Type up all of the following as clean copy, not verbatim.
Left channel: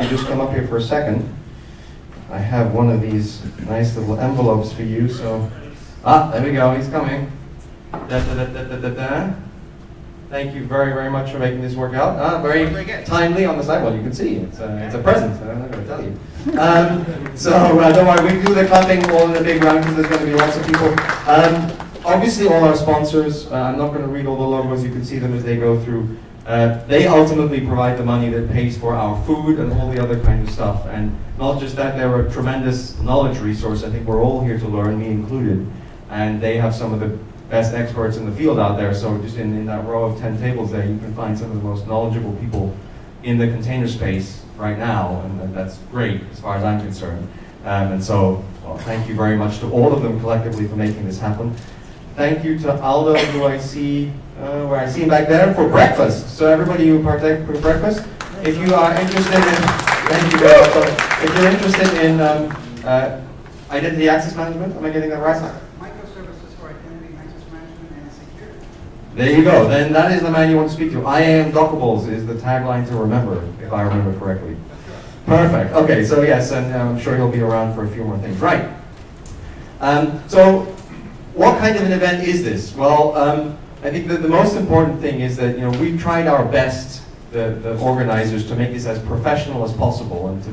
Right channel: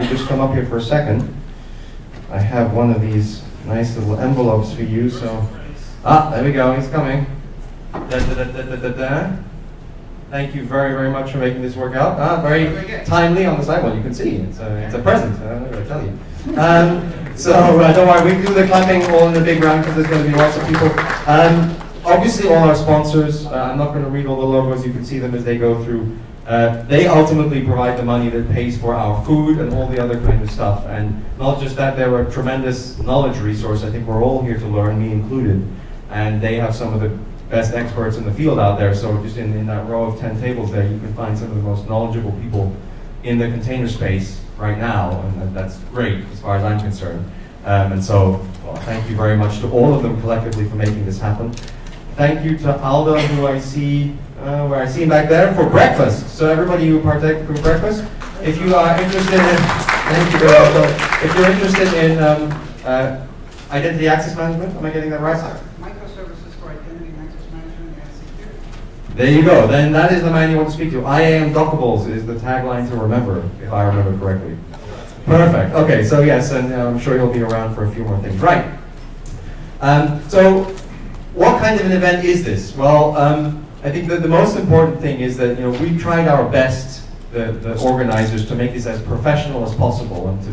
could just come up here for a second, I have one of these nice little envelopes for you. So, there we go. He's coming. Thank you very, very much for making this work out. Very timely on the side. Well, you can see it's a present. I'm not going to tell you. So don't worry, we do the clapping all in the big round because there's going to be lots of people. Obviously, all our sponsors. I'm not going to read all the logos. You can see them as they go through. They ultimately provide the money that pays for our food and all the other kind of stuff. And not just that, they're a tremendous knowledge resource. I think we're all here to learn, me included. And they have some of the best experts in the field out there. So just in that row of 10 tables there, you can find some of the most knowledgeable people in the container space right now. And that's great as far as I'm concerned. And so thank you very much to all of them collectively for making this happen. Thank you to Aldo, who I see, where I see him back there, for breakfast. So everybody who partake for breakfast, if you are interested in, thank you very much. So if you're interested in identity access management, am I getting that right? Microservices for identity access management and security. There you go. Then that is the man you want to speak to. I am Dockables is the tagline to remember, if I remember correctly. Perfect. Okay, so yes, and I'm sure he'll be around for a few more things. Right. So what kind of an event is this? Well, I think that the most important thing is that we tried our best, the organizers, to make this as professional as possible and to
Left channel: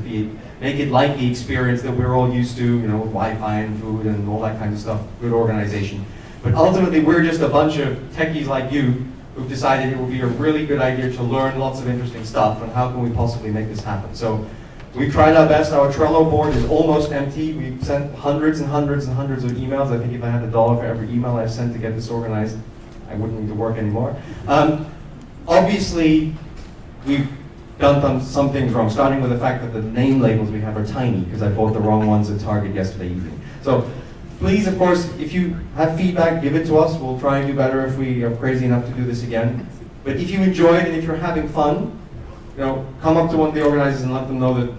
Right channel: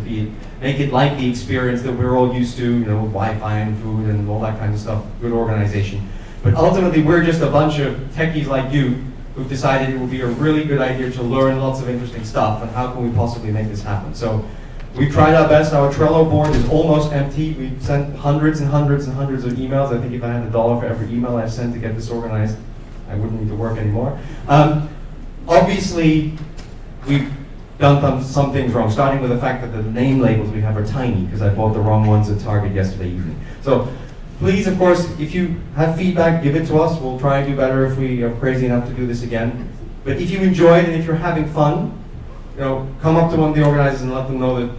make it like the experience that we're all used to, with Wi-Fi and food and all that kind of stuff, good organization. But ultimately, we're just a bunch of techies like you who've decided it would be a really good idea to learn lots of interesting stuff, and how can we possibly make this happen? So we tried our best. Our Trello board is almost empty. We've sent hundreds and hundreds and hundreds of emails. I think if I had $1 for every email I've sent to get this organized, I wouldn't need to work anymore. Obviously, we've done some things wrong, starting with the fact that the name labels we have are tiny, because I bought the wrong ones at Target yesterday evening. So please, of course, if you have feedback, give it to us. We'll try and do better if we are crazy enough to do this again. But if you enjoyed and if you're having fun, come up to one of the organizers and let them know that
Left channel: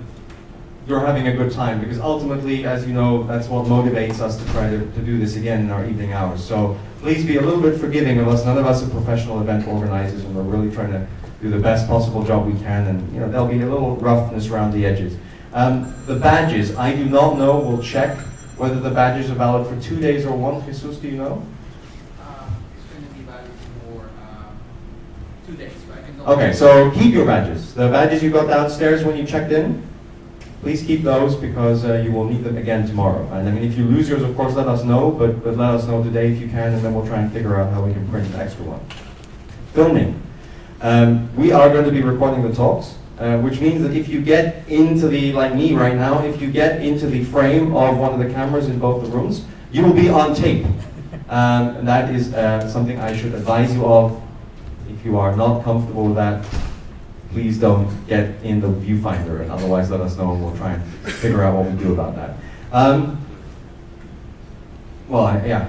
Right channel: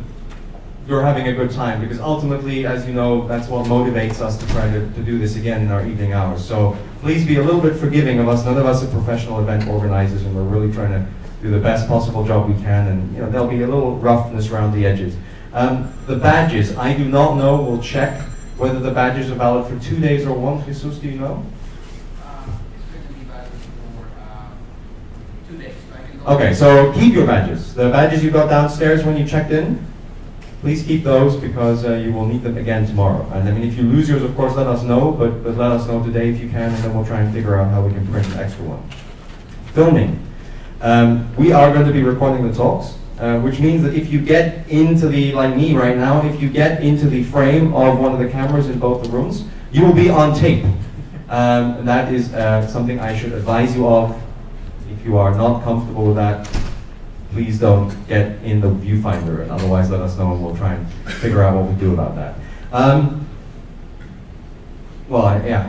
you're having a good time, because ultimately, as you know, that's what motivates us to try to do this again in our evening hours. So please be a little bit forgiving of us. None of us are professional event organizers, and we're really trying to do the best possible job we can, and there'll be a little roughness around the edges. The badges, I do not know. We'll check whether the badges are valid for 2 days or one. Jesus, do you know? It's going to be valid for 2 days. Okay, so keep your badges. The badges you got downstairs when you checked in, please keep those, because you will need them again tomorrow. And I mean, if you lose yours, of course, let us know, but let us know today if you can, and then we'll try and figure out how we can print an extra one. Filming. We are going to be recording the talks, which means that if you get into like me right now, if you get into the frame of one of the cameras in both the rooms, you will be on tape. And that is something I should advise you of. If you are not comfortable with that, please don't get in the viewfinder, and otherwise let us know and we'll try and figure out what we do about that.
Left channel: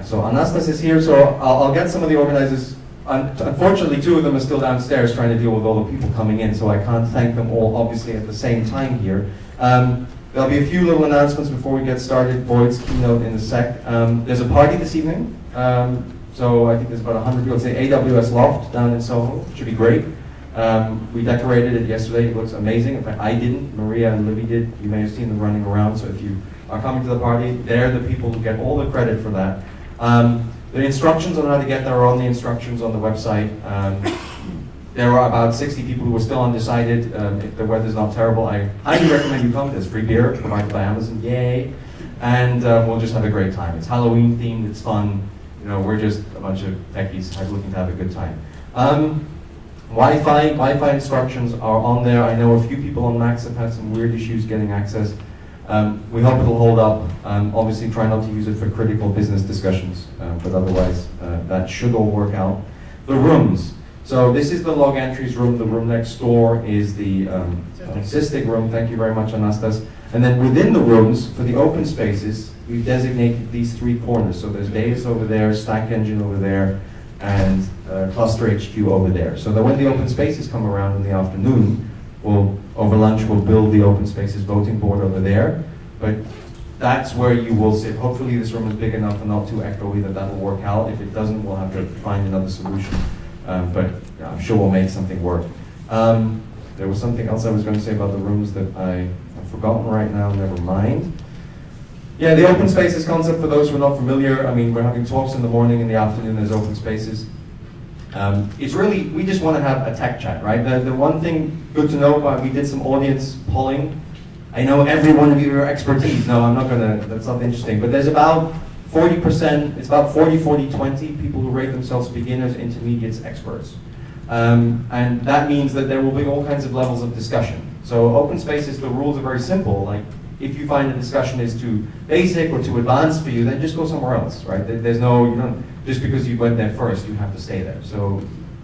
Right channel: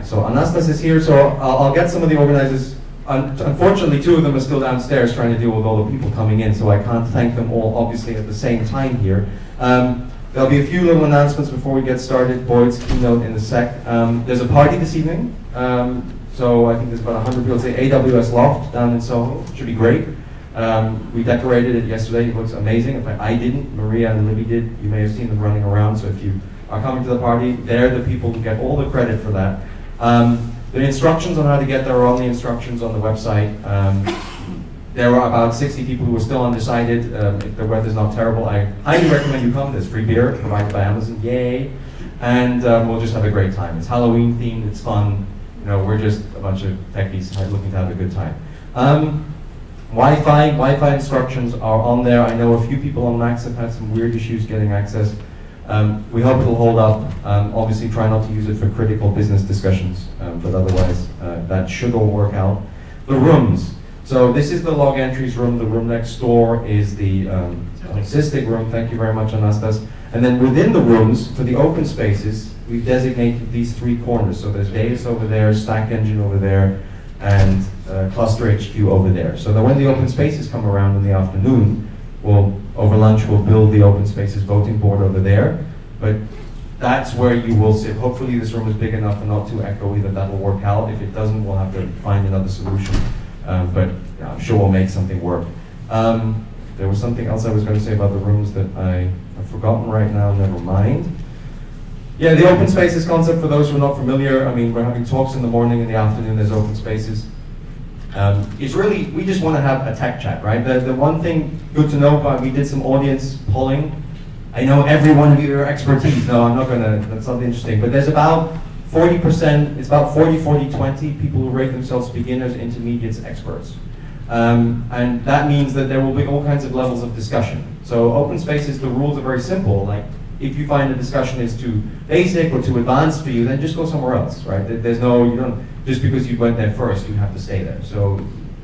So Anastas is here, so I'll get some of the organizers. Unfortunately, 2 of them are still downstairs trying to deal with all the people coming in, so I can't thank them all, obviously, at the same time here. There'll be a few little announcements before we get started. Boyd's keynote in a sec. There's a party this evening, so I think there's about 100 people. It's the AWS Loft down in Soho. It should be great. We decorated it yesterday. It looks amazing. In fact, I didn't. Maria and Libby did. You may have seen them running around, so if you are coming to the party, they're the people who get all the credit for that. The instructions on how to get there are on the instructions on the website. There are about 60 people who are still undecided. If the weather's not terrible, I highly recommend you come. There's free beer provided by Amazon, yay! And we'll just have a great time. It's Halloween themed, it's fun. We're just a bunch of techies looking to have a good time. Wi-Fi instructions are on there. I know a few people on Macs have had some weird issues getting access. We hope it'll hold up. Obviously, try not to use it for critical business discussions, but otherwise, that should all work out. The rooms. So this is the Logentries room. The room next door is the Cystic room. Thank you very much, Anastas. And then within the rooms, for the open spaces, we've designated these 3 corners. So there's Deis over there, Stack Engine over there, and Cluster HQ over there. So that when the open spaces come around in the afternoon, over lunch, we'll build the open spaces voting board over there. But that's where you will sit. Hopefully this room is big enough and not too echoey that that'll work out. If it doesn't, we'll have to find another solution. But I'm sure we'll make something work. There was something else I was going to say about the rooms that I've forgotten right now, never mind. Yeah, the open spaces concept, for those who are not familiar, I mean, we're having talks in the morning, in the afternoon, there's open spaces. It's really, we just want to have a tech chat, right? The one thing good to know about, we did some audience polling. I know every one of your expertise. No, I'm not gonna, that's not interesting. But there's about 40%, it's about 40-40-20 people who rate themselves beginners, intermediates, experts. And that means that there will be all kinds of levels of discussion. So open spaces, the rules are very simple. Like, if you find the discussion is too basic or too advanced for you, then just go somewhere else, right? There's no, you don't, just because you went there first, you have to stay there. So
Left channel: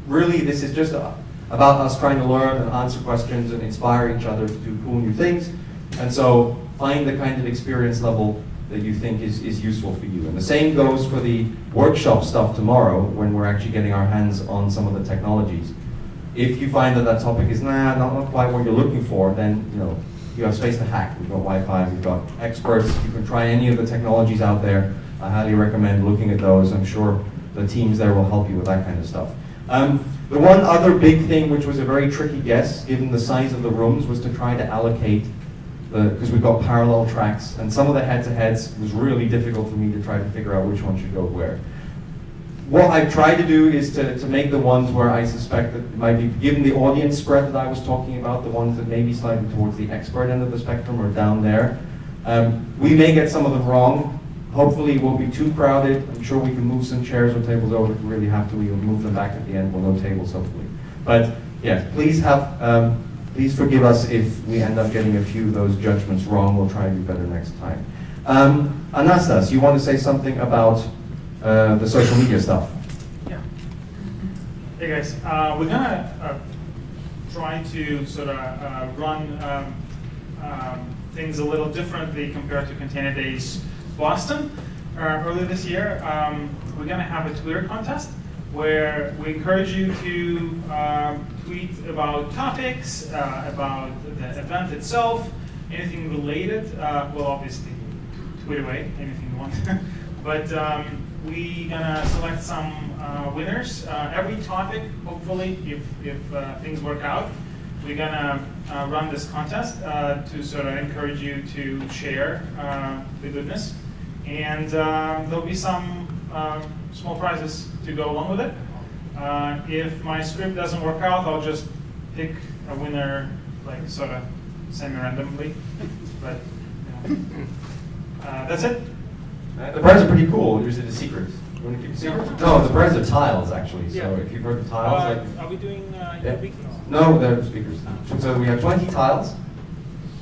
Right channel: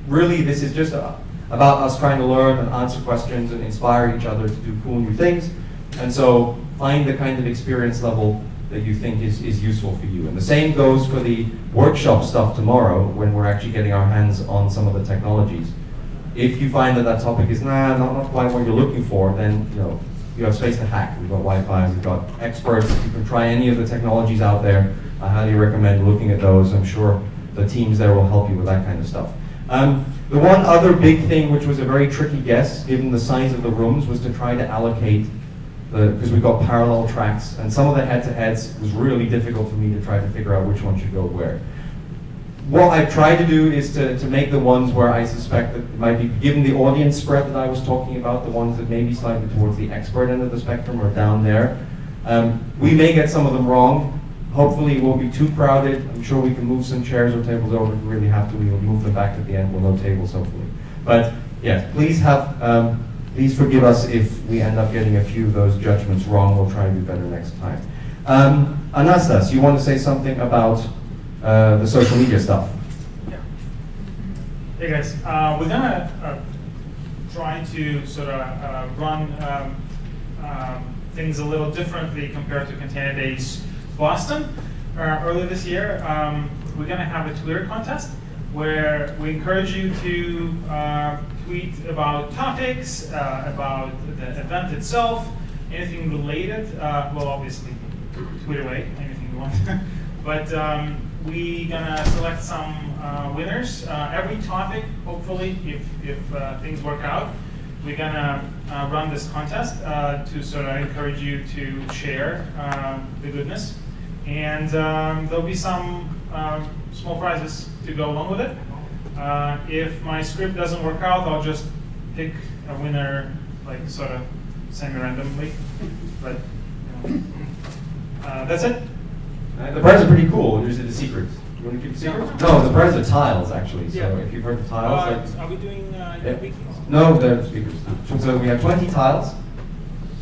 really, this is just about us trying to learn and answer questions and inspire each other to do cool new things. And so find the kind of experience level that you think is useful for you. And the same goes for the workshop stuff tomorrow, when we're actually getting our hands on some of the technologies. If you find that that topic is not quite what you're looking for, then you have space to hack. We've got Wi-Fi, we've got experts. You can try any of the technologies out there. I highly recommend looking at those. I'm sure the teams there will help you with that kind of stuff. The one other big thing, which was a very tricky guess, given the size of the rooms, was to try to allocate, because we've got parallel tracks, and some of the head-to-heads was really difficult for me to try to figure out which one should go where. What I've tried to do is to make the ones where I suspect that it might be, given the audience spread that I was talking about, the ones that may be slightly towards the expert end of the spectrum or down there. We may get some of them wrong. Hopefully it won't be too crowded. I'm sure we can move some chairs or tables over if we really have to. We will move them back at the end. We'll no tables, hopefully. But yeah, please forgive us if we end up getting a few of those judgments wrong. We'll try and do better next time. Anastas, you want to say something about the social media stuff? Yeah. Hey guys, we're gonna try to sort of run things a little differently compared to ContainerDays Boston. Earlier this year, we're gonna have a Twitter contest where we encourage you to tweet about topics, about the event itself, anything related. Well, obviously, tweet away anything you want. But we're gonna select some winners. Every topic, hopefully, if things work out, we're gonna run this contest to sort of encourage you to share the goodness. And there'll be some small prizes to go along with it. If my script doesn't work out, I'll just pick a winner, like sort of semi-randomly. But that's it. The prizes are pretty cool. Usually the secrets. You want to keep the secrets? No, the prizes are tiles, actually. So if you've heard of tiles. Are we doing wikis? No, they're speakers. So we have 20 tiles.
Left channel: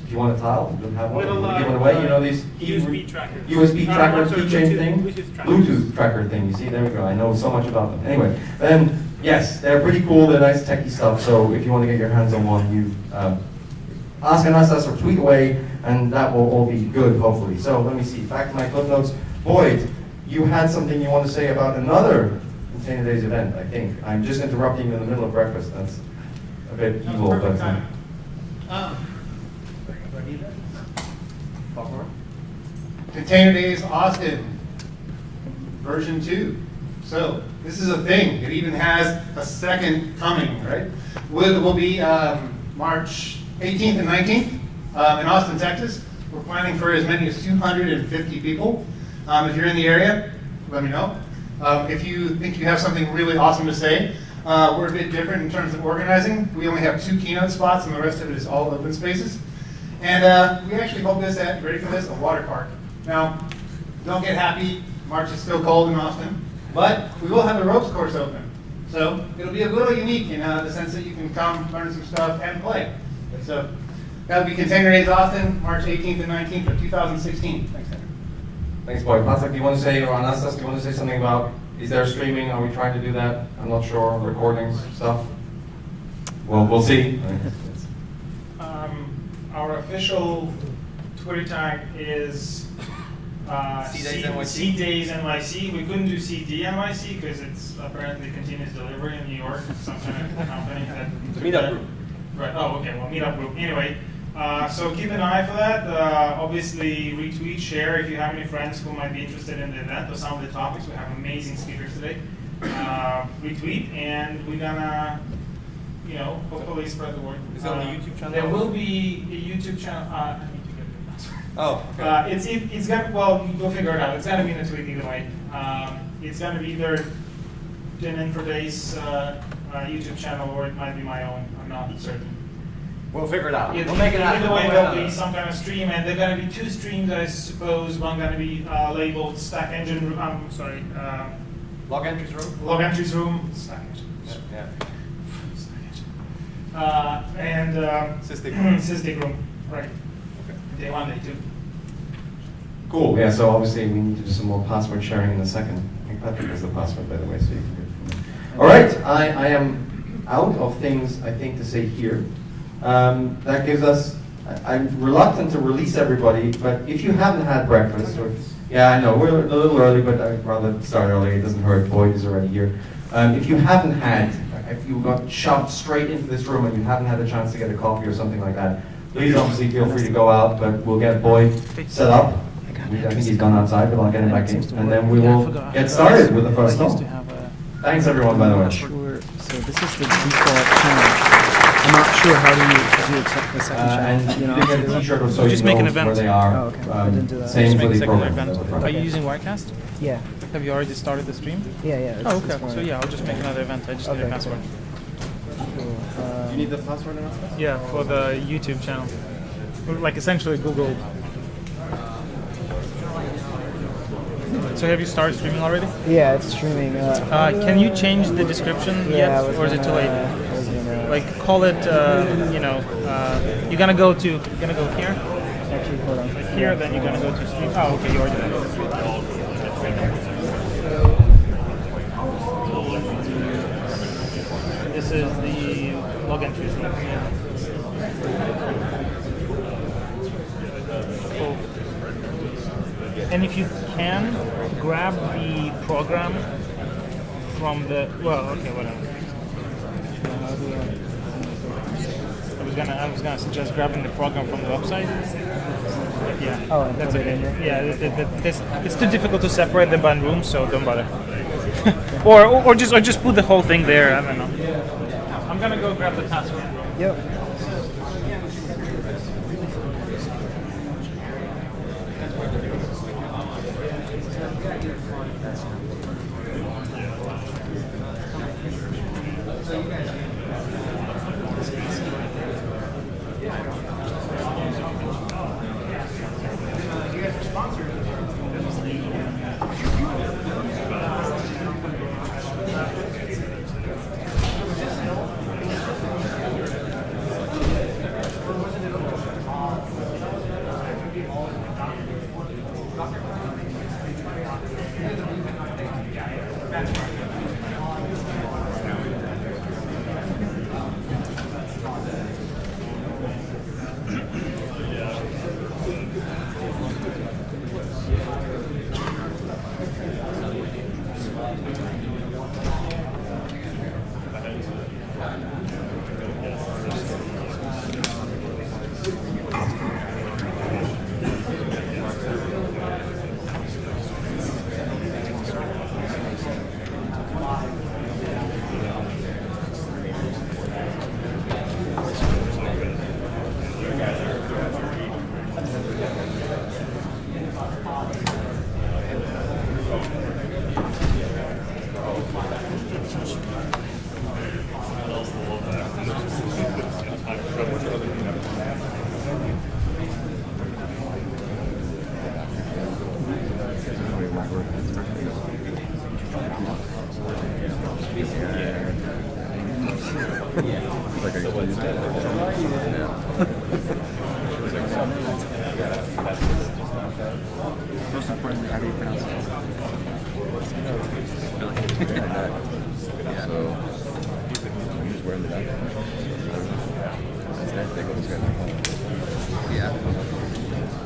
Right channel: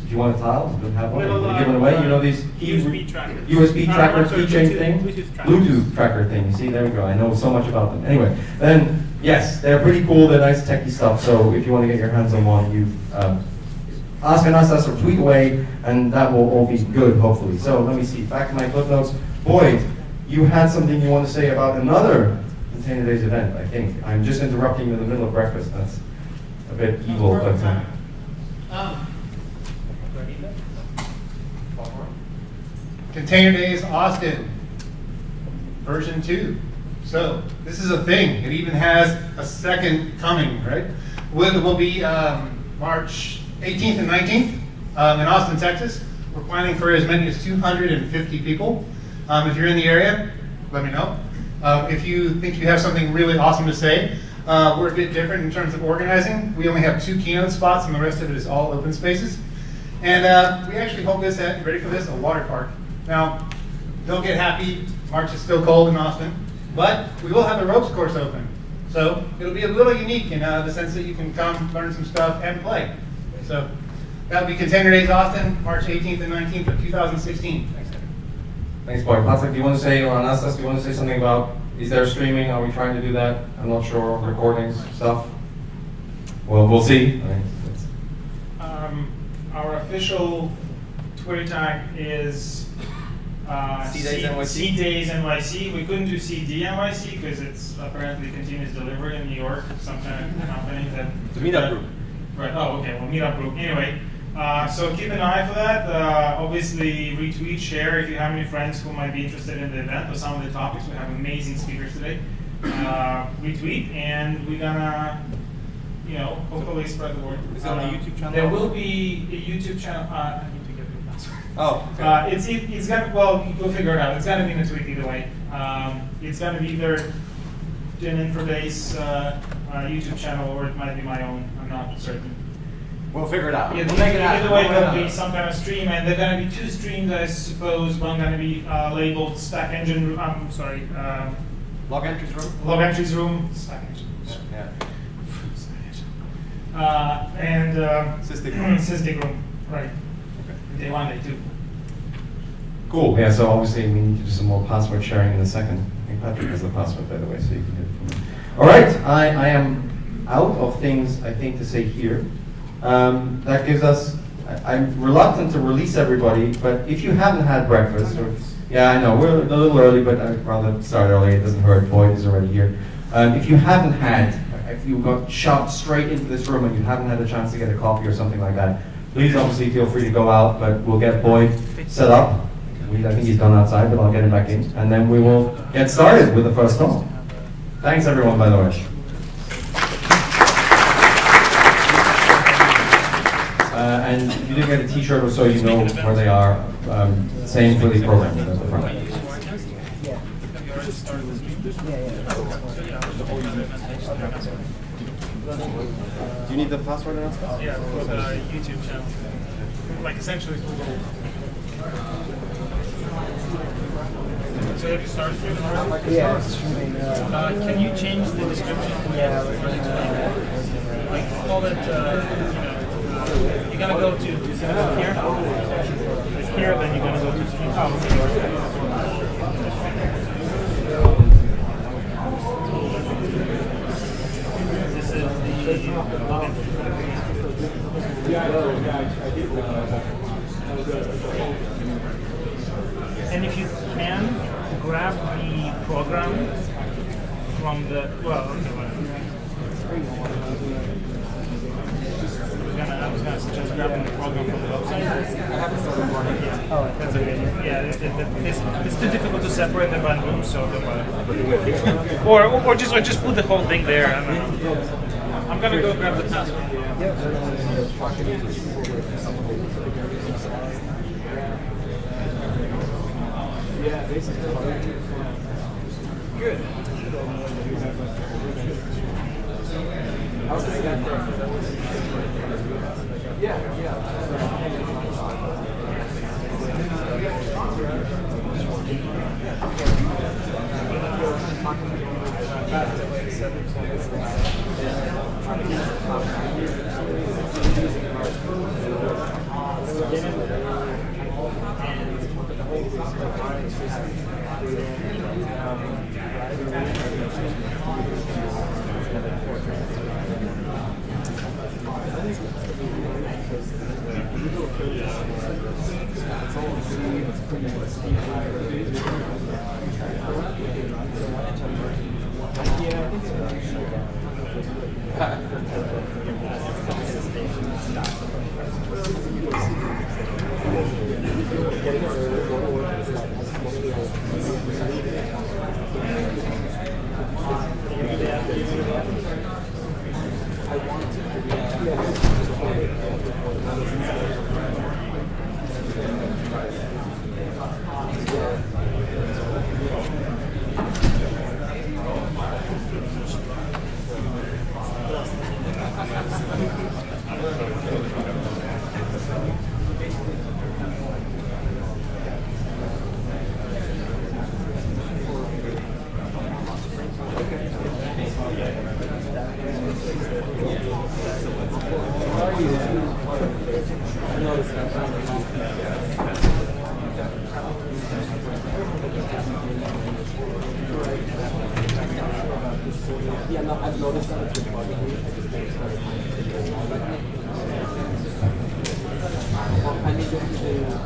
If you want a tile, you don't have one. We'll give it away. You know these USB trackers. USB tracker, keychain thing, Bluetooth tracker thing. You see, there we go. I know so much about them. Anyway, then yes, they're pretty cool. They're nice techie stuff. So if you want to get your hands on one, you ask Anastas or tweet away, and that will all be good, hopefully. So let me see. Back to my clip notes. Boyd, you had something you want to say about another ContainerDays event. I think I'm just interrupting you in the middle of breakfast. That's a bit evil, but. ContainerDays Austin, version 2. So this is a thing. It even has a second coming, right? It will be March 18th and 19th in Austin, Texas. We're planning for as many as 250 people. If you're in the area, let me know. If you think you have something really awesome to say, we're a bit different in terms of organizing. We only have 2 keynote spots, and the rest of it is all open spaces. And we actually hold this at, you ready for this, a water park. Now, don't get happy, March is still cold in Austin, but we will have the ropes course open. So it'll be a little unique in the sense that you can come, learn some stuff, and play. So that'll be ContainerDays Austin, March 18th and 19th of 2016. Thanks, Henry. Thanks, Boyd. Patrick, do you want to say, or Anastas, do you want to say something about, is there streaming? Are we trying to do that? I'm not sure. Recordings, stuff? Well, we'll see. Our official Twitter tag is CDays NYC. We couldn't do CD NYC because it's apparently continuous delivery in New York. Some kind of company that. It's a meetup group. Right. Oh, okay. Well, meetup group. Anyway, so keep an eye for that. Obviously, retweet, share if you have any friends who might be interested in the event or some of the topics. We have amazing speakers today. Retweet, and we're gonna hopefully spread the word. Is it on the YouTube channel? There will be a YouTube channel. I need to get the password. Oh, okay. It's gonna, well, you'll figure it out. It's gonna be in a tweet either way. It's gonna be either DynamicInfraDays YouTube channel, or it might be my own. I'm not certain. We'll figure it out. We'll make it happen. Either way, there'll be some kind of stream, and there are going to be 2 streams, I suppose. One going to be labeled Stack Engine Room. I'm sorry. Logentries room. Logentries room. Stack Engine. Yeah. And Sysdig room. Sysdig room. Right. Okay. Day 1, day 2. Cool. Yeah. So obviously we need to do some more password sharing in a second. I think Patrick has the password, by the way, so you can do it for me. All right. I am out of things I think to say here. That gives us, I'm reluctant to release everybody, but if you haven't had breakfast, or, yeah, I know, we're a little early, but I'd rather start early, it doesn't hurt, Boyd is already here. If you haven't had, if you got shoved straight into this room and you haven't had a chance to get a coffee or something like that, please obviously feel free to go out, but we'll get Boyd set up. I think he's gone outside, but I'll get him back in, and then we will get started with the first talk. Thanks everyone, by the way. And you didn't get a t-shirt or so, you know where they are. Same for the program. Are you using Wirecast? Yeah. Have you already started the stream? Yeah. Oh, okay. So yeah, I'll just make another event. I just need a password. Do you need the password and stuff? Yeah, for the YouTube channel. Like essentially Google. So have you started streaming already? Yeah, it's streaming. Can you change the description yet, or is it too late? Like call it, you're gonna go here. Like here, then you're gonna go to stream. Oh, okay, you already did. This is the Logentries. And if you can, grab the program from the, whatever. I was gonna suggest grabbing the program from the website. Yeah. Oh, that's okay. Yeah, it's too difficult to separate them by rooms, so don't bother. or just put the whole thing there. I don't know. I'm gonna go grab the password. Yep.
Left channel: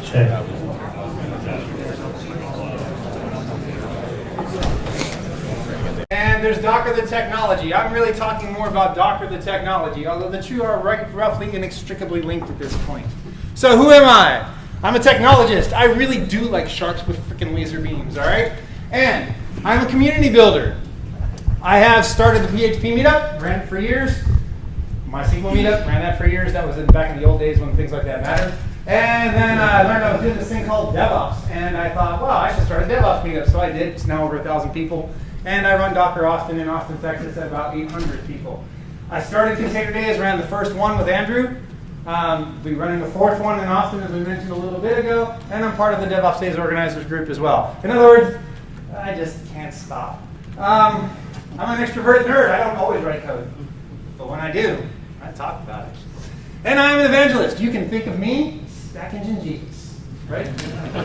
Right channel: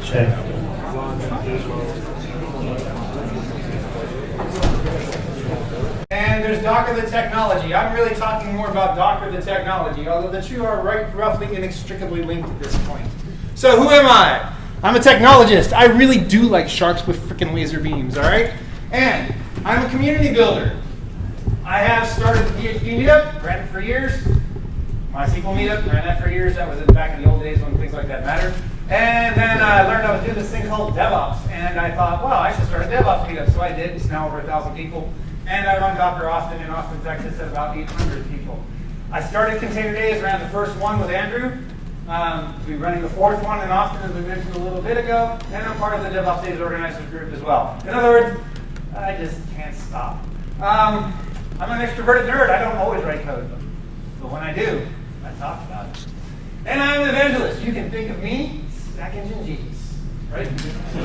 Check. And there's Docker the technology. I'm really talking more about Docker the technology, although the two are roughly inextricably linked at this point. So who am I? I'm a technologist. I really do like sharks with freaking laser beams, all right? And I'm a community builder. I have started the PHP meetup, ran it for years. MySQL meetup, ran that for years. That was back in the old days when things like that mattered. And then I learned I was doing this thing called DevOps. And I thought, well, I should start a DevOps meetup. So I did. It's now over 1,000 people. And I run Docker Austin in Austin, Texas at about 800 people. I started ContainerDays, ran the first one with Andrew. We're running the fourth one in Austin, as we mentioned a little bit ago. And I'm part of the DevOps Days Organizers group as well. In other words, I just can't stop. I'm an extroverted nerd. I don't always write code. But when I do, I talk about it. And I'm an evangelist. You can think of me, Stack Engine Jesus, right?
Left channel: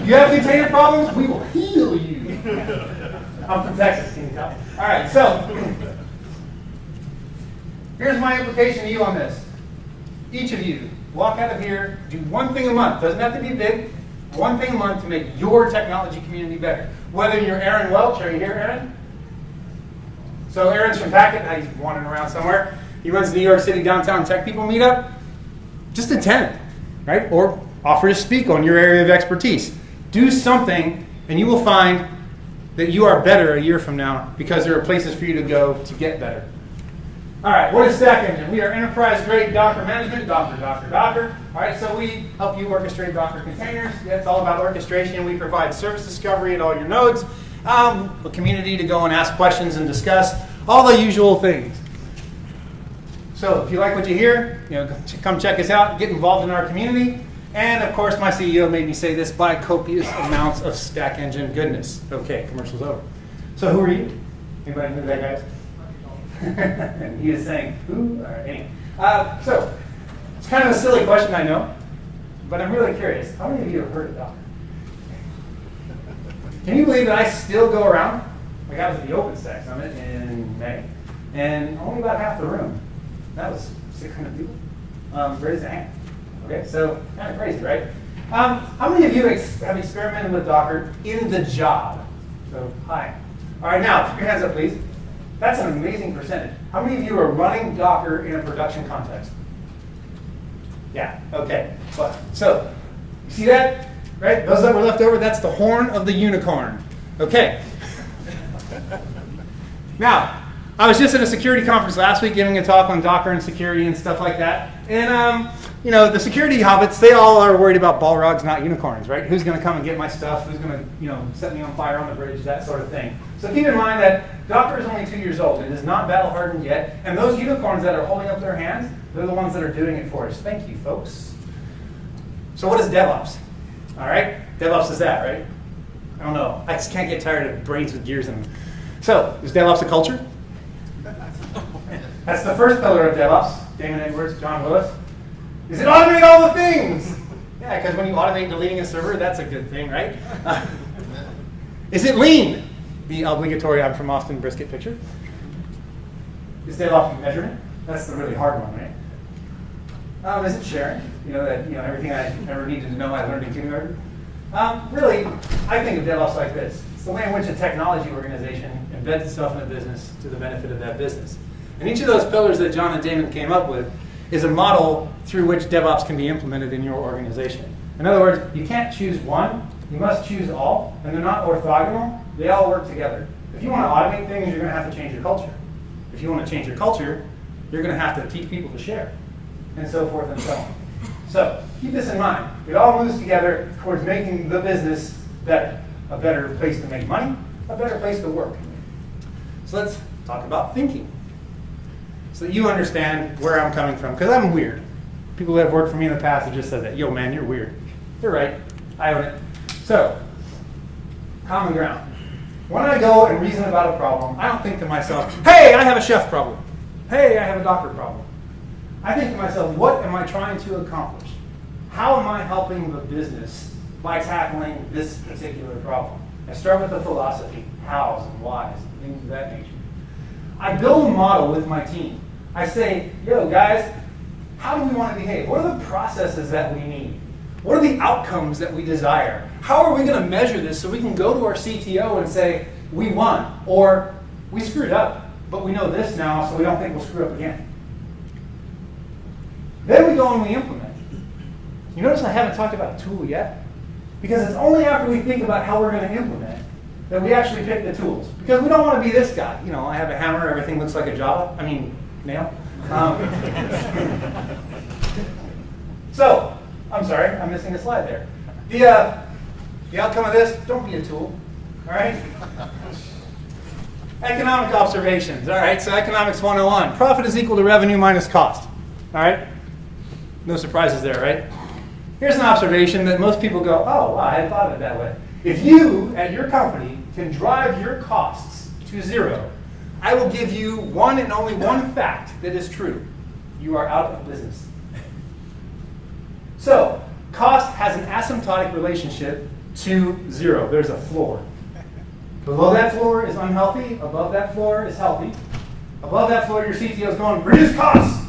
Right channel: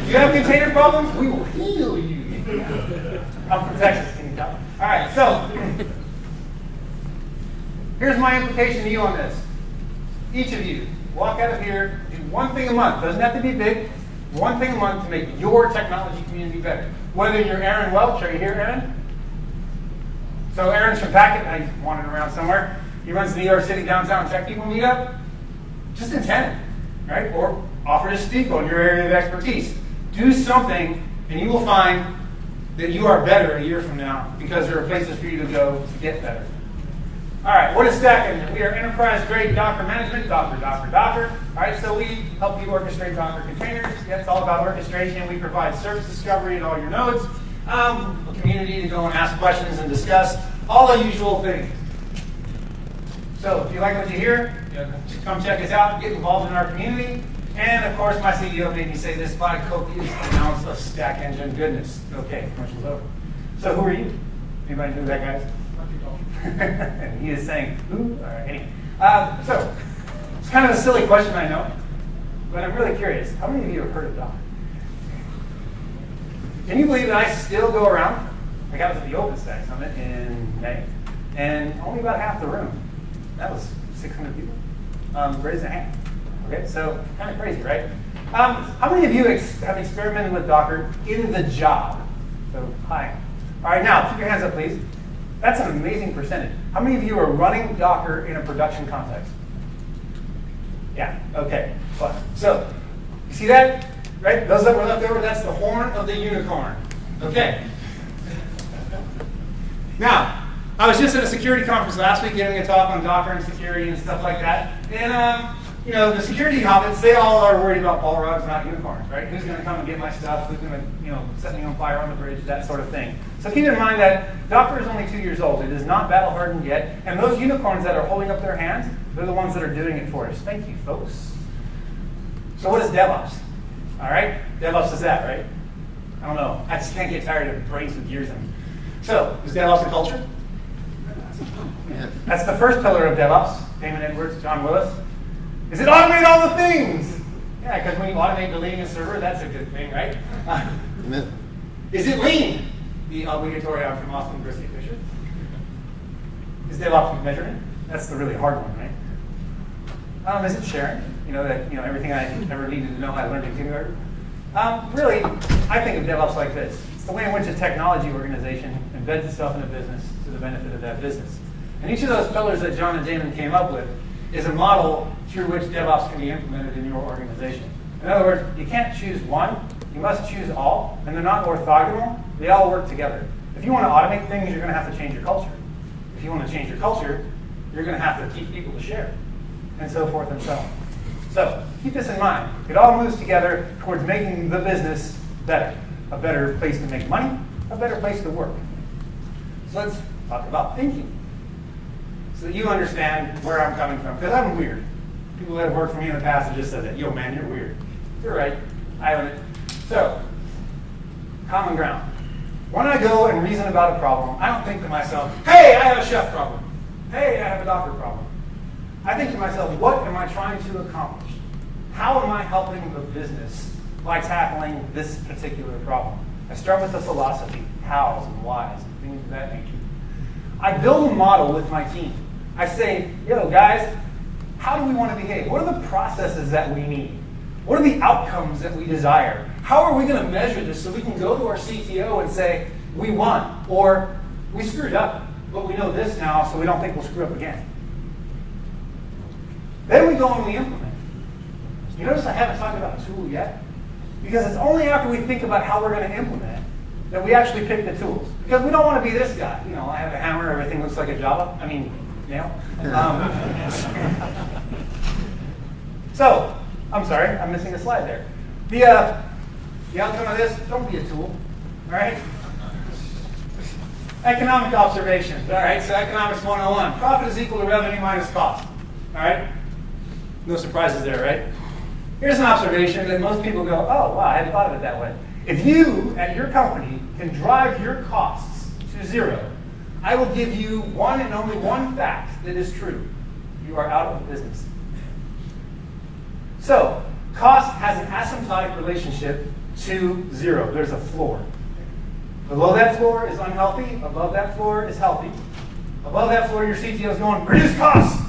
You have container problems, we will heal you. I'm from Texas, can you tell? All right, so here's my implication to you on this. Each of you, walk out of here, do one thing a month. Doesn't have to be big. One thing a month to make your technology community better. Whether you're Aaron Welch, are you here, Aaron? So Aaron's from Packet. He's wandering around somewhere. He runs the New York City Downtown Tech People Meetup. Just attend, right? Or offer to speak on your area of expertise. Do something, and you will find that you are better a year from now because there are places for you to go to get better. All right, what is Stack Engine? We are enterprise-grade Docker management, Docker. All right, so we help you orchestrate Docker containers. It's all about orchestration. We provide service discovery at all your nodes, a community to go and ask questions and discuss, all the usual things. So if you like what you hear, come check us out, get involved in our community. And of course, my CEO made me say this by copious amounts of Stack Engine goodness. Okay, commercial's over. So who are you? Anybody know that, guys? And he is saying, who? All right, anyway. So it's kind of a silly question, I know, but I'm really curious. How many of you have heard of Docker? Can you believe that I still go around? Like I was at the OpenStack Summit in May, and only about half the room. That was 600 people. Raise a hand. Okay, so kind of crazy, right? How many of you have experimented with Docker in the job? So, hi. All right, now, keep your hands up, please. That's an amazing percentage. How many of you are running Docker in a production context? Yeah, okay. Well, so, you see that? Right? Those that were left over, that's the horn of the unicorn. Okay. Now, I was just at a security conference last week giving a talk on Docker and security and stuff like that. And, the security hobbits, they all are worried about Balrogs, not unicorns, right? Who's going to come and get my stuff? Who's going to, set me on fire on the bridge, that sort of thing. So keep in mind that Docker is only 2 years old. It is not battle hardened yet. And those unicorns that are holding up their hands, they're the ones that are doing it for us. Thank you, folks. So what is DevOps? All right? DevOps is that, right? I don't know. I just can't get tired of brains with gears in them. So, is DevOps a culture? That's the first pillar of DevOps. Damon Edwards, John Willis. Is it automate all the things? Yeah, because when you automate deleting a server, that's a good thing, right? Is it lean? The obligatory I'm from Austin brisket picture. Is DevOps measurement? That's the really hard one, right? Is it sharing? Everything I ever needed to know I learned in kindergarten. Really, I think of DevOps like this. It's the way in which a technology organization embeds itself in a business to the benefit of that business. And each of those pillars that John and Damon came up with is a model through which DevOps can be implemented in your organization. In other words, you can't choose one, you must choose all, and they're not orthogonal, they all work together. If you want to automate things, you're going to have to change your culture. If you want to change your culture, you're going to have to teach people to share, and so forth and so on. So keep this in mind. It all moves together towards making the business better. A better place to make money, a better place to work. So let's talk about thinking, so that you understand where I'm coming from, because I'm weird. People that have worked for me in the past have just said that, yo man, you're weird. You're right, I haven't. So, common ground. When I go and reason about a problem, I don't think to myself, hey, I have a chef problem. Hey, I have a Docker problem. I think to myself, what am I trying to accomplish? How am I helping the business by tackling this particular problem? I start with the philosophy, hows and whys, and things of that nature. I build a model with my team. I say, yo, guys, how do we want to behave? What are the processes that we need? What are the outcomes that we desire? How are we going to measure this so we can go to our CTO and say, we won, or we screwed up, but we know this now, so we don't think we'll screw up again. Then we go and we implement. You notice I haven't talked about tool yet? Because it's only after we think about how we're going to implement that we actually pick the tools. Because we don't want to be this guy. I have a hammer, everything looks like a nail. So, I'm sorry, I'm missing a slide there. The outcome of this, don't be a tool, all right? Economic observations, all right, so economics 101. Profit is equal to revenue minus cost, all right? No surprises there, right? Here's an observation that most people go, oh, wow, I hadn't thought of it that way. If you, at your company, can drive your costs to zero, I will give you one and only one fact that is true. You are out of business. So, cost has an asymptotic relationship to zero. There's a floor. Below that floor is unhealthy. Above that floor is healthy. Above that floor, your CTO is going, reduce costs.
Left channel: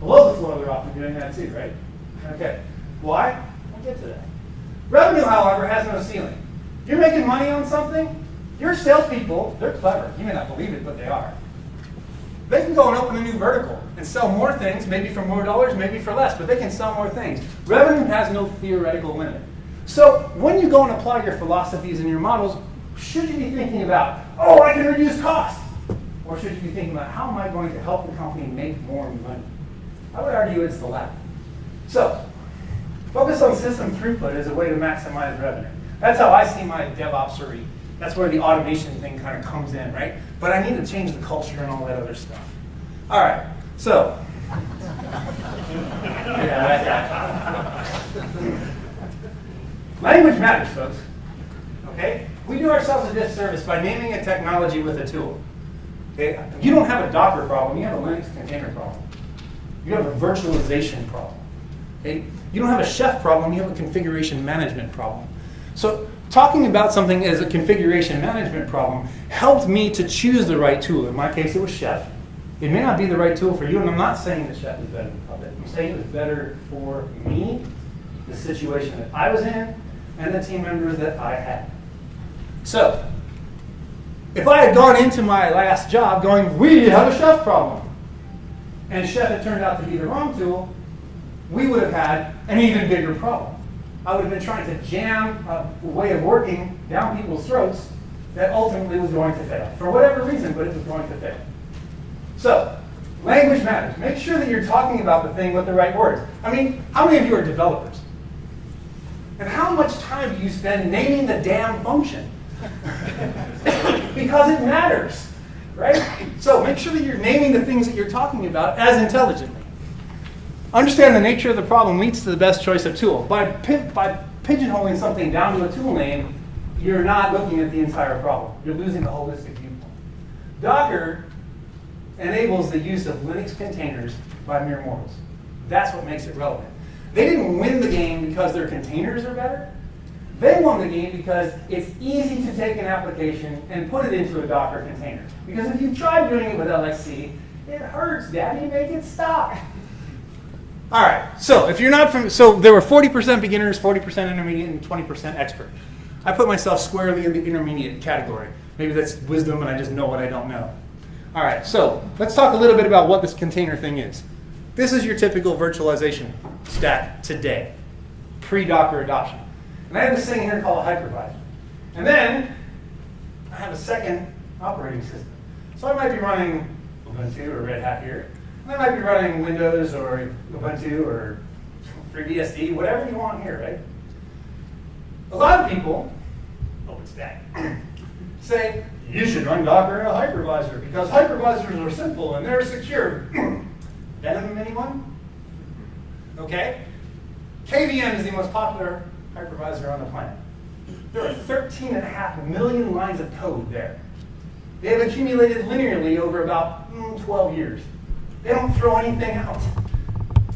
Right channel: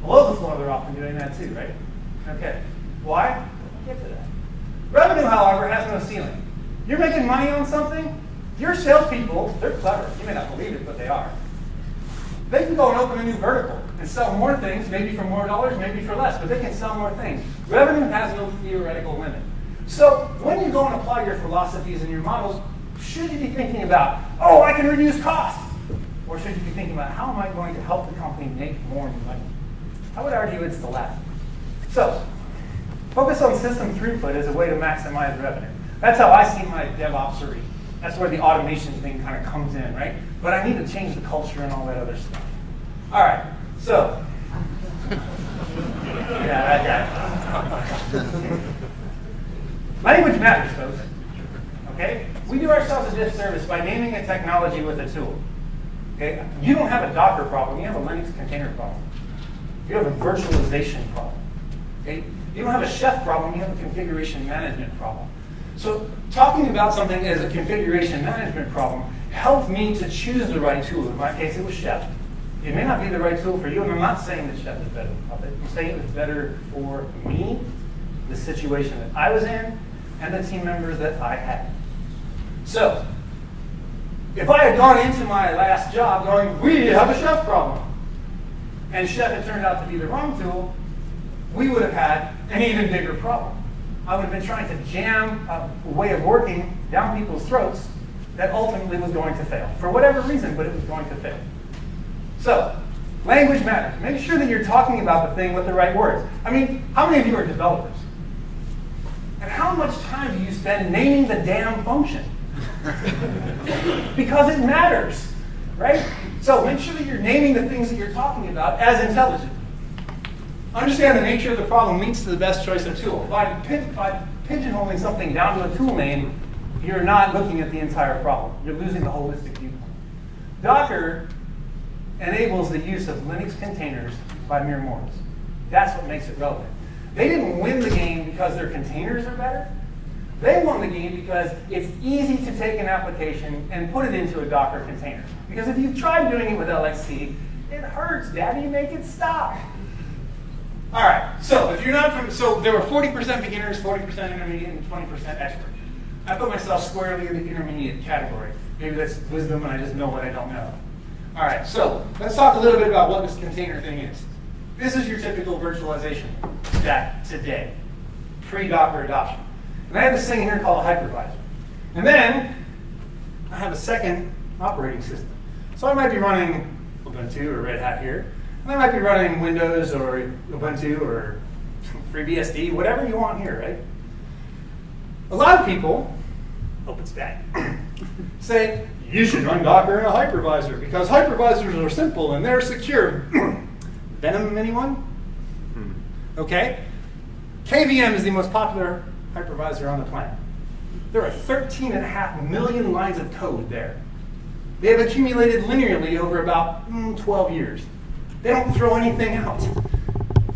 Below the floor, they're often doing that too, right? Okay. Why? I'll get to that. Revenue, however, has no ceiling. You're making money on something. Your salespeople, they're clever. You may not believe it, but they are. They can go and open a new vertical and sell more things, maybe for more dollars, maybe for less, but they can sell more things. Revenue has no theoretical limit. So when you go and apply your philosophies and your models, should you be thinking about, oh, I can reduce costs? Or should you be thinking about, how am I going to help the company make more money? I would argue it's the latter. So focus on system throughput as a way to maximize revenue. That's how I see my DevOps. That's where the automation thing kind of comes in, right? But I need to change the culture and all that other stuff. All right, so. Yeah, that guy. Language matters, folks. Okay? We do ourselves a disservice by naming a technology with a tool. Okay? You don't have a Docker problem, you have a Linux container problem. You have a virtualization problem. Okay? You don't have a chef problem, you have a configuration management problem. So talking about something as a configuration management problem helped me to choose the right tool. In my case, it was Chef. It may not be the right tool for you, and I'm not saying that Chef is better than Puppet. I'm saying it was better for me, the situation that I was in, and the team members that I had. So, if I had gone into my last job going, we have a Chef problem, and Chef had turned out to be the wrong tool, we would have had an even bigger problem. I would have been trying to jam a way of working down people's throats that ultimately was going to fail. For whatever reason, but it was going to fail. So, language matters. Make sure that you're talking about the thing with the right words. I mean, how many of you are developers? And how much time do you spend naming the damn function? Because it matters, right? So make sure that you're naming the things that you're talking about as intelligently. Understand the nature of the problem leads to the best choice of tool. By pigeonholing something down to a tool name, you're not looking at the entire problem. You're losing the holistic viewpoint. Docker enables the use of Linux containers by mere mortals. That's what makes it relevant. They didn't win the game because their containers are better. They won the game because it's easy to take an application and put it into a Docker container. Because if you've tried doing it with LXC, it hurts, Daddy, make it stop. All right, so if you're not from, so there were 40% beginners, 40% intermediate, and 20% expert. I put myself squarely in the intermediate category. Maybe that's wisdom and I just know what I don't know. All right, so let's talk a little bit about what this container thing is. This is your typical virtualization stack today, pre-Docker adoption. And I have this thing here called a hypervisor. And then I have a second operating system. So I might be running Ubuntu or Red Hat here. And I might be running Windows or Ubuntu or FreeBSD, whatever you want here, right? A lot of people, OpenStack, say, you should run Docker in a hypervisor because hypervisors are simple and they're secure. Venom, anyone? Okay. KVM is the most popular hypervisor on the planet. There are 13.5 million lines of code there. They have accumulated linearly over about 12 years. They don't throw anything out.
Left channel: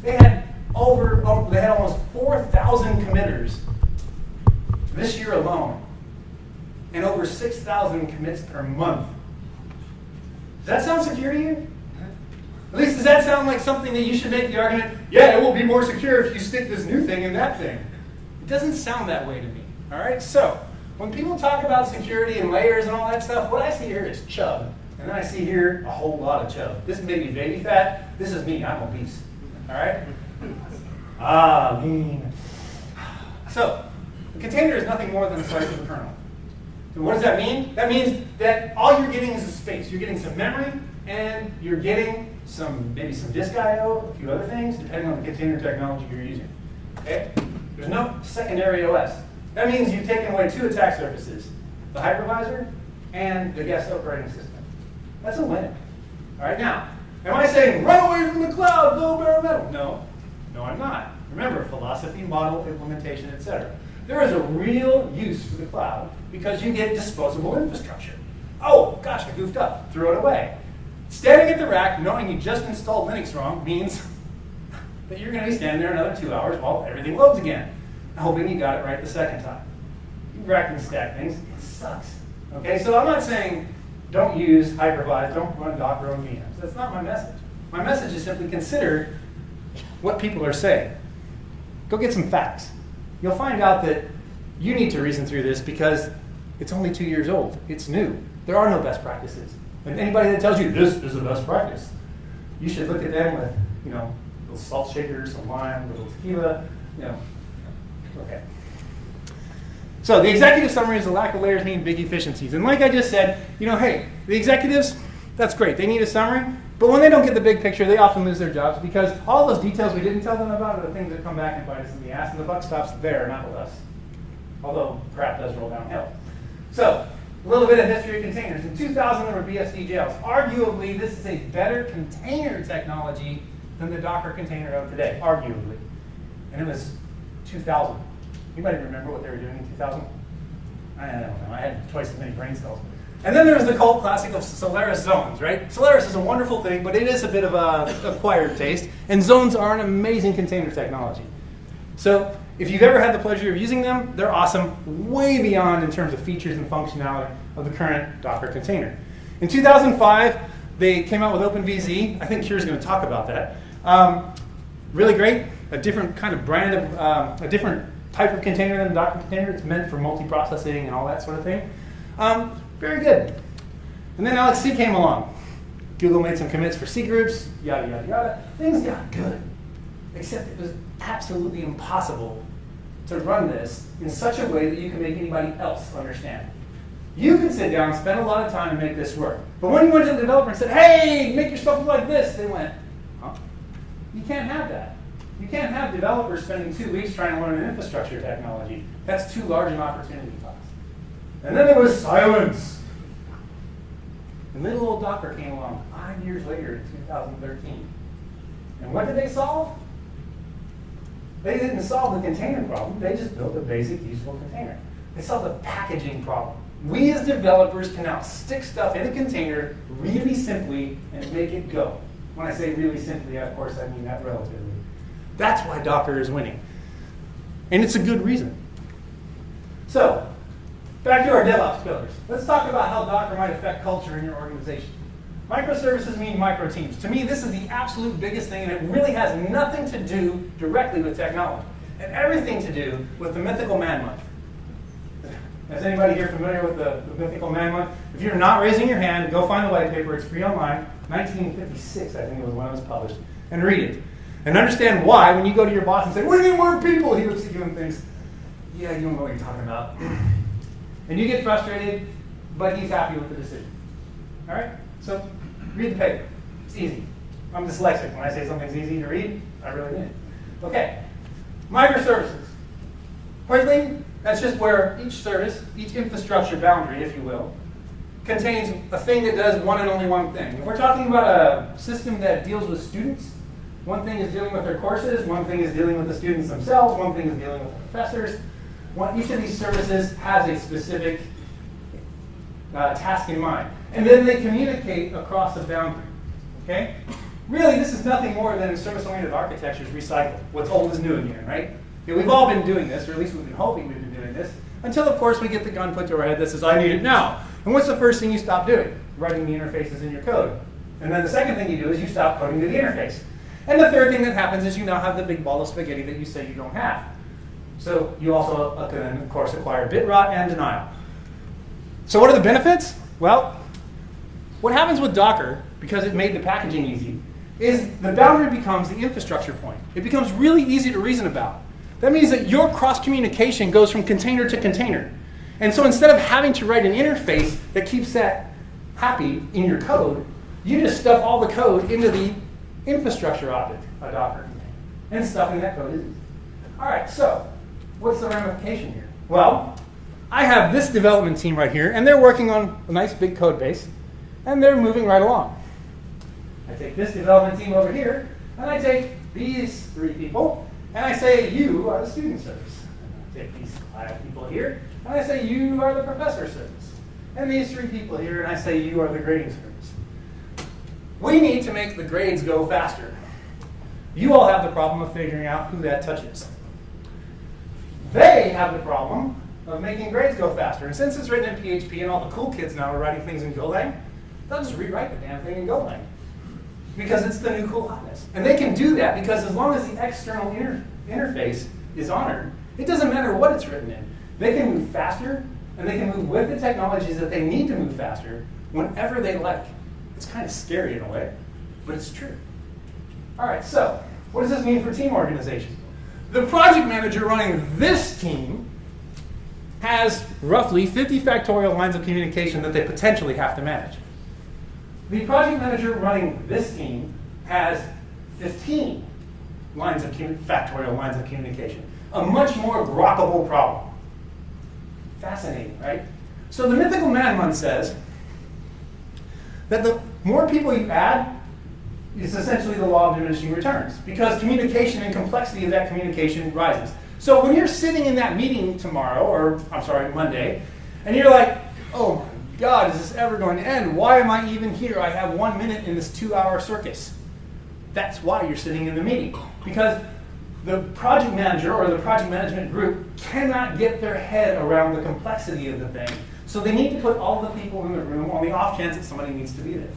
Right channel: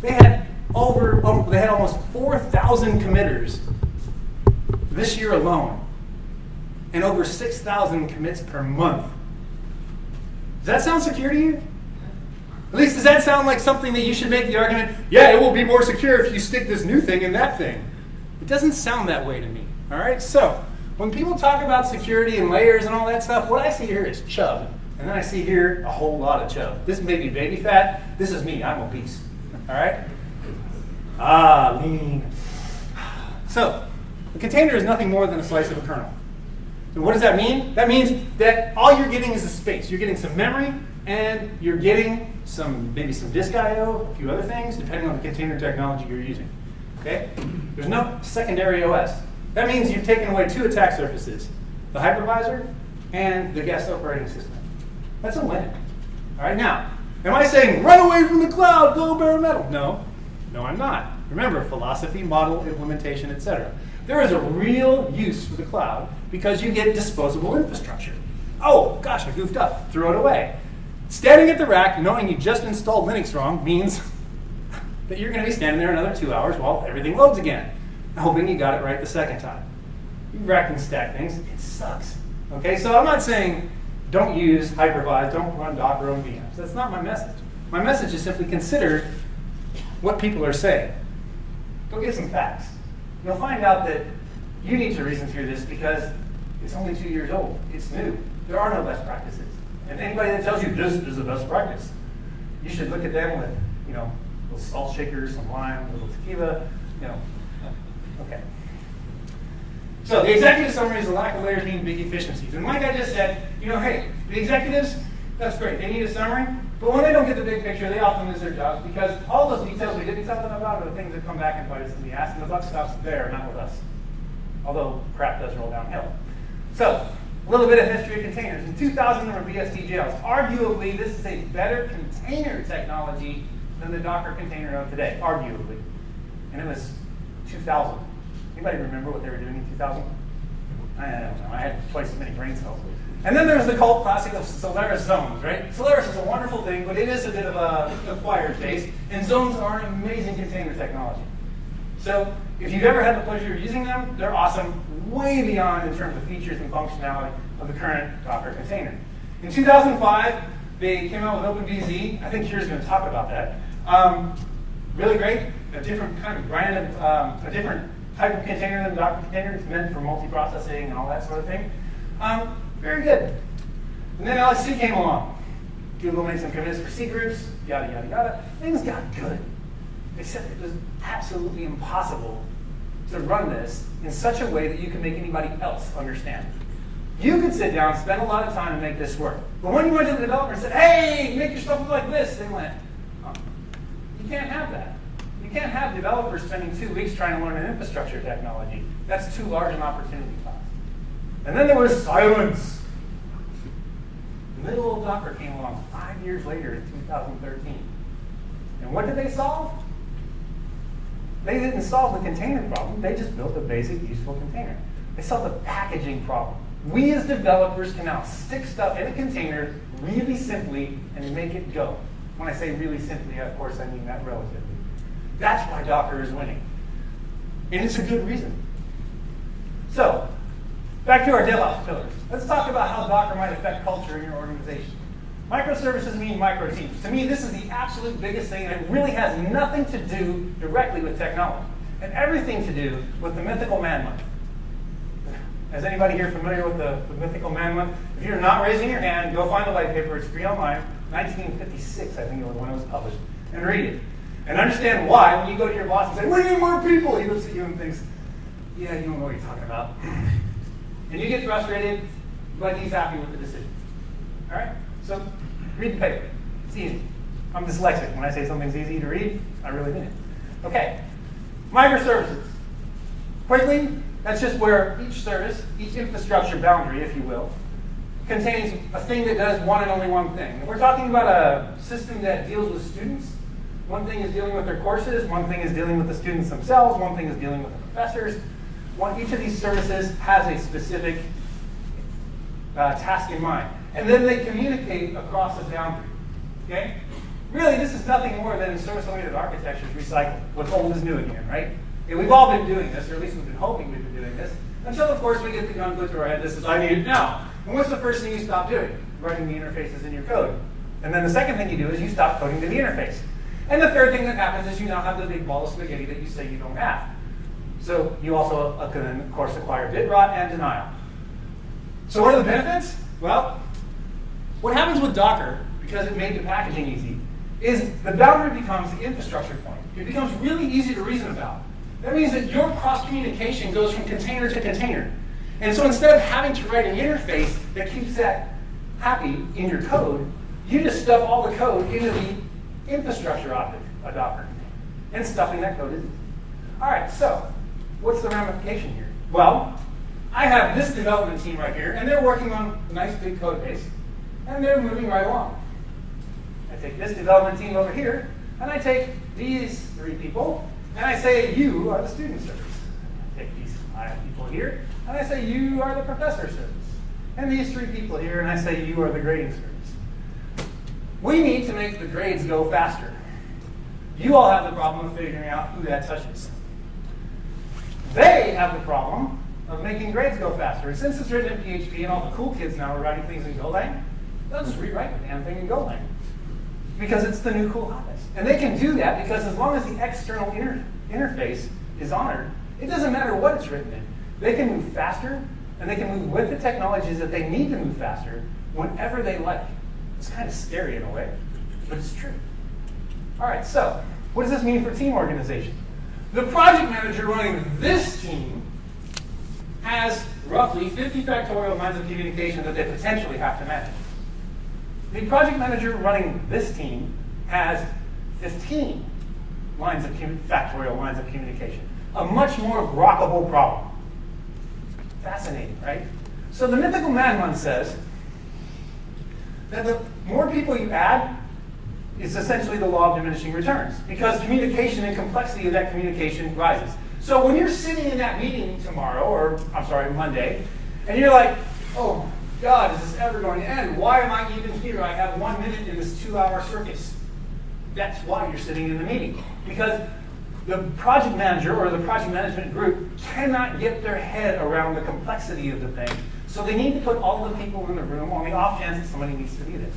They had almost 4,000 committers this year alone, and over 6,000 commits per month. Does that sound secure to you? At least does that sound like something that you should make the argument, yeah, it will be more secure if you stick this new thing in that thing. It doesn't sound that way to me, all right? So when people talk about security and layers and all that stuff, what I see here is chub. And then I see here a whole lot of chub. This may be baby fat. This is me. I'm obese, all right? Lean. So the container is nothing more than a slice of a kernel. So what does that mean? That means that all you're getting is a space. You're getting some memory, and you're getting maybe some disk I/O, a few other things, depending on the container technology you're using. Okay? There's no secondary OS. That means you've taken away 2 attack surfaces, the hypervisor and the guest operating system. That's a win. All right, now, am I saying run away from the cloud, go bare metal? No, I'm not. Remember, philosophy, model, implementation, etc. There is a real use for the cloud because you get disposable infrastructure. Oh, gosh, I goofed up. Throw it away. Standing at the rack, knowing you just installed Linux wrong, means that you're going to be standing there another 2 hours while everything loads again, hoping you got it right the second time. You rack and stack things. It sucks. Okay, so I'm not saying don't use hypervised, don't run Docker on VMs. That's not my message. My message is simply consider what people are saying. Go get some facts. You'll find out that you need to reason through this because it's only 2 years old. It's new. There are no best practices. If anybody that tells you this is the best practice, you should look at them with, little salt shakers, some lime, a little tequila, Okay. So the executive summary is the lack of layers mean big efficiencies. And like I just said, hey, the executives, that's great. They need a summary. But when they don't get the big picture, they often lose their jobs because all those details we didn't tell them about are the things that come back and bite us in the ass, and the buck stops there, not with us. Although crap does roll downhill. So, a little bit of history of containers. In 2000, there were BSD jails. Arguably, this is a better container technology than the Docker container of today, arguably. And it was 2000. Anybody remember what they were doing in 2000? I don't know. I had twice as many brain cells. And then there's the cult classic of Solaris zones, right? Solaris is a wonderful thing, but it is a bit of an acquired taste. And zones are an amazing container technology. So if you've ever had the pleasure of using them, they're awesome, way beyond in terms of features and functionality of the current Docker container. In 2005, they came out with OpenVZ. I think Kira's going to talk about that. Really great, a different kind of brand of, a different type of container than Docker container. It's meant for multiprocessing and all that sort of thing. Very good. And then Alex C came along. Google made some commits for C groups, yada, yada, yada. Things got good, except it was absolutely impossible to run this in such a way that you could make anybody else understand. You could sit down, spend a lot of time, and make this work. But when you went to the developer and said, hey, make your stuff look like this, they went, huh? You can't have that. You can't have developers spending 2 weeks trying to learn an infrastructure technology. That's too large an opportunity cost. And then there was silence. The middle old Docker came along 5 years later in 2013. And what did they solve? They didn't solve the container problem. They just built a basic, useful container. They solved the packaging problem. We as developers can now stick stuff in a container really simply and make it go. When I say really simply, of course, I mean that relatively. That's why Docker is winning. And it's a good reason. So, back to our DevOps pillars. Let's talk about how Docker might affect culture in your organization. Microservices mean micro teams. To me, this is the absolute biggest thing, and it really has nothing to do directly with technology, and everything to do with the mythical man month. Is anybody here familiar with the mythical man month? If you're not raising your hand, go find the white paper. It's free online. 1956, I think it was when it was published. And read it. And understand why, when you go to your boss and say, we need more people, he looks at you and thinks, yeah, you don't know what you're talking about. And you get frustrated, but he's happy with the decision. All right? So read the paper. It's easy. I'm dyslexic. When I say something's easy to read, I really mean it. Okay. Microservices. Quickly, that's just where each service, each infrastructure boundary, if you will, contains a thing that does one and only one thing. If we're talking about a system that deals with students, one thing is dealing with their courses, one thing is dealing with the students themselves, one thing is dealing with the professors. Each of these services has a specific task in mind. And then they communicate across a boundary. Okay? Really, this is nothing more than service-oriented architectures recycled. What's old is new again, right? Yeah, we've all been doing this, or at least we've been hoping we've been doing this, until, of course, we get the gun put to our head that says, I need it now. And what's the first thing you stop doing? Writing the interfaces in your code. And then the second thing you do is you stop coding to the interface. And the third thing that happens is you now have the big ball of spaghetti that you say you don't have. So you also can, of course, acquire bit rot and denial. So what are the benefits? Well, what happens with Docker, because it made the packaging easy, is the boundary becomes the infrastructure point. It becomes really easy to reason about. That means that your cross-communication goes from container to container. And so instead of having to write an interface that keeps that happy in your code, You just stuff all the code into the infrastructure object, a Docker container. And stuffing that code is easy. All right, so what's the ramification here? Well, I have this development team right here, and they're working on a nice big code base, and they're moving right along. I take this development team over here, and I take these 3 people, and I say, you are the student service. I take these 5 people here, and I say, you are the professor service. And these 3 people here, and I say, you are the grading service. We need to make the grades go faster. You all have the problem of figuring out who that touches. They have the problem of making grades go faster. And since it's written in PHP and all the cool kids now are writing things in Golang, they'll just rewrite the damn thing in Golang. Because it's the new cool hotness. And they can do that because as long as the external interface is honored, it doesn't matter what it's written in. They can move faster, and they can move with the technologies that they need to move faster whenever they like. It's kind of scary in a way, but it's true. All right, so what does this mean for team organization? The project manager running this team has roughly 50 factorial lines of communication that they potentially have to manage. The project manager running this team has 15 factorial lines of communication. A much more grokkable problem. Fascinating, right? So the mythical madman says that the more people you add, it's essentially the law of diminishing returns, because communication and complexity of that communication rises. So when you're sitting in that meeting tomorrow, or I'm sorry, Monday, and you're like, oh God, is this ever going to end? Why am I even here? I have 1 minute in this 2-hour circus. That's why you're sitting in the meeting, because the project manager or the project management group cannot get their head around the complexity of the thing. So they need to put all the people in the room on the off chance that somebody needs to be there.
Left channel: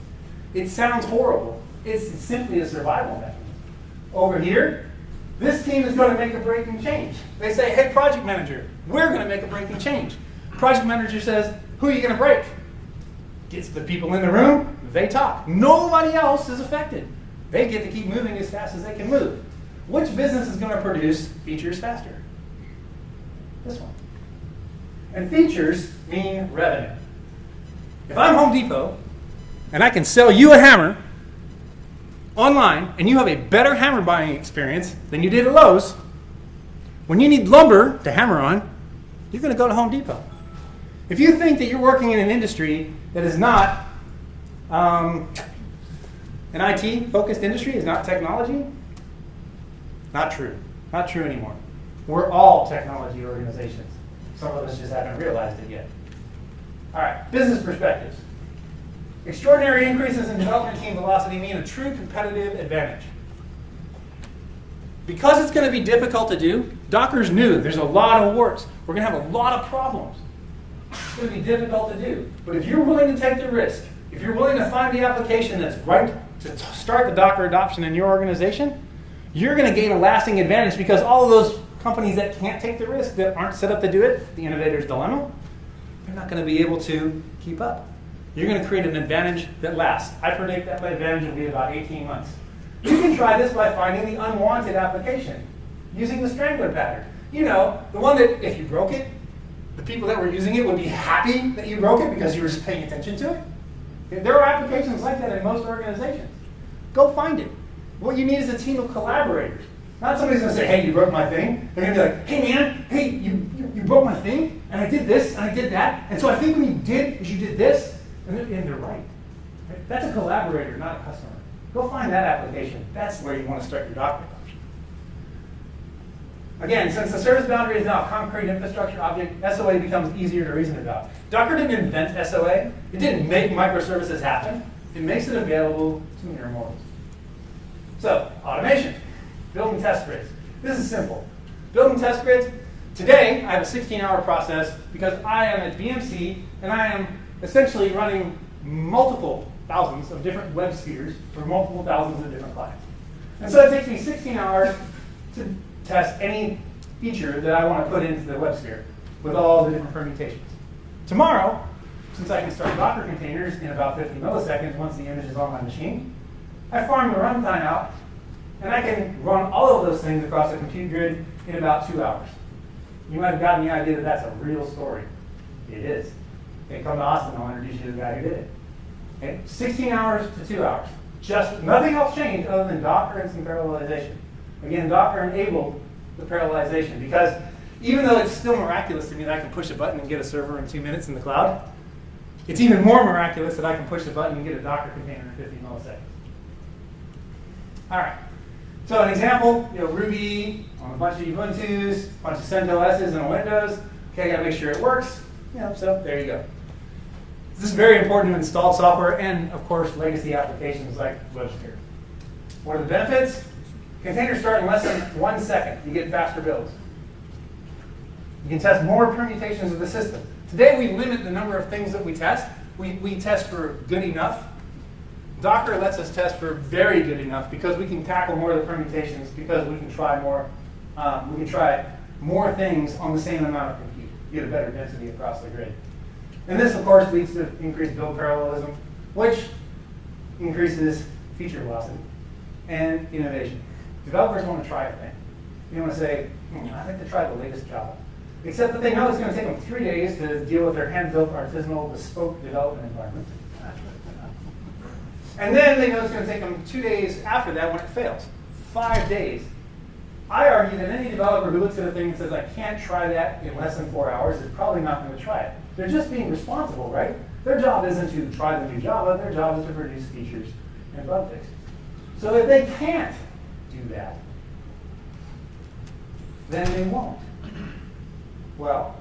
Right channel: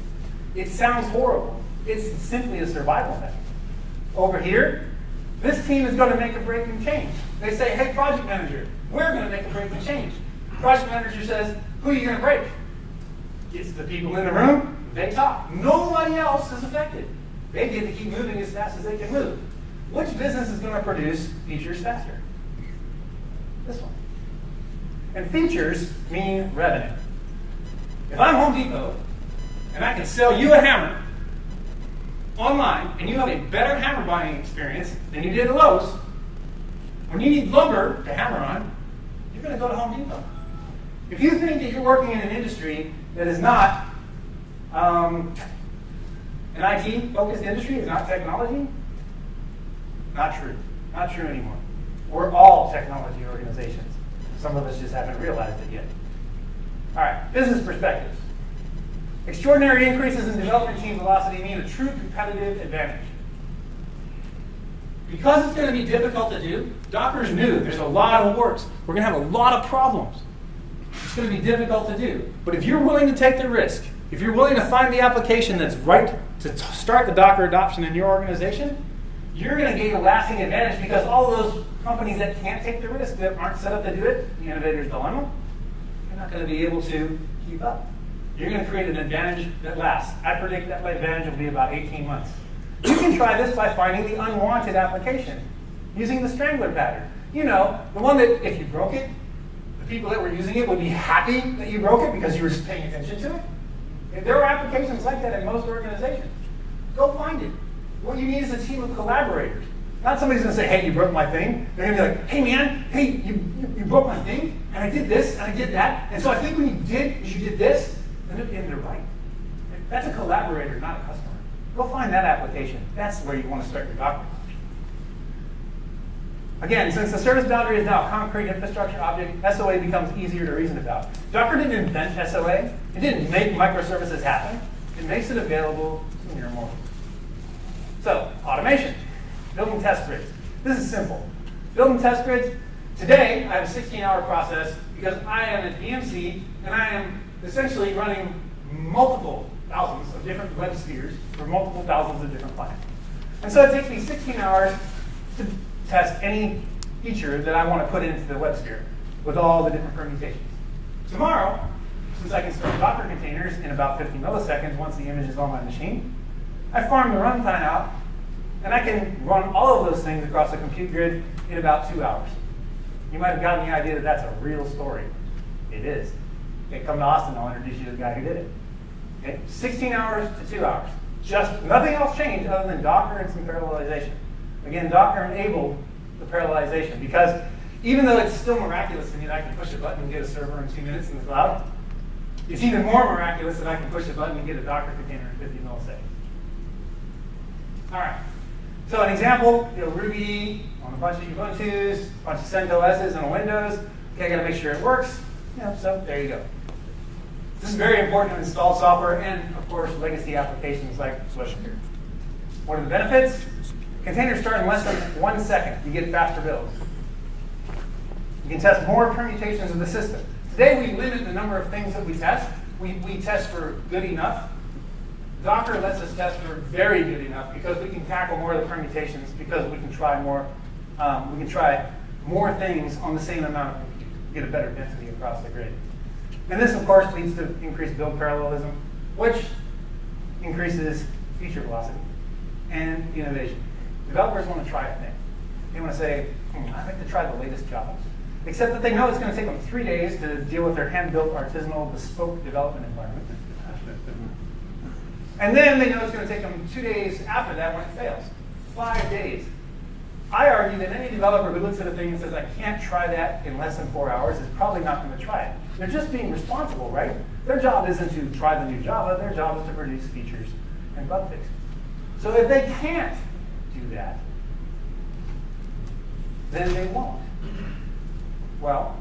It sounds horrible. It's simply a survival mechanism. Over here, this team is going to make a breaking change. They say, hey, project manager, we're going to make a breaking change. Project manager says, who are you going to break? Gets the people in the room, they talk. Nobody else is affected. They get to keep moving as fast as they can move. Which business is going to produce features faster? This one. And features mean revenue. If I'm Home Depot, and I can sell you a hammer online, and you have a better hammer buying experience than you did at Lowe's, when you need lumber to hammer on, you're going to go to Home Depot. If you think that you're working in an industry that is not an IT-focused industry, is not technology, not true. Not true anymore. We're all technology organizations. Some of us just haven't realized it yet. All right, business perspectives. Extraordinary increases in development team velocity mean a true competitive advantage. Because it's going to be difficult to do, Docker's new. There's a lot of warts. We're going to have a lot of problems. It's going to be difficult to do. But if you're willing to take the risk, if you're willing to find the application that's right to start the Docker adoption in your organization, you're going to gain a lasting advantage because all those companies that can't take the risk, that aren't set up to do it, the innovator's dilemma, they're not going to be able to keep up. You're going to create an advantage that lasts. I predict that advantage will be about 18 months. You can try this by finding the unwanted application, using the strangler pattern. You know, the one that if you broke it, the people that were using it would be happy that you broke it because you were just paying attention to it. There are applications like that in most organizations. Go find it. What you need is a team of collaborators. Not somebody's going to say, hey, you broke my thing. They're going to be like, hey, man, hey, you broke my thing, and I did this, and I did that. And so I think what you did is you did this, and they're right. That's a collaborator, not a customer. Go find that application. That's where you want to start your Docker adoption. Again, since the service boundary is now a concrete infrastructure object, SOA becomes easier to reason about. Docker didn't invent SOA. It didn't make microservices happen. It makes it available to mere mortals. So, automation. Building test grids. This is simple. Building test grids. Today, I have a 16-hour process because I am a BMC, and I am essentially running multiple thousands of different web spheres for multiple thousands of different clients. And so it takes me 16 hours to test any feature that I want to put into the web sphere with all the different permutations. Tomorrow, since I can start Docker containers in about 50 milliseconds once the image is on my machine, I farm the runtime out, and I can run all of those things across a compute grid in about 2 hours. You might have gotten the idea that that's a real story. It is. Hey, come to Austin, I'll introduce you to the guy who did it. Okay, 16 hours to 2 hours. Just nothing else changed other than Docker and some parallelization. Again, Docker enabled the parallelization because even though it's still miraculous to me that I can push a button and get a server in 2 minutes in the cloud, it's even more miraculous that I can push a button and get a Docker container in 50 milliseconds. All right. So an example, Ruby on a bunch of Ubuntu's, a bunch of CentOS's and Windows. Okay, I got to make sure it works. So there you go. This is very important to install software and, of course, legacy applications like Logentries. What are the benefits? Containers start in less than 1 second. You get faster builds. You can test more permutations of the system. Today, we limit the number of things that we test. We test for good enough. Docker lets us test for very good enough because we can tackle more of the permutations because we can try more. We can try more things on the same amount of compute. You get a better density across the grid. And this, of course, leads to increased build parallelism, which increases feature velocity and innovation. Developers want to try a thing. They want to say, I'd like to try the latest Java. Except that they know it's going to take them 3 days to deal with their hand-built, artisanal, bespoke development environment. And then they know it's going to take them 2 days after that when it fails. 5 days. I argue that any developer who looks at a thing and says, I can't try that in less than 4 hours is probably not going to try it. They're just being responsible, right? Their job isn't to try the new Java. Their job is to produce features and bug fixes. So if they can't do that, then they won't. Well,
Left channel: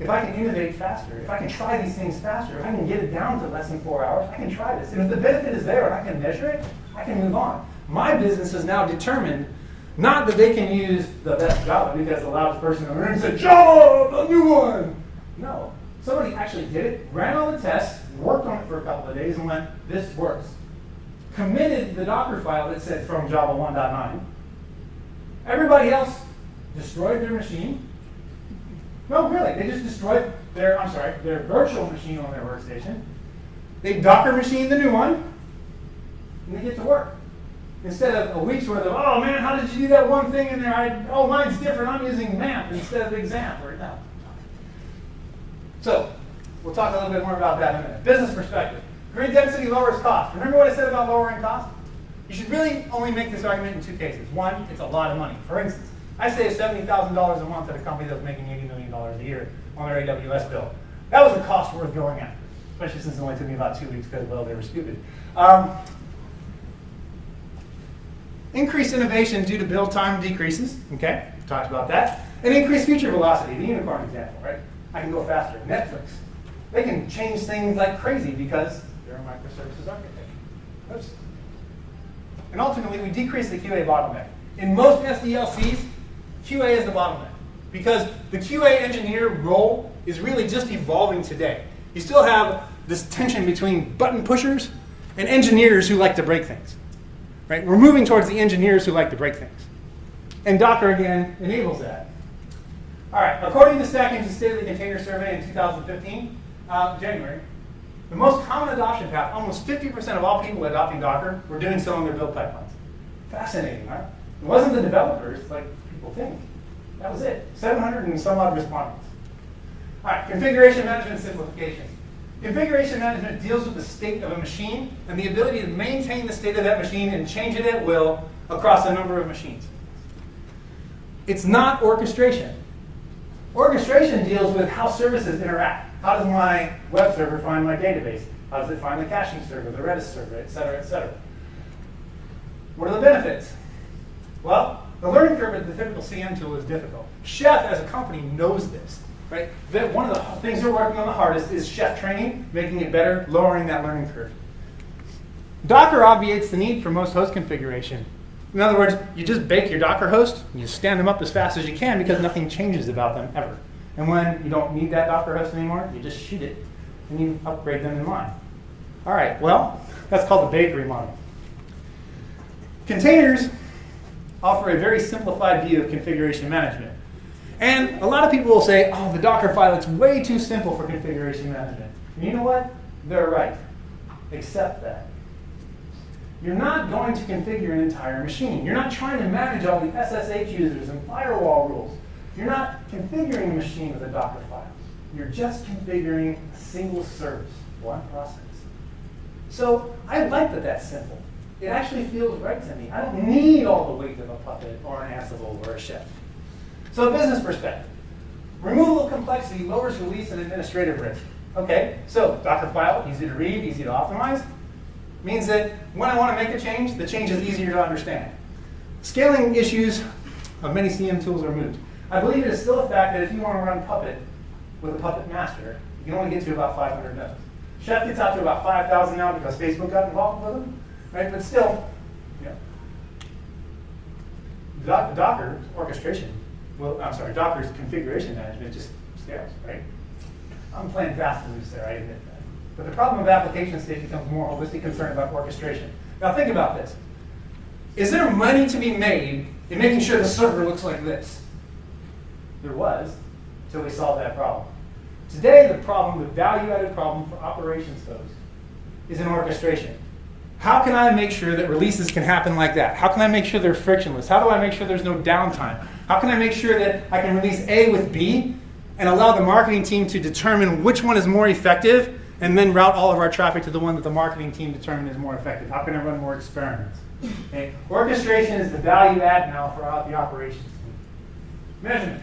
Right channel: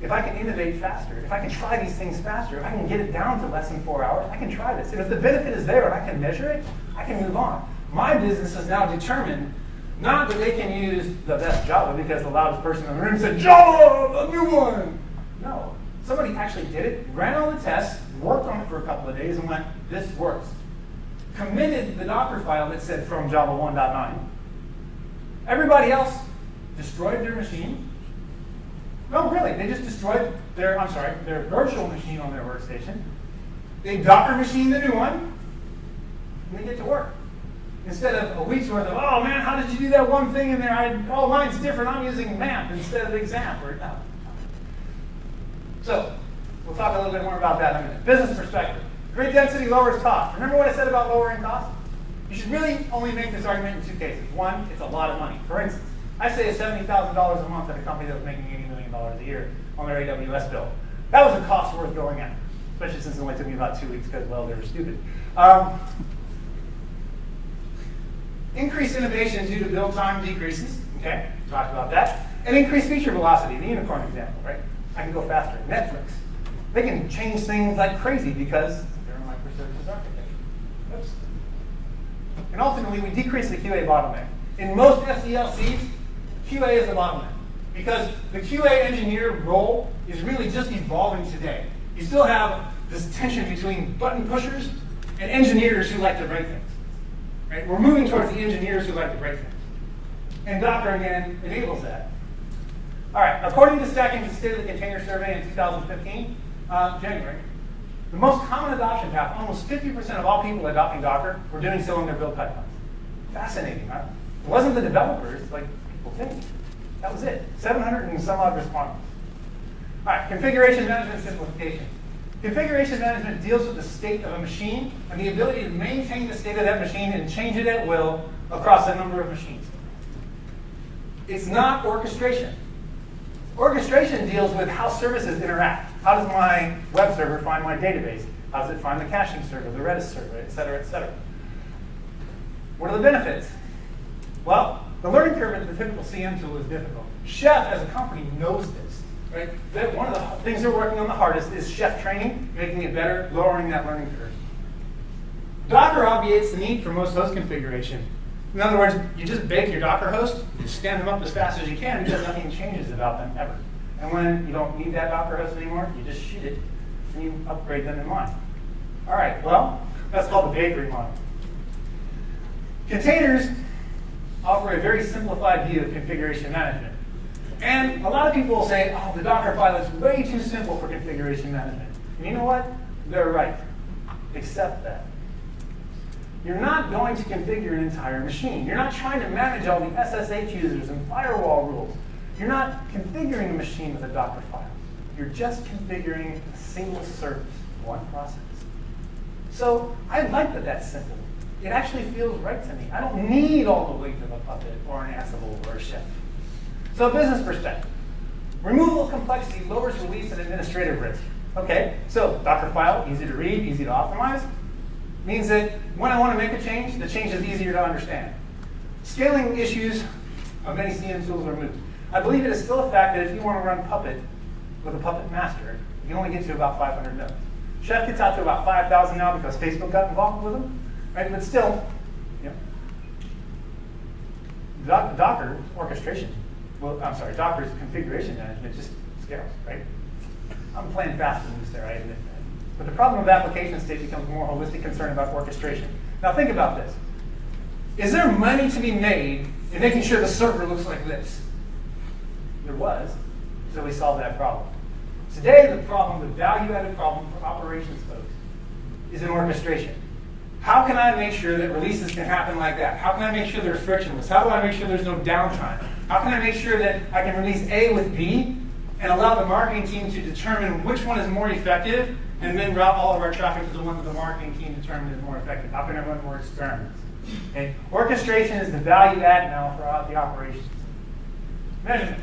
if I can innovate faster, if I can try these things faster, if I can get it down to less than 4 hours, I can try this. And if the benefit is there and I can measure it, I can move on. My business is now determined not that they can use the best Java because the loudest person in the room said, Java, a new one. No. Somebody actually did it, ran all the tests, worked on it for a couple of days, and went, this works. Committed the Docker file that said from Java 1.9. Everybody else destroyed their machine. No, really, they just destroyed their virtual machine on their workstation. They Docker machined the new one, and they get to work. Instead of a week's worth of, oh man, how did you do that one thing in there? Oh, mine's different, I'm using MAMP instead of exam. No. So, we'll talk a little bit more about that in a minute. Business perspective. Grid density lowers cost. Remember what I said about lowering cost? You should really only make this argument in 2 cases. One, it's a lot of money. For instance, I saved $70,000 a month at a company that was making $80 million a year on their AWS bill. That was a cost worth going at, especially since it only took me about 2 weeks because, well, they were stupid. Increased innovation due to build time decreases. Okay, talked about that. And increased feature velocity, the unicorn example, right? I can go faster. Netflix. They can change things like crazy because they're a microservices architecture. Oops. And ultimately, we decrease the QA bottleneck. In most SDLCs, QA is the bottleneck because the QA engineer role is really just evolving today. You still have this tension between button pushers and engineers who like to break things. Right? We're moving towards the engineers who like to break things. And Docker, again, enables that. All right, according to Stack Engine's State of the Container Survey in 2015, January, the most common adoption path, almost 50% of all people adopting Docker were doing so in their build pipelines. Fascinating, right? It wasn't the developers like people think. That was it. 700 and some odd responses. All right, configuration management simplification. Configuration management deals with the state of a machine and the ability to maintain the state of that machine and change it at will across a number of machines. It's not orchestration. Orchestration deals with how services interact. How does my web server find my database? How does it find the caching server, the Redis server, et cetera, et cetera? What are the benefits? Well, the learning curve at the typical CM tool is difficult. Chef, as a company, knows this. Right? One of the things they're working on the hardest is chef training, making it better, lowering that learning curve. Docker obviates the need for most host configuration. In other words, you just bake your Docker host, and you stand them up as fast as you can because nothing changes about them ever. And when you don't need that Docker host anymore, you just shoot it, and you upgrade them in line. All right, well, that's called the bakery model. Containers offer a very simplified view of configuration management. And a lot of people will say, oh, the Docker file is way too simple for configuration management. And you know what? They're right. Accept that. You're not going to configure an entire machine. You're not trying to manage all the SSH users and firewall rules. You're not configuring a machine with a Docker file. You're just configuring a single service, one process. So I like that that's simple. It actually feels right to me. I don't need all the weight of a Puppet or an Ansible or a Chef. So business perspective. Removal of complexity lowers release and administrative risk. Okay, so Docker file, easy to read, easy to optimize, means that when I want to make a change, the change is easier to understand. Scaling issues of many CM tools are removed. I believe it is still a fact that if you want to run Puppet with a Puppet master, you can only get to about 500 nodes. Chef gets out to about 5,000 now because Facebook got involved with them, right? But still, Docker orchestration, Docker's configuration management just scales, right? I'm playing fast and loose there, I admit that. But the problem of application state becomes more holistic concern about orchestration. Now think about this. Is there money to be made in making sure the server looks like this? There was, until we solved that problem. Today, the problem, the value-added problem for operations folks, is in orchestration. How can I make sure that releases can happen like that? How can I make sure they're frictionless? How do I make sure there's no downtime? How can I make sure that I can release A with B and allow the marketing team to determine which one is more effective and then route all of our traffic to the one that the marketing team determined is more effective? How can I run more experiments? Okay. Orchestration is the value add now for the operations team. Measurement.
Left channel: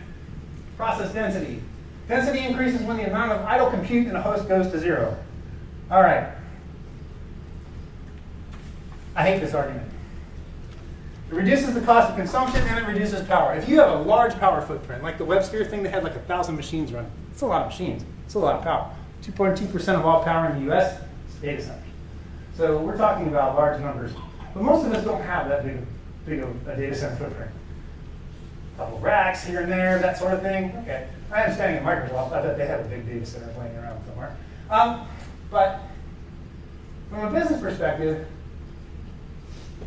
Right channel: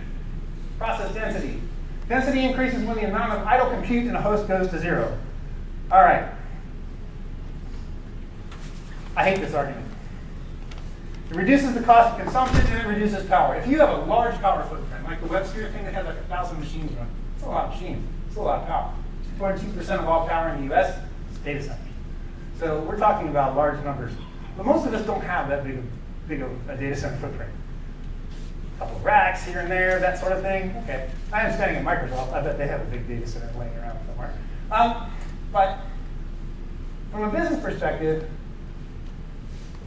Process density. Density increases when the amount of idle compute in a host goes to 0. All right. I hate this argument. It reduces the cost of consumption and it reduces power. If you have a large power footprint, like the WebSphere thing that had like 1,000 machines run, it's a lot of machines. It's a lot of power. 2.2% of all power in the US is data centers. So we're talking about large numbers. But most of us don't have that big of a data center footprint. A couple of racks here and there, that sort of thing. Okay. I am standing at Microsoft. I bet they have a big data center laying around somewhere. But from a business perspective,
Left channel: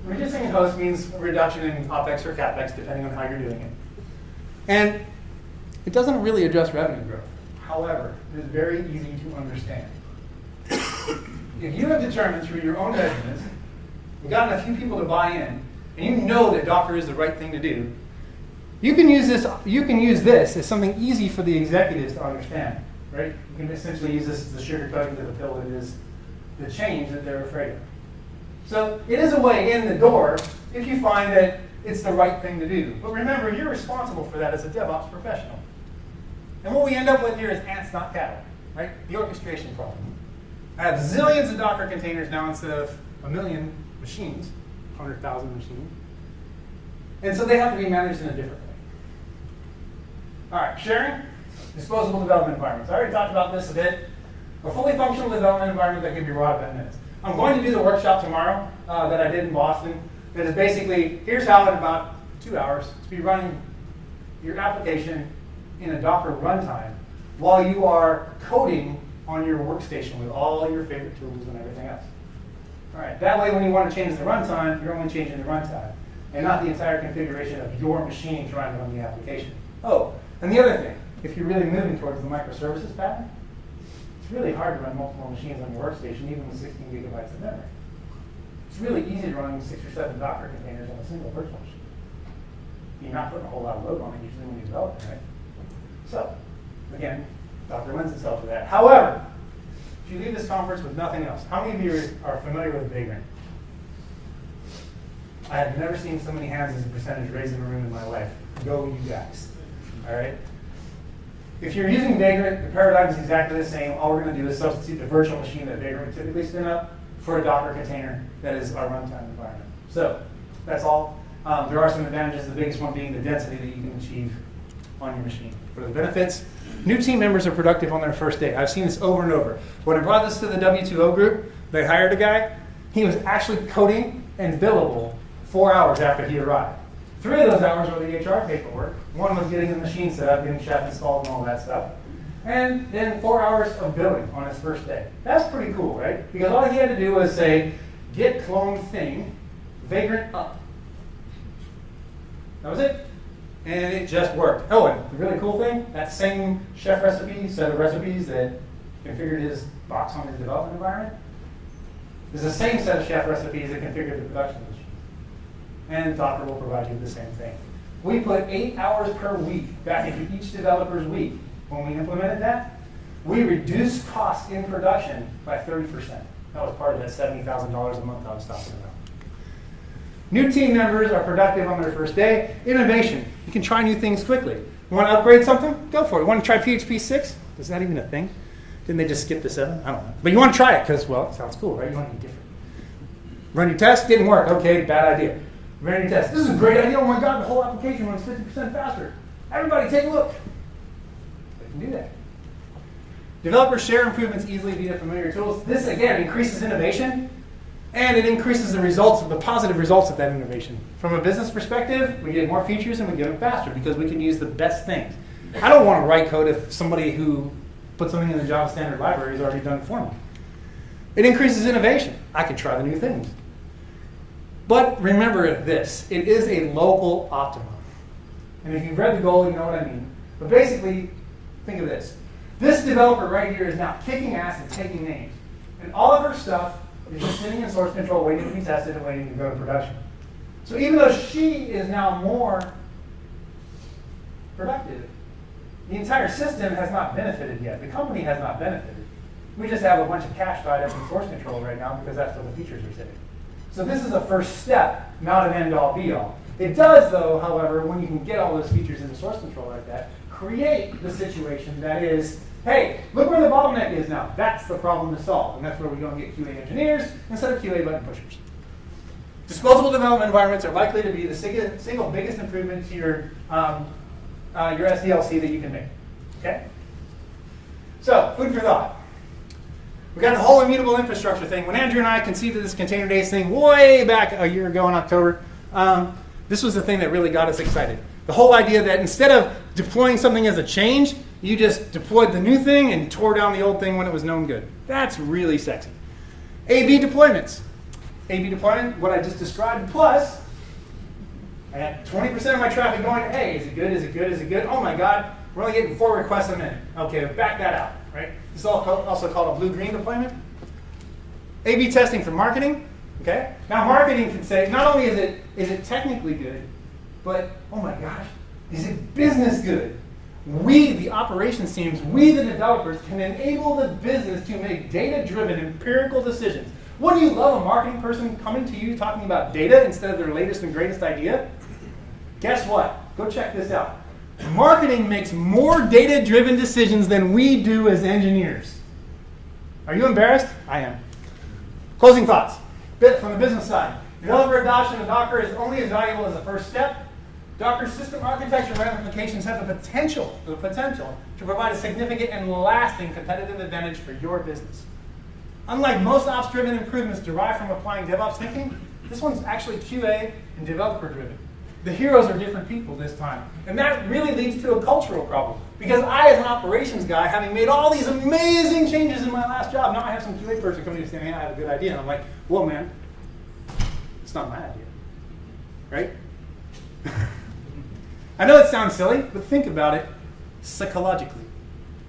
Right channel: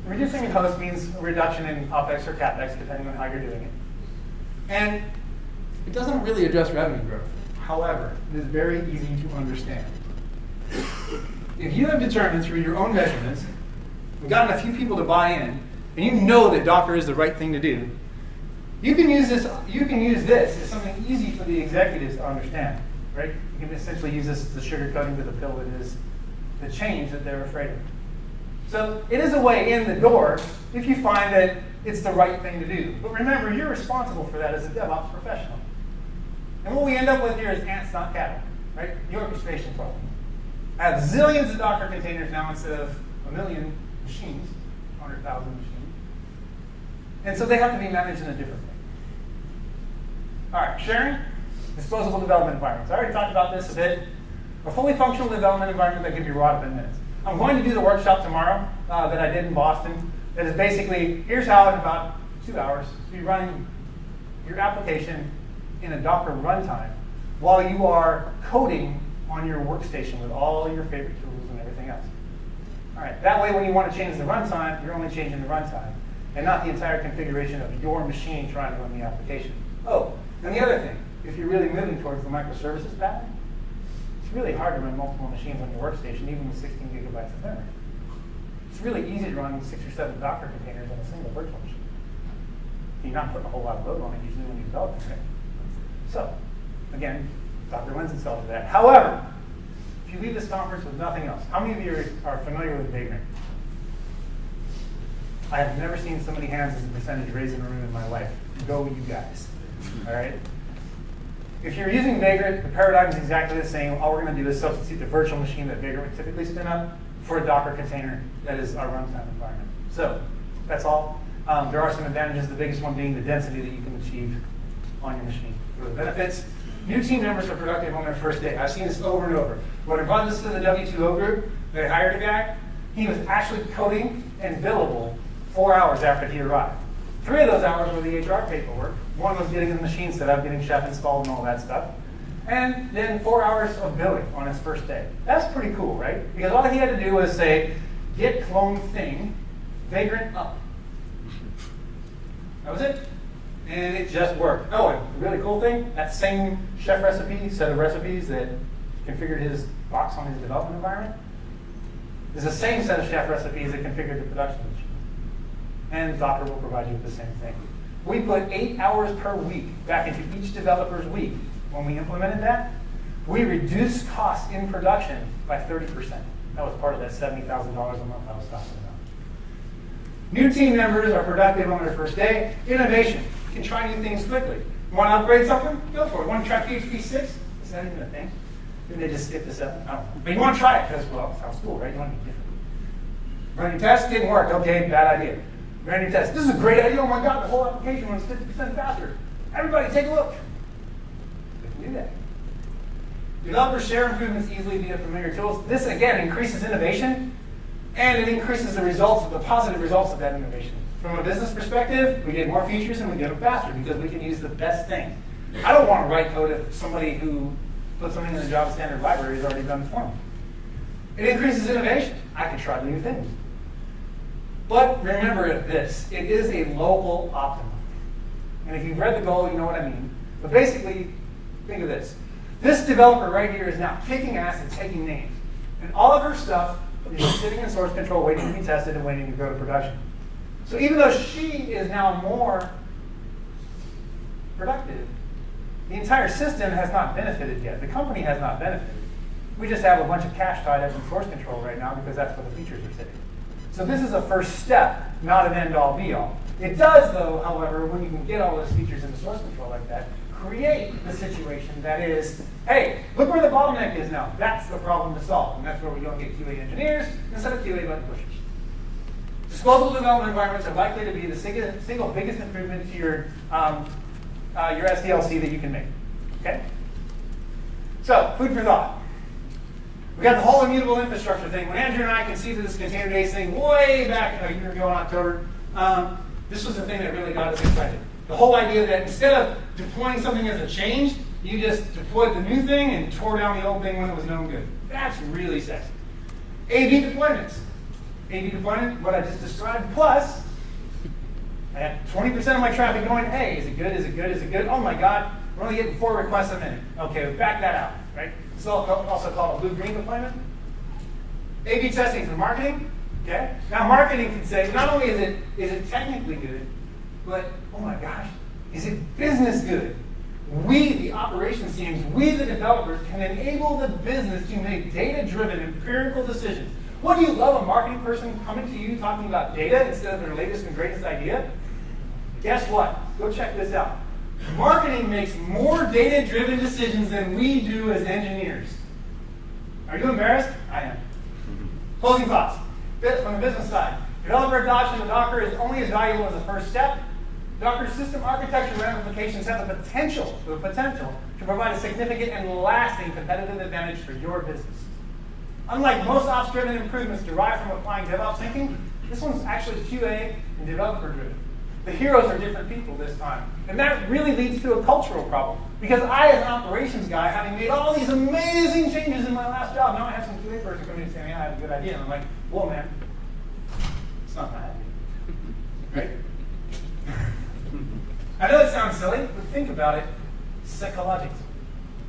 reducing in host means a reduction in OpEx or CapEx, depending on how you're doing it. And it doesn't really address revenue growth. However, it is very easy to understand. If you have determined through your own measurements, and gotten a few people to buy in, and you know that Docker is the right thing to do, you can use this as something easy for the executives to understand, right? You can essentially use this as the sugarcoating to the pill that is the change that they're afraid of. So it is a way in the door if you find that it's the right thing to do. But remember, you're responsible for that as a DevOps professional. And what we end up with here is ants, not cattle, right? The orchestration problem. I have zillions of Docker containers now instead of 1 million machines, 100,000 machines. And so they have to be managed in a different way. All right, sharing, disposable development environments. I already talked about this a bit. A fully functional development environment that can be raw in 10 minutes. I'm going to do the workshop tomorrow that I did in Boston. That is basically, here's how in about 2 hours to be running your application in a Docker runtime while you are coding on your workstation with all your favorite tools and everything else. All right, that way when you want to change the runtime, you're only changing the runtime and not the entire configuration of your machine trying to run the application. Oh, and the other thing, if you're really moving towards the microservices pattern, it's really hard to run multiple machines on your workstation, even with 16 gigabytes of memory. It's really easy to run 6 or 7 Docker containers on a single virtual machine. You're not putting a whole lot of load on it usually when you develop it, right? So, again, Docker lends itself to that. However, if you leave this conference with nothing else, how many of you are familiar with Vagrant? I have never seen so many hands as a percentage raised in a room in my life. Go you guys. All right? If you're using Vagrant, the paradigm is exactly the same. All we're going to do is substitute the virtual machine that Vagrant would typically spin up for a Docker container that is our runtime environment. So that's all. There are some advantages, the biggest one being the density that you can achieve on your machine. For the benefits, new team members are productive on their first day. I've seen this over and over. When I brought this to the W2O group, they hired a guy. He was actually coding and billable 4 hours after he arrived. 3 of those hours were the HR paperwork. 1 was getting the machine set up, getting Chef installed and all that stuff. And then 4 hours of billing on his first day. That's pretty cool, right? Because all he had to do was say, git clone thing, Vagrant up. That was it. And it just worked. Oh, and the really cool thing, that same Chef recipe, set of recipes that configured his box on his development environment, is the same set of Chef recipes that configured the production machine. And Docker will provide you with the same thing. We put 8 hours per week back into each developer's week. When we implemented that, we reduced costs in production by 30%. That was part of that $70,000 a month I was talking about. New team members are productive on their first day. Innovation. You can try new things quickly. You want to upgrade something? Go for it. You want to try PHP 6? Is that even a thing? Didn't they just skip to 7? I don't know. But you want to try it because, well, it sounds cool, right? You want to be different. Run your test, didn't work. Okay, bad idea. Run your test. This is a great idea. Oh my God, the whole application runs 50% faster. Everybody take a look. They can do that. Developers share improvements easily via familiar tools. This, again, increases innovation, and it increases the results, the positive results of that innovation. From a business perspective, we get more features and we get them faster because we can use the best things. I don't want to write code if somebody who put something in the Java standard library has already done it for me. It increases innovation. I can try new things. But remember this, it is a local optimum. And if you've read the goal, you know what I mean. But basically, think of this. This developer right here is now kicking ass and taking names. And all of her stuff is sitting in source control, waiting to be tested and waiting to go to production. So even though she is now more productive, the entire system has not benefited yet. The company has not benefited. We just have a bunch of cash tied up in source control right now because that's where the features are sitting. So this is a first step, not an end-all, be-all. It does, though, however, when you can get all those features into source control like that, create the situation that is, hey, look where the bottleneck is now. That's the problem to solve. And that's where we go and get QA engineers instead of QA button pushers. Disposable development environments are likely to be the single biggest improvement to your SDLC that you can make. Okay? So, food for thought. We got the whole immutable infrastructure thing. When Andrew and I conceived of this ContainerDays thing way back a year ago in October, this was the thing that really got us excited. The whole idea that instead of deploying something as a change, you just deployed the new thing and tore down the old thing when it was known good. That's really sexy. A/B deployments. A/B deployment, what I just described, plus I got 20% of my traffic going, hey, is it good, is it good, is it good? Oh my God, we're only getting 4 requests a minute. Okay, back that out, right? This is also called a blue-green deployment. A/B testing for marketing, okay? Now marketing can say, not only is it technically good, but oh my gosh, is it business good? We, the operations teams, we, the developers, can enable the business to make data-driven, empirical decisions. Wouldn't you love a marketing person coming to you talking about data instead of their latest and greatest idea? Guess what? Go check this out. Marketing makes more data-driven decisions than we do as engineers. Are you embarrassed? I am. Closing thoughts. From the business side. Developer adoption of Docker is only as valuable as the first step. Docker's system architecture ramifications have the potential to provide a significant and lasting competitive advantage for your business. Unlike most ops-driven improvements derived from applying DevOps thinking, this one's actually QA and developer-driven. The heroes are different people this time. And that really leads to a cultural problem. Because I, as an operations guy, having made all these amazing changes in my last job, now I have some QA person coming and saying, hey, I have a good idea. And I'm like, whoa, man, it's not my idea. Right? I know it sounds silly, but think about it psychologically.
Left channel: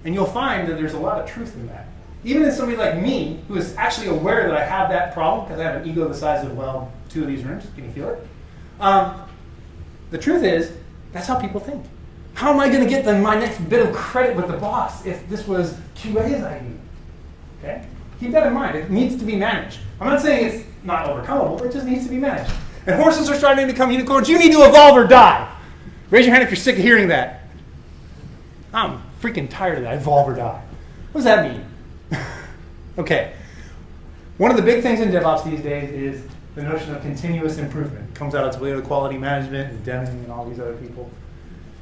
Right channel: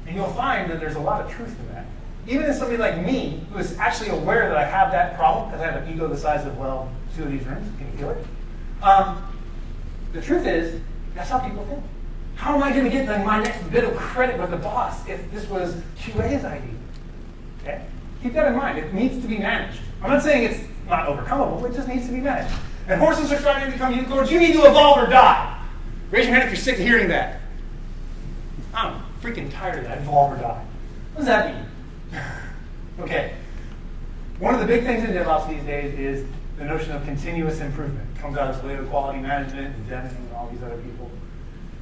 And you'll find that there's a lot of truth in that. Even as somebody like me, who is actually aware that I have that problem, because I have an ego the size of, well, 2 of these rooms, can you feel it? The truth is, that's how people think. How am I going to get my next bit of credit with the boss if this was QA's idea? Okay? Keep that in mind. It needs to be managed. I'm not saying it's not overcomable, it just needs to be managed. And horses are starting to become unicorns. You need to evolve or die. Raise your hand if you're sick of hearing that. I'm freaking tired of that. Evolve or die. What does that mean? Okay. One of the big things in DevOps these days is the notion of continuous improvement. It comes out its way to quality management and Deming and all these other people.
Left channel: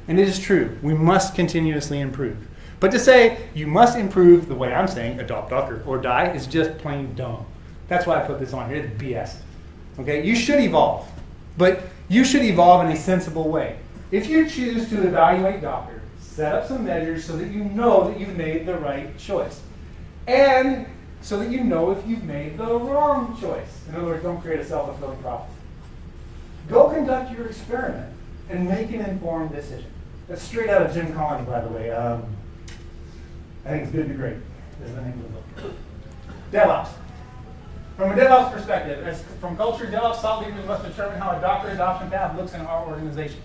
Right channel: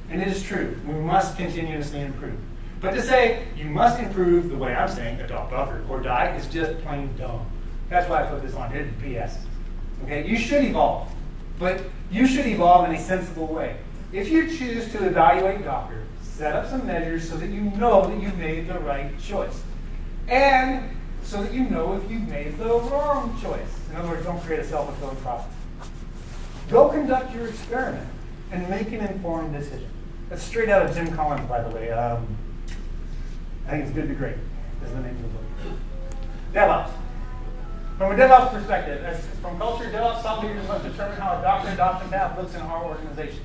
And it is true. We must continuously improve. But to say you must improve the way I'm saying, adopt Docker or die, is just plain dumb. That's why I put this on here. It's BS. Okay? You should evolve. But you should evolve in a sensible way. If you choose to evaluate Docker, set up some measures so that you know that you've made the right choice. And so that you know if you've made the wrong choice. In other words, don't create a self-fulfilling prophecy. Go conduct your experiment and make an informed decision. That's straight out of Jim Collins, by the way. I think it's Good to Great is the name of the book. DevOps. From a DevOps perspective, from culture, DevOps thought leaders must determine how a Docker adoption path looks in our organization.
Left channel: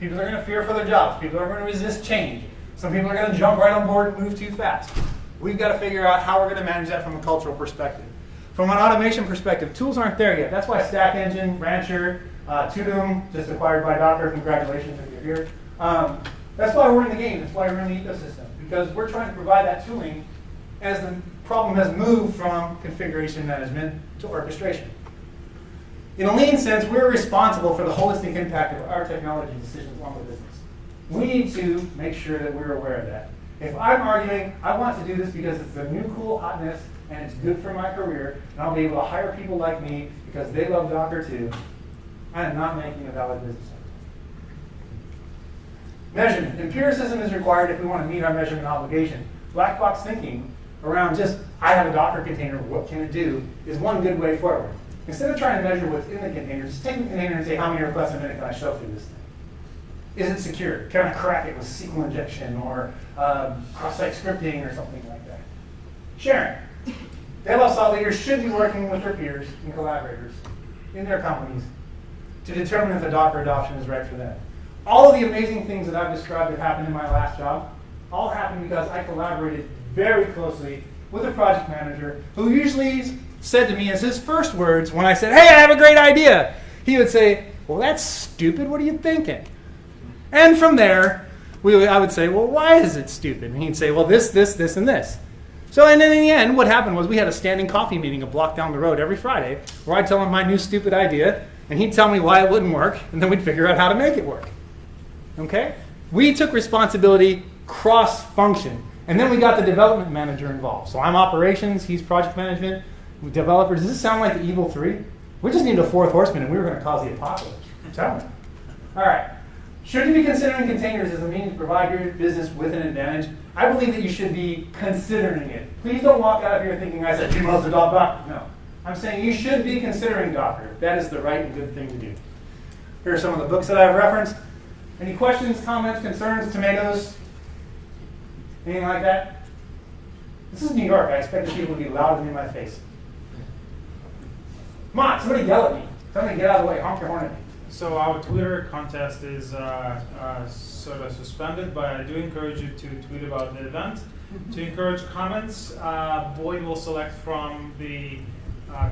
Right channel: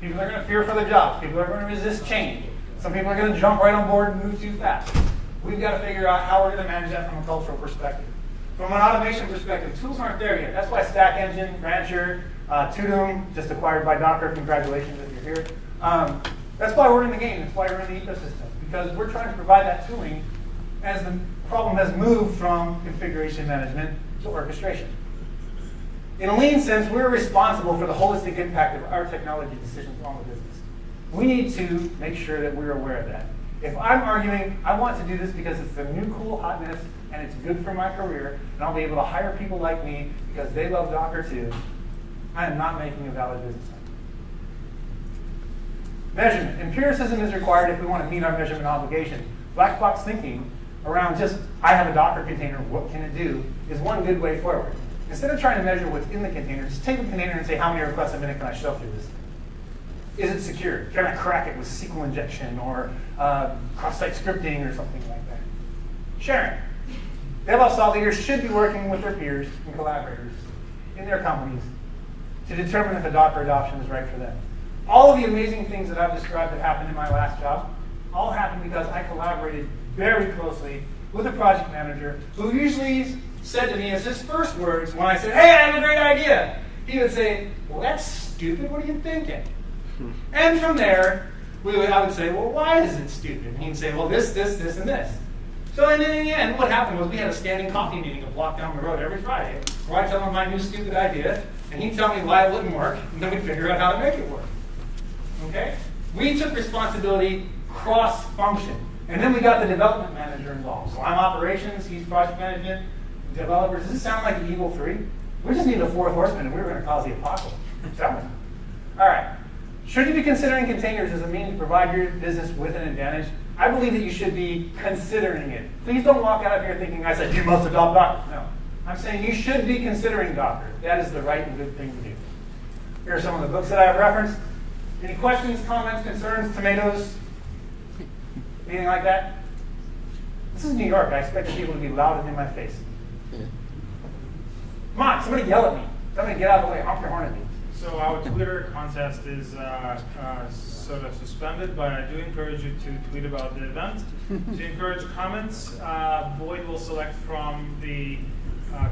People are going to fear for their jobs. People are going to resist change. Some people are going to jump right on board and move too fast. We've got to figure out how we're going to manage that from a cultural perspective. From an automation perspective, tools aren't there yet. That's why Stack Engine, Rancher, Tudum, just acquired by Docker, congratulations if you're here. That's why we're in the game. That's why we're in the ecosystem. Because we're trying to provide that tooling as the problem has moved from configuration management to orchestration. In a lean sense, we're responsible for the holistic impact of our technology decisions on the business. We need to make sure that we're aware of that. If I'm arguing, I want to do this because it's the new cool hotness and it's good for my career, and I'll be able to hire people like me because they love Docker too, I am not making a valid business argument. Measurement. Empiricism is required if we want to meet our measurement obligation. Black box thinking around just, I have a Docker container, what can it do, is one good way forward. Instead of trying to measure what's in the container, just take the container and say, how many requests a minute can I shove through this thing? Is it secure? Can I crack it with SQL injection or cross-site scripting or something like that? Sharing. DevOps thought leaders should be working with their peers and collaborators in their companies to determine if the Docker adoption is right for them. All of the amazing things that I've described that happened in my last job, all happened because I collaborated very closely with a project manager who usually said to me as his first words when I said, hey, I have a great idea, he would say, well, that's stupid, what are you thinking? And from there, I would say, well, why is it stupid? And he'd say, well, this, and this. So, and then in the end, what happened was we had a standing coffee meeting a block down the road every Friday where I'd tell him my new stupid idea, and he'd tell me why it wouldn't work, and then we'd figure out how to make it work. Okay? We took responsibility cross-function, and then we got the development manager involved. So I'm operations, he's project management, developers. Does this sound like the evil three? We just need a fourth horseman, and we were going to cause the apocalypse. I'm telling you. All right. Should you be considering containers as a means to provide your business with an advantage? I believe that you should be considering it. Please don't walk out of here thinking I said you must adopt Docker. No. I'm saying you should be considering Docker. That is the right and good thing to do. Here are some of the books that I've referenced. Any questions, comments, concerns, tomatoes? Anything like that? This is New York. I expect the people to be loud and in my face. Come on, somebody yell at me. Somebody get out of the way. Honk your horn at me. So our Twitter contest is sort of suspended, but I do encourage you to tweet about the event. To encourage comments, Boyd will select from the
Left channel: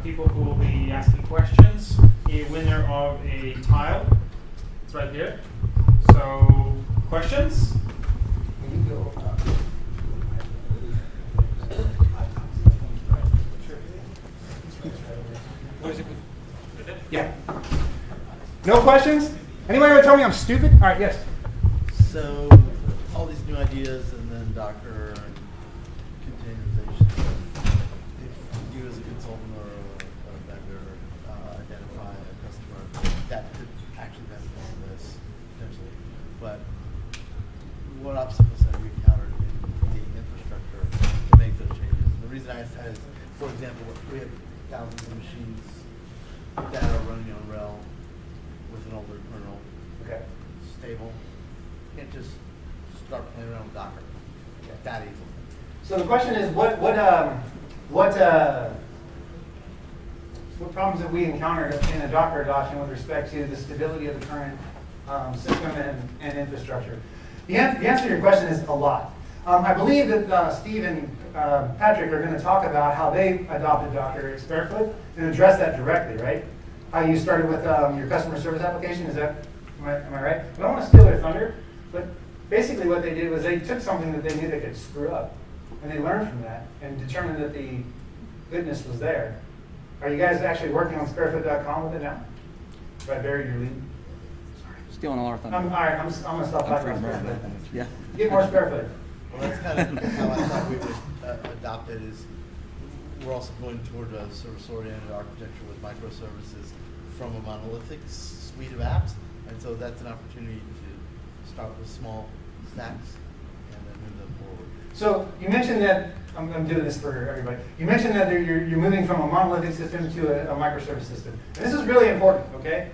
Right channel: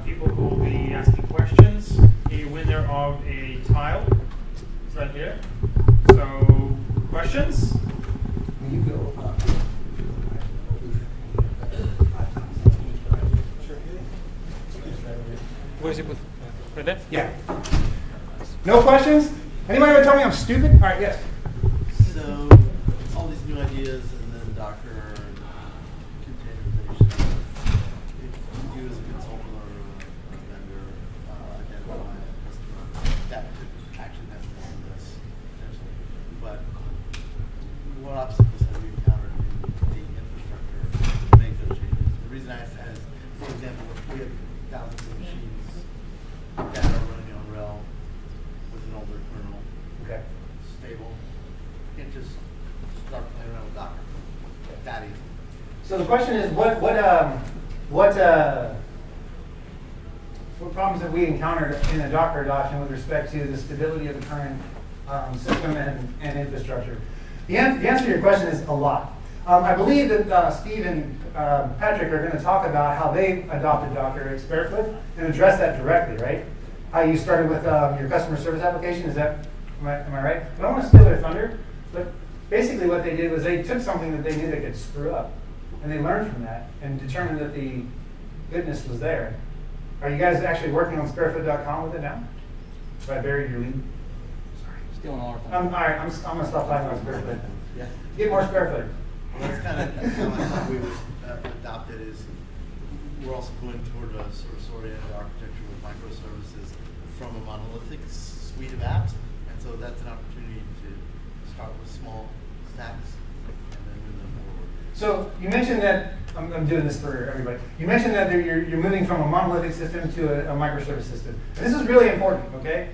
people who will be asking questions a winner of a tile. It's right here. So, questions? When you go Where is it? Right there? Yeah. No questions? Anybody want to tell me I'm stupid? All right, yes. So, all these new ideas and then Docker and containerization, if you as a consultant or a vendor identify a customer that could actually benefit from this, potentially, but what obstacles have you encountered in the infrastructure to make those changes? The reason I ask that is, for example, we have thousands of machines that are running on RHEL with an older kernel, Okay. stable. You can't just start playing around with Docker that easily. So the question is, what problems have we encountered in the Docker adoption with respect to the stability of the current system and infrastructure? The answer to your question is a lot. I believe that Steve and Patrick are going to talk about how they adopted Docker at Sparefoot and address that directly, right? How you started with your customer service application, am I right? I don't want to steal their thunder, but basically what they did was they took something that they knew they could screw up, and they learned from that and determined that the goodness was there. Are you guys actually working on sparefoot.com with it now? Have I buried your lead? Stealing all our thunder. All right, I'm going to stop talking about Sparefoot. Yeah. Get more Sparefoot. Well, that's kind of how I thought we would adopt it. Is we're also going toward a service-oriented architecture with microservices from a monolithic suite of apps, and so that's an opportunity to start with small stacks and then move them forward. So you mentioned that, I'm doing this for everybody, you mentioned that you're moving from a monolithic system to a microservice system. And this is really important, okay?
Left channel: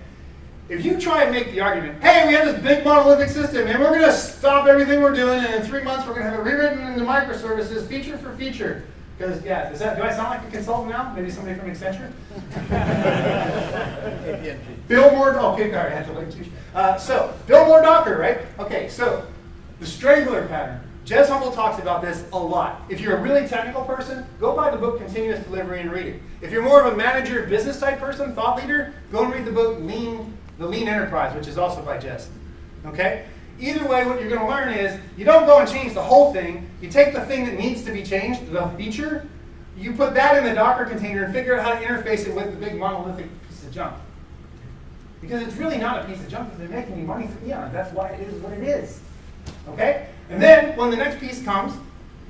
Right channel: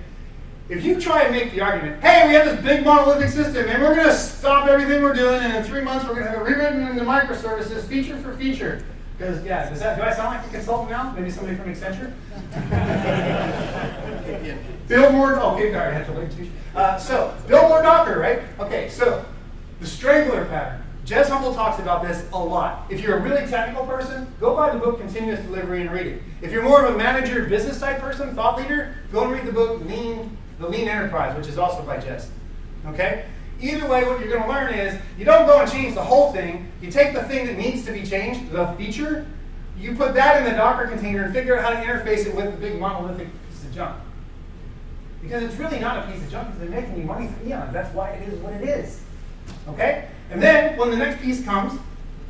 If you try and make the argument, hey, we have this big monolithic system and we're going to stop everything we're doing and in 3 months we're going to have it rewritten into microservices feature for feature. Because, yeah, do I sound like a consultant now? Maybe somebody from Accenture? Build more, okay, all right, I have to link to. So, build more Docker, right? Okay, so the strangler pattern. Jez Humble talks about this a lot. If you're a really technical person, go buy the book Continuous Delivery and read it. If you're more of a manager, business type person, thought leader, go and read the book The Lean Enterprise, which is also by Jez. Okay? Either way, what you're going to learn is you don't go and change the whole thing. You take the thing that needs to be changed, the feature, you put that in the Docker container and figure out how to interface it with the big monolithic piece of junk. Because it's really not a piece of junk, because they're making you money for eons. That's why it is what it is. Okay? And then, when the next piece comes,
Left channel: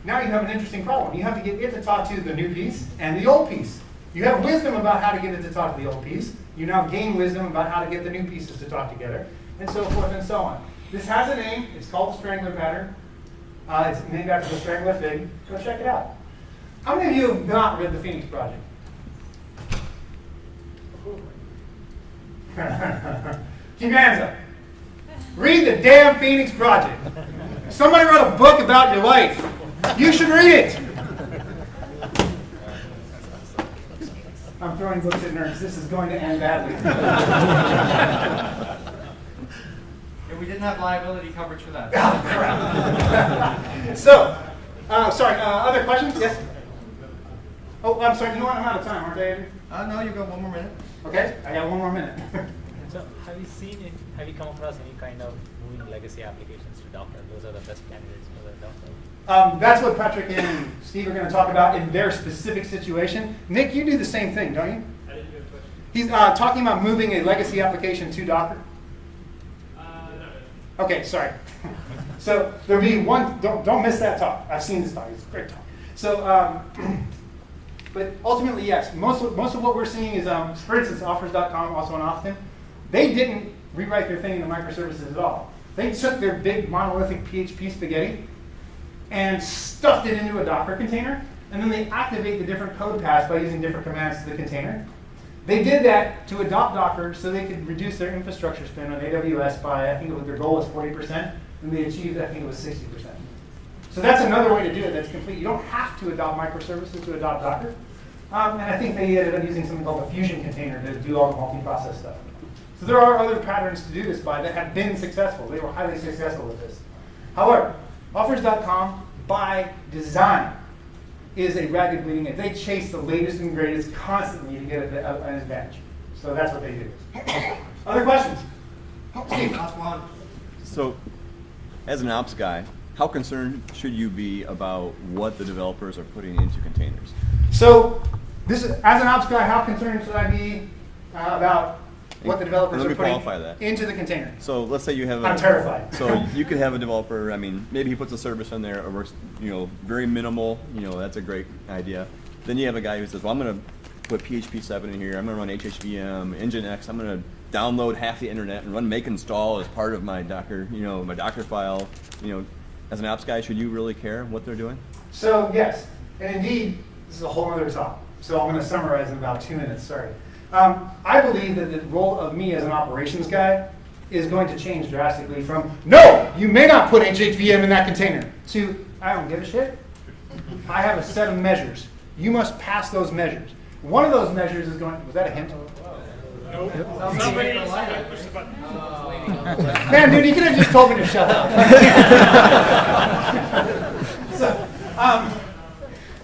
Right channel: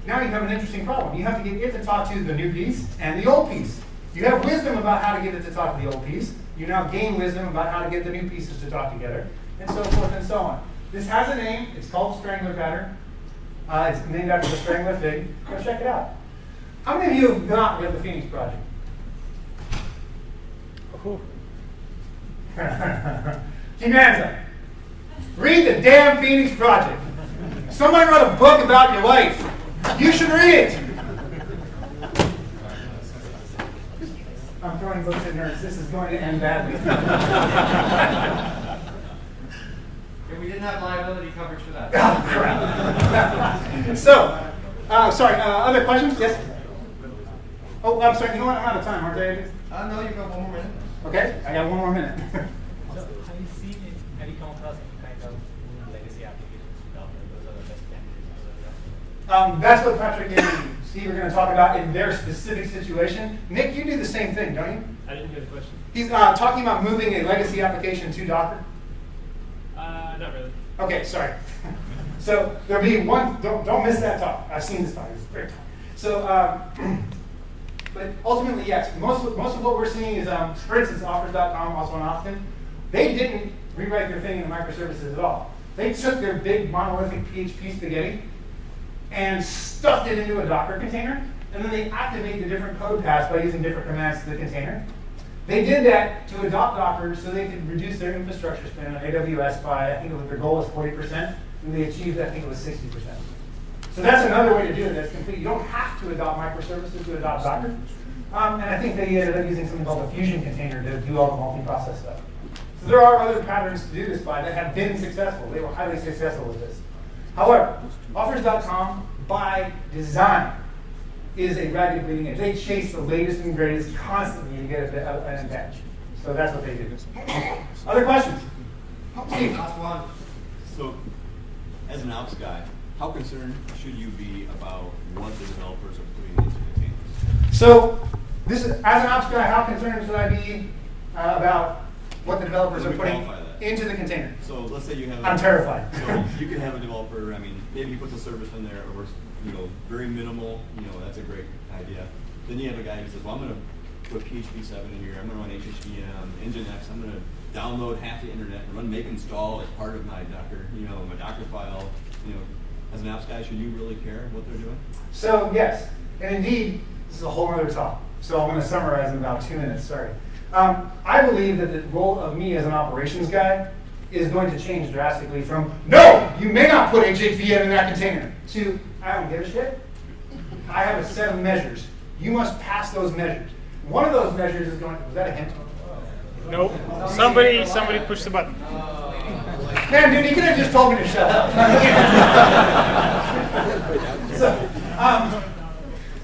now you have an interesting problem. You have to get it to talk to the new piece and the old piece. You have wisdom about how to get it to talk to the old piece. You now gain wisdom about how to get the new pieces to talk together, and so forth and so on. This has a name. It's called the Strangler pattern. It's named after the Strangler fig. Go check it out. How many of you have not read the Phoenix Project? Keep your hands up. Read the damn Phoenix Project. Somebody wrote a book about your life. You should read it. I'm throwing books at nerds. This is going to end badly. If we didn't have liability coverage for that. Oh, crap. So, sorry, other questions? Yes? Oh, I'm sorry. You know what? I'm out of time, aren't I? No, you got one more minute. Okay, I got one more minute. So, have you come across any kind of legacy applications to Docker? Those are the best candidates for Docker. That's what Patrick and Steve are going to talk about in their specific situation. Nick, you do the same thing, don't you? I didn't hear the question. He's talking about moving a legacy application to Docker. Not really. Okay, sorry. So there'll be one. Don't miss that talk. I've seen this talk. It's a great talk. So, but ultimately, yes. Most of what we're seeing is, for instance, Offers.com, also in Austin. They didn't rewrite their thing into microservices at all. They took their big monolithic PHP spaghetti and stuffed it into a Docker container, and then they activate the different code paths by using different commands to the container. They did that to adopt Docker so they could reduce their infrastructure spend on AWS by, I think their goal was 40%, and they achieved, I think it was 60%. So that's another way to do it that's complete. You don't have to adopt microservices to adopt Docker. And I think they ended up using something called a Fusion container to do all the multi-process stuff. So there are other patterns to do this by that have been successful. They were highly successful with this. However, Offers.com, by design, is a ragged bleeding edge. They chase the latest and greatest constantly to get an advantage. So that's what they do. Other questions? Steve, last one. So, as an ops guy, how concerned should you be about what the developers are putting into containers? So, as an ops guy, how concerned should I be about what the developers are putting into the container? So let's say you have I'm terrified. So you could have a developer, maybe he puts a service in there, or very minimal, that's a great idea. Then you have a guy who says, well, I'm going to put PHP 7 in here, I'm going to run HHVM, Nginx, I'm going to download half the internet and run make install as part of my Docker, my Docker file. As an ops guy, should you really care what they're doing? So yes, and indeed, this is a whole other talk. So I'm going to summarize in about 2 minutes, sorry. I believe that the role of me as an operations guy is going to change drastically from, no, you may not put HHVM in that container, to, I don't give a shit. I have a set of measures. You must pass those measures. One of those measures is going, was that a hint? Nope. Somebody pushed the button. Man, dude, you could have just told me to shut up.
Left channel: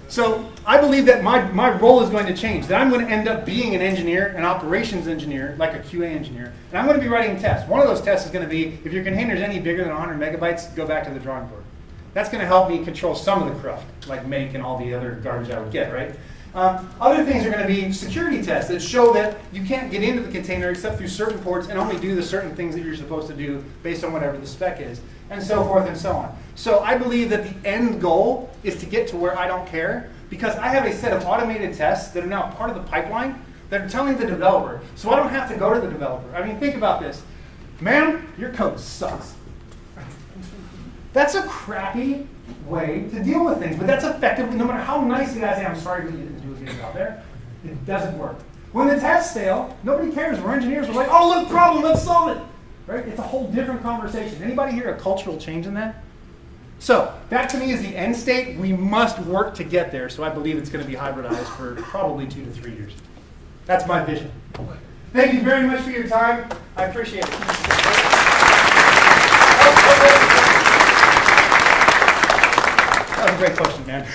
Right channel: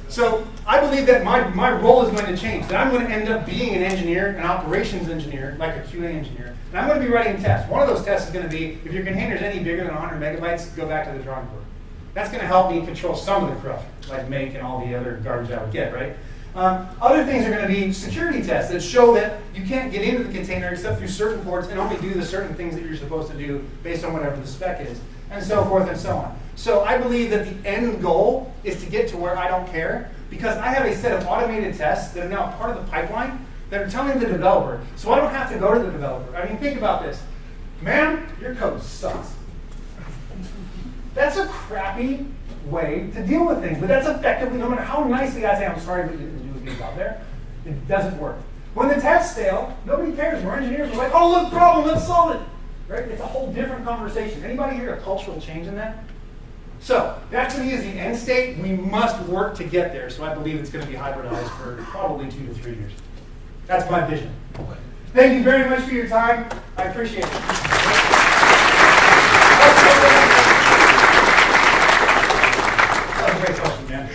So I believe that my role is going to change, that I'm going to end up being an engineer, an operations engineer, like a QA engineer, and I'm going to be writing tests. One of those tests is going to be, if your container is any bigger than 100 megabytes, go back to the drawing board. That's going to help me control some of the cruft, like make and all the other garbage I would get, right? Other things are going to be security tests that show that you can't get into the container except through certain ports and only do the certain things that you're supposed to do based on whatever the spec is, and so forth and so on. So I believe that the end goal is to get to where I don't care, because I have a set of automated tests that are now part of the pipeline that are telling the developer, so I don't have to go to the developer. I mean, think about this. Man, your code sucks. That's a crappy way to deal with things, but that's effectively, no matter how nice the guys say, I'm sorry, but you didn't do things out there, it doesn't work. When the tests fail, nobody cares. We're engineers. We're like, oh, look, problem, let's solve it. Right? It's a whole different conversation. Anybody hear a cultural change in that? So that to me is the end state. We must work to get there. So I believe it's going to be hybridized for probably 2 to 3 years. That's my vision. Thank you very much for your time. I appreciate it. great question, man.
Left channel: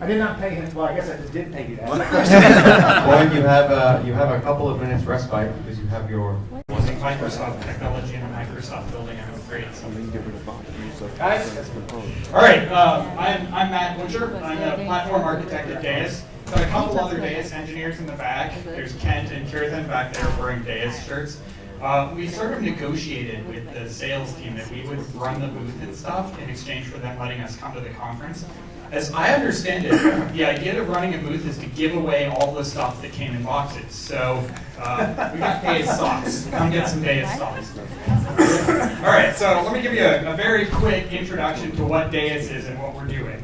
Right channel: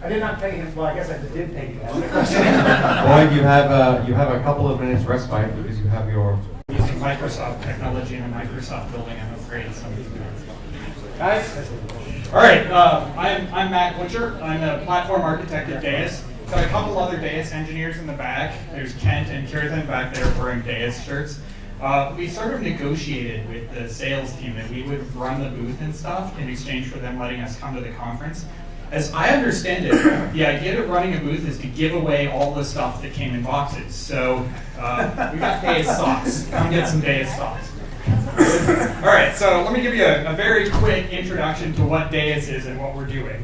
I did not pay him. Well, I guess I just did pay you to ask that question. Boyd, you have a couple of minutes respite because you have your. Using Microsoft technology and a Microsoft building, I'm afraid somebody's doing it. Guys, All right, I'm Matt Butcher. I'm a platform architect at Deis. Got a couple other Deis engineers in the back. There's Kent and Kirthan back there wearing Deis shirts. We sort of negotiated with the sales team that we would run the booth and stuff in exchange for them letting us come to the conference. As I understand it, the idea of running a booth is to give away all the stuff that came in boxes. So we got Deis socks. Come get some Deis socks. All right, so let me give you a very quick introduction to what Deis is and what we're doing.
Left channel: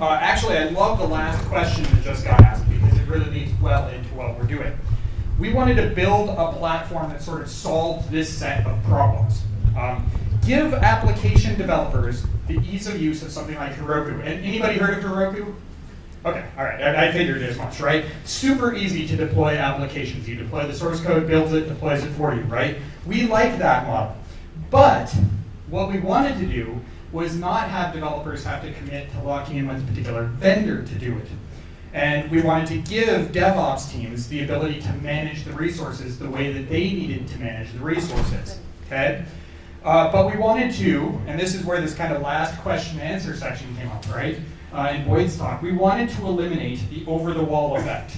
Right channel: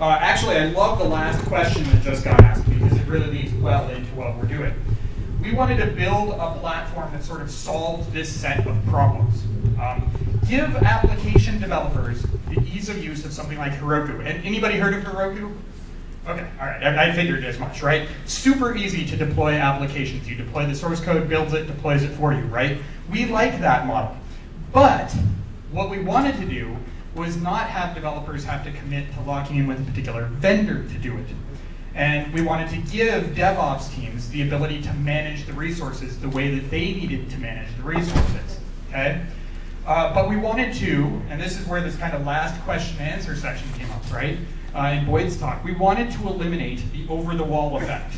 Actually, I love the last question that just got asked because it really leads well into what we're doing. We wanted to build a platform that sort of solved this set of problems. Give application developers the ease of use of something like Heroku. And anybody heard of Heroku? Okay, all right, I figured as much, right? Super easy to deploy applications. You deploy the source code, builds it, deploys it for you, right? We like that model. But what we wanted to do was not have developers have to commit to locking in with a particular vendor to do it. And we wanted to give DevOps teams the ability to manage the resources the way that they needed to manage the resources, okay? But we wanted to, and this is where this kind of last question and answer section came up, right? In Boyd's talk, we wanted to eliminate the over-the-wall effect.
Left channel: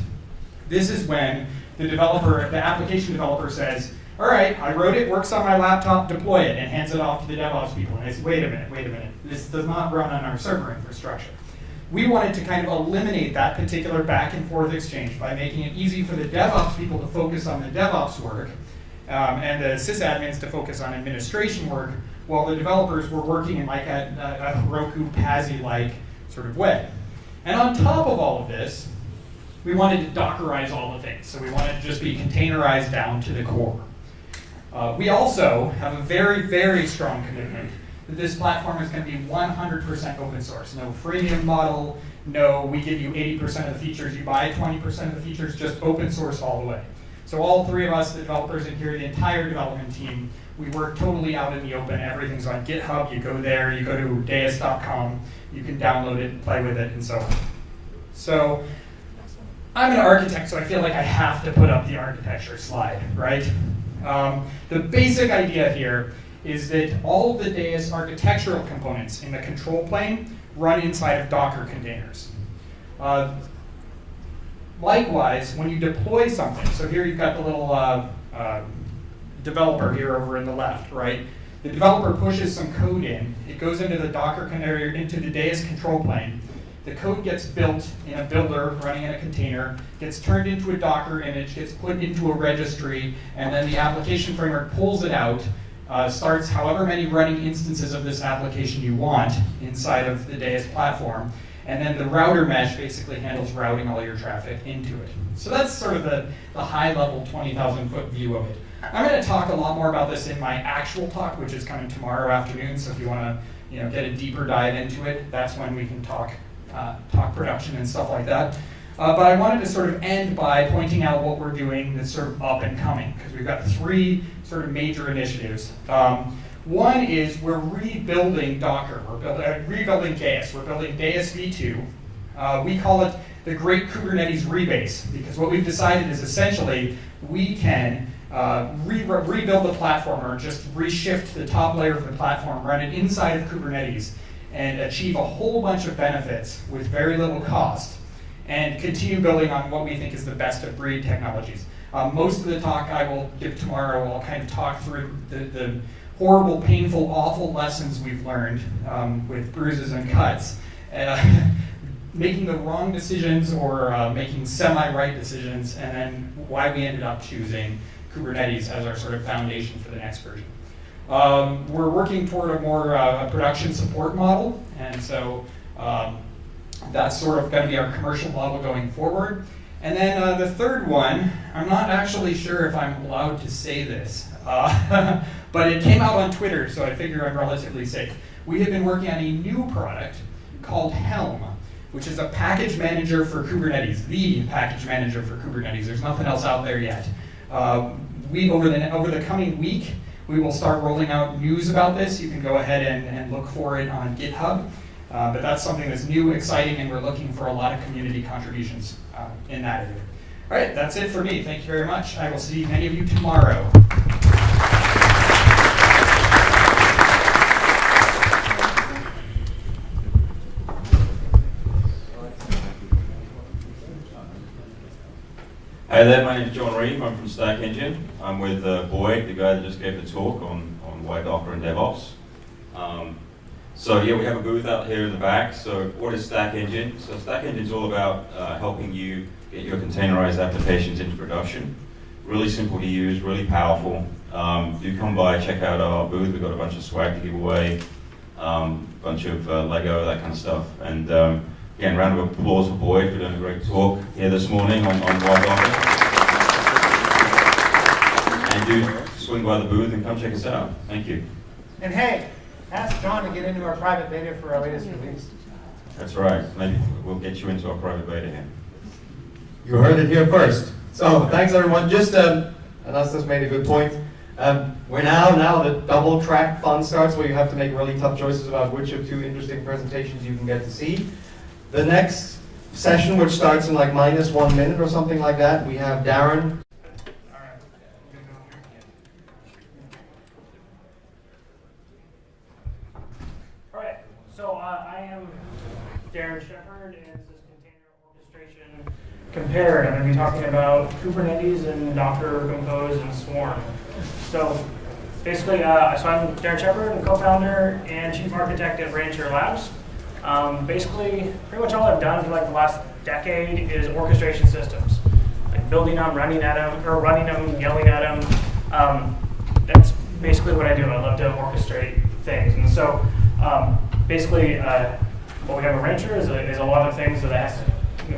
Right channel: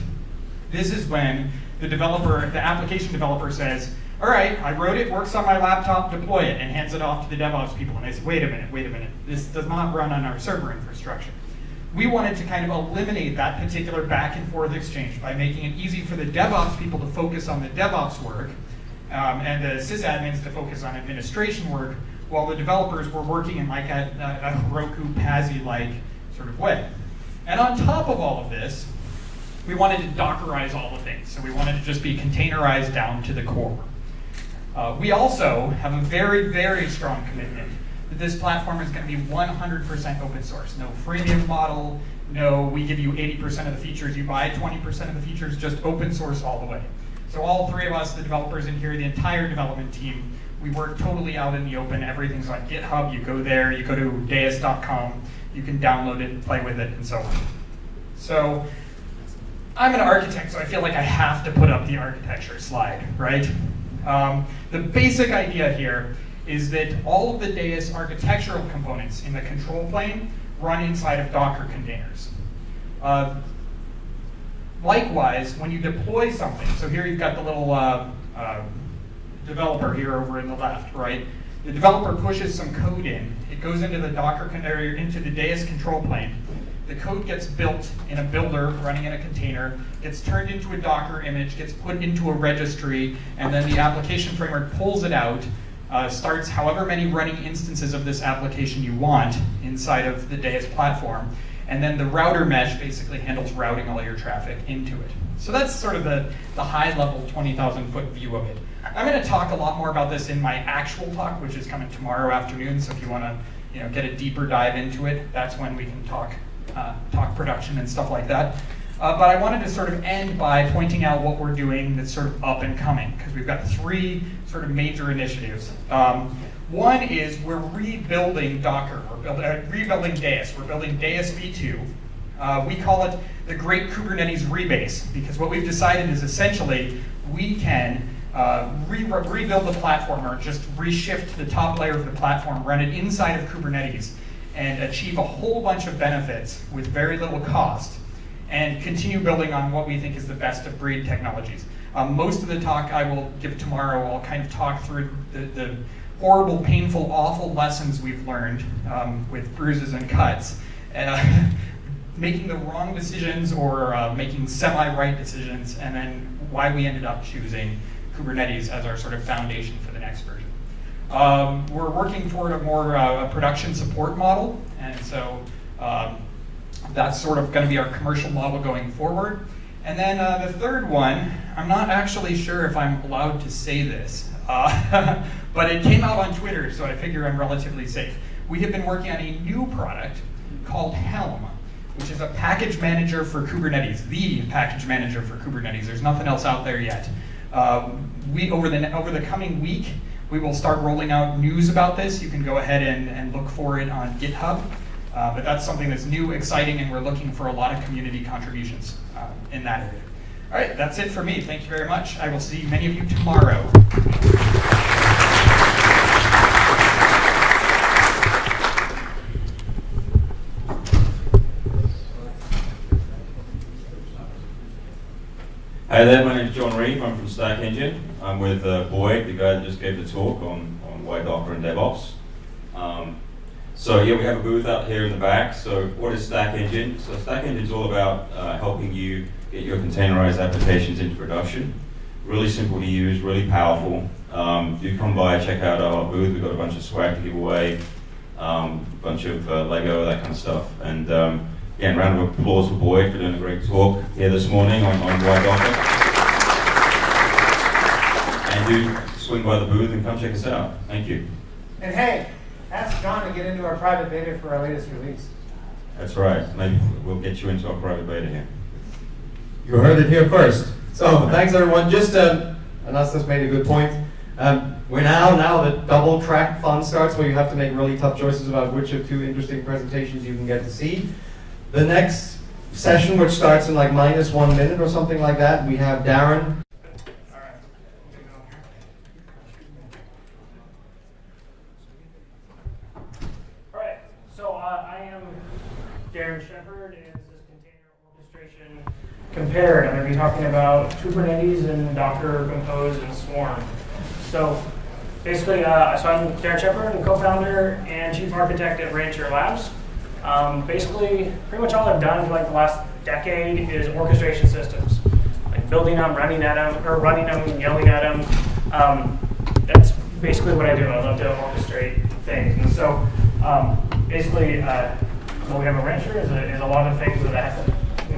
This is when the developer, the application developer says, all right, I wrote it, works on my laptop, deploy it, and hands it off to the DevOps people. And they say, wait a minute, this does not run on our server infrastructure. We wanted to kind of eliminate that particular back and forth exchange by making it easy for the DevOps people to focus on the DevOps work and the sysadmins to focus on administration work while the developers were working in like a Heroku PASI-like sort of way. And on top of all of this, we wanted to Dockerize all the things. So we wanted to just be containerized down to the core. We also have a very, very strong commitment that this platform is going to be 100% open source. No freemium model, no we give you 80% of the features, you buy 20% of the features, just open source all the way. So all three of us, the developers in here, the entire development team, we work totally out in the open. Everything's on GitHub. You go there, you go to deis.com, you can download it, play with it, and so on. So I'm an architect, so I feel like I have to put up the architecture slide, right? The basic idea here is that all of the Deis architectural components in the control plane run inside of Docker containers. Likewise, when you deploy something, so here you've got the little developer here over in the left, right? The developer pushes some code in. It goes into the Docker container, into the Deis control plane. The code gets built in a builder running in a container, gets turned into a Docker image, gets put into a registry, and then the application framework pulls it out, starts however many running instances of this application you want inside of the Deis platform, and then the router mesh basically handles routing all your traffic into it. So that's sort of the high-level 20,000-foot view of it. I'm going to talk a lot more about this in my actual talk, which is coming tomorrow afternoon, so if you want to get a deeper dive into it, that's when we can talk production and stuff like that. But I wanted to sort of end by pointing out what we're doing that's sort of up and coming, because we've got three sort of major initiatives. One is we're rebuilding Docker. We're rebuilding Deis. We're building Deis v2. We call it the Great Kubernetes Rebase, because what we've decided is essentially we can rebuild the platform or just reshift the top layer of the platform, run it inside of Kubernetes, and achieve a whole bunch of benefits with very little cost, and continue building on what we think is the best of breed technologies. Most of the talk I will give tomorrow, I'll kind of talk through the horrible, painful, awful lessons we've learned with bruises and cuts, making the wrong decisions or making semi-right decisions, and then why we ended up choosing Kubernetes as our sort of foundation for the next version. We're working toward a more production support model, and so that's sort of going to be our commercial model going forward. And then the third one, I'm not actually sure if I'm allowed to say this, but it came out on Twitter, so I figure I'm relatively safe. We have been working on a new product called Helm, which is a package manager for Kubernetes, the package manager for Kubernetes. There's nothing else out there yet. Over the coming week, we will start rolling out news about this. You can go ahead and look for it on GitHub. But that's something that's new, exciting, and we're looking for a lot of community contributions in that area. All right, that's it for me. Thank you very much. I will see many of you tomorrow. Hi there, my name is John Reeve. I'm from Stack Engine. I'm with Boyd, the guy that just gave the talk on why Docker and DevOps. So yeah, we have a booth out here in the back. So what is Stack Engine? So Stack Engine is all about helping you get your containerized applications into production. Really simple to use, really powerful. Do come by, check out our booth. We've got a bunch of swag to give away, a bunch of Lego, that kind of stuff. And again, round of applause for Boyd for doing a great talk here this morning on why Docker. And do swing by the booth and come check us out. Thank you. And hey, ask John to get into our private beta for our latest release. That's right. Maybe we'll get you into our private beta here. You heard it here first. So thanks everyone. Just Anastas made a good point. We're now the double track fun starts where you have to make really tough choices about which of two interesting presentations you can get to see. The next session, which starts in like -1 minute or something like that, we have Darren. All right, so I am Darren Shepard, and this is Container Orchestration Compared. I'm going to be talking about Kubernetes and Docker Compose and Swarm. So basically, so I'm Darren Shepard, I'm co-founder and chief architect at Rancher Labs. Basically, pretty much all I've done for like the last decade is orchestration systems, like building them, running them, yelling at them. That's basically what I do. I love to orchestrate things, and so basically, what we have at Rancher is a lot of things that has to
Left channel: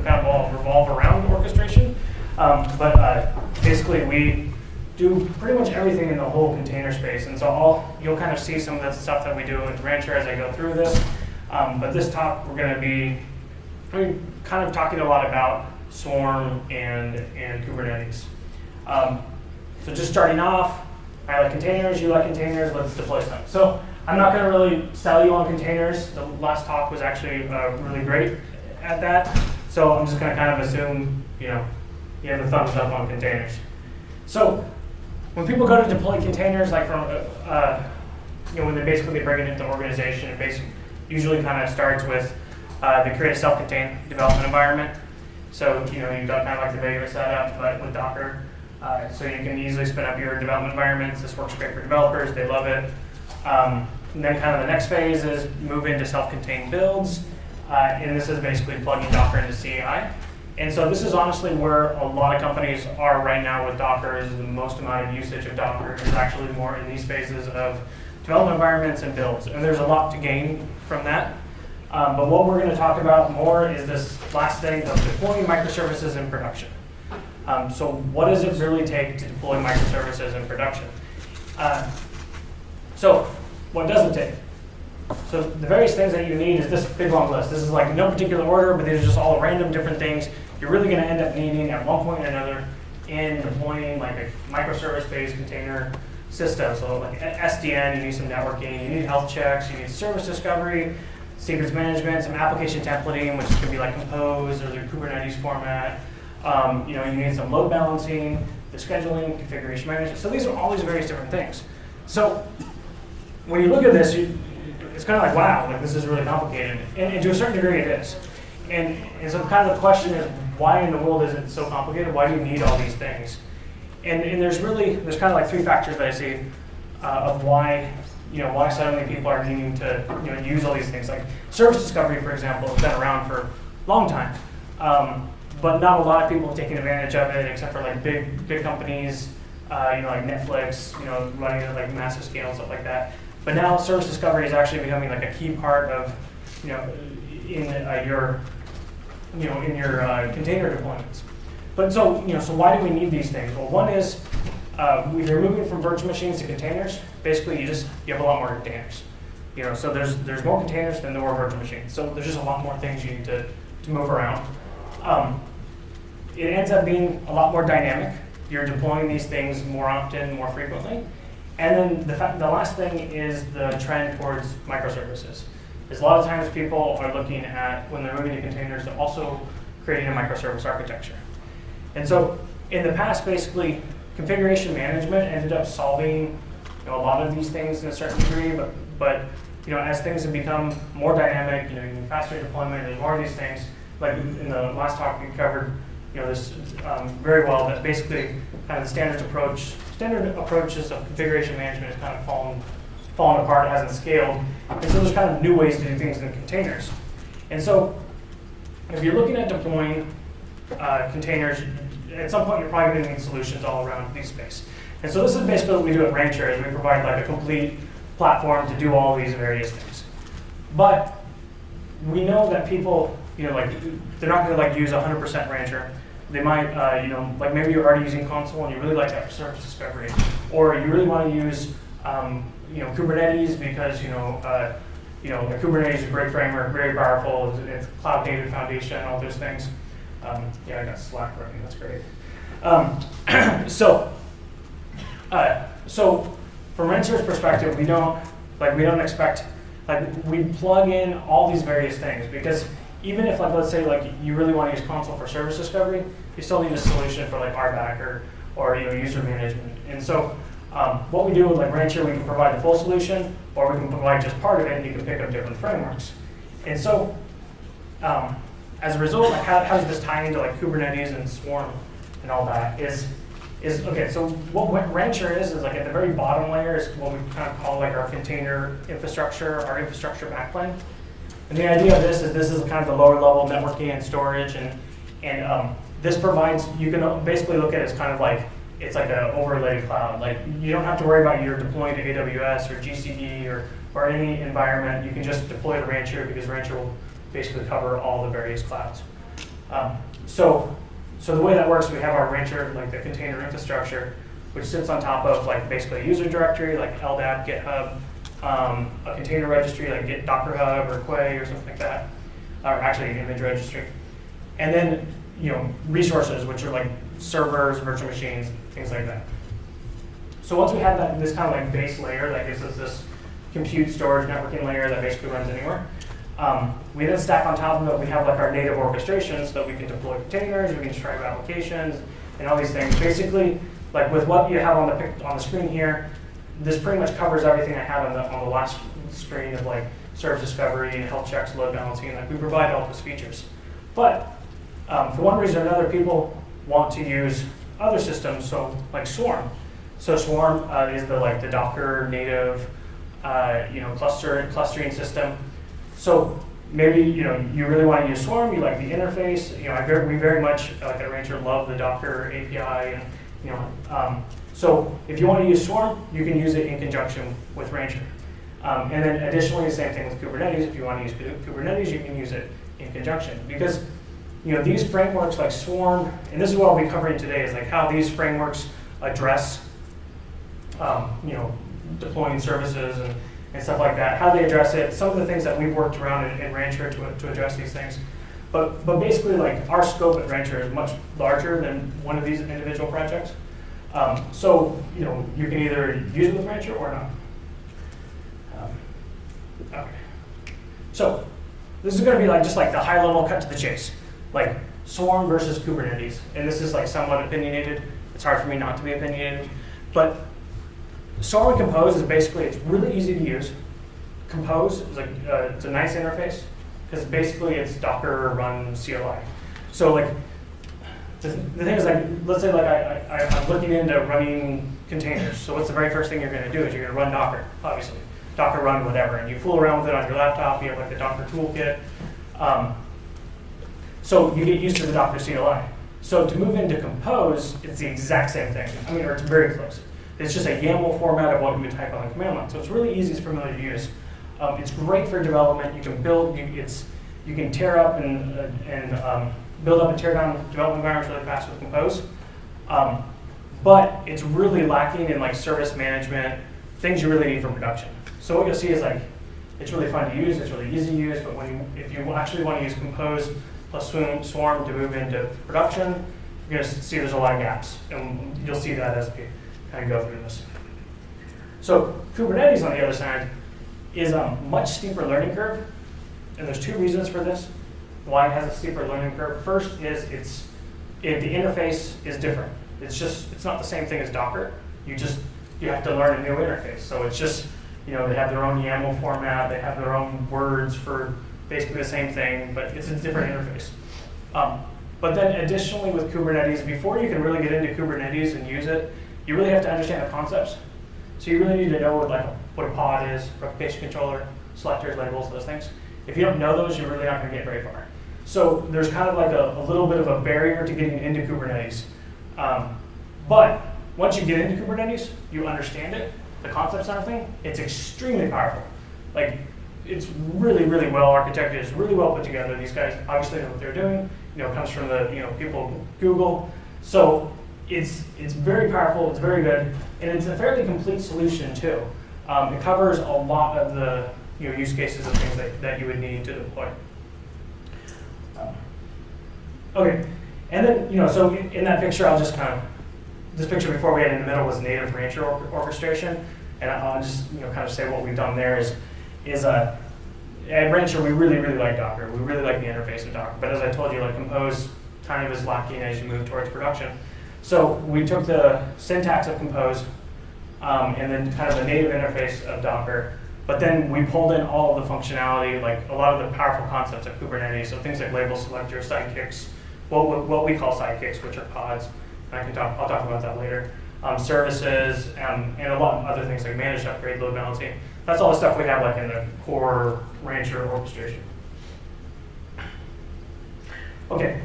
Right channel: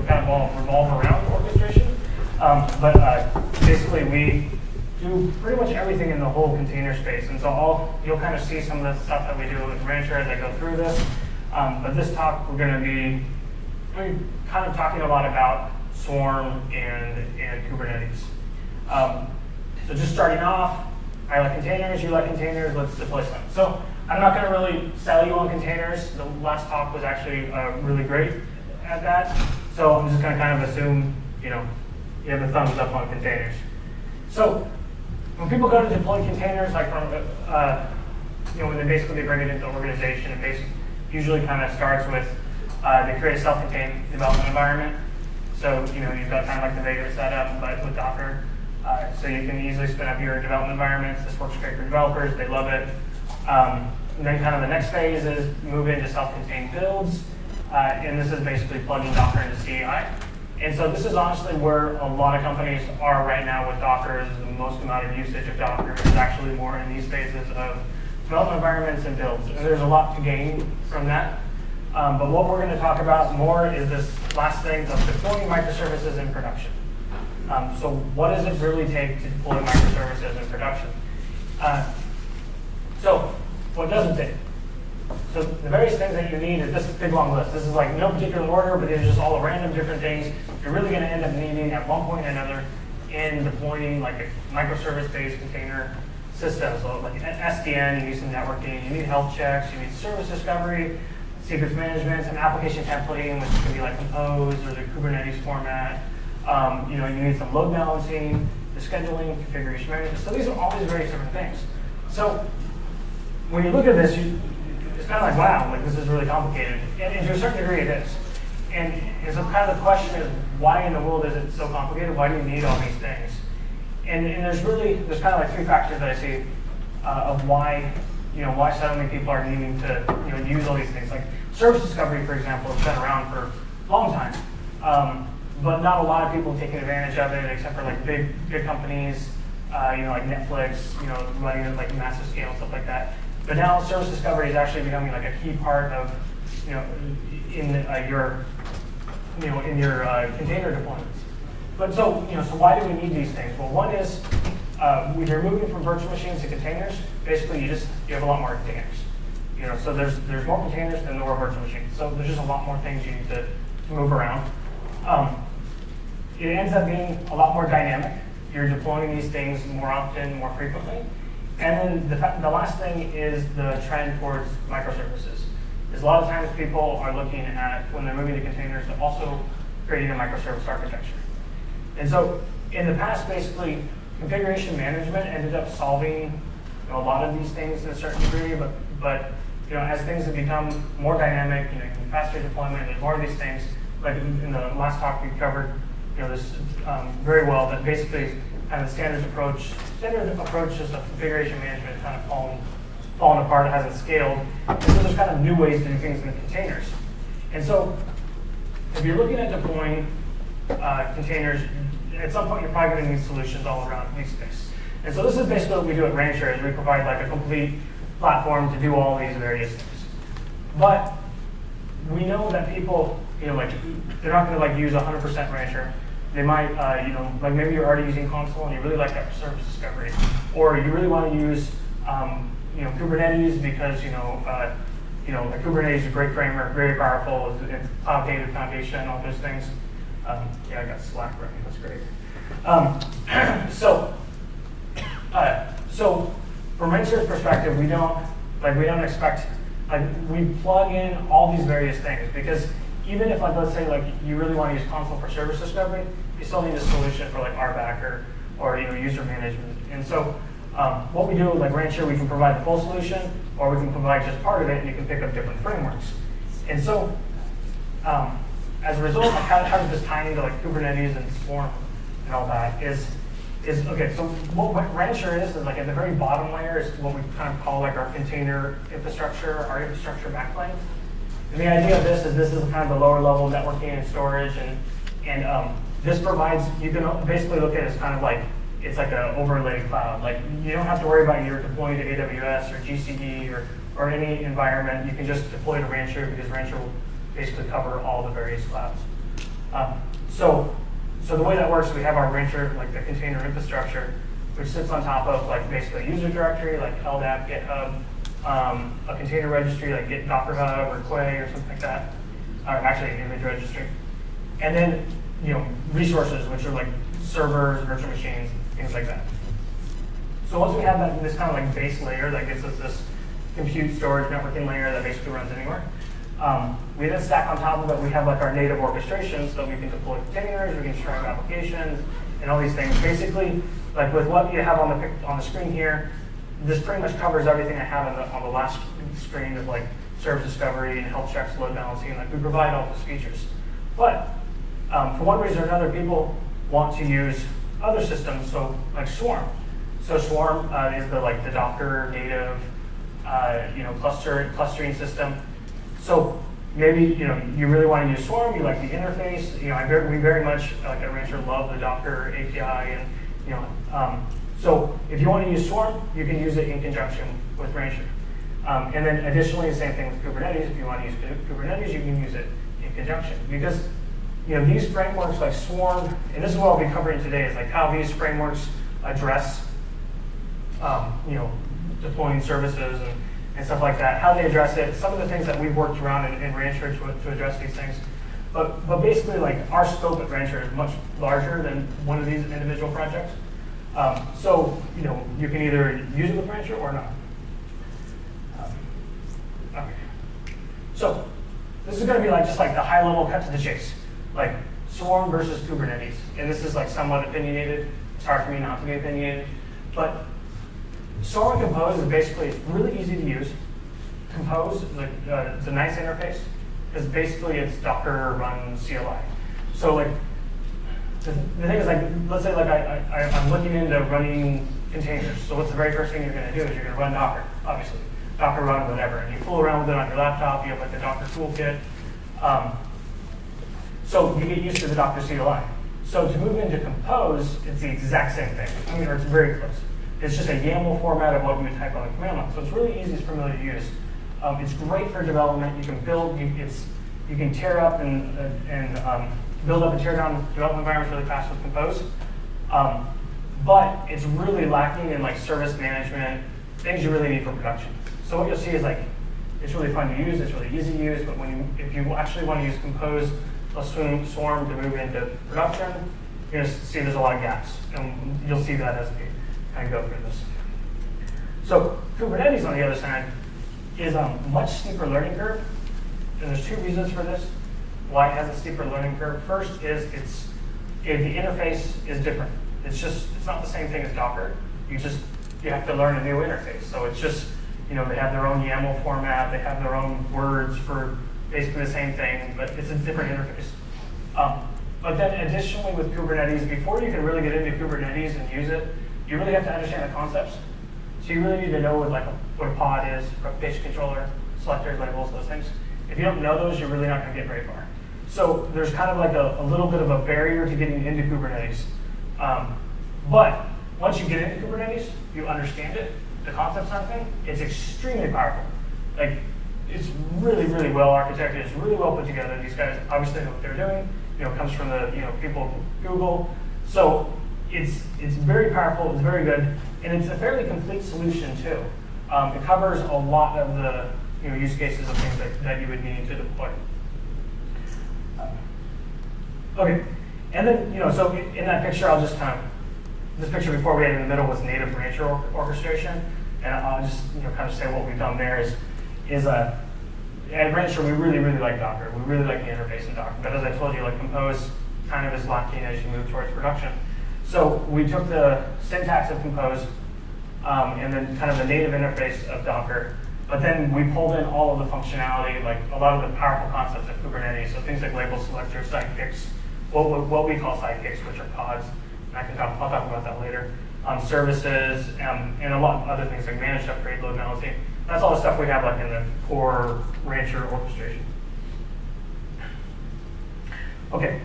kind of revolve around orchestration. But basically, we do pretty much everything in the whole container space, and so you'll kind of see some of the stuff that we do with Rancher as I go through this. But this talk, we're going to be kind of talking a lot about Swarm and Kubernetes. So just starting off, I like containers, you like containers, let's deploy some. So I'm not going to really sell you on containers. The last talk was actually really great at that. So I'm just going to kind of assume, you have a thumbs up on containers. So when people go to deploy containers, like from, when they basically bring it into organization, it basically usually kind of starts with they create a self-contained development environment. So you've got kind of like the regular setup, but with Docker. So you can easily spin up your development environments. This works great for developers, they love it. And then kind of the next phase is move into self-contained builds. And this is basically plugging Docker into CI. And so this is honestly where a lot of companies are right now with Docker. Is the most amount of usage of Docker is actually more in these phases of development environments and builds. And there's a lot to gain from that. But what we're going to talk about more is this last thing of deploying microservices in production. So what does it really take to deploy microservices in production? So what does it take? So the various things that you need is this big long list. This is like no particular order, but these are just all random different things you're really going to end up needing at one point or another in deploying like a microservice-based container system. So like SDN, you need some networking, you need health checks, you need service discovery, secrets management, some application templating, which can be like Compose or the Kubernetes format. You need some load balancing, the scheduling, configuration management. So these are all these various different things. So when you look at this, it's kind of like, wow, like this is really complicated. And to a certain degree it is. And so kind of the question is, why in the world is it so complicated? Why do you need all these things? And there's kind of like three factors that I see of why so many people are needing to use all these things. Like service discovery, for example, has been around for a long time. But not a lot of people taking advantage of it, except for like big companies, like Netflix, running at like massive scale and stuff like that. But now service discovery is actually becoming like a key part of, in your container deployments. But so why do we need these things? Well, one is we're moving from virtual machines to containers. Basically, you have a lot more containers. So there's more containers than there are virtual machines. So there's just a lot more things you need to move around. It ends up being a lot more dynamic. You're deploying these things more often, more frequently. And then the last thing is the trend towards microservices. is a lot of times people are looking at, when they're moving to containers, they're also creating a microservice architecture. And so in the past, basically, configuration management ended up solving a lot of these things to a certain degree, but as things have become more dynamic, faster deployment, there's more of these things. Like in the last talk, we covered this very well, that basically kind of the standard approaches of configuration management have kind of fallen apart, it hasn't scaled. And so there's kind of new ways to do things in containers. And so if you're looking at deploying containers, at some point you're probably going to need solutions all around these space. And so this is basically what we do at Logentries. We provide like a complete platform to do all these various things. But we know that people, they're not going to use 100% Rancher. They might, like maybe you're already using console and you really like that for service discovery, or you really want to use, Kubernetes because a Kubernetes is a great framework, very powerful. It's cloud native foundation, all those things. Yeah, I got Slack working. That's great. So from Rancher's perspective, we don't expect, we plug in all these various things, because even if let's say you really want to use console for service discovery, you still need a solution for RBAC or user management. And so what we do with Rancher, we can provide the full solution, or we can provide just part of it, and you can pick up different frameworks. And so as a result, how does this tie into Kubernetes and Swarm and all that is okay. So what Rancher is at the very bottom layer is what we kind of call our container infrastructure, our infrastructure backplane. And the idea of this is kind of the lower level networking and storage, and this provides, you can basically look at it as kind of it's like an overlay cloud. You don't have to worry about your deploying to AWS or GCP or any environment. You can just deploy to Rancher, because Rancher will basically cover all the various clouds. So the way that works, we have our Rancher, the container infrastructure, which sits on top of basically a user directory, LDAP, GitHub, a container registry like Git Docker Hub or Quay or something like that, or actually an image registry. And then resources, which are servers, virtual machines, things like that. So once we have this kind of base layer that gives us this compute storage networking layer that basically runs anywhere, we then stack on top of it, we have our native orchestrations that we can deploy containers, we can stripe applications, and all these things. Basically, with what you have on the screen here, this pretty much covers everything I have on the last screen of service discovery, health checks, load balancing. We provide all those features. But for one reason or another, people want to use other systems, so Swarm. So Swarm is the Docker native clustering system. So maybe you really want to use Swarm, you like the interface. We very much at Rancher love the Docker API, and so if you want to use Swarm, you can use it in conjunction with Rancher. And then additionally, the same thing with Kubernetes. If you want to use Kubernetes, you can use it in conjunction, because these frameworks like Swarm, and this is what I'll be covering today, is how these frameworks address deploying services and stuff like that, how they address it, some of the things that we've worked around in Rancher to address these things. But basically, our scope at Rancher is much larger than one of these individual projects. So you can either use it with Rancher or not. Okay. So this is going to be just the high level cut to the chase, Swarm versus Kubernetes. And this is somewhat opinionated. It's hard for me not to be opinionated, but Swarm and Compose is basically, it's really easy to use. Compose is it's a nice interface, because basically it's Docker run CLI. So the thing is, let's say I'm looking into running containers. So what's the very first thing you're going to do is you're going to run Docker, obviously. Docker run whatever, and you fool around with it on your laptop. You have the Docker toolkit. So you get used to the Docker CLI. So to move into Compose, it's the exact same thing. Or it's very close. It's just a YAML format of what we would type on the command line. So it's really easy, it's familiar to use. It's great for development. You can build, you can tear up and build up and tear down development environments really fast with Compose. But it's really lacking in service management, things you really need for production. So what you'll see is it's really fun to use, it's really easy to use, but if you actually want to use Compose plus Swarm to move into production, you're going to see there's a lot of gaps. And you'll see that as we kind of go through this. So Kubernetes, on the other side, is a much steeper learning curve and there's two reasons for this. Why it has a steeper learning curve. First is the interface is different. It's not the same thing as Docker. You have to learn a new interface. So it's just, they have their own YAML format, they have their own words for basically the same thing, but it's a different interface. But then additionally with Kubernetes, before you can really get into Kubernetes and use it, you really have to understand the concepts. So you really need to know what a pod is, replication controller, selectors, labels, those things. If you don't know those, you're really not going to get very far. So there's kind of like a little bit of a barrier to getting into Kubernetes. But once you get into Kubernetes, you understand it, the concepts and everything, it's extremely powerful. Like, it's really, really well architected, it's really well put together. These guys obviously know what they're doing. Comes from the people at Google. So it's very powerful, it's very good, and it's a fairly complete solution too. It covers a lot of the use cases and things that you would need to deploy. Okay, and then so in that picture, I'll just this picture before we had in the middle was native rancher orchestration, and I'll just kind of say what we've done there is at Rancher, we really, really like Docker. We really like the interface in Docker. But as I told you, Compose kind of is lacking as you move towards production. So we took the syntax of Compose and then kind of the native interface of Docker. But then we pulled in all of the functionality, like a lot of the powerful concepts of Kubernetes. So things like label selectors, sidekicks, what we call sidekicks, which are pods. And I'll talk about that later. Services and a lot of other things like managed upgrade, load balancing. That's all the stuff we have in the core Rancher orchestration. Okay.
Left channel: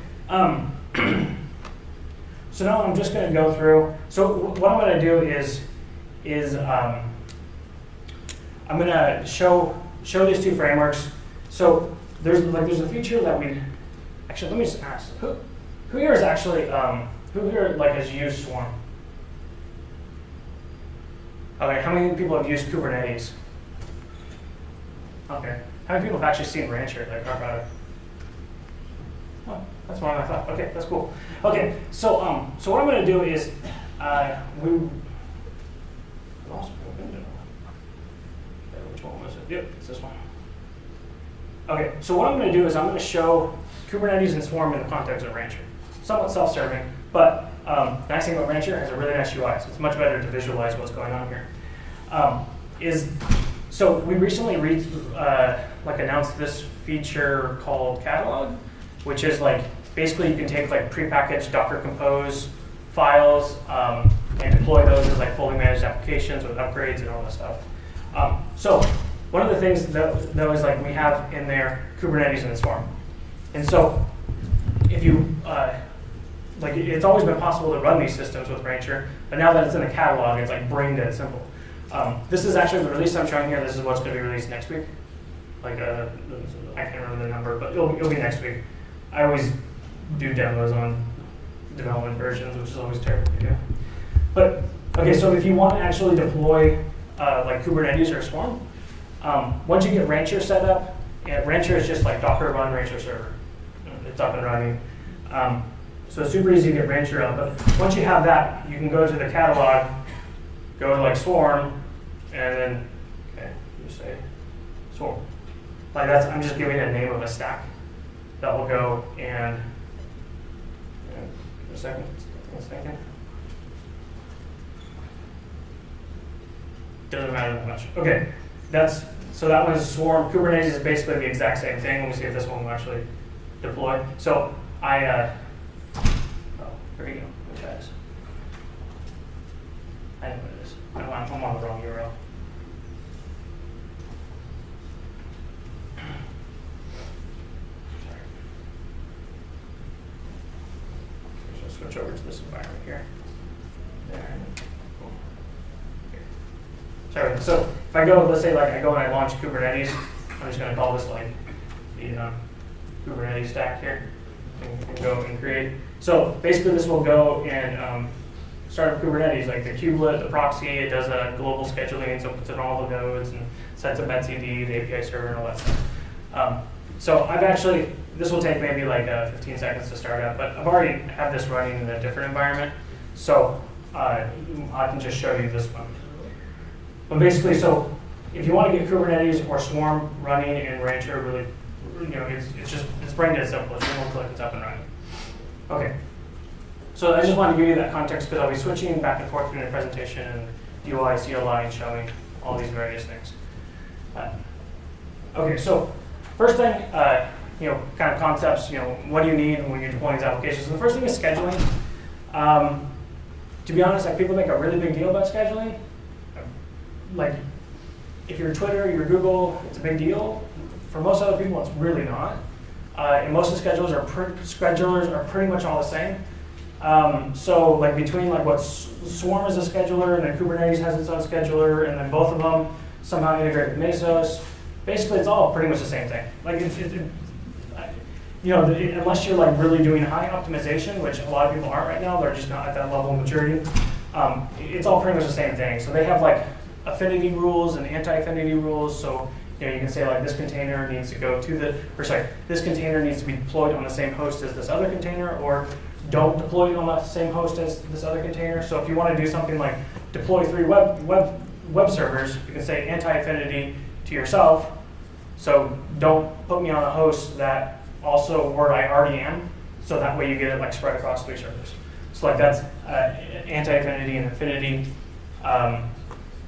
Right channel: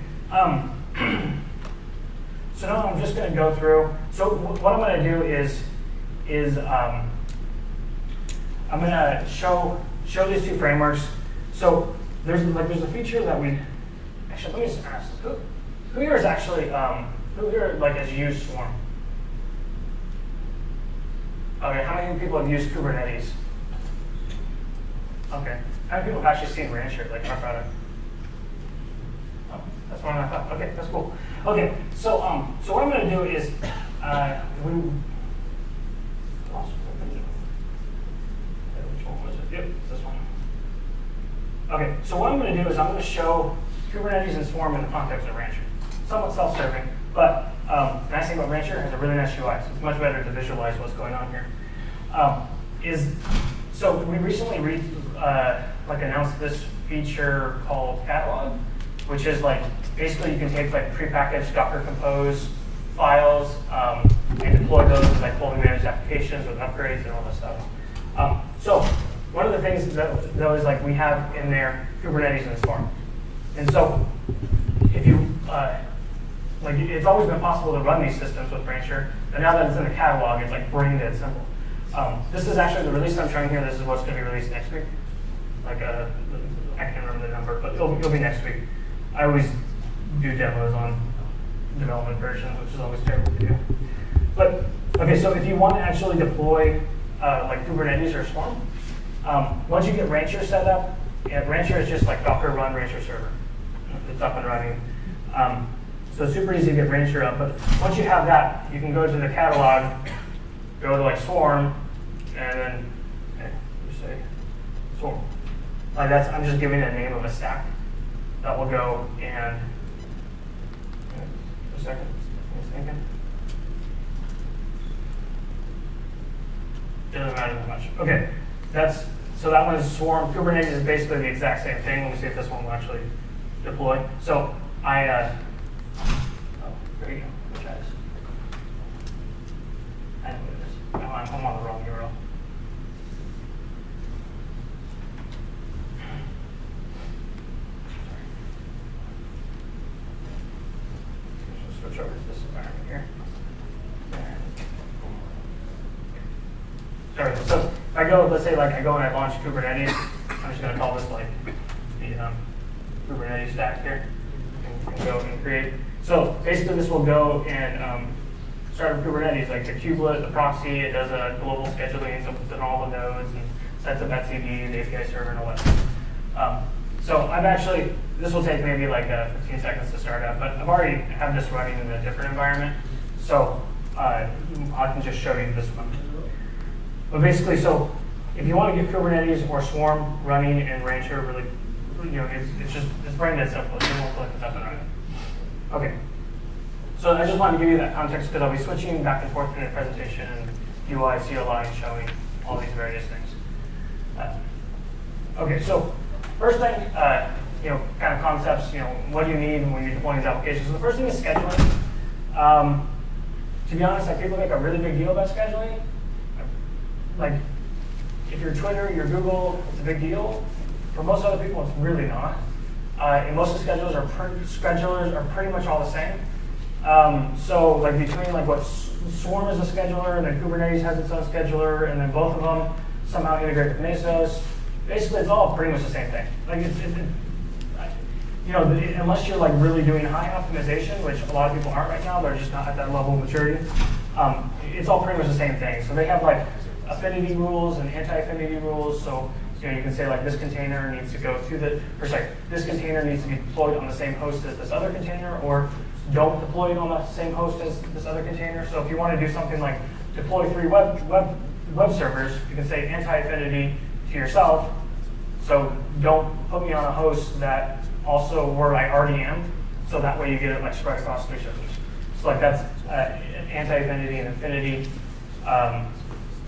So now I'm just going to go through. So what I'm going to do is I'm going to show these two frameworks. So there's a feature that we actually let me just ask who here is actually who here has used Swarm? Okay, how many people have used Kubernetes? Okay. How many people have actually seen Rancher, talk about it? Well, that's more than I thought. Okay, that's cool. Okay, so what I'm going to do is which one was it? Yep, it's this one. Okay, so what I'm going to do is I'm going to show Kubernetes and Swarm in the context of Rancher. Somewhat self-serving, but the nice thing about Rancher has a really nice UI, so it's much better to visualize what's going on here. So we recently announced this feature called Catalog, which is basically you can take prepackaged Docker Compose files and deploy those as fully managed applications with upgrades and all that stuff. So one of the things that is we have in there Kubernetes and Swarm, and so if you it's always been possible to run these systems with Rancher, but now that it's in the catalog, it's brain dead simple. This is actually the release I'm showing here. This is what's going to be released next week. I can't remember the number, but it'll be next week. I always do demos on development versions, which is always terrible to do. But okay, so if you want to actually deploy Kubernetes or Swarm, once you get Rancher set up, Rancher is just Docker run Rancher server. It's up and running. So it's super easy to get Rancher up. But once you have that, you can go to the catalog, go to Swarm, and then you say Swarm. I'm just giving a name of a stack that will go and a second. What's thinking? Doesn't matter that much. Okay, so that one is Swarm. Kubernetes is basically the exact same thing. Let me see if this one will actually deploy. So there you go. Which guys? I know what it is. No, I'm on the wrong URL. Switch over to this environment here. Sorry. So if I go, let's say I go and I launch Kubernetes, I'm just going to call this the Kubernetes stack here. And go and create. So basically, this will go and start with Kubernetes, the kubelet, the proxy. It does a global scheduling, so it puts in all the nodes and sets up etcd, the API server, and all that stuff. So this will take maybe 15 seconds to start up, but I've already had this running in a different environment, so I can just show you this one. But basically, so if you want to get Kubernetes or Swarm running in Rancher it's brain dead simple. It's single click, it's up and running. Okay. So I just want to give you that context because I'll be switching back and forth in the presentation and UI, CLI, and showing all these various things. Okay, so first thing, kind of concepts, what do you need when you're deploying these applications? So the first thing is scheduling. To be honest, people make a really big deal about scheduling. Like, if you're Twitter, you're Google, it's a big deal. For most other people, it's really not. And most of the schedulers are pretty much all the same. So like between like what Swarm is a scheduler and then Kubernetes has its own scheduler and then both of them somehow integrate with Mesos, basically it's all pretty much the same thing. Like unless you're like really doing high optimization, which a lot of people aren't right now, they're just not at that level of maturity. It's all pretty much the same thing. So they have like affinity rules and anti-affinity rules. So you can say like this container needs to go to this container needs to be deployed on the same host as this other container, or don't deploy it on the same host as this other container. So if you want to do something like deploy 3 web servers, you can say anti-affinity to yourself. So don't put me on a host that also where I already am. So that way you get it like spread across 3 servers. So like that's anti-affinity and affinity.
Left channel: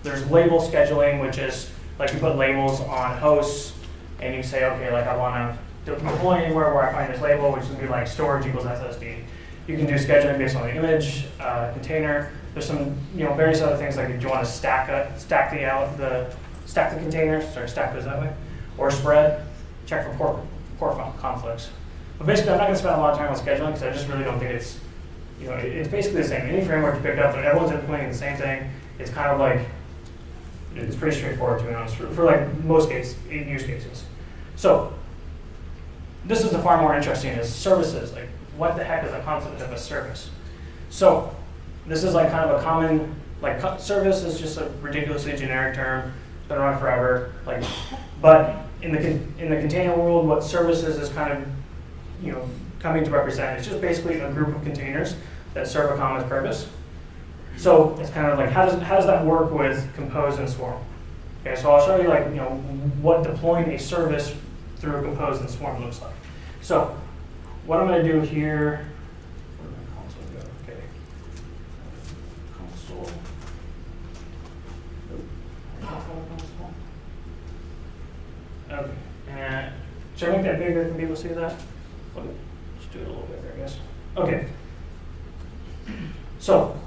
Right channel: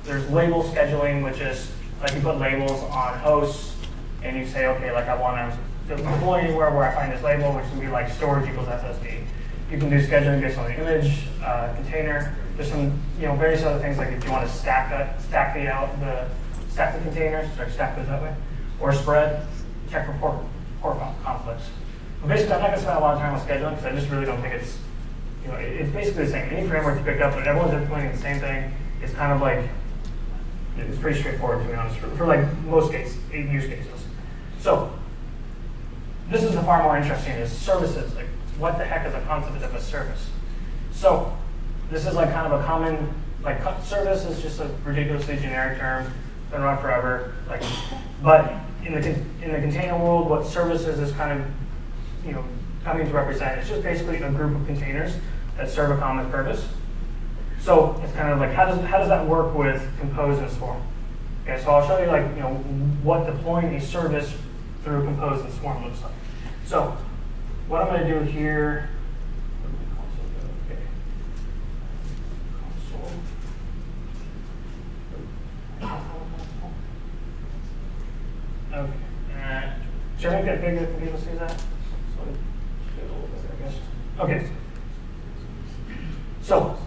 There's label scheduling, which is like you put labels on hosts and you say, okay, like I want to deploy anywhere where I find this label, which can be like storage equals SSD. You can do scheduling based on the image, container. There's some various other things like if you want to stack the containers, stack those that way, or spread, check for port conflicts. But basically, I'm not going to spend a lot of time on scheduling because I just really don't think it's it's basically the same. Any framework you pick up, but everyone's implementing the same thing. It's kind of like it's pretty straightforward to be honest for like most use cases. So this is the far more interesting is services. Like, what the heck is a concept of a service? So this is like kind of a common, like service is just a ridiculously generic term, been around forever. Like, but in the container world, what services is kind of coming to represent. It's just basically a group of containers that serve a common purpose. So it's kind of like how does that work with Compose and Swarm? Okay, so I'll show you like what deploying a service through Compose and Swarm looks like. So what I'm going to do here, where did my console go? Okay. Console. Okay. And should I make that bigger? Can people see that? So just do it a little bit there, I guess. Okay. So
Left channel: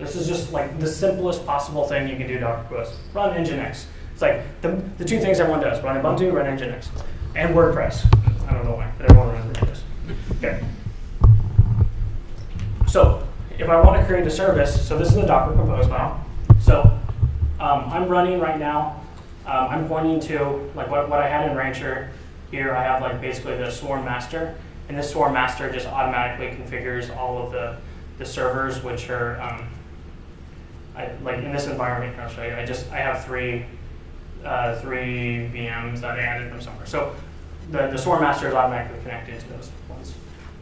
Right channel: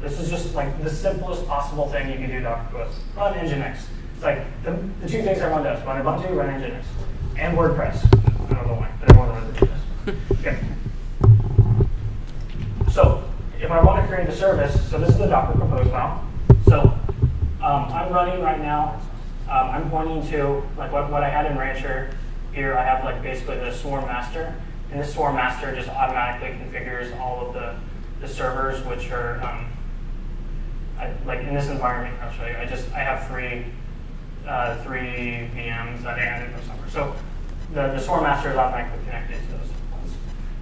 this is just like the simplest possible thing you can do Docker Compose. Run Nginx. It's like the 2 things everyone does. Run Ubuntu, run Nginx. And WordPress. I don't know why. Everyone runs WordPress. Okay. So if I want to create a service, so this is the Docker Compose file. So I'm running right now. I'm pointing to like what I had in Rancher. Here I have like basically the Swarm master, and this Swarm master just automatically configures all of the servers, which are like in this environment. I'll show you. I have 3 VMs that I added from somewhere. So the Swarm master is automatically connected to those ones.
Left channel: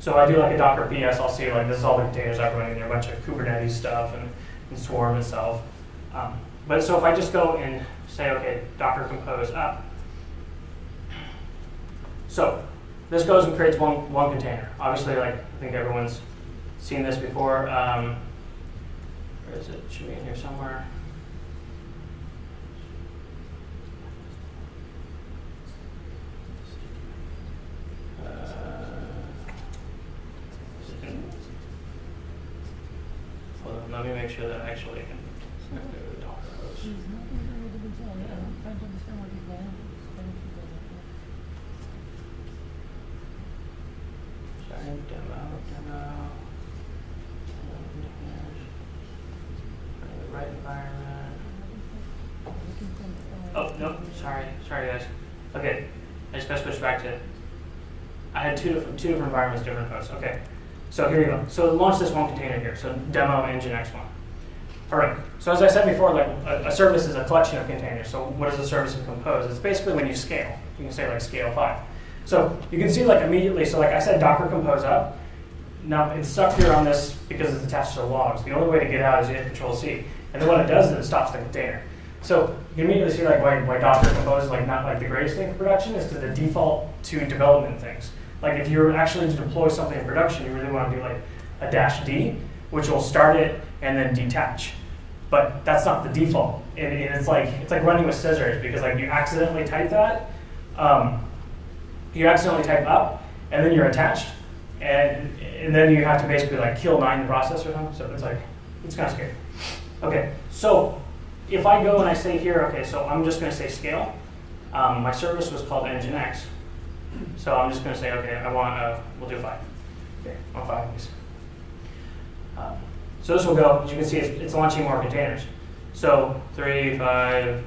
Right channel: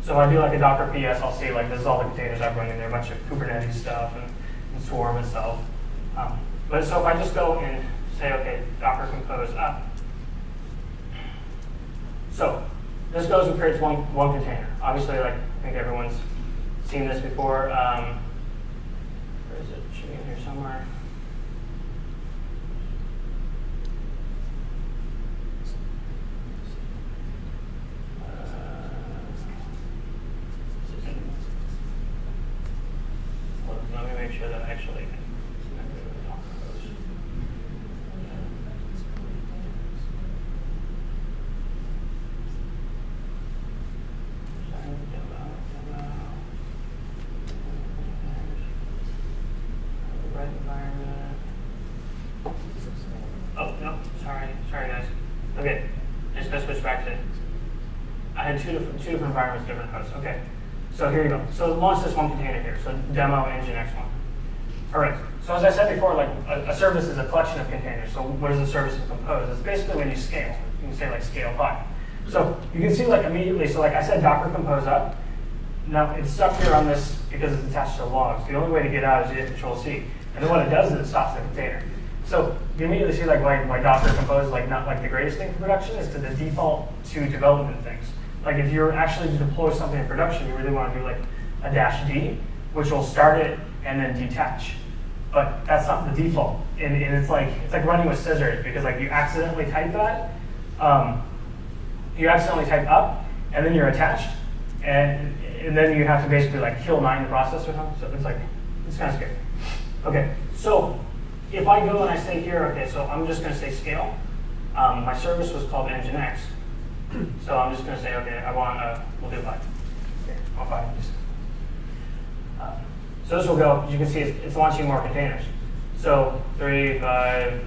So if I do like a Docker PS, I'll see like this is all the containers I'm running there, a bunch of Kubernetes stuff and Swarm itself. But so if I just go and say, okay, Docker Compose up. So this goes and creates one container. Obviously, like I think everyone's seen this before. Where is it? Should be in here somewhere. Let me make sure that I actually can connect it with Docker host. Demo. Right environment. Oh, no, sorry guys. Okay, I just gotta switch back to, I had two different environments, different hosts. Okay, so here you go. So launch this one container here, so demo Nginx one. All right, so as I said before, like a service is a collection of containers. So what is a service in Compose? It's basically when you scale. You can say like scale 5. So you can see like immediately, so like I said Docker Compose up. Now it's stuck here on this because it's attached to the logs. The only way to get out is you hit Control-C. And then what it does is it stops the container. So you immediately see like why Docker Compose is like not like the greatest thing for production is because the default to development things. Like if you're actually to deploy something in production, you really want to do like a -D, which will start it and then detach. But that's not the default, and it's like running with scissors because like you accidentally type that, you accidentally type up, and then you're attached, and then you have to basically like kill 9 process or something. So it's kind of scary. Okay, so if I go and I say here, okay, so I'm just going to say scale. My service was called Nginx, so I'm just going to say, okay, I want we'll do 5. Okay, I want 5. So this will go, as you can see, it's launching more containers. So 3, 5,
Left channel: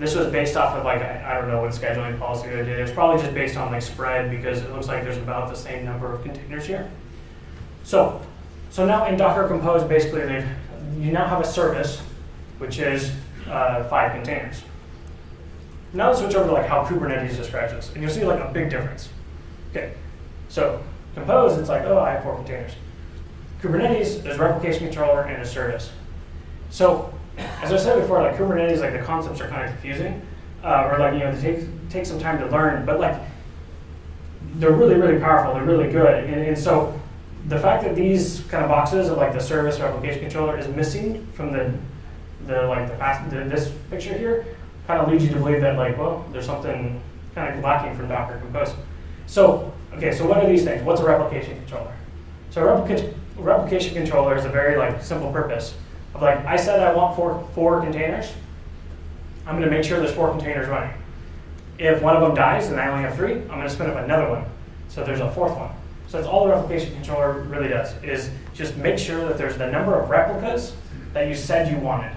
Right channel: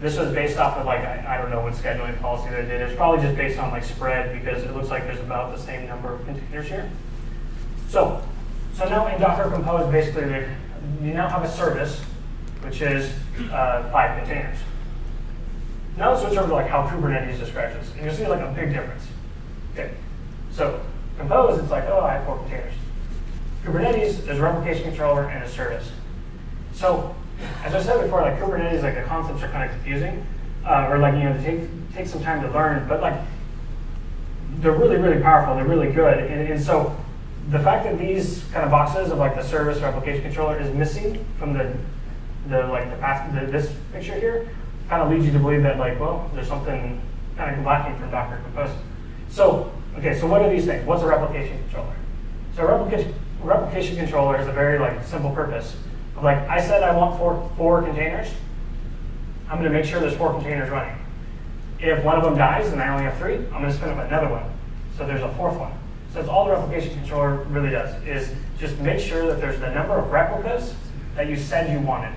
this was based off of like, I don't know what scheduling policy they did. It's probably just based on like spread because it looks like there's about the same number of containers here. So now in Docker Compose, basically you now have a service, which is 5 containers. Now let's switch over to like how Kubernetes describes this. And you'll see like a big difference. Okay, so Compose, it's like, oh, I have 4 containers. Kubernetes is a replication controller and a service. So, as I said before, like Kubernetes, like the concepts are kind of confusing, or like they take some time to learn, but like they're really, really powerful. They're really good, and so the fact that these kind of boxes of like the service replication controller is missing from this picture here, kind of leads you to believe that like, well, there's something kind of lacking from Docker Compose. So, okay, so what are these things? What's a replication controller? So a replication controller is a very like simple purpose. Like I said, I want four containers. I'm going to make sure there's 4 containers running. If one of them dies and I only have 3, I'm going to spin up another one. So there's a 4th one. So that's all the replication controller really does, is just make sure that there's the number of replicas that you said you wanted.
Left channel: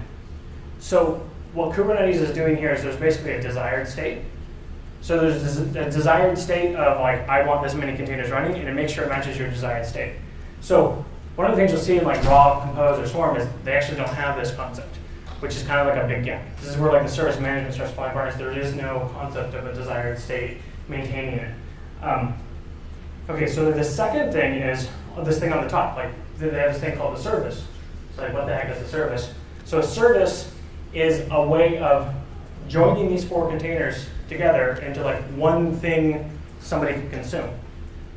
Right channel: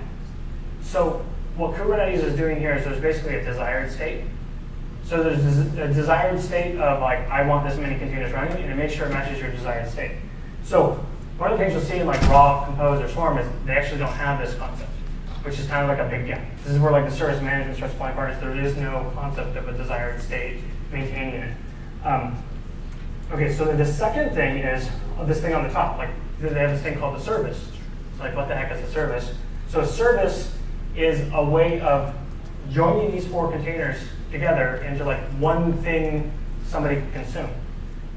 So what Kubernetes is doing here is there's basically a desired state. So there's a desired state of like, I want this many containers running, and it makes sure it matches your desired state. So one of the things you'll see in like raw, compose, or swarm is they actually don't have this concept, which is kind of like a big gap. This is where like the service management starts falling apart. There is no concept of a desired state maintaining it. Okay, so the second thing is this thing on the top. Like they have this thing called the service. So like what the heck is a service? So a service is a way of joining these 4 containers together into like one thing somebody can consume.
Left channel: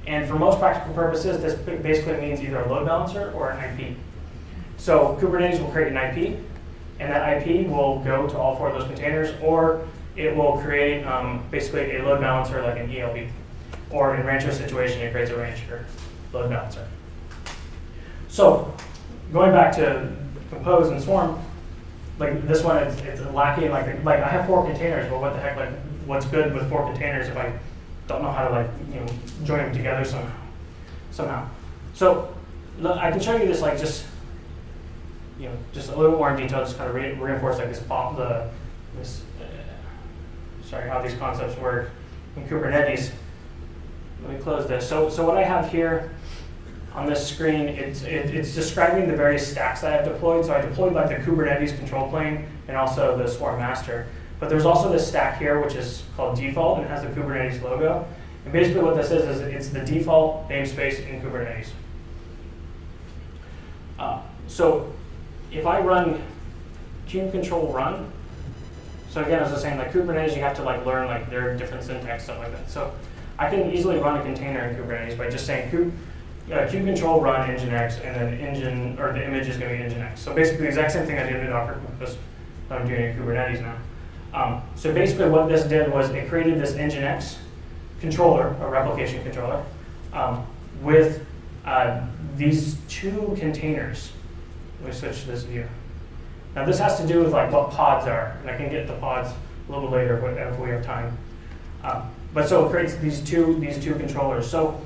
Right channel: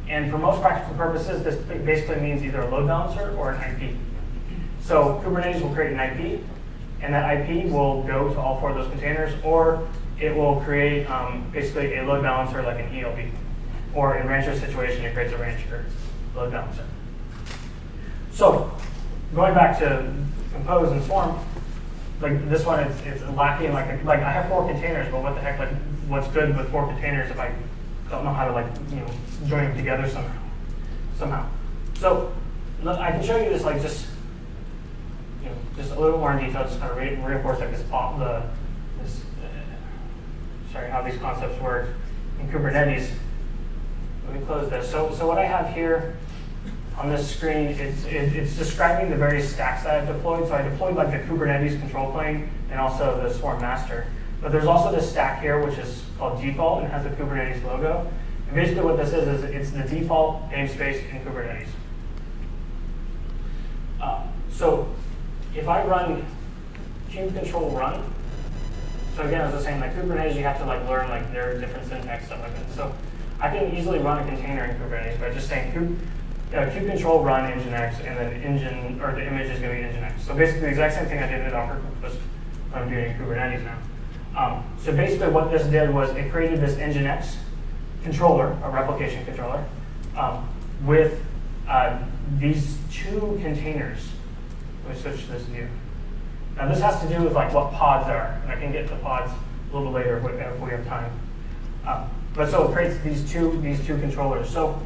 And for most practical purposes, this basically means either a load balancer or an IP. So Kubernetes will create an IP, and that IP will go to all 4 of those containers, or it will create basically a load balancer like an ELB. Or in Rancher situation, it creates a Rancher load balancer. So going back to Compose and Swarm, like this one, it's lacking. Like I have 4 containers, but what the heck? Like what's good with 4 containers if I don't know how to like join them together somehow. So I can show you this like just a little bit more in detail, just kind of reinforce like how these concepts work in Kubernetes. Let me close this. So what I have here on this screen, it's describing the various stacks that I've deployed. So I deployed like the Kubernetes control plane and also the Swarm master. But there's also this stack here, which is called default, and it has the Kubernetes logo. And basically what this is it's the default namespace in Kubernetes. So if I run kube control run, so again, as I was saying, like Kubernetes, you have to like learn like their different syntax stuff like that. So I can easily run a container in Kubernetes by just saying kube control run nginx, and then the image is going to be nginx. So basically the exact same thing I did in Docker, just I'm doing in Kubernetes now. So basically what this did was it created this nginx controller, a replication controller, with these 2 containers. Let me switch to this view. Now this has to do with like what pods are. And I can get to pods a little later if we have time. But so it creates these two controllers. So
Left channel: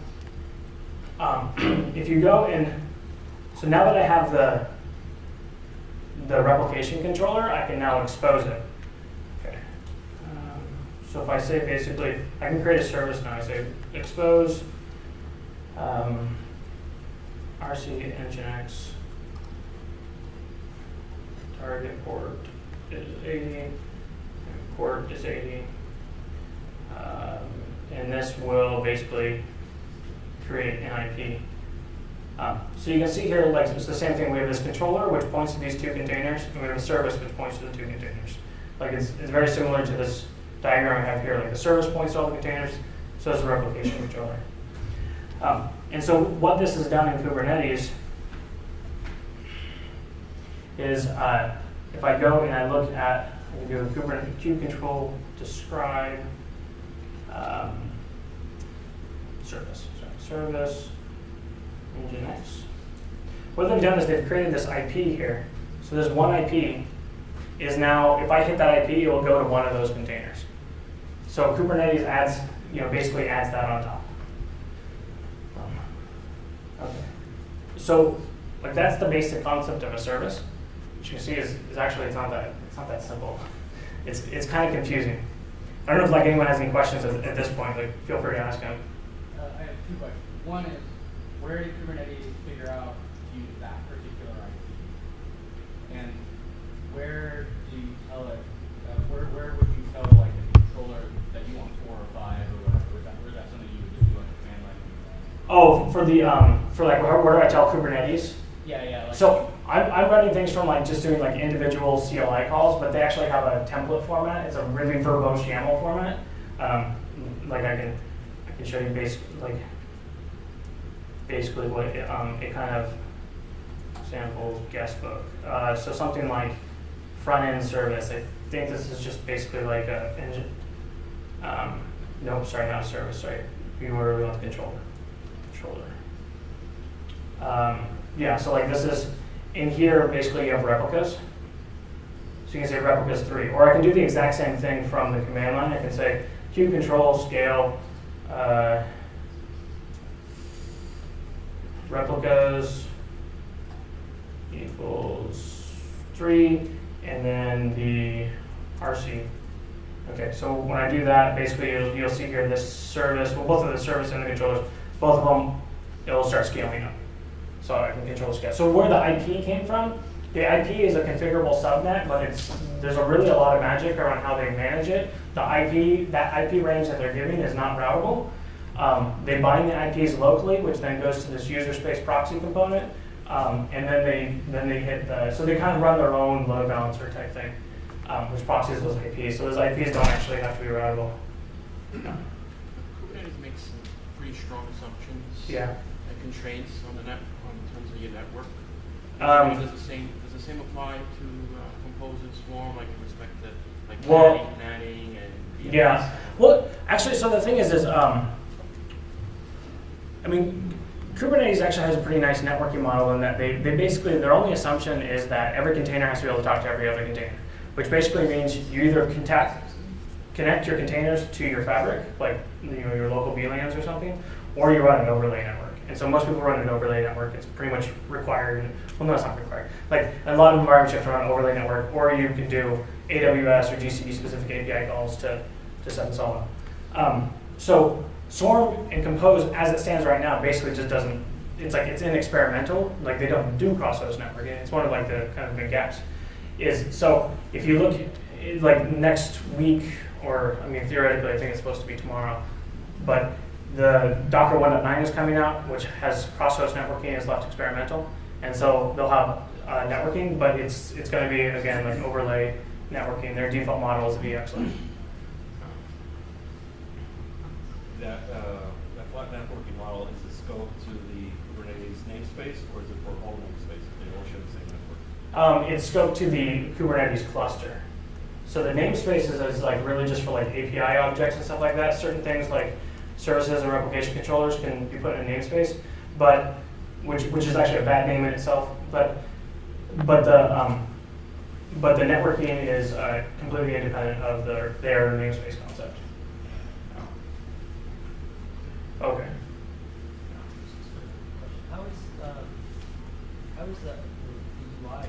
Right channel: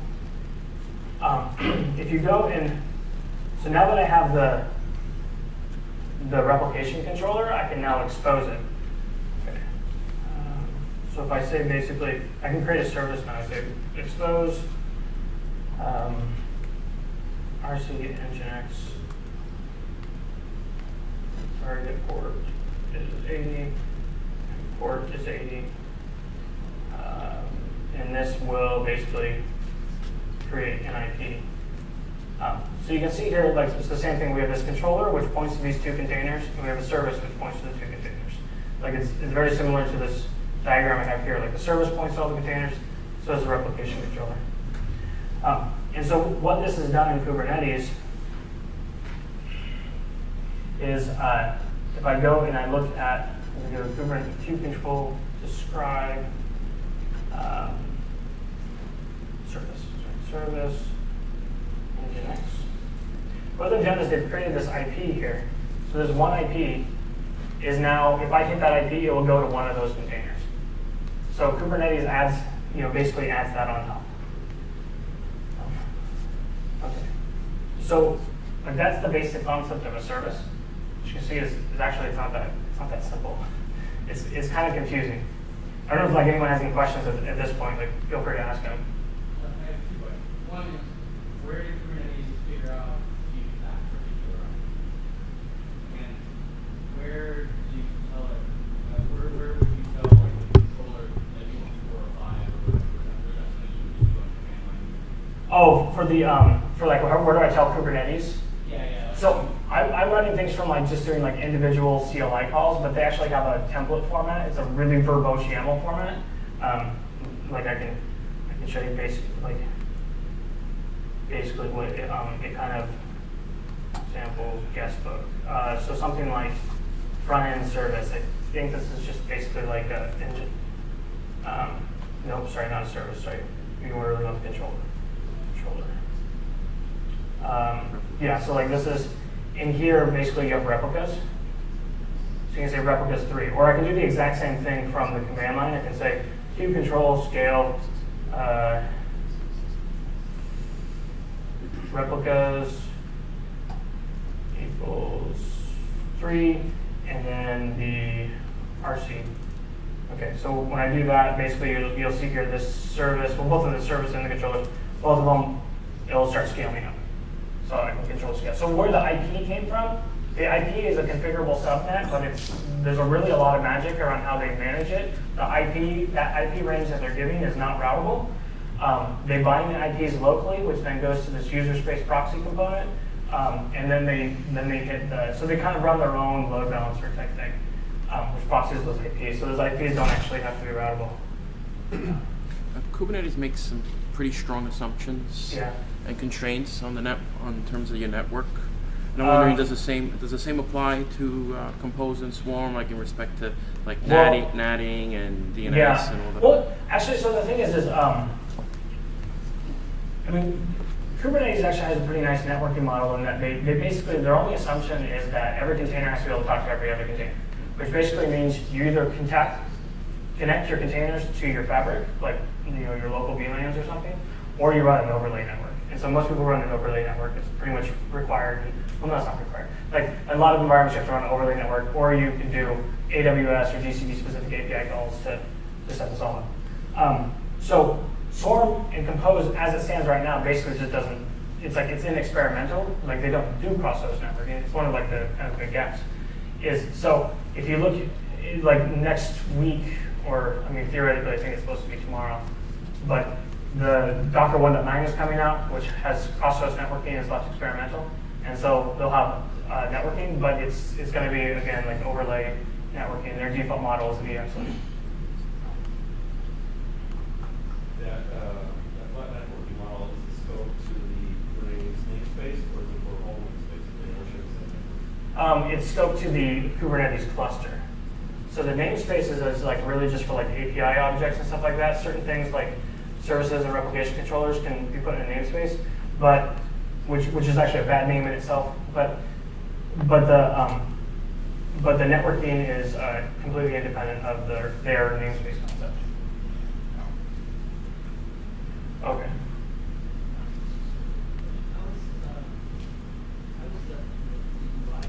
if you go and so now that I have the replication controller, I can now expose it. Okay. So if I say basically, I can create a service now. I say expose RC nginx target port is 80, port is 80, and this will basically create an IP. So you can see here, like, it's the same thing. We have this controller, which points to these two containers, and we have a service, which points to the two containers. Like, it's very similar to this diagram I have here. Like, the service points to all the containers, so does the replication controller. And so what this has done in Kubernetes is, if I go and I look at, we go to Kubernetes kube control, describe, service, Nginx. What they've done is they've created this IP here. So there's one IP is now, if I hit that IP, it will go to one of those containers. So Kubernetes adds, basically adds that on top. Okay. So like that's the basic concept of a service. What you can see is actually it's not that simple. It's kind of confusing. I don't know if like anyone has any questions at this point. Like feel free to ask them. I have two questions. One is, where did Kubernetes figure out to use that particular IP? And where do you tell it? Where would you tell like the controller that you want 4 or 5 or whatever? Is that something you would just do on command line? Oh, for like where do I tell Kubernetes? Yeah. Like so I'm running things from like just doing like individual CLI calls, but they actually have a template format. It's a really verbose YAML format. Like I can show you basically what it kind of samples guestbook. So something like front end service. I think this is just basically like a no, sorry, not a service. Sorry, you were really on the controller. Yeah, so like this is, in here basically you have replicas. So you can say replicas 3. Or I can do the exact same thing from the command line. I can say kube control scale replicas equals 3, and then the RC. Okay, so when I do that, basically you'll see here this service, well both of the service and the controllers, both of them, it'll start scaling up. So I can control scale. So where the IP came from, the IP is a configurable subnet, but there's really a lot of magic around how they manage it. That IP range that they're giving is not routable. They bind the IPs locally, which then goes to this user space proxy component, and then they hit so they kind of run their own load balancer type thing, which proxies those IPs. So those IPs don't actually have to be routable. Kubernetes makes some pretty strong assumptions and constraints on the in terms of your network. Does the same apply to Compose and Swarm, like in respect to like natting and DNS? Yeah. And all that? Well, actually, so the thing is I mean, Kubernetes actually has a pretty nice networking model in that they basically, their only assumption is that every container has to be able to talk to every other container, which basically means you either connect your containers to your fabric, like your local VLANs or something, or you run an overlay network. And so most people run an overlay network. It's pretty much required. Well, no, it's not required. Like a lot of environments you have to run an overlay network, or you can do AWS or GCP specific API calls to set this all up. So Swarm and Compose, as it stands right now, basically just doesn't. It's like it's in experimental. Like they don't do cross-host networking. It's one of like the kind of big gaps. So if you look at, like next week, or I mean theoretically, I think it's supposed to be tomorrow, but the Docker 1.9 is coming out, which has cross-host networking. It's left experimental, and so they'll have networking, but it's going to be again like overlay networking. Their default model is VXLAN. That flat networking model is the scope to the Kubernetes namespace, or is it for all namespaces? They all share the same network. It's scoped to the Kubernetes cluster. So the namespaces is like really just for like API objects and stuff like that. Certain things like services and replication controllers can be put in a namespace, but which is actually a bad name in itself. But the networking is completely independent of their namespace concept. Okay. How is the UI?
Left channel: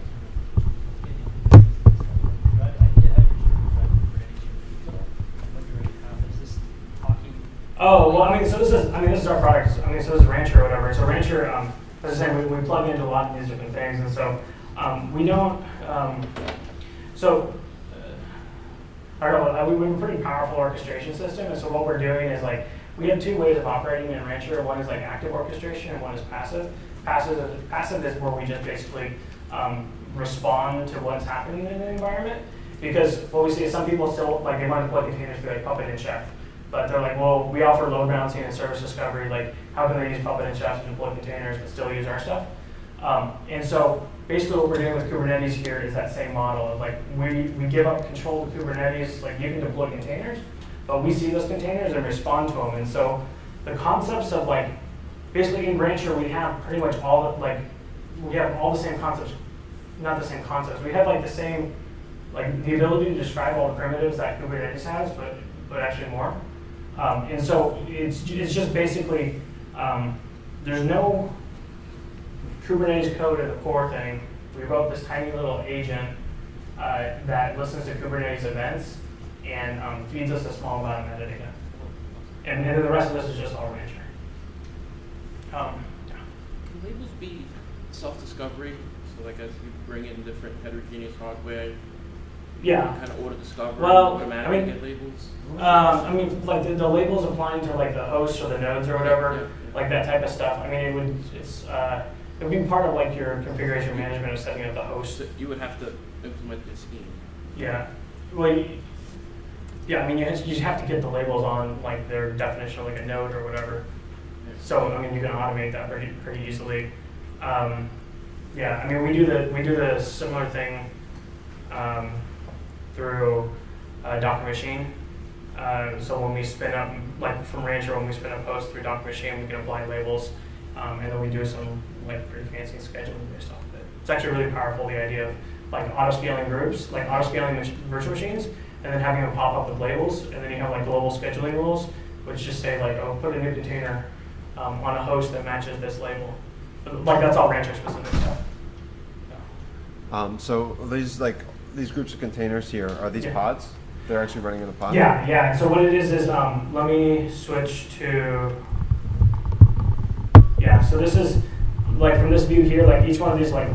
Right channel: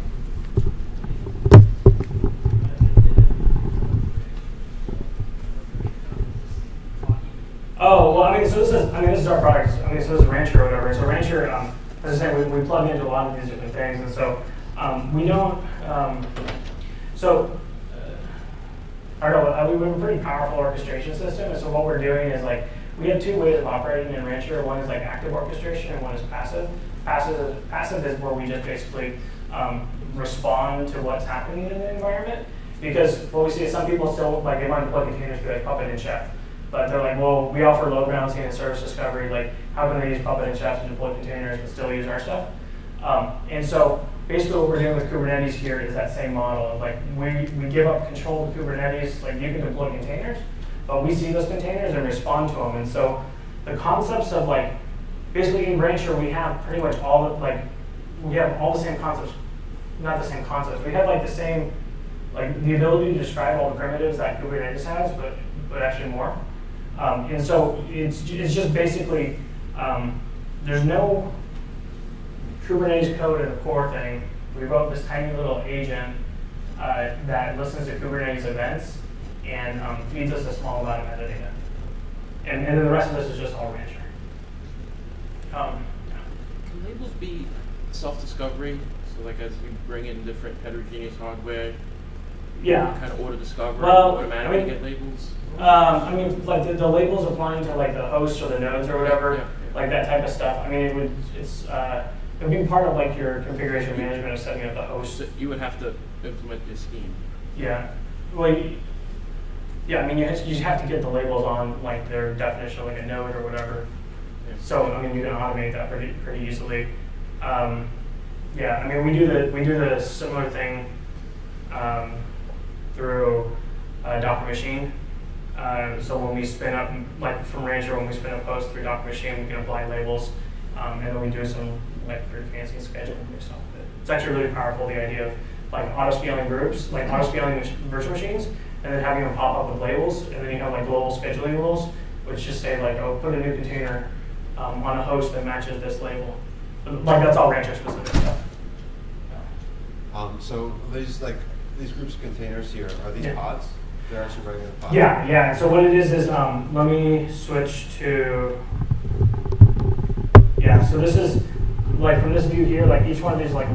Oh, well, I mean, so this is our product. I mean, so this is Rancher or whatever. So Rancher, as I said, we plug into a lot of these different things, and so we don't. I don't know. We have a pretty powerful orchestration system, and so what we're doing is like we have two ways of operating in Rancher. One is like active orchestration and one is passive. Passive is where we just basically respond to what's happening in the environment. Because what we see is some people still, like, they want to deploy containers through like Puppet and Chef. But they're like, well, we offer load balancing and service discovery. Like, how can they use Puppet and Chef to deploy containers but still use our stuff? And so basically what we're doing with Kubernetes here is that same model of like, we give up control to Kubernetes, like you can deploy containers, but we see those containers and respond to them. And so the concepts of like, basically in Rancher we have pretty much all, like, we have all the same concepts, not the same concepts, we have like the same, like the ability to describe all the primitives that Kubernetes has, but actually more. And so it's just basically, there's no Kubernetes code in the core thing. We wrote this tiny little agent that listens to Kubernetes events and feeds us a small amount of metadata. And then the rest of this is just all Rancher. Can labels be self-discovery? So like as you bring in different heterogeneous hardware, yeah, you kind of auto-discover, well, automatically get labels? I mean, like the labels applying to like the hosts or the nodes or whatever, yeah. like that type of stuff. I mean, it would be part of like your configuration management of setting up the host. So you would have to implement this scheme. Yeah. Well, yeah. I mean, you have to get the labels on like their definition of like a node or whatever. Yeah. So I mean, you can automate that pretty easily. Yeah. I mean, we do the similar thing through Docker Machine. So when we spin up, like from Rancher, when we spin up hosts through Docker Machine, we can apply labels, and then we do some like pretty fancy scheduling based off of it. It's actually really powerful, the idea of like auto-scaling groups, like auto-scaling virtual machines, and then having them pop up with labels, and then you have like global scheduling rules, which just say like, oh, put a new container on a host that matches this label. Like that's all Rancher specific stuff. So these groups of containers here, are these pods? They're actually running in a pod? Yeah. And so what it is let me switch to, so this is, like from this view here, like each one of these like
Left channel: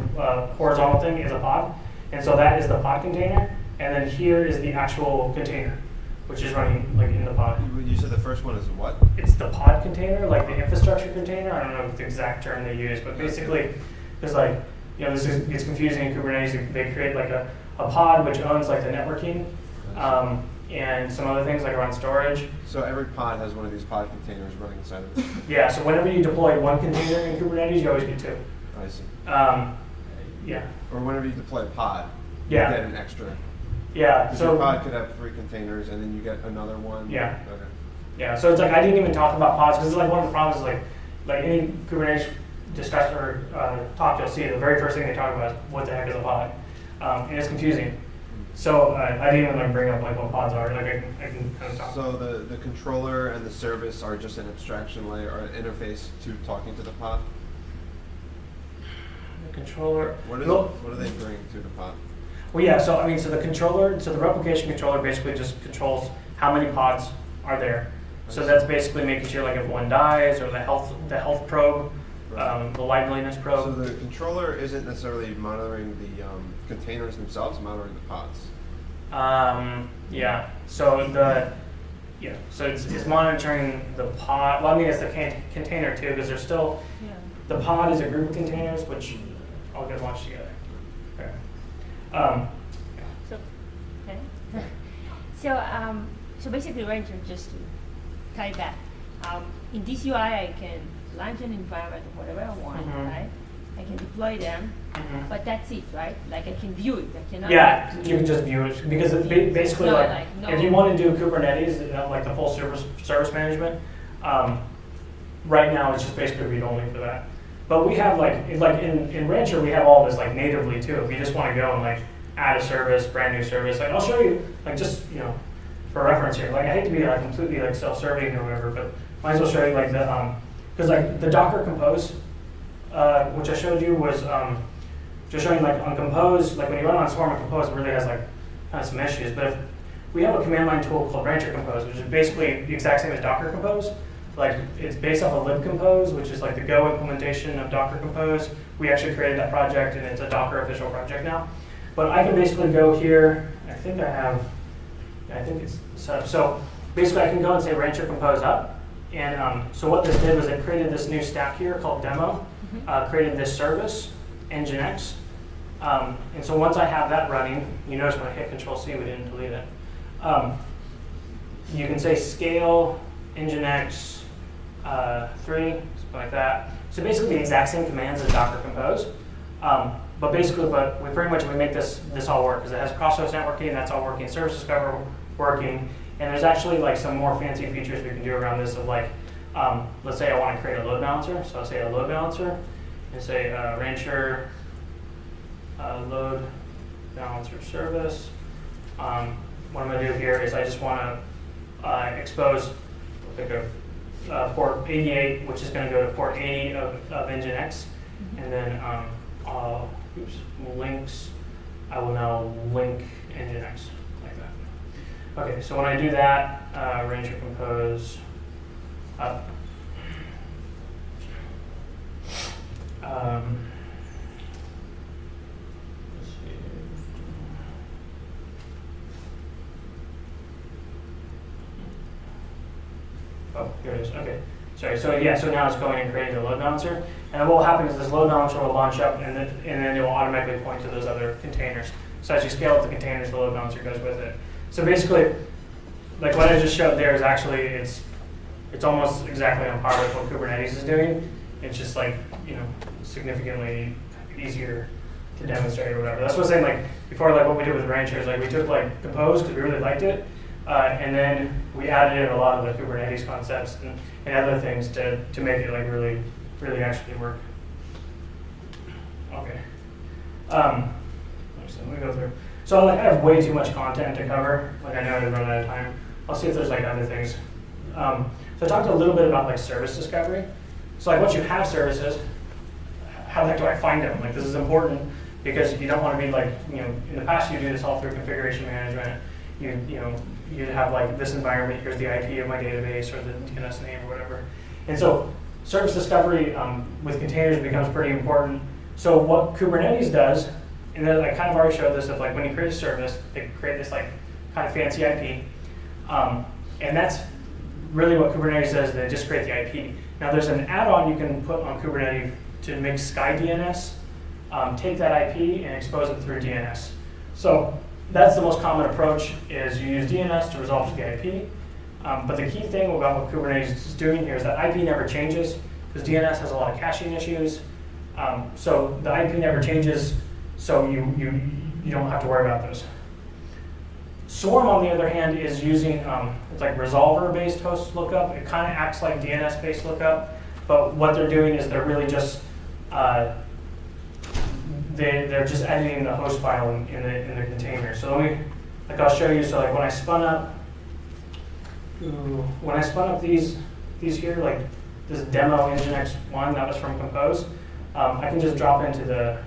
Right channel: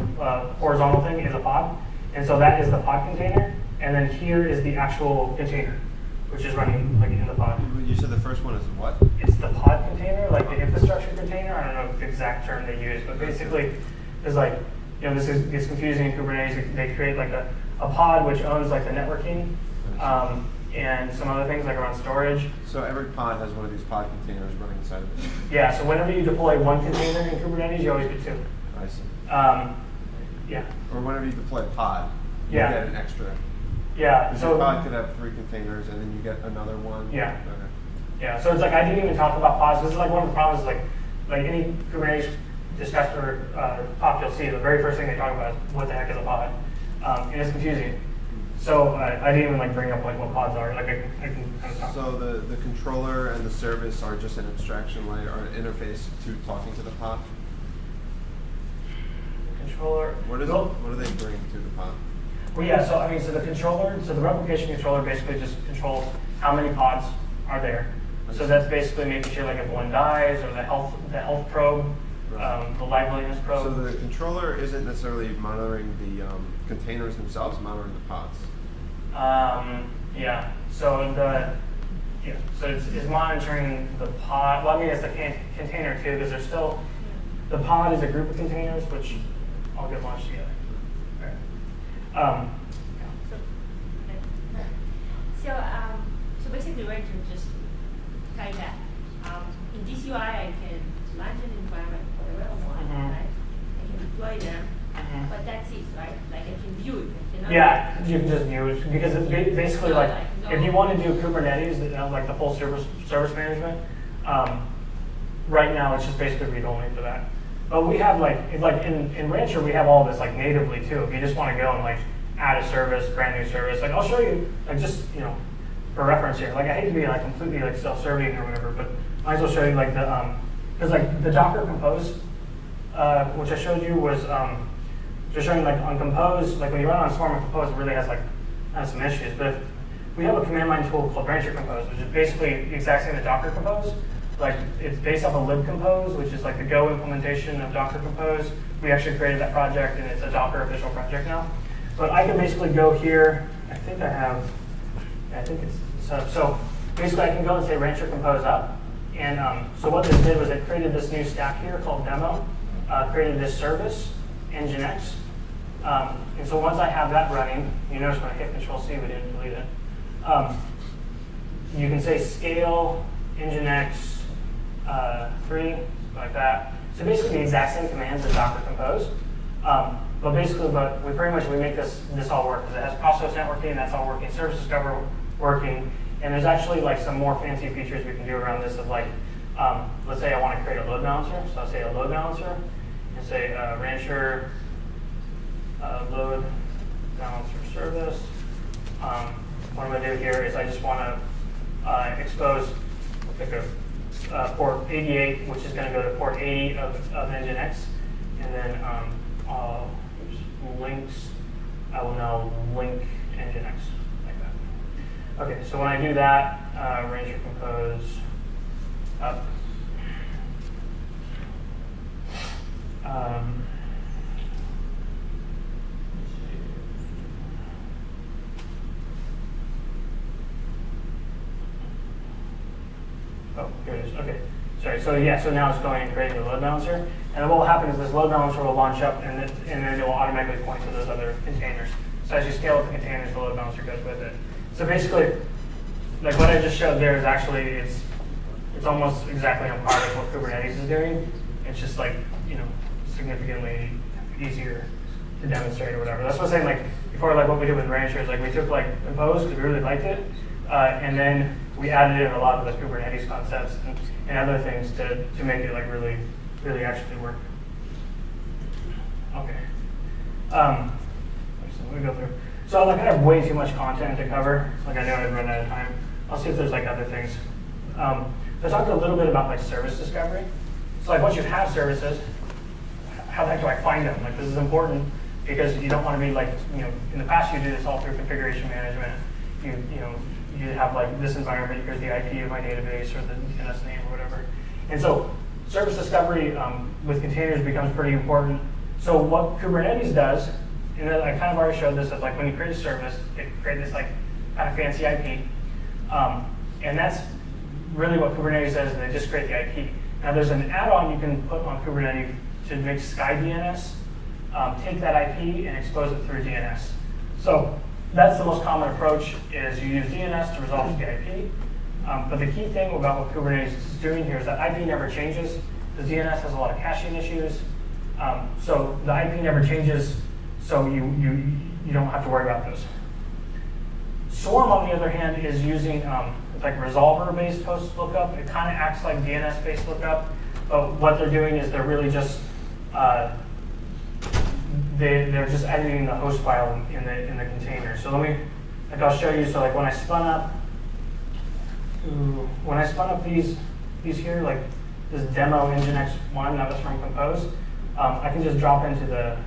horizontal thing is a pod. And so that is the pod container. And then here is the actual container, which is running like in the pod. You said the first one is what? It's the pod container, like the infrastructure container. I don't know the exact term they use, but basically it's like, it's confusing in Kubernetes. They create like a pod which owns like the networking and some other things like around storage. So every pod has one of these pod containers running inside of it? Yeah, so whenever you deploy one container in Kubernetes, you always get two. I see. Yeah. Or whenever you deploy a pod, you Yeah. get an extra. Yeah. So your pod could have 3 containers and then you get another one? Yeah. Okay. Yeah, so it's like I didn't even talk about pods because like one of the problems is like any Kubernetes discussion or talk you'll see, the very first thing they talk about is what the heck is a pod, and it's confusing. So I didn't even like bring up like what pods are. Like I can kind of talk. So the controller and the service are just an abstraction layer or an interface to talking to the pod? The controller. What do they bring to the pod? Well, yeah. So I mean, so the replication controller basically just controls how many pods are there. So that's basically making sure like if one dies or the health probe. Right. The liveliness probe. So the controller isn't necessarily monitoring the containers themselves, monitoring the pods. Yeah. So so it's monitoring the pod. Well, I mean, it's the container too, because there's still the pod is a group of containers which all get launched together. Okay. So basically, Rancher, just to tie that, in this UI I can launch an environment, whatever I want, right? I can deploy them, but that's it, right? Like I can view it. I cannot. Yeah, you can just view it because it basically if you want to do Kubernetes, like the full service management, right now it's just basically read only for that. But we have like in Rancher we have all this like natively too. If you just want to go and like add a service, brand new service, like I'll show you like just for reference here. Like I hate to be like completely like self-serving or whatever, but might as well show you like the because like the Docker Compose, which I showed you was just showing like on Compose, like when you run on Swarm on Compose, it really has some issues. But if we have a command line tool called Rancher Compose, which is basically the exact same as Docker Compose. Like it's based off of libcompose, which is like the Go implementation of Docker Compose. We actually created that project, and it's a Docker official project now. But I can basically go here. I think it's set up. So basically, I can go and say Rancher Compose up. And so what this did was it created this new stack here called demo, created this service, Nginx. And so once I have that running, you notice when I hit Control-C, we didn't delete it. You can say scale Nginx 3, something like that. So basically the exact same commands as Docker Compose. But basically, we pretty much make this all work because it has cross-host networking, that's all working, service discovery working, and there's actually like some more fancy features we can do around this of like, let's say I want to create a load balancer, so I'll say a load balancer, and say Rancher load balancer service. What I'm going to do here is I just want to expose, pick a port 88, which is going to go to port 80 of Nginx, and then links, I will now link Nginx like that. Okay, so when I do that, Ranger compose up. Oh, here it is. Okay. Sorry. So yeah. So now it's going and creating the load balancer, and what will happen is this load balancer will launch up, and then it will automatically point to those other containers. So as you scale up the containers, the load balancer goes with it. So basically, like what I just showed there is actually it's almost exactly on par with what Kubernetes is doing. It's just like significantly easier to demonstrate or whatever. That's what I'm saying. Like before, like what we did with Rancher is like we took like Compose because we really liked it, and then we added in a lot of the Kubernetes concepts and other things to make it like really actually work. Okay. Let me go through. So like I have way too much content to cover. Like I know I've run out of time. I'll see if there's like other things. So I talked a little bit about like service discovery. So like once you have services, how the heck do I find them? Like this is important because you don't want to be like, in the past you do this all through configuration management. You have like this environment, here's the IP of my database or the DNS name or whatever. And so service discovery with containers becomes pretty important. So what Kubernetes does, and I kind of already showed this, is like when you create a service, they create this like kind of fancy IP. And that's really what Kubernetes does, they just create the IP. Now there's an add-on you can put on Kubernetes to make SkyDNS, take that IP and expose it through DNS. So that's the most common approach, is you use DNS to resolve the IP. But the key thing about what Kubernetes is doing here is that IP never changes, because DNS has a lot of caching issues. So the IP never changes, so you don't have to worry about those. Swarm, on the other hand, is using it's like resolver-based host lookup. It kind of acts like DNS-based lookup, but what they're doing is they're really just they're just editing the host file in the container. So I'll show you. So like when I spun up these here, like this demo Nginx 1 that was from Compose, I can just drop into the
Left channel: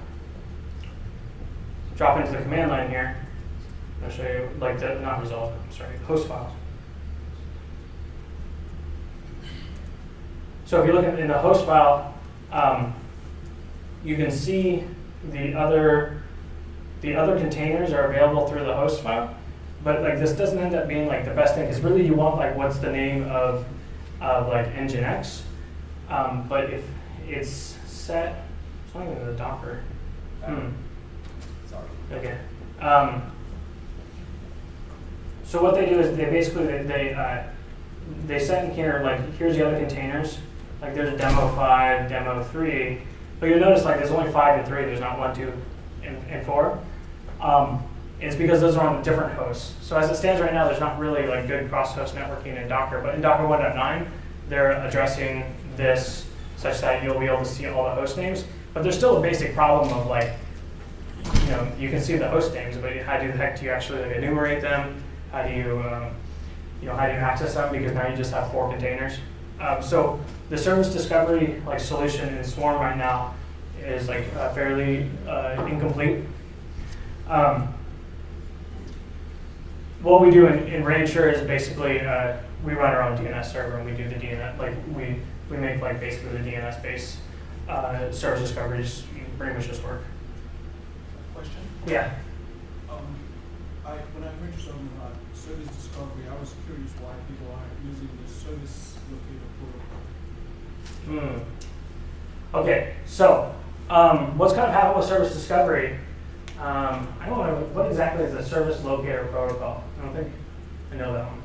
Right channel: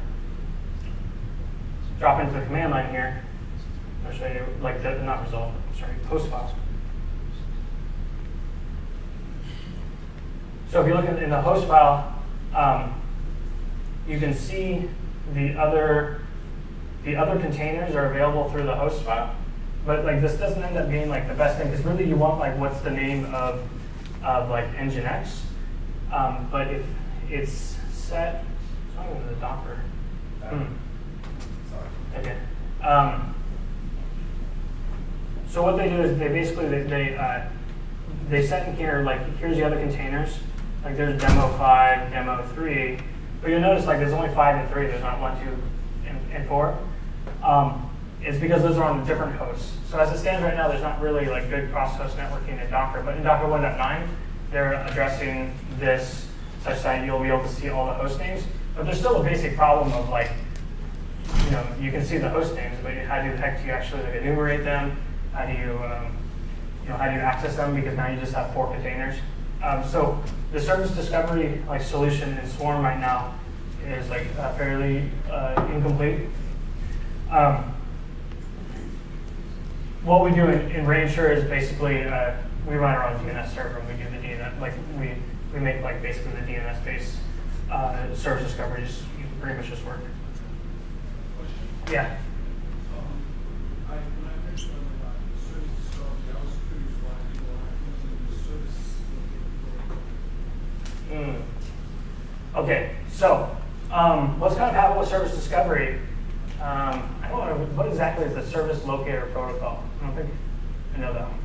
command line here. I'll show you like not resolve, sorry, host files. So if you look in the host file, you can see the other containers are available through the host file, but like this doesn't end up being like the best thing, because really you want like what's the name of like Nginx, but if it's set, it's not even the Docker. Sorry. Okay. So what they do is they basically they set in here like here's the other containers, like there's demo 5, demo 3. But you'll notice like there's only 5 and 3, there's not 1, 2, and 4. It's because those are on different hosts. So as it stands right now, there's not really like good cross-host networking in Docker. But in Docker 1.9, they're addressing this such that you'll be able to see all the host names. But there's still a basic problem of like, you can see the host names, but how the heck do you actually like, enumerate them? How do you, how do you access them? Because now you just have 4 containers. So the service discovery like solution in Swarm right now is like fairly incomplete. What we do in Rancher is basically we run our own DNS server and we do the DNS, like we make like basically the DNS based service discoveries pretty much just work. Question? Yeah. When I heard some service discovery, I was curious why people aren't using the service locator Okay, so what's kind of happened with service discovery? I don't know what exactly is the service locator protocol. I don't think I know that one.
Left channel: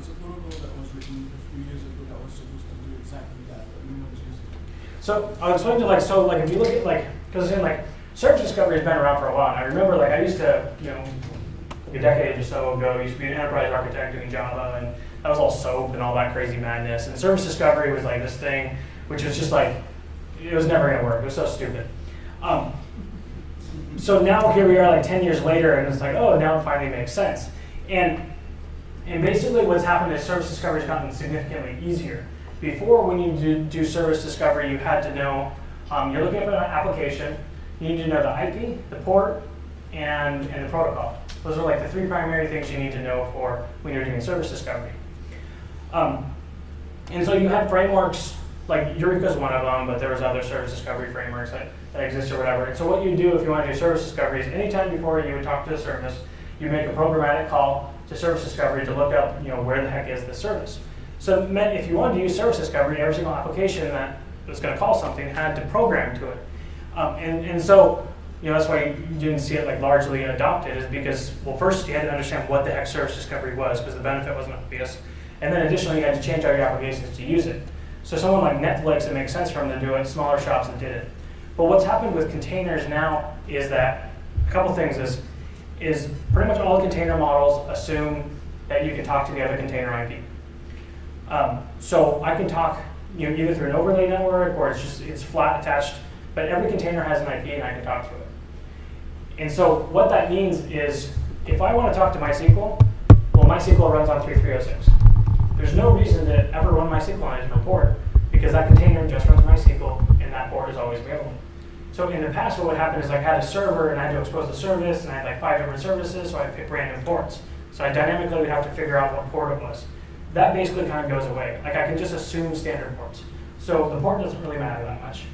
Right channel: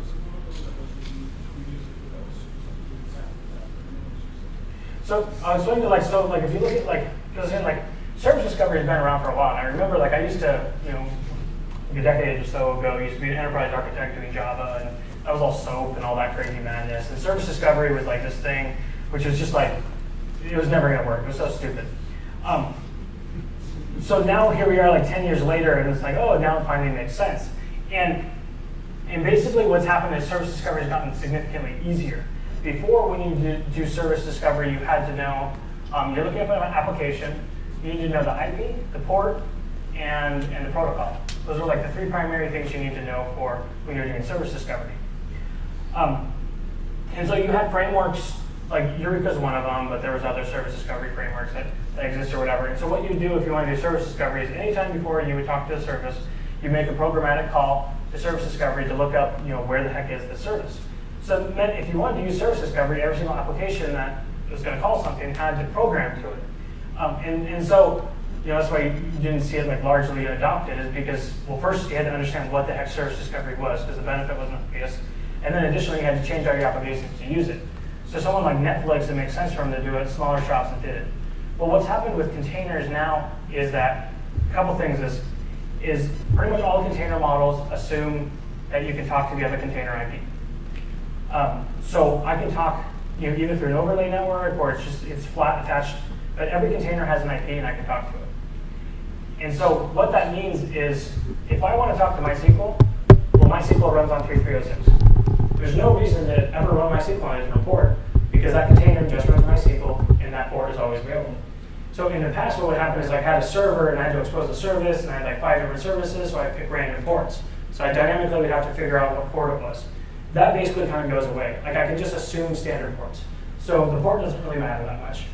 It's a protocol that was written 2 years ago that was supposed to do exactly that, but no one's using it. So I'll explain to like if you look at because again service discovery has been around for a while. And I remember I used to a decade or so ago I used to be an enterprise architect doing Java, and that was all SOAP and all that crazy madness. And service discovery was like this thing, which was just it was never going to work. It was so stupid. So now here we are 10 years later, and it's oh, now it finally makes sense. And basically what's happened is service discovery has gotten significantly easier. Before, when you do service discovery, you had to know, you're looking at an application, you need to know the IP, the port, and the protocol. Those are the 3 primary things you need to know for when you're doing service discovery. And so you had frameworks, Eureka is one of them, but there was other service discovery frameworks that exist or whatever. And so what you do if you want to do service discovery is anytime before you would talk to the service, you make a programmatic call to service discovery to look up where the heck is the service. So it meant if you wanted to use service discovery, every single application that was going to call something had to program to it. And so that's why you didn't see it largely adopted, is because, well, first you had to understand what the heck service discovery was, because the benefit wasn't obvious. And then additionally, you had to change all your applications to use it. So someone like Netflix, it makes sense for them to do it, smaller shops that did it. But what's happened with containers now is that a couple things is pretty much all container models assume that you can talk to the other container IP. So I can talk either through an overlay network or it's flat attached, but every container has an IP and I can talk to it. And so what that means is if I want to talk to MySQL, well, MySQL runs on 3306. There's no reason to ever run MySQL on a different port because that container just runs MySQL and that port is always available. So in the past, what would happen is I had a server and I had to expose the service and I had 5 different services, so I pick random ports. So I dynamically would have to figure out what port it was. That basically kind of goes away. I can just assume standard ports. So the port doesn't really matter that much.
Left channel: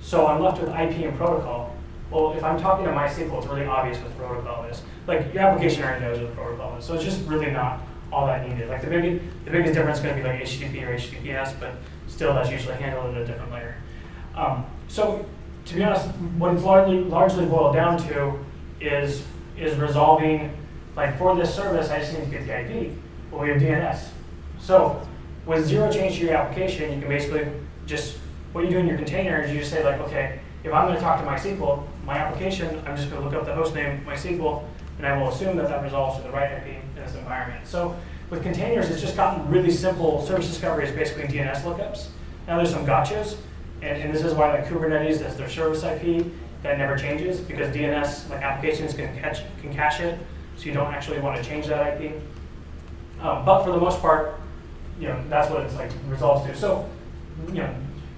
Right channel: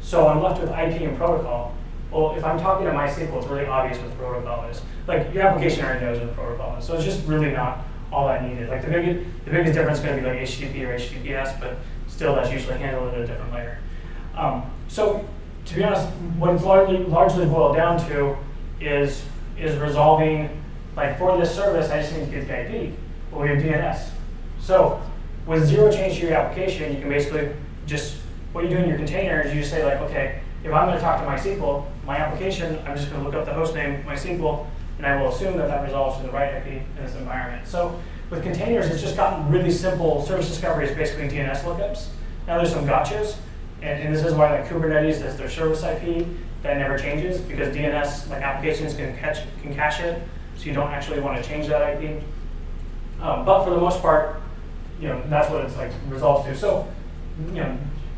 So I'm left with IP and protocol. Well, if I'm talking to MySQL, it's really obvious what the protocol is. Your application already knows what the protocol is. So it's just really not all that needed. The biggest difference is going to be HTTP or HTTPS, but still that's usually handled at a different layer. So to be honest, what it's largely boiled down to is resolving, for this service, I just need to get the IP. Well, we have DNS. So with zero change to your application, you can basically what you do in your container is you just say okay, if I'm going to talk to MySQL, my application, I'm just going to look up the host name MySQL, and I will assume that resolves to the right IP in this environment. So with containers, it's just gotten really simple. Service discovery is basically DNS lookups. Now there's some gotchas, and this is why Kubernetes is their service IP that never changes, because DNS applications can cache it, so you don't actually want to change that IP. But for the most part, that's what it's resolves to. So,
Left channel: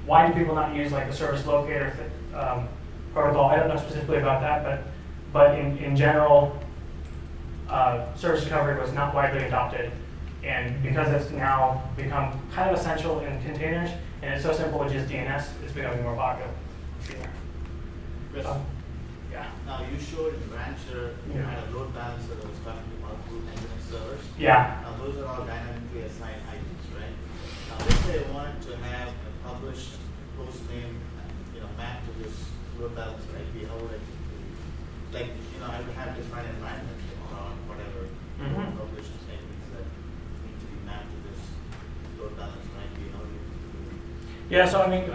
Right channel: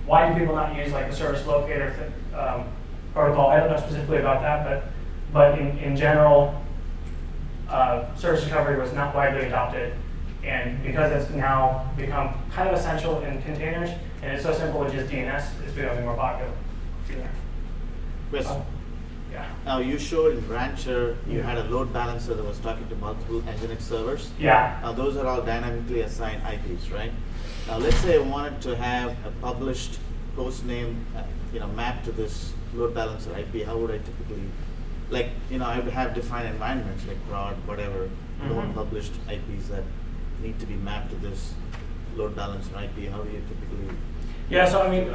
why do people not use the service locator protocol? I don't know specifically about that, but in general, service discovery was not widely adopted, and because it's now become kind of essential in containers, and it's so simple with just DNS, it's becoming more popular. Chris, yeah. Now you showed in Rancher you had a load balancer that was talking to multiple Nginx servers. Yeah. Now those are all dynamically assigned IPs, right? Now let's say I wanted to have a published host name, mapped to this load balancer IP. How would I typically, I would have defined environments like prod, whatever, known published IPs that need to be mapped to this load balancer IP. How do you typically? Yeah, so I mean,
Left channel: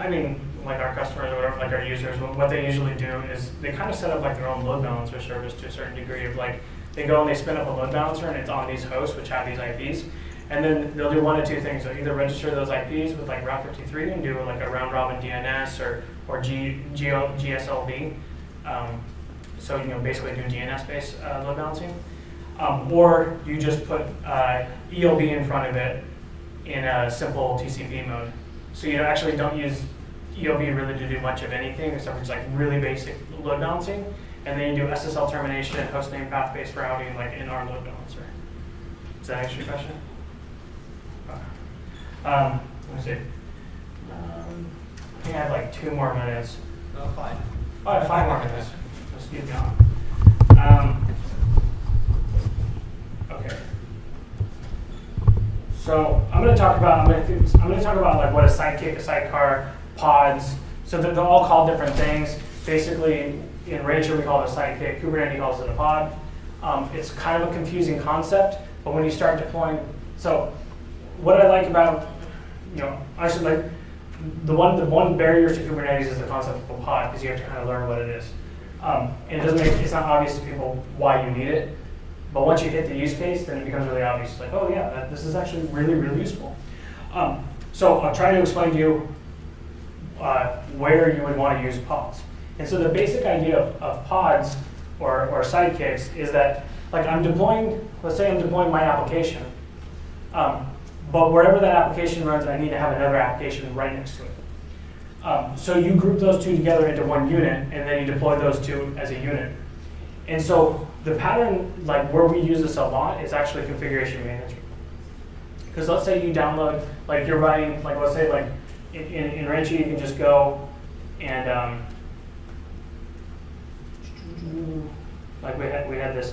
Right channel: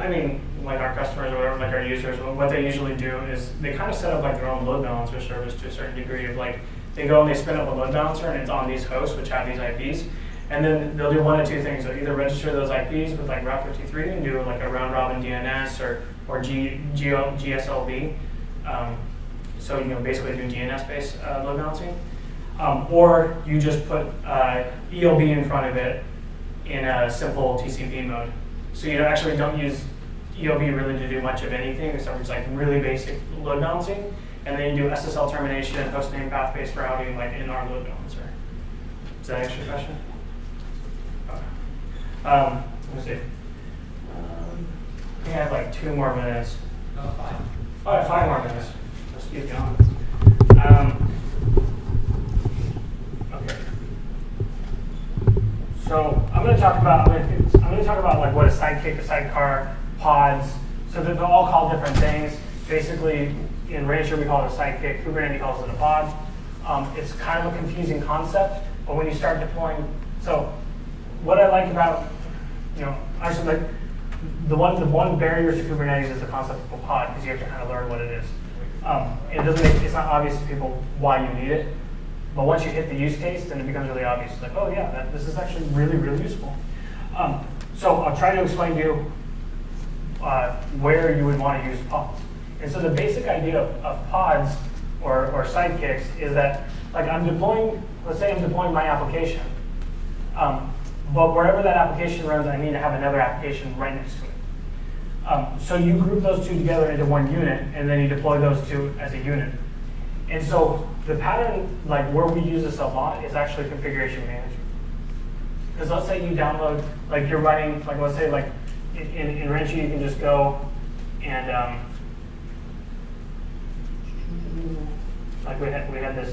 our customers or whatever, our users, what they usually do is they kind of set up their own load balancer service to a certain degree of they go and they spin up a load balancer and it's on these hosts which have these IPs, and then they'll do one of two things. They'll either register those IPs with Route 53 and do a round robin DNS or GSLB, so basically do DNS-based load balancing, or you just put ELB in front of it in a simple TCP mode. So you actually don't use ELB really to do much of anything except for just really basic load balancing, and then you do SSL termination, hostname path-based routing in our load balancer. Does that answer your question? Let me see. I think I have 2 more minutes. No, 5. Oh, I have 5 more minutes. Let's keep going. Okay. So I'm going to talk about what a sidekick, a sidecar, pods. So they're all called different things. Basically, in Rancher we call it a sidekick, Kubernetes calls it a pod. It's kind of a confusing concept, but when you start deploying, so what I like about, honestly, like the one barrier to Kubernetes is the concept of a pod, because you have to kind of learn what it is. And it's not obvious to people why you need it, but once you hit the use case, then it becomes really obvious. It's like, oh yeah, this is actually really, really useful. So I'll try to explain to you where you would want to use pods. And so the basic idea of pods or sidekicks is that, like, let's say I'm deploying my application, but wherever that application runs, I need to have another application right next to it. So you group those two together into one unit, and then you deploy those two as a unit. And so the pattern, like where we use this a lot, is actually configuration management. Because let's say you download, like you're writing, like let's say like in Rancher you can just go and like we had this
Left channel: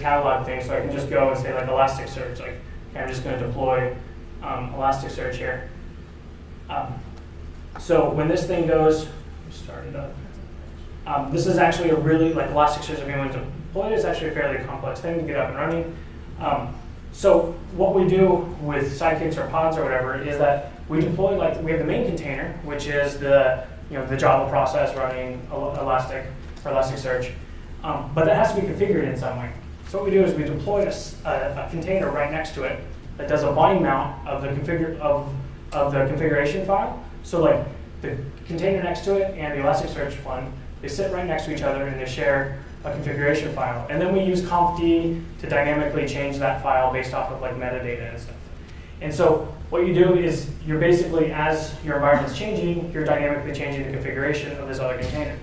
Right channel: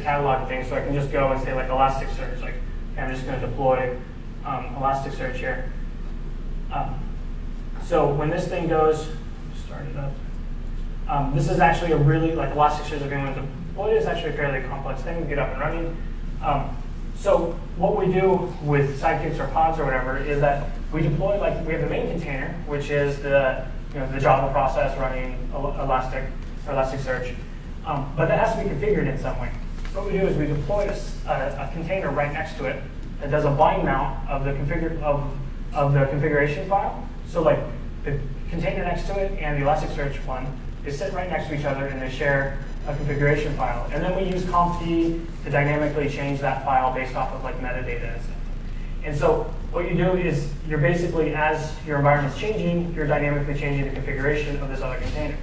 catalog thing, so I can just go and say like Elasticsearch, like okay, I'm just going to deploy Elasticsearch here. So when this thing goes, start it up. This is actually a really, like Elasticsearch, if anyone's deployed, it's actually a fairly complex thing to get up and running. So what we do with sidekicks or pods or whatever is that we deploy, like we have the main container, which is the Java process running Elasticsearch, but that has to be configured in some way. So what we do is we deploy a container right next to it that does a bind mount of the configuration file. So like the container next to it and the Elasticsearch one, they sit right next to each other and they share a configuration file. And then we use conft to dynamically change that file based off of like metadata and stuff. And so what you do is you're basically, as your environment's changing, you're dynamically changing the configuration of this other container.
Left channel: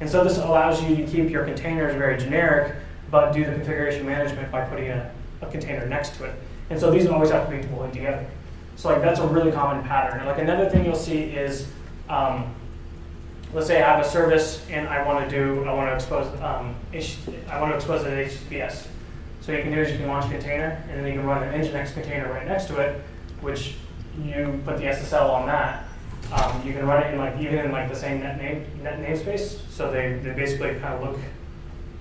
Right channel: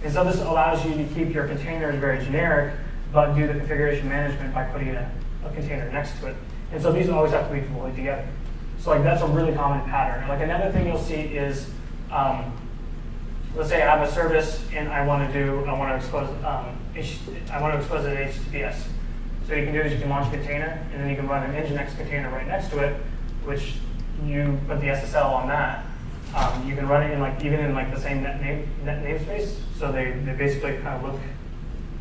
And so this allows you to keep your containers very generic, but do the configuration management by putting a container next to it. And so these always have to be deployed together. So like that's a really common pattern. Like another thing you'll see is, let's say I have a service and I want to expose it to HTTPS. So you can do is you can launch a container and then you can run an Nginx container right next to it, which you put the SSL on that. You can run it in even in the same net namespace, so they basically kind of look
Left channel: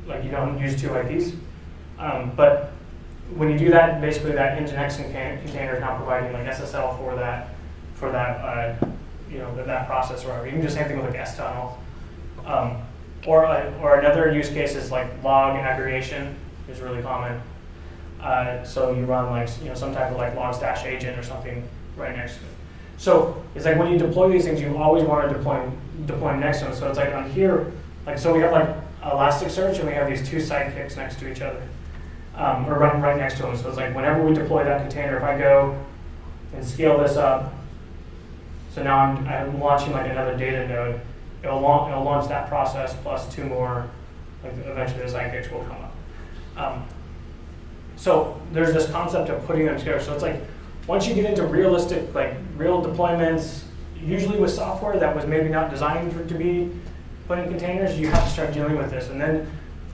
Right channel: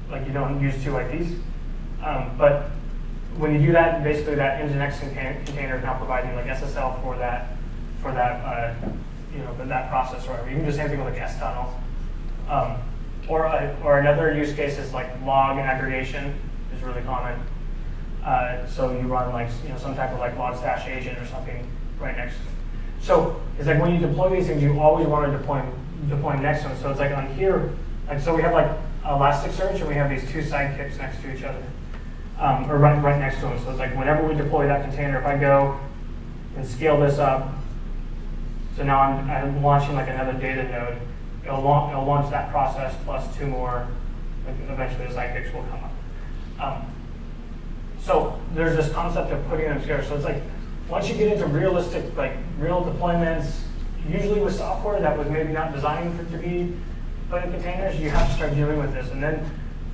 like you don't use two IPs. But when you do that, basically that Nginx container is now providing like SSL for that that process or whatever. You can do the same thing with like S-tunnel. Or another use case is like log aggregation is really common. So you run like some type of like log-stash agent or something right next to it. So it's like when you deploy these things, you always want to deploy next to them. So it's like on here, like so we have like Elasticsearch and we have these two sidekicks next to each other, or right next to them. So it's like whenever we deploy that container, if I go and scale this up, so now I'm launching like another data node, it'll launch that process plus two more. Like eventually the sidekicks will come up. So there's this concept of putting them together. So it's like once you get into realistic, like real deployments, usually with software that was maybe not designed to be put in containers, you have to start dealing with this. And then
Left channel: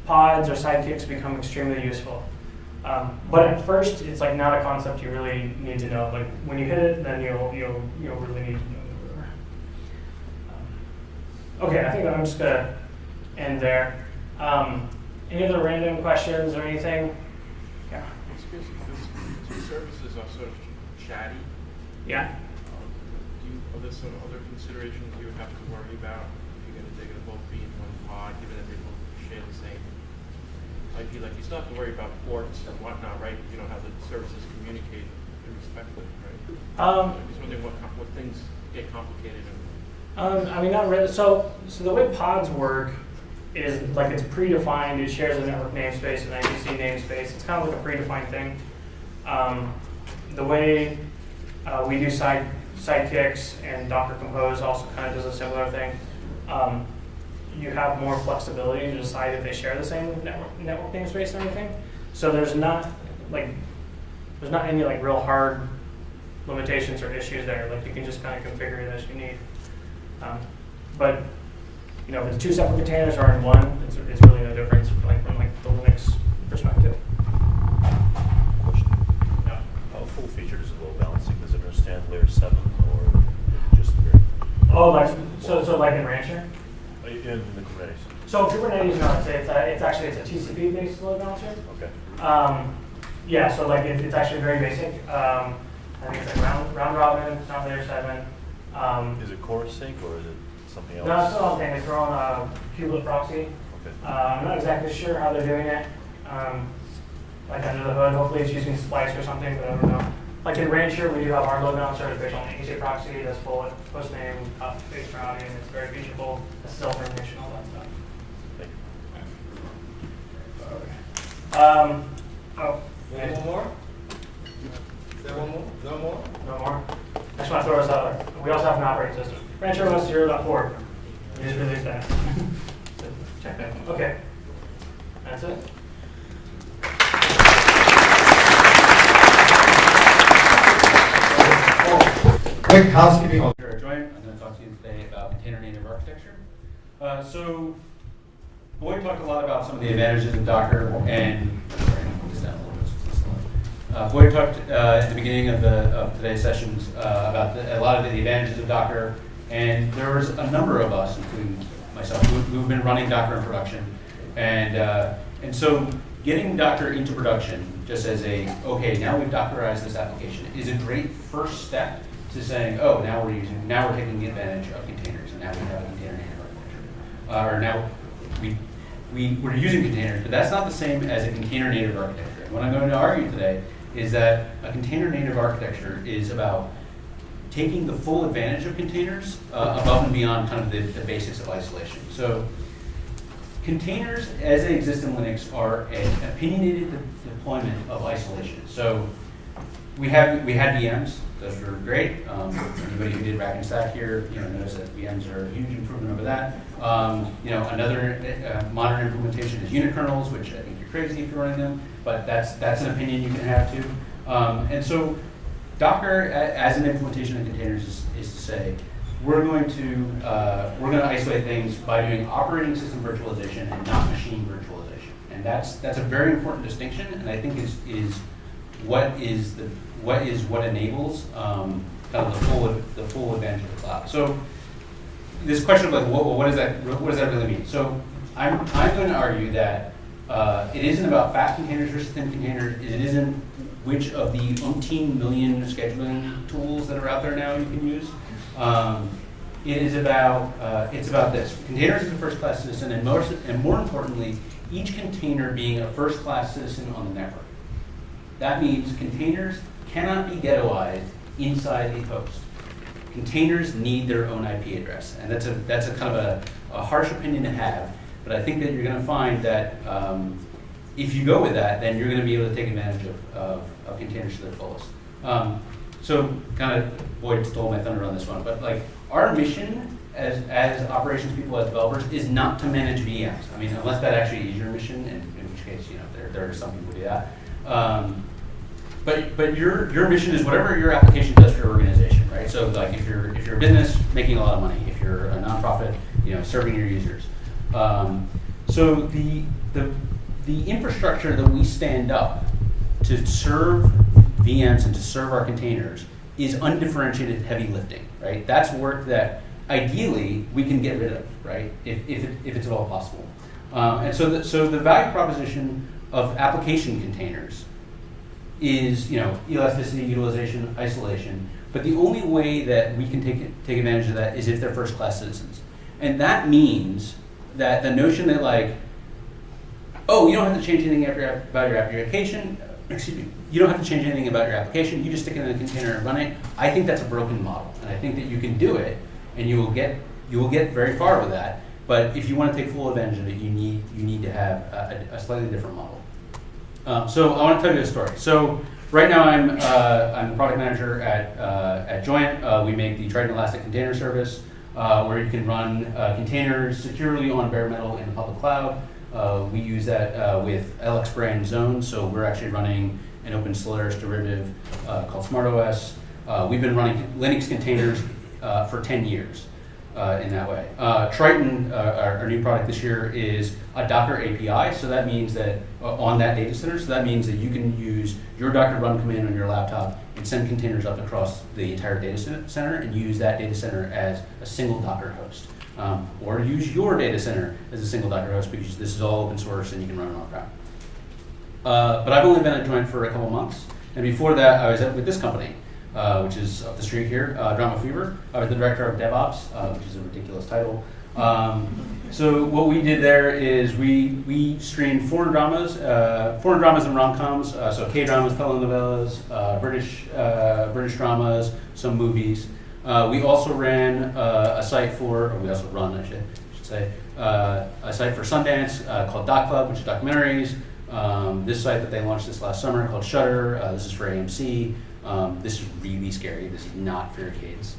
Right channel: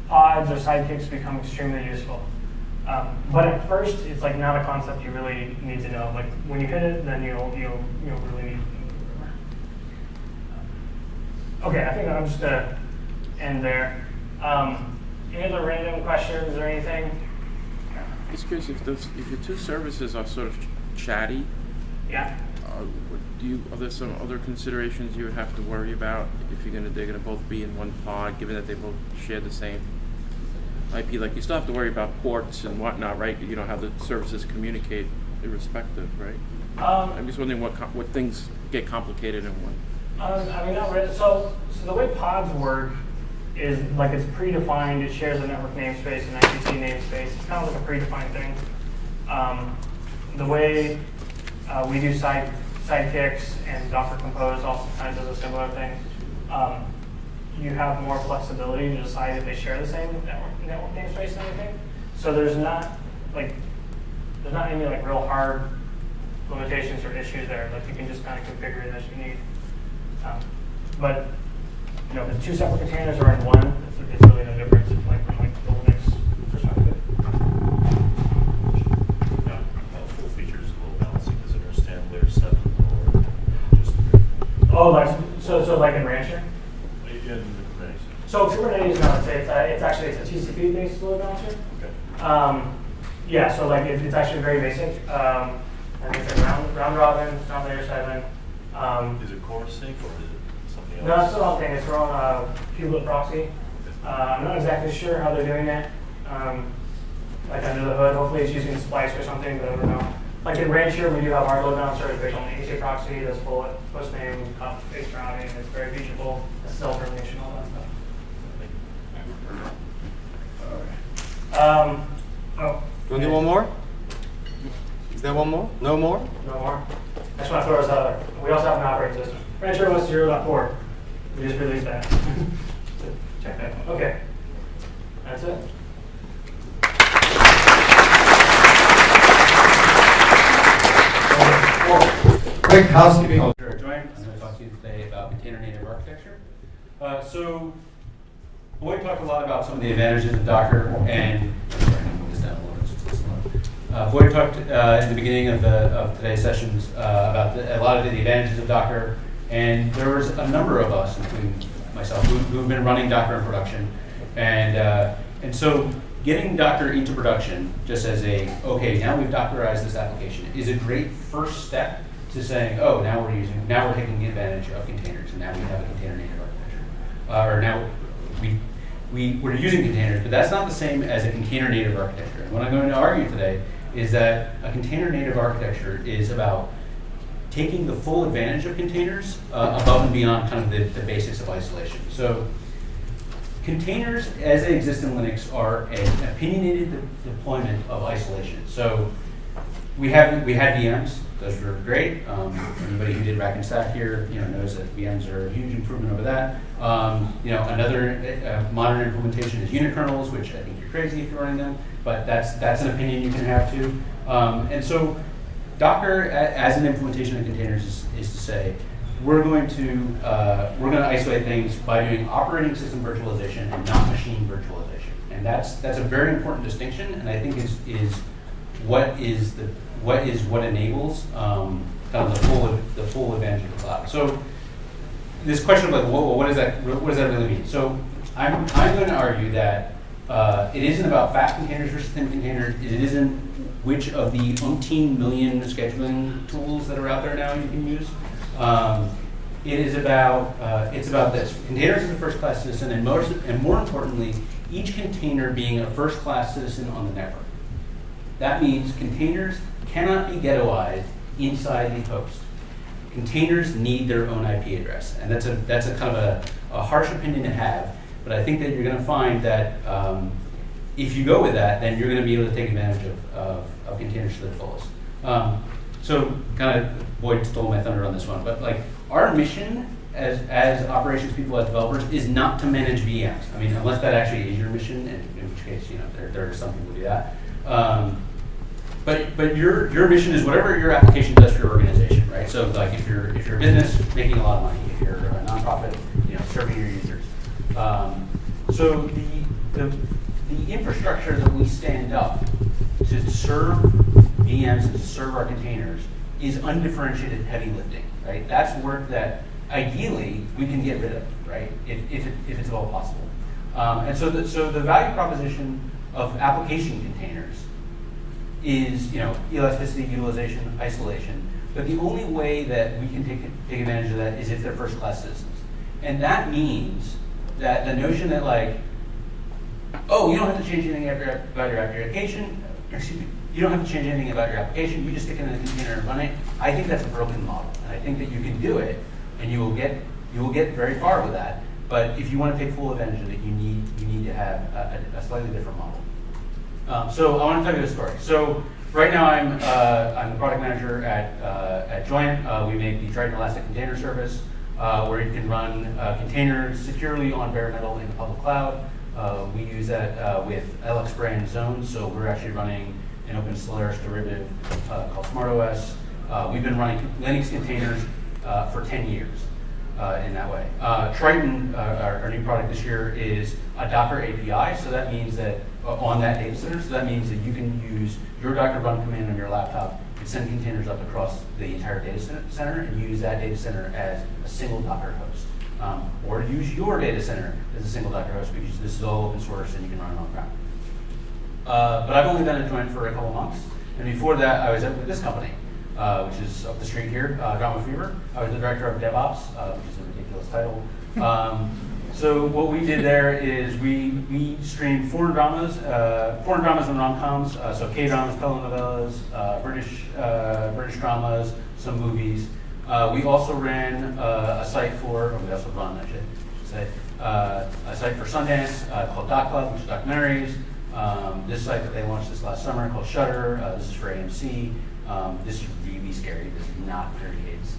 pods or sidekicks become extremely useful. But at first, it's like not a concept you really need to know. Like when you hit it, then you'll really need to know. Okay, I think I'm just gonna end there. Any other random questions or anything? Yeah. I'm just curious if the two services are sort of chatty. Yeah. Are there some other considerations you would have to worry about if you're they're going to both be in one pod, given that they both share the same IP? Like you still have to worry about ports and whatnot, right? You don't have the services communicate irrespective, right? I'm just wondering what things get complicated in one. I mean, not really. So the way pods work is like it's predefined. It shares a network namespace and IPC namespace. It's kind of like a predefined thing. The way we do sidekicks and Docker Compose also kind of does a similar thing. You have more flexibility to decide if they share the same network namespace and everything. So there's not any like real hard limitations or issues there. Like you can just kind of configure it as you need. But you know, if the two separate containers are in one, it's really no difference, like from like the Linux perspective. Yeah. Full features of load balancing, does it understand layer 7 or just 3? Oh, like So like in Rancher? In the Kubernetes. So Kubernetes, no, it's actually a TCP based load balancer. Okay. Yeah, so like it's actually very basic. I think it's like round robin, it's not layer 7. Is it core sync or is it something else? No, it's the whole thing. It's their own kubelet proxy. Okay. I'm not exactly sure how they're doing it. Like under the hood, hopefully it's using Splice or something, but I don't know. Like in Rancher, we do have our load balancer based on the ASA proxy. That's full host name, copy-paste routing. It's very featureable. SSL termination, all that stuff. Oh. Do we need one more? Is there one more? No more? No more. I just want to throw this out there. We also have an operating system. Rancher was 0.4. We just released that. So check that. Okay. That's it. Quick housekeeping. I'm going to talk to you today about container native architecture. So Boyd talked a lot about some of the advantages of Docker, and Boyd talked at the beginning of today's sessions about a lot of the advantages of Docker, and there was a number of us, including myself, who've been running Docker in production, and so getting Docker into production, just as okay, now we've Dockerized this application, is a great first step to saying, oh, now we're taking advantage of containers, and now we have a container native architecture, or now we're using containers, but that's not the same as a container native architecture. And what I'm going to argue today is that a container native architecture is about taking the full advantage of containers above and beyond kind of the basics of isolation. So containers, as they exist in Linux, are an opinionated deployment of isolation. So we had VMs. Those were great. Anybody who did rack and stack here, knows that VMs are a huge improvement over that. Another modern implementation is unikernels, which I think you're crazy if you're running them, but that's an opinion you can have too. And so Docker, as an implementation of containers, is to say we're going to isolate things by doing operating system virtualization and not machine virtualization, and that's a very important distinction, and I think is what enables kind of the full advantage of the cloud. So this question of like, what does that really mean? So I'm going to argue that it isn't about fast containers versus thin containers. It isn't which of the umpteen million scheduling tools that are out there now you can use. It's about this. Containers as a first-class citizen, and more importantly, each container being a first-class citizen on the network. That means containers cannot be ghettoized inside the host. Containers need their own IP address, and that's a kind of a harsh opinion to have. But I think that you're going to find that if you go with that, then you're going to be able to take advantage of containers to their fullest. So kind of Boyd stole my thunder on this one, but like our mission as operations people, as developers, is not to manage VMs. I mean, unless that actually is your mission, and in which case, there are some people who do that. But your mission is whatever your application does for your organization, right? So like if you're a business making a lot of money, if you're a nonprofit, serving your users. So the infrastructure that we stand up to serve VMs and to serve our containers is undifferentiated heavy lifting, right? That's work that ideally we can get rid of, right? If it's at all possible. And so the value proposition of application containers is elasticity, utilization, isolation. But the only way that we can take advantage of that is if they're first-class citizens. And that means that the notion that like, oh, you don't have to change anything about your application, you don't have to change anything about your application, you just stick it in a container and run it. I think that's a broken model. And I think that you can do it, and you will get very far with that. But if you want to take full advantage of it, you need to have a slightly different model. So I want to tell you a story. So right now I'm the product manager at Joint. We make the Triton Elastic Container Service, where you can run containers securely on bare metal in the public cloud. We use that with LX brand zones. So we're actually running an open Solaris derivative called SmartOS. We've been running Linux containers for 10 years. In that way. Triton, our new product this year, is a Docker API, so that means that on that data center, so that means that you can use your Docker run command on your laptop and send containers up across the entire data center and use that data center as a single Docker host. Or use your data center as a single Docker host because this is all open source and you can run it on-prem. But I've only been at Joint for a couple months, and before that I was with this company, which is up the street here, Drama Fever. I was the director of DevOps, which is a ridiculous title. So what we did there is we streamed foreign dramas and rom-coms, so K-dramas, telenovelas, British dramas, some movies. We also ran a site for, or we also run, I should say, a site for Sundance called Doc Club, which is documentaries. This site that they launched this last summer called Shutter. This is for AMC. This is really scary. This is not for kids.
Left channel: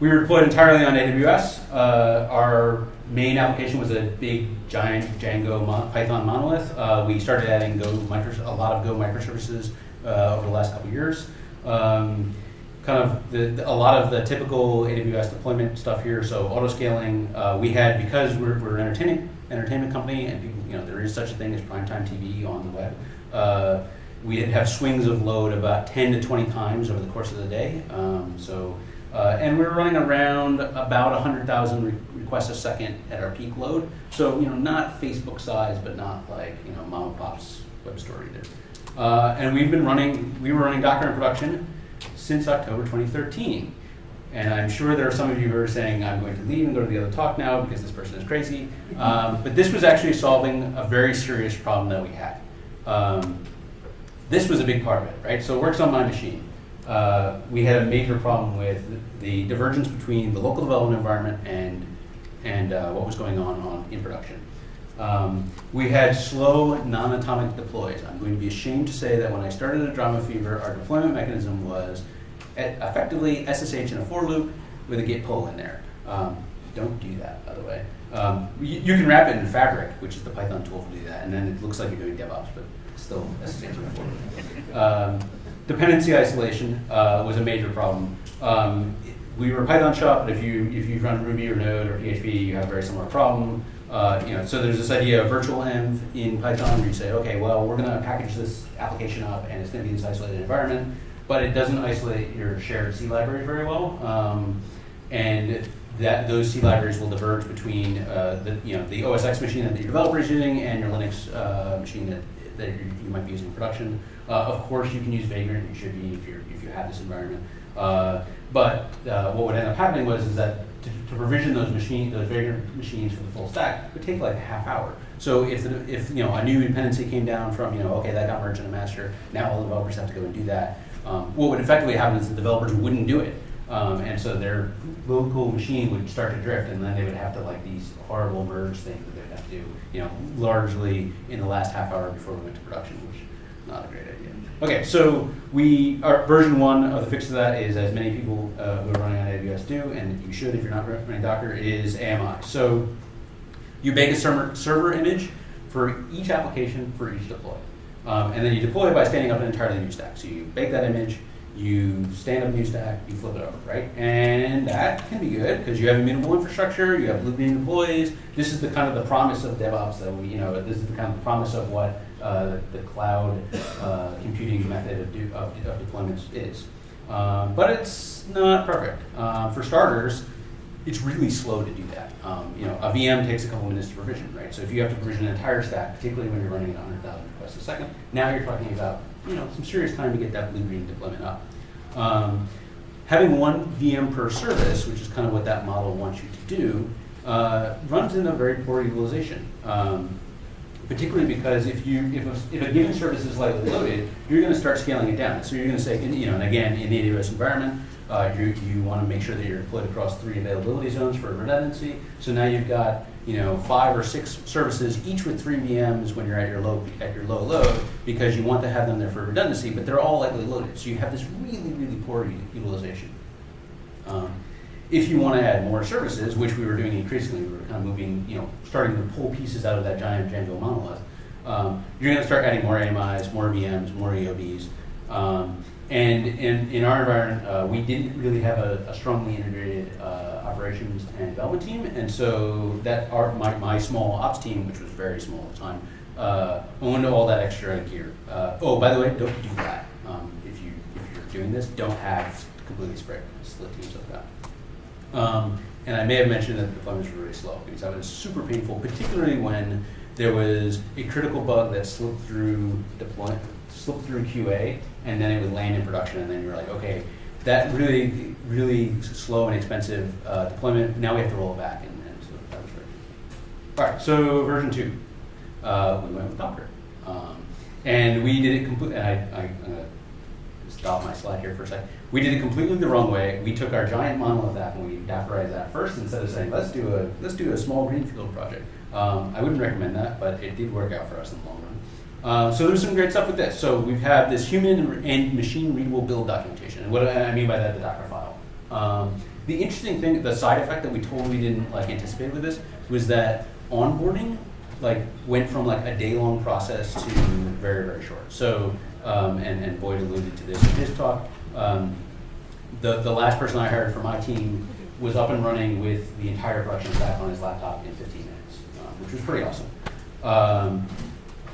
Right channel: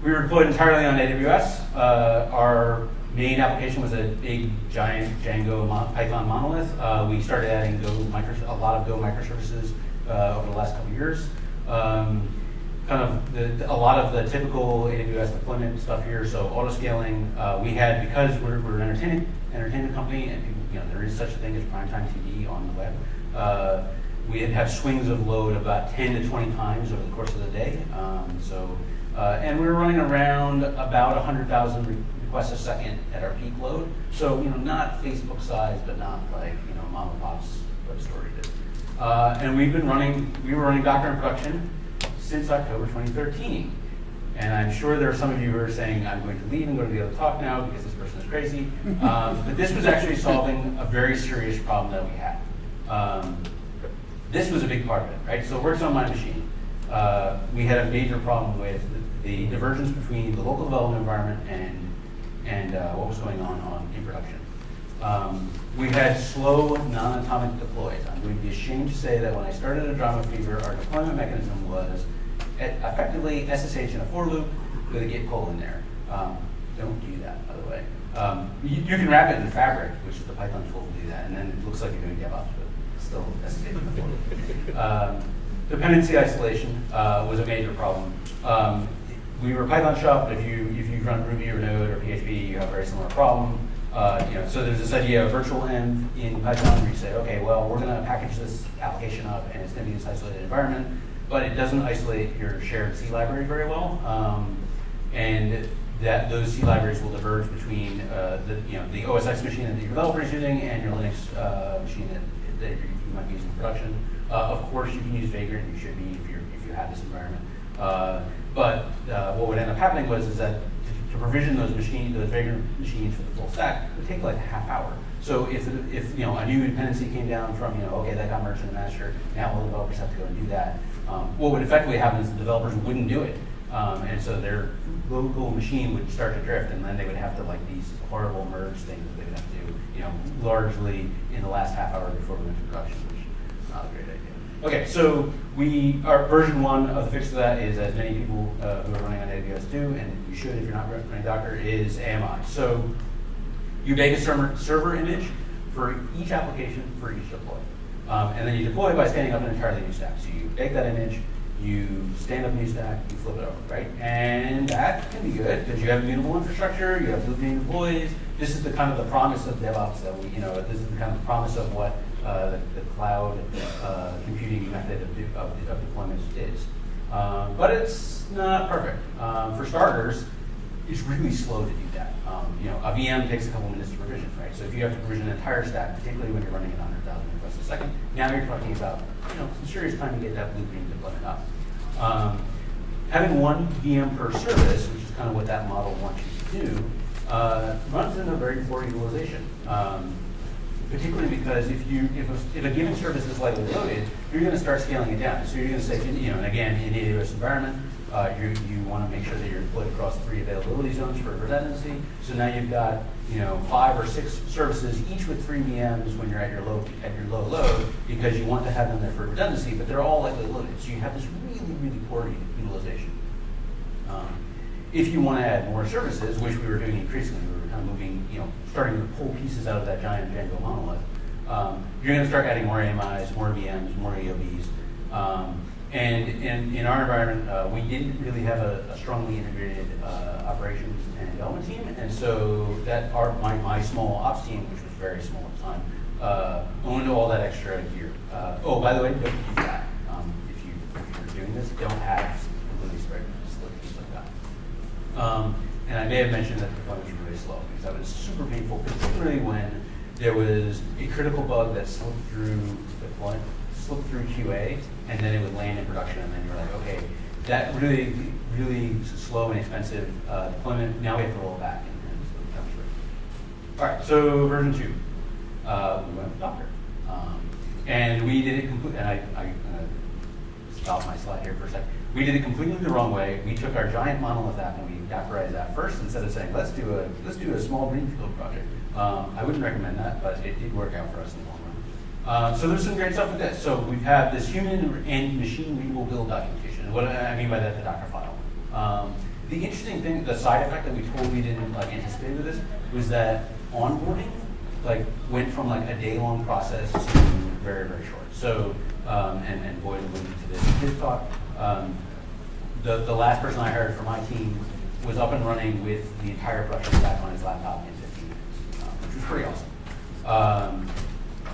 We were deployed entirely on AWS. Our main application was a big, giant Django Python monolith. We started adding a lot of Go microservices over the last couple of years. Kind of a lot of the typical AWS deployment stuff here. So auto scaling, we had, because we're an entertainment company, and people, there is such a thing as primetime TV on the web. We did have swings of load about 10 to 20 times over the course of the day. And we were running around about 100,000 requests a second at our peak load. So not Facebook size, but not like mom and pop's web story did. And we were running Docker in production since October 2013. And I'm sure there are some of you who are saying, I'm going to leave and go to the other talk now because this person is crazy. But this was actually solving a very serious problem that we had. This was a big part of it, right? So it works on my machine. We had a major problem with the divergence between the local development environment and what was going on in production. We had slow, non-atomic deploys. I'm going to be ashamed to say that when I started at Drama Fever, our deployment mechanism was effectively SSH in a for loop with a git pull in there. Don't do that, by the way. You can wrap it in Fabric, which is the Python tool to do that, and then it looks like you're doing DevOps, but still SSH in a for loop. Dependency isolation was a major problem. We were a Python shop, but if you run Ruby or Node or PHP, you have a very similar problem. So there's this idea of virtual env in Python where you say, okay, well, we're going to package this application up and it's going to be this isolated environment, but it doesn't isolate your shared C library very well. And those C libraries will diverge between the OS X machine that your developer is using and your Linux machine that you might be using in production. Of course, you can use Vagrant, you should be if you have this environment. But what would end up happening is that to provision those Vagrant machines for the full stack would take like a half hour. So if a new dependency came down from okay, that got merged in a master, now all the developers have to go and do that. What would effectively happen is the developers wouldn't do it, and so their local machine would start to drift, and then they would have to these horrible merge things that they'd have to do, largely in the last half hour before we went to production, which is not a great idea. Okay, so our version 1 of the fix to that is, as many people who are running on AWS do, and you should if you're not running Docker, is AMI. So you bake a server image for each application for each deploy. And then you deploy by standing up an entirely new stack. So you bake that image, you stand up a new stack, you flip it over, right? And that can be good because you have immutable infrastructure, you have living employees. This is the kind of the promise of DevOps that this is the kind of the promise of what the cloud computing method of deployments is. But it's not perfect. For starters, it's really slow to do that. A VM takes a couple minutes to provision, right? So if you have to provision an entire stack, particularly when you're running at 100,000 requests a second, now you're talking about some serious time to get that blue-green deployment up. Having one VM per service, which is kind of what that model wants you to do, runs into very poor utilization. Particularly because if a given service is lightly loaded, you're going to start scaling it down. So you're going to say, and again, in the AWS environment, you want to make sure that you're deployed across 3 availability zones for redundancy. So now you've got 5 or 6 services, each with 3 VMs when you're at your low load, because you want to have them there for redundancy, but they're all lightly loaded. So you have this really, really poor utilization. If you want to add more services, which we were doing increasingly, we were kind of moving, starting to pull pieces out of that giant Django monolith, you're going to start adding more AMIs, more VMs, more EOBs. And in our environment, we didn't really have a strongly integrated operations and development team, and so that my small ops team, which was very small at the time, owned all that extra gear. Oh, by the way, don't do that. doing this don't have completely split teams like that. And I may have mentioned that deployments were really slow because that was super painful, particularly when there was a critical bug that slipped through QA, and then it would land in production, and then you're like, okay, that really, really slow and expensive deployment, now we have to roll it back, and so that was great. All right, so version 2, we went with Docker. And we did it completely, and I'm going to stop my slide here for a second. We did it completely the wrong way. We took our giant monolith app and we Dockerized that first instead of saying, let's do a small greenfield project. I wouldn't recommend that, but it did work out for us in the long run. So there's some great stuff with this. So we have this human and machine readable build documentation. And what I mean by that, the Docker file. The interesting thing, the side effect that we totally didn't anticipate with this was that onboarding went from a day-long process to very, very short. So, and Boyd alluded to this in his talk. The last person I hired for my team was up and running with the entire production stack on his laptop in 15 minutes, which was pretty awesome.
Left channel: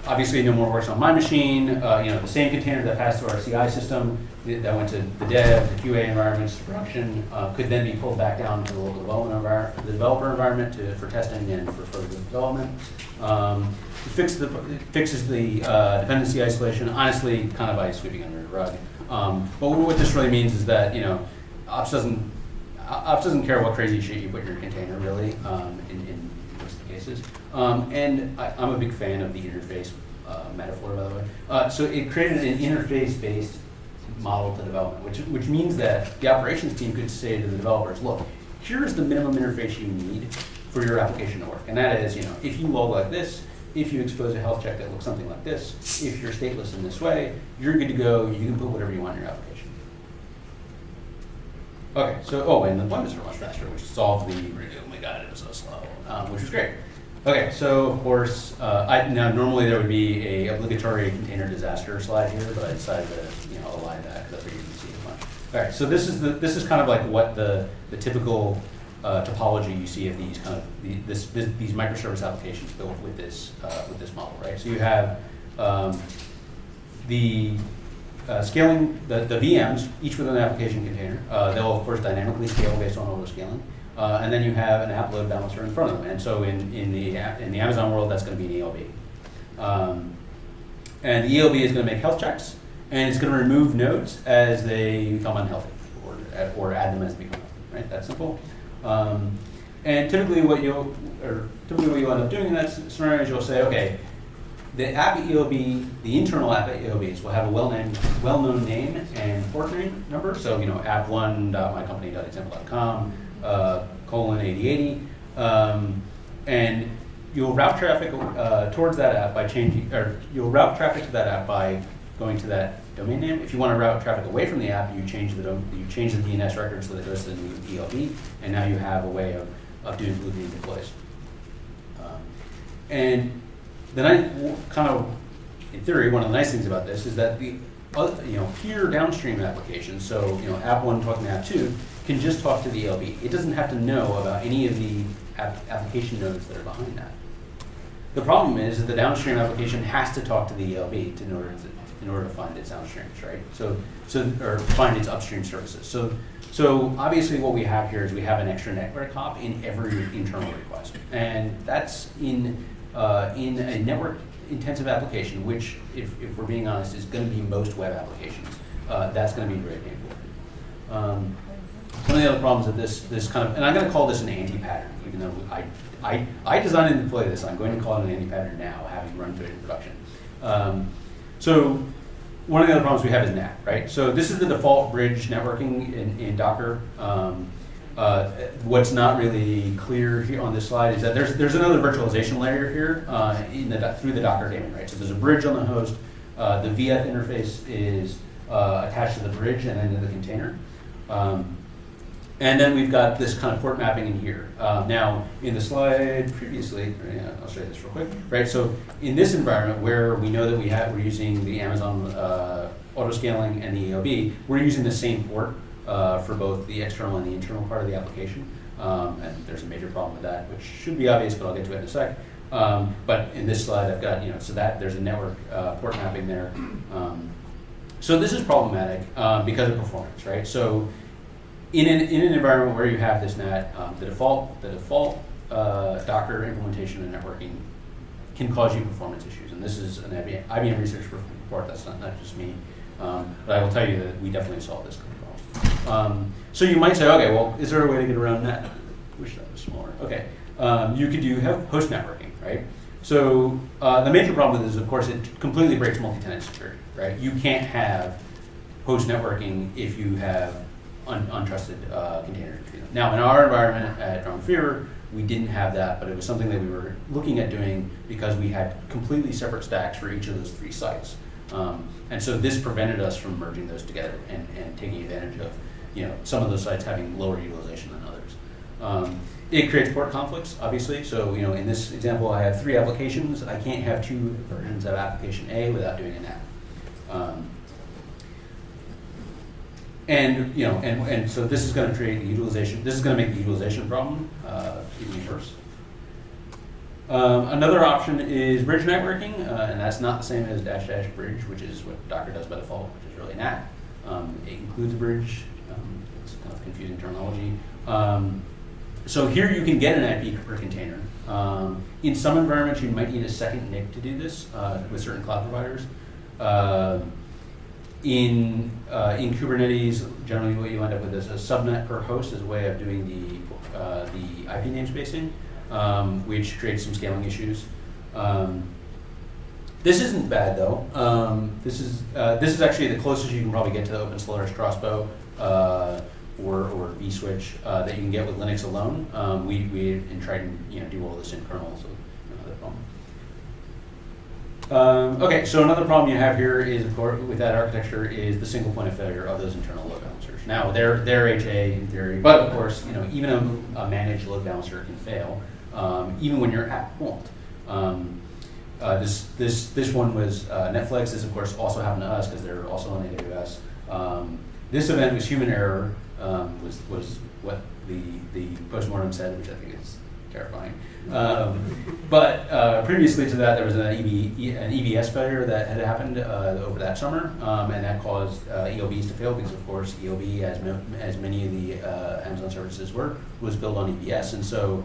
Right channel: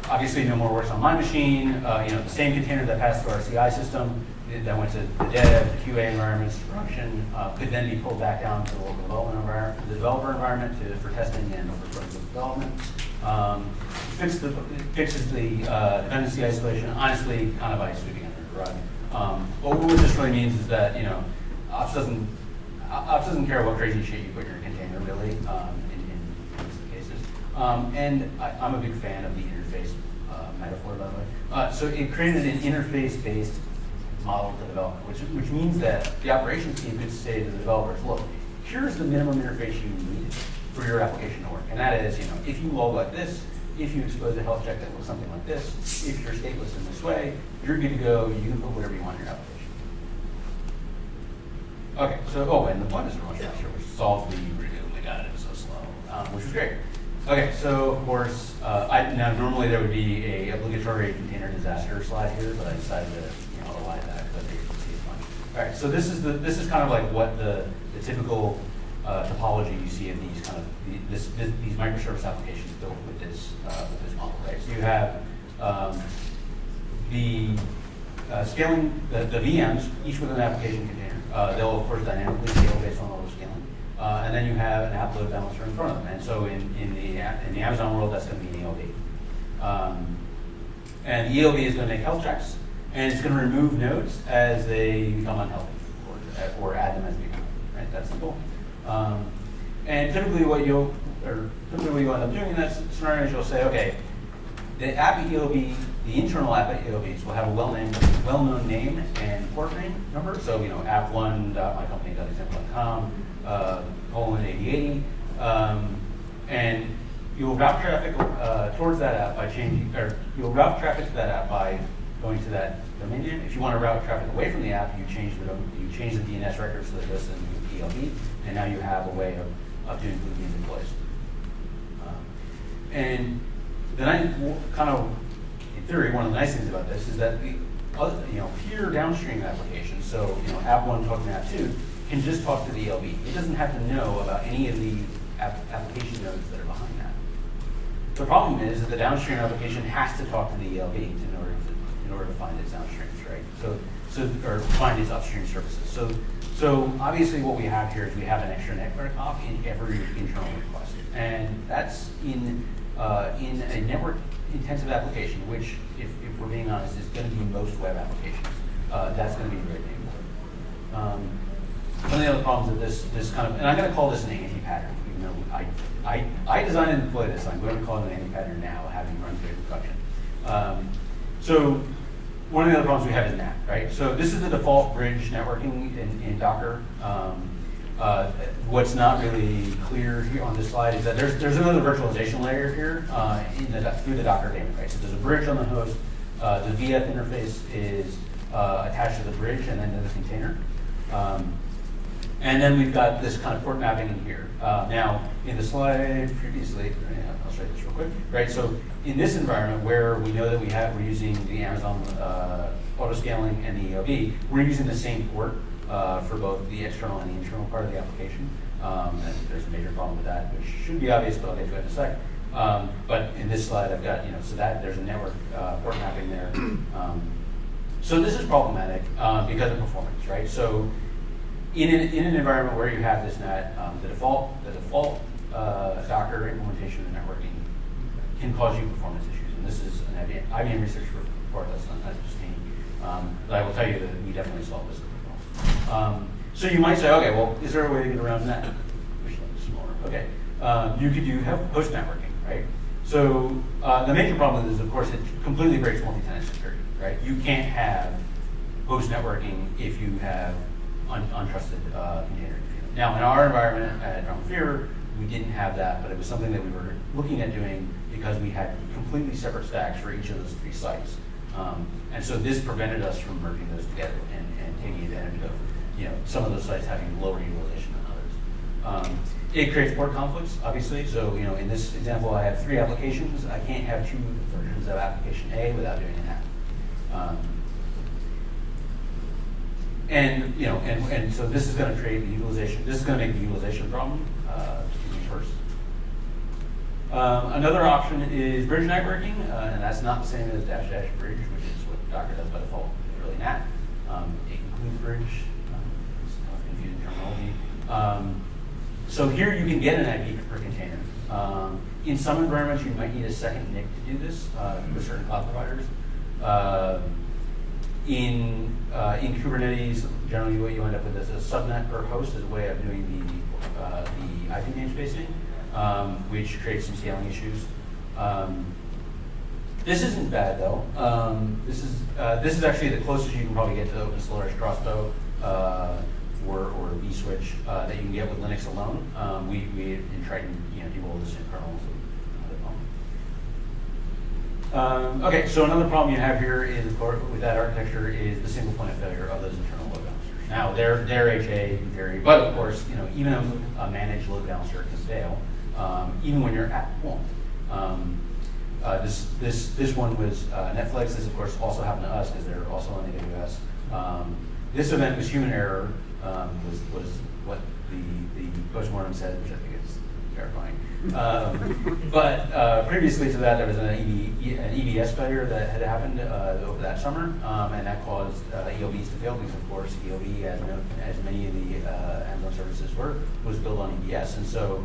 Obviously, no more works on my machine. The same container that passed through our CI system that went to the dev, the QA environments, to production, could then be pulled back down to the local developer environment for testing and for further development. It fixes the dependency isolation, honestly, kind of by sweeping under the rug. But what this really means is that Ops doesn't care what crazy shit you put in your container, really, in most of the cases. And I'm a big fan of the interface metaphor, by the way. So it created an interface-based model to development, which means that the operations team could say to the developers, look, here's the minimum interface you need for your application to work. And that is, if you log like this, if you expose a health check that looks something like this, if you're stateless in this way, you're good to go. You can put whatever you want in your application. Okay, so, and the deployments are much faster, which solved the oh my god, it was so slow, which was great. Okay, so of course, now normally there would be a obligatory container disaster slide here, but I decided to lie to that because I figured you'd see it much. All right, so this is kind of like what the typical topology you see of these these microservice applications built with this model, right? So you have the scaling the VMs, each with an application container. They'll of course dynamically scale based on auto scaling, and then you have an app load balancer in front of them. And so in the Amazon world, that's going to be an ELB, and the ELB is going to make health checks, and it's going to remove nodes as they become unhealthy, or add them as they become healthy. Right? That's simple. And typically what you end up doing in that scenario is you'll say, okay, the app ELB, the internal app ELBs will have a well-known name and port number. So app1.mycompany.example.com :8080, and you'll route traffic towards that app by changing, or you'll route traffic to that app by going to that domain name. If you want to route traffic away from the app, you change the DNS record so that it goes to the ELB, and now you have a way of doing looping deploys. And then in theory, one of the nice things about this is that the peer downstream applications, so app 1 talking to app 2, can just talk to the ELB. It doesn't have to know about any of the application nodes that are behind that. The problem is that the downstream application has to talk to the ELB in order to find its downstreams, right? Or find its upstream services. So obviously what we have here is we have an extra network hop in every internal request, and that's in a network-intensive application, which, if we're being honest, is going to be most web applications. That's going to be very painful. One of the other problems with this kind of, and I'm going to call this an anti-pattern, even though I designed and deployed this. I'm going to call it an anti-pattern now, having run through it in production. So one of the other problems we have is NAT, right? So this is the default bridge networking in Docker. What's not really clear here on this slide is that there's another virtualization layer here through the Docker daemon, right? So there's a bridge on the host. The VF interface is attached to the bridge and then to the container. And then we've got this kind of port mapping in here. Now, in the slide previously, I'll show you this real quick. Right, so in this environment where we know that we're using the Amazon auto-scaling and the ELB, we're using the same port for both the external and the internal part of the application. And there's a major problem with that, which should be obvious, but I'll get to it in a sec. But in this slide, I've got, so that there's a network port mapping there. So this is problematic because of performance, right? So in an environment where you have this NAT, the default Docker implementation and networking can cause you performance issues. And this is an IBM research report, that's not just me. But I will tell you that we definitely solved this problem. So you might say, okay, well, is there a way to get around that? Wish that was smaller. Okay. You could have host networking, right? So the major problem with this is, of course, it completely breaks multi-tenant security, right? You can't have host networking if you have untrusted containers. Now, in our environment at Drum Fear, we didn't have that, but it was something that we were looking at doing because we had completely separate stacks for each of those 3 sites. And so this prevented us from merging those together and taking advantage of some of those sites having lower utilization than others. It creates port conflicts, obviously. So in this example, I have 3 applications. I can't have 2 versions of application A without doing a NAT. And so this is going to create the utilization. This is going to make the utilization problem even worse. Another option is bridge networking, and that's not the same as -- bridge, which is what Docker does by default, which is really NAT. It includes a bridge. It's kind of confusing terminology. So here you can get an IP per container. In some environments, you might need a second NIC to do this with certain cloud providers. In Kubernetes, generally what you end up with is a subnet per host as a way of doing the IP namespacing, which creates some scaling issues. This isn't bad though. This is actually the closest you can probably get to the Open Solaris Crossbow or vSwitch that you can get with Linux alone. We tried to do all this in kernel. Okay, so another problem you have here is, of course, with that architecture is the single point of failure of those internal load balancers. Now, they're HA in theory, but of course, even a managed load balancer can fail, even when your app won't. This one was Netflix. This, of course, also happened to us because they're also on AWS. This event was human error, was what the postmortem said, which I think is terrifying. But previously to that, there was an EBS failure that had happened over that summer, and that caused ELBs to fail because, of course, ELB, as many of the Amazon services were, was built on EBS. And so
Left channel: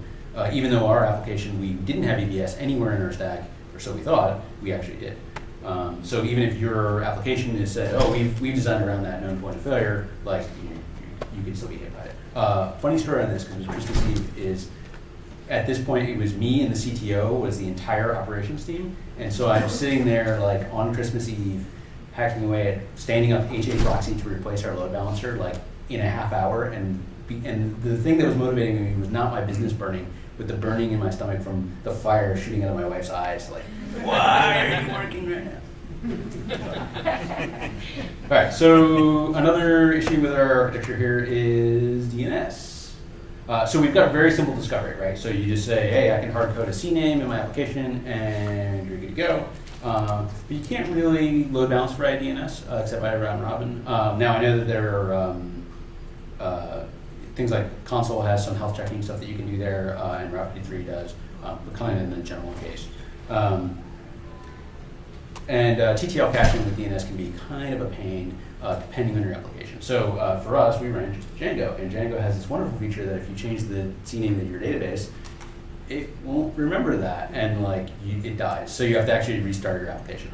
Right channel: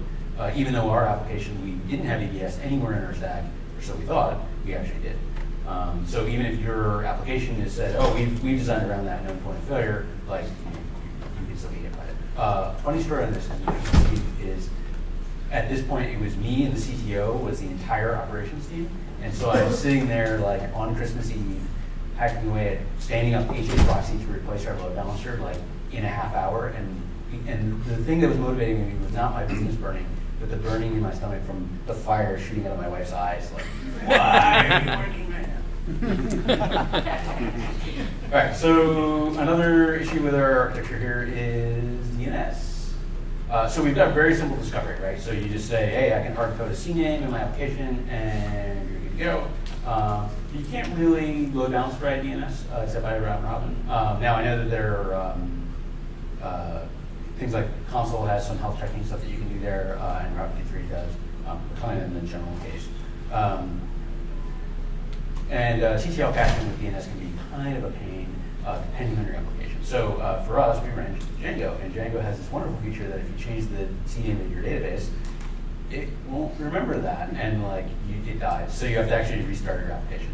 even though our application, we didn't have EBS anywhere in our stack, or so we thought, we actually did. So even if your application is said, oh, we designed around that known point of failure, like, you can still get hit by it. Funny story on this, because interesting, is at this point, it was me and the CTO was the entire operations team. And so I was sitting there like on Christmas Eve, hacking away at standing up HA proxy to replace our load balancer like in a half hour. And the thing that was motivating me was not my business burning, but the burning in my stomach from the fire shooting out of my wife's eyes. Like, why are you working right now? All right, so another issue with our architecture here is DNS. So we've got very simple discovery, right? So you just say, hey, I can hard code a CNAME in my application, and you're good to go. But you can't really load balance by DNS, except by round robin. Now I know that there are things like console has some health checking stuff that you can do there, and Route 53 does, kind of in the general case. And TTL caching with DNS can be kind of a pain, depending on your application. So for us, we ran Django, and Django has this wonderful feature that if you change the CNAME of your database, it won't remember that, and like it dies. So you have to actually restart your application.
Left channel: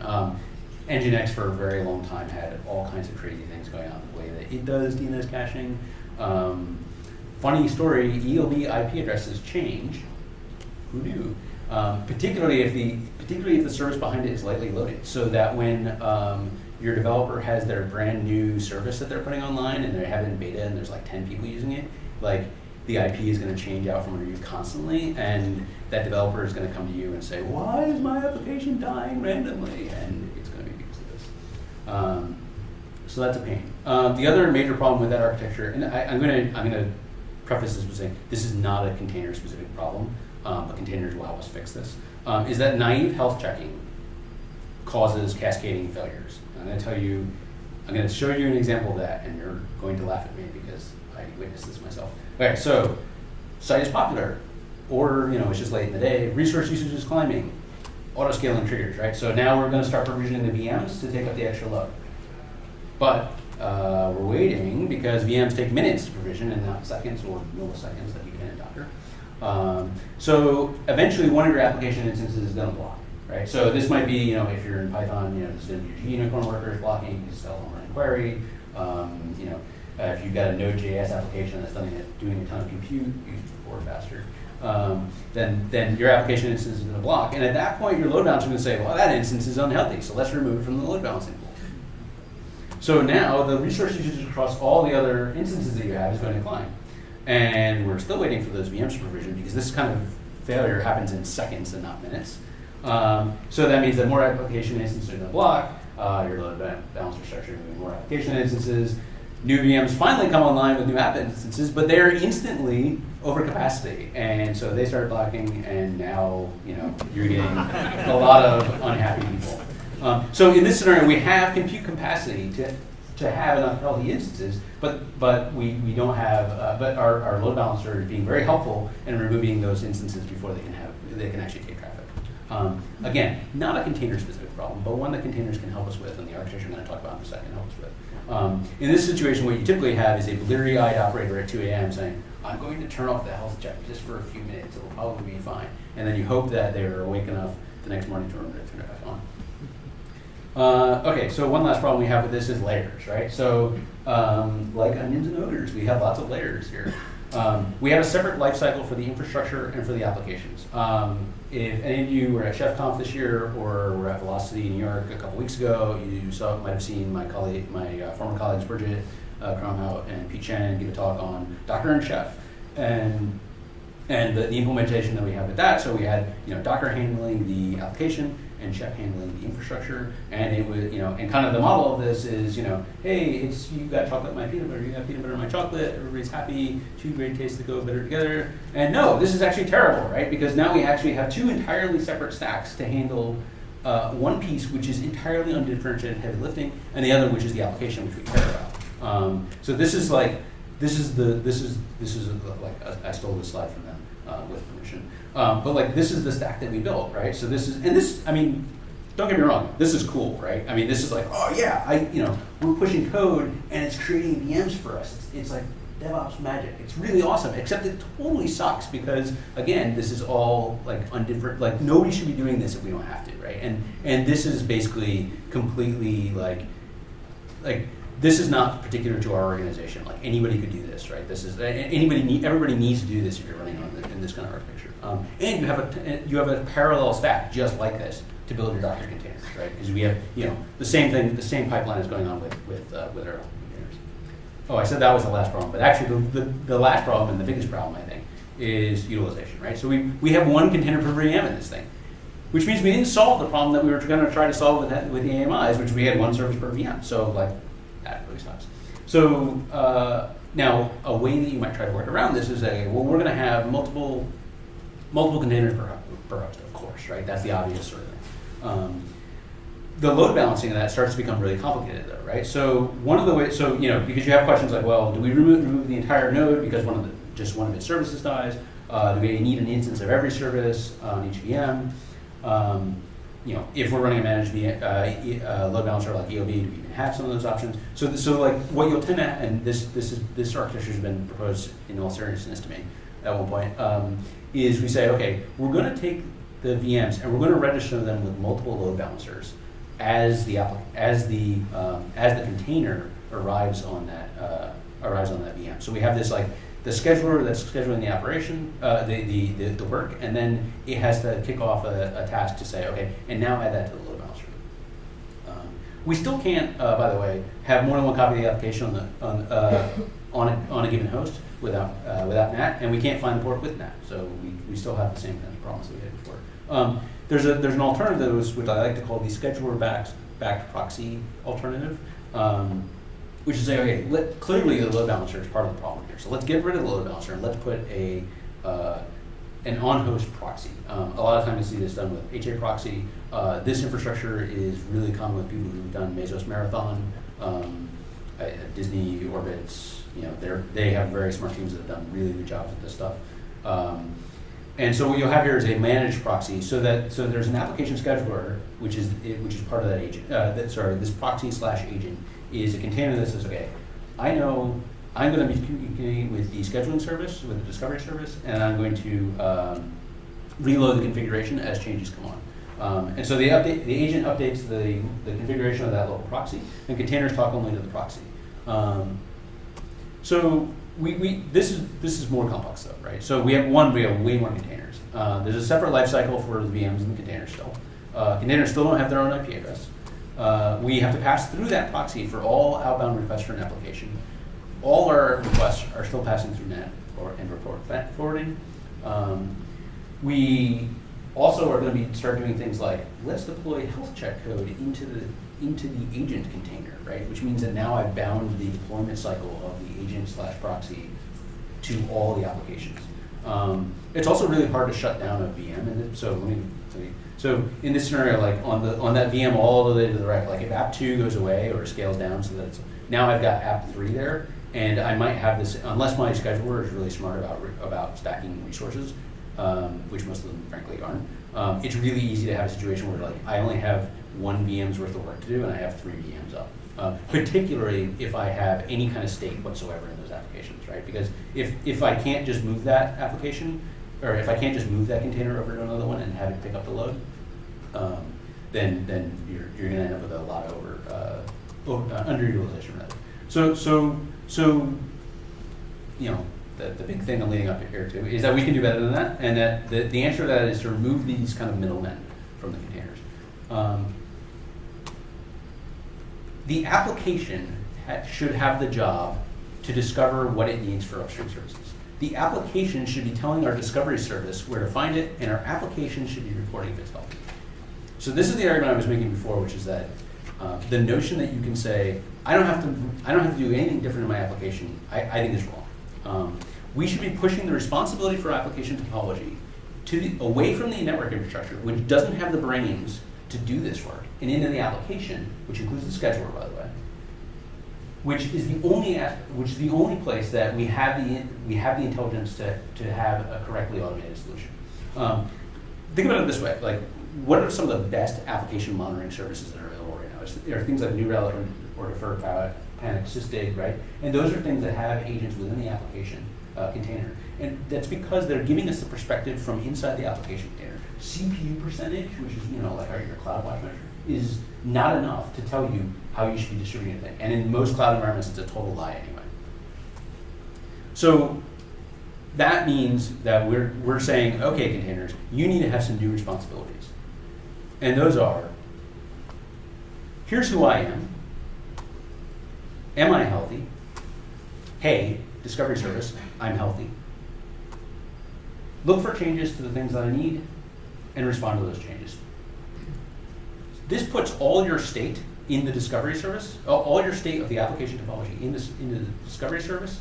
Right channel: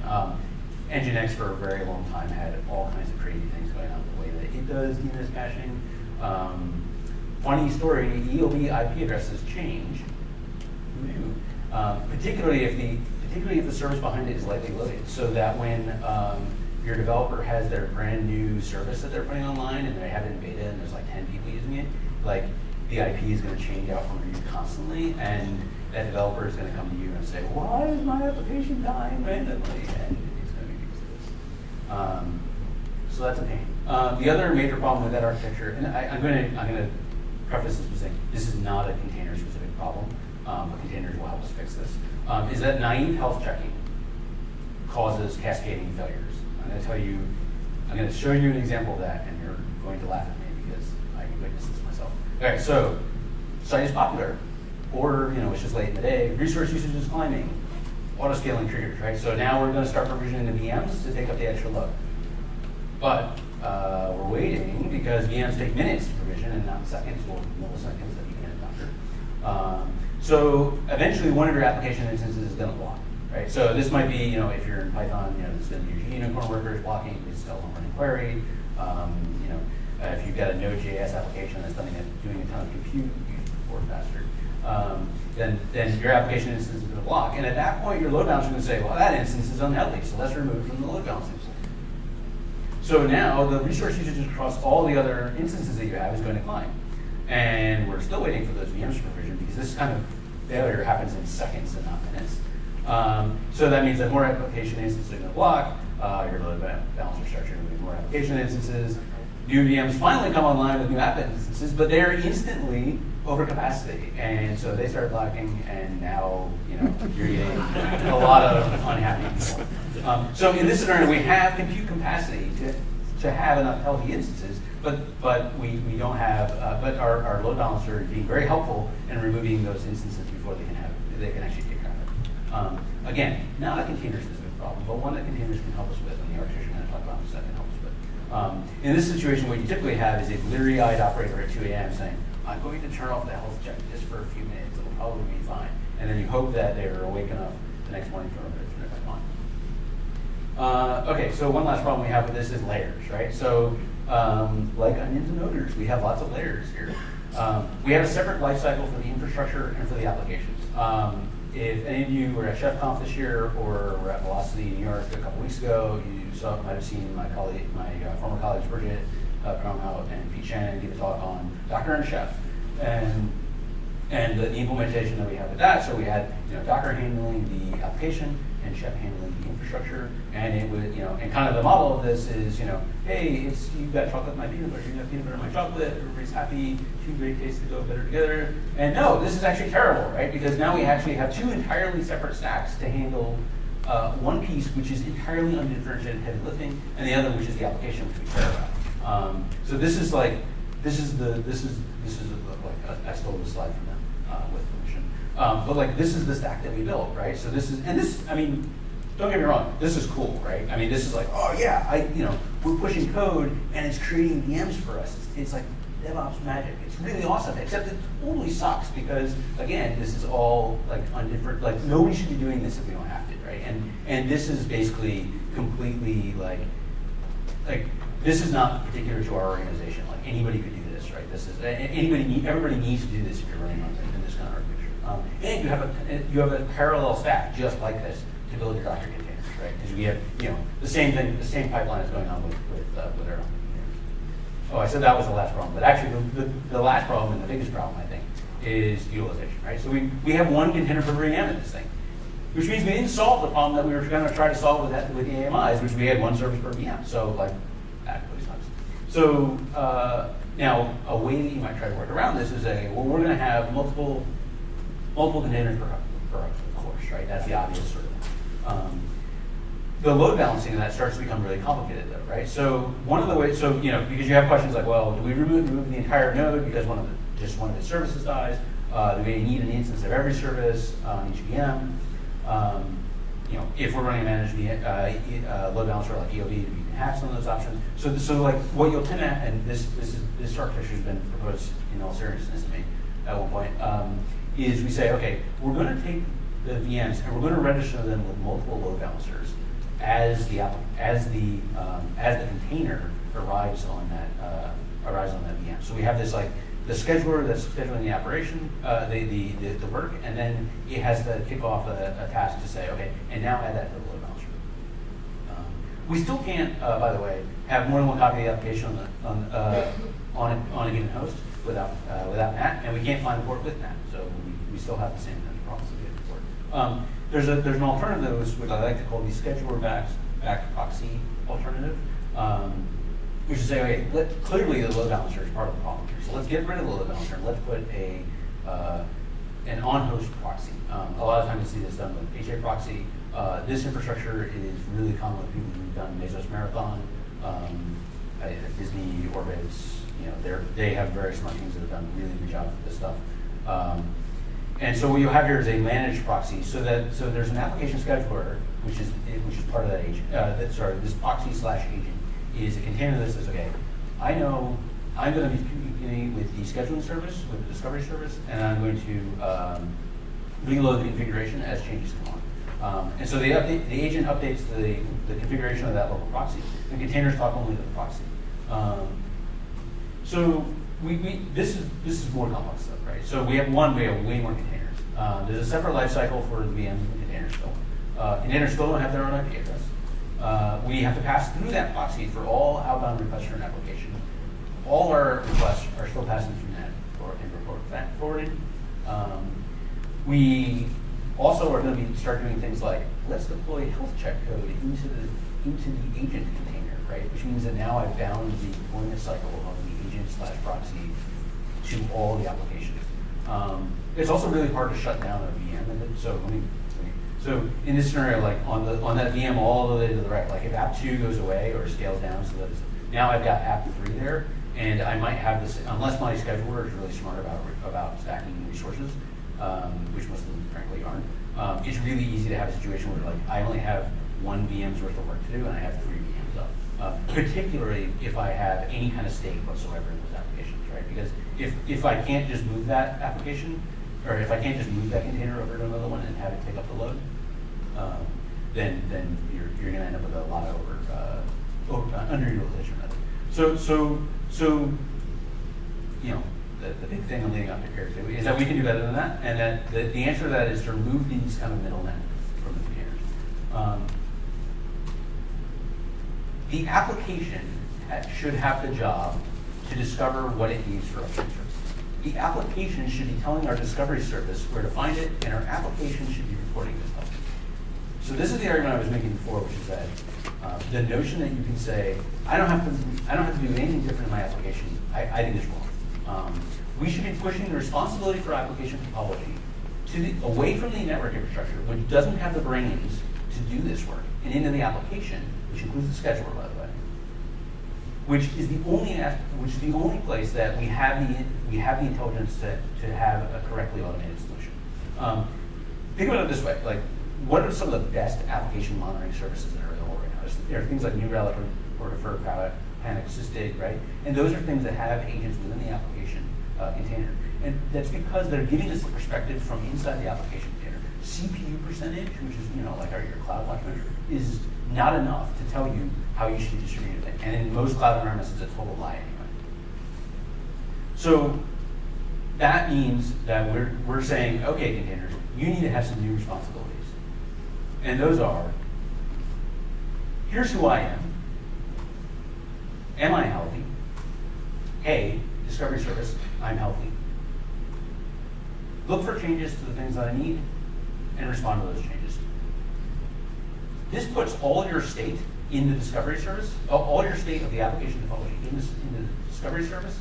Nginx for a very long time had all kinds of crazy things going on the way that it does DNS caching. Funny story: ELB IP addresses change. Who knew? Particularly if the service behind it is lightly loaded, so that when your developer has their brand new service that they're putting online and they have it in beta and there's like 10 people using it, like the IP is going to change out from review constantly, and that developer is going to come to you and say, why is my application dying randomly? And it's going to be used to this. So that's a pain. The other major problem with that architecture, and I'm going to preface this by saying this is not a container specific problem, but containers will help us fix this, is that naive health checking causes cascading failures. I'm going to show you an example of that, and you're going to laugh at me because I witnessed this myself. Okay, so site is popular, or it's just late in the day, resource usage is climbing, auto scaling triggers, right? So now we're going to start provisioning the VMs to take up the extra load. But we're waiting because VMs take minutes to provision and not seconds or milliseconds that you can in Docker. So eventually one of your application instances is going to block, right? So this might be, if you're in Python, this is your unicorn worker is blocking, this is a home running query. If you've got a Node.js application that's doing a ton of compute, use before faster, then your application instance is going to block. And at that point, your load balancer is going to say, well, that instance is unhealthy, so let's remove it from the load balancing. So now the resource usage across all the other instances that you have is going to climb. And we're still waiting for those VMs to provision because this kind of failure happens in seconds and not minutes. So that means that more application instances are going to block, your load balancer starts removing more application instances. New VMs finally come online with new app instances, but they're instantly over capacity. And so they start blocking, and now you're getting a lot of unhappy people. So in this scenario, we have compute capacity to have enough healthy instances, but we don't have, but our load balancer is being very helpful in removing those instances before they can actually take traffic. Again, not a container-specific problem, but one that containers can help us with, and the architecture I'm going to talk about in a second helps with. In this situation, what you typically have is a bleary-eyed operator at 2 a.m. saying, I'm going to turn off the health check just for a few minutes, it'll probably be fine. And then you hope that they're awake enough the next morning to turn it back on. Okay, so one last problem we have with this is layers, right? So like onions and odors, we have lots of layers here. We have a separate lifecycle for the infrastructure and for the applications. If any of you were at ChefConf this year or were at Velocity in New York a couple weeks ago, you might have seen my former colleagues Bridget Cromhout and Pete Shannon give a talk on Docker and Chef and the implementation that we have with that. So we had Docker handling the application and Chef handling the infrastructure, and it was and kind of the model of this is hey, you got chocolate in my peanut butter, you got peanut butter in my chocolate, everybody's happy, two great tastes that go better together. And no, this is actually terrible, right? Because now we actually have two entirely separate stacks to handle one piece which is entirely undifferentiated heavy lifting, and the other which is the application which we care about. So this is like I stole this slide from them with permission. But like this is the stack that we built, right? So I mean, don't get me wrong, this is cool, right? I mean, this is like, oh yeah, we're pushing code and it's creating VMs for us. It's like DevOps magic. It's really awesome, except it totally sucks because again, this is all like undifferent. Like nobody should be doing this if we don't have to, right? And this is basically completely like this is not particular to our organization. Like anybody could do this, right? Everybody needs to do this if you're running in this kind of architecture. And you have a parallel stack just like this to build your Docker containers, right? Because we have the same thing, the same pipeline is going on with our own containers. Oh, I said that was the last problem, but actually the last problem and the biggest problem I think is utilization, right? So we have one container per VM in this thing, which means we didn't solve the problem that we were going to try to solve with the AMIs, which we had one service per VM. So like that really sucks. So now a way that you might try to work around this is we're going to have multiple containers per host, of course, right? That's the obvious sort of thing. The load balancing of that starts to become really complicated, though, right? So one of the ways, because you have questions like, well, do we remove the entire node because just one of its services dies? Do we need an instance of every service on each VM? If we're running a managed load balancer like EOB, you can have some of those options. So like what you'll tend to, and this architecture has been proposed in all seriousness to me at one point. Is we say, okay, we're going to take the VMs and we're going to register them with multiple load balancers as the container arrives on that VM. So we have this like the scheduler that's scheduling the operation, the work, and then it has to kick off a task to say, okay, and now add that to the load balancer. We still can't, by the way, have more than one copy of the application on a given host without NAT, and we can't find the port with NAT. So we still have the same kind of problems that we had before. There's an alternative, which I like to call the scheduler back proxy alternative, which is say, okay, clearly the load balancer is part of the problem here. So let's get rid of the load balancer and let's put an on-host proxy. A lot of times you see this done with HA proxy. This infrastructure is really common with people who've done Mesos Marathon, Disney Orbits. They have very smart teams that have done really good jobs with this stuff. And so what you'll have here is a managed proxy, so there's an application scheduler, which is part of that agent. This proxy/agent is a container that says, okay, I know I'm going to be communicating with the scheduling service, with the discovery service, and I'm going to reload the configuration as changes come on. And so the agent updates the configuration of that local proxy, and containers talk only to the proxy. So this is more complex stuff, right? So we have way more containers. There's a separate lifecycle for the VMs and the containers still. Containers still don't have their own IP address. We have to pass through that proxy for all outbound requests for an application. All our requests are still passing through NAT and report forwarding. We also are going to start doing things like, let's deploy health check code into the agent container, right? Which means that now I've bound the deployment cycle of the agent/proxy to all the applications. It's also really hard to shut down a VM, and so in this scenario, like on that VM all the way to the right, like if app 2 goes away or scales down, so that now I've got app 3 there, and I might have this, unless my scheduler is really smart about stacking resources, which most of them frankly aren't. It's really easy to have a situation where like I only have 1 VM's worth of work to do, and I have 3 VMs up. Particularly if I have any kind of state whatsoever in those applications, right? Because if I can't just move that application, or if I can't just move that container over to another one and have it pick up the load, then you're going to end up with a lot of underutilization. So you know, the big thing I'm leading up here too is that we can do better than that, and that the answer to that is to remove these kind of middlemen from the containers. The application should have the job to discover what it needs for upstream services. The application should be telling our discovery service where to find it, and our application should be reporting this stuff. So this is the argument I was making before, which is that the notion that you can say, I don't have to do anything different in my application, I think is wrong. We should be pushing the responsibility for application topology away from the network infrastructure, which doesn't have the brains to do this work, and into the application, which includes the scheduler, by the way, which is the only place that we have the intelligence to have a correctly automated solution. Think about it this way: like, what are some of the best application monitoring services that are available right now? There are things like New Relic or Deferred Panic, Sysdig, right? And those are things that have agents within the application container, and that's because they're giving us the perspective from inside the application container. CPU percentage, which is like your CloudWatch measure, is not enough to tell you how you should be distributing it. And in most cloud environments, it's a total lie anyway. So that means that we're saying, okay, containers, you need to have some new responsibilities. And those are, here's who I am. Am I healthy? Hey, discovery service, I'm healthy. Look for changes to the things that I need and respond to those changes. This puts all your state in the discovery service, all your state of the application topology in the discovery service,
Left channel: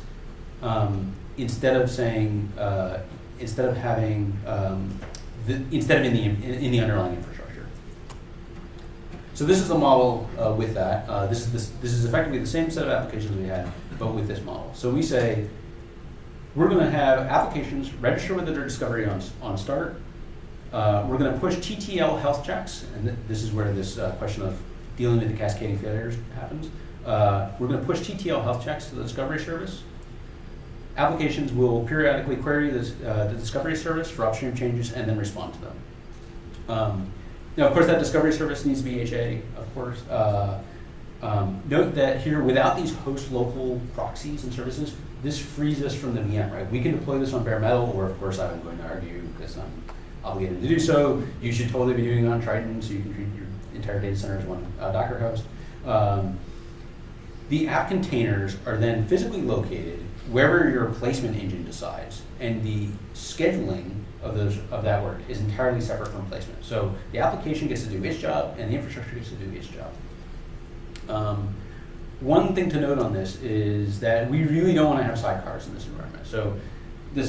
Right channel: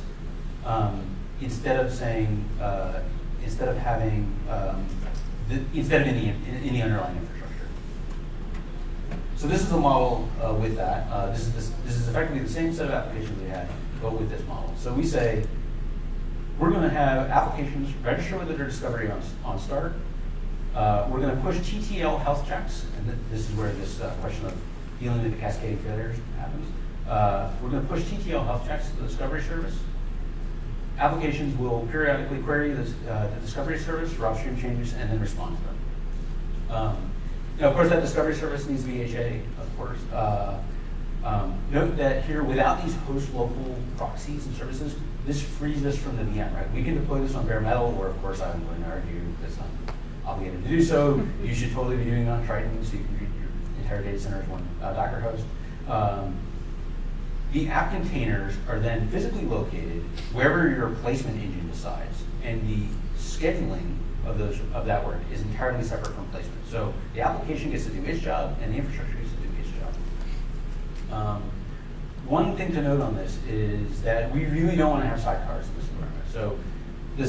instead of saying, instead of in the underlying infrastructure. So this is the model with that. This is effectively the same set of applications we had, but with this model. So we say, we're going to have applications register with their discovery on start. We're going to push TTL health checks, and this is where this question of dealing with the cascading failures happens. We're going to push TTL health checks to the discovery service. Applications will periodically query the discovery service for upstream changes and then respond to them. Now, of course, that discovery service needs to be HA, of course. Note that here, without these host local proxies and services, this frees us from the VM, right? We can deploy this on bare metal, or of course, I'm going to argue that's not obligated to do so. You should totally be doing it on Triton, so you can treat your entire data center as one Docker host. The app containers are then physically located wherever your replacement engine decides, and the scheduling of that work is entirely separate from placement. So the application gets to do its job, and the infrastructure gets to do its job. One thing to note on this is that we really don't want to have sidecars in this environment. So a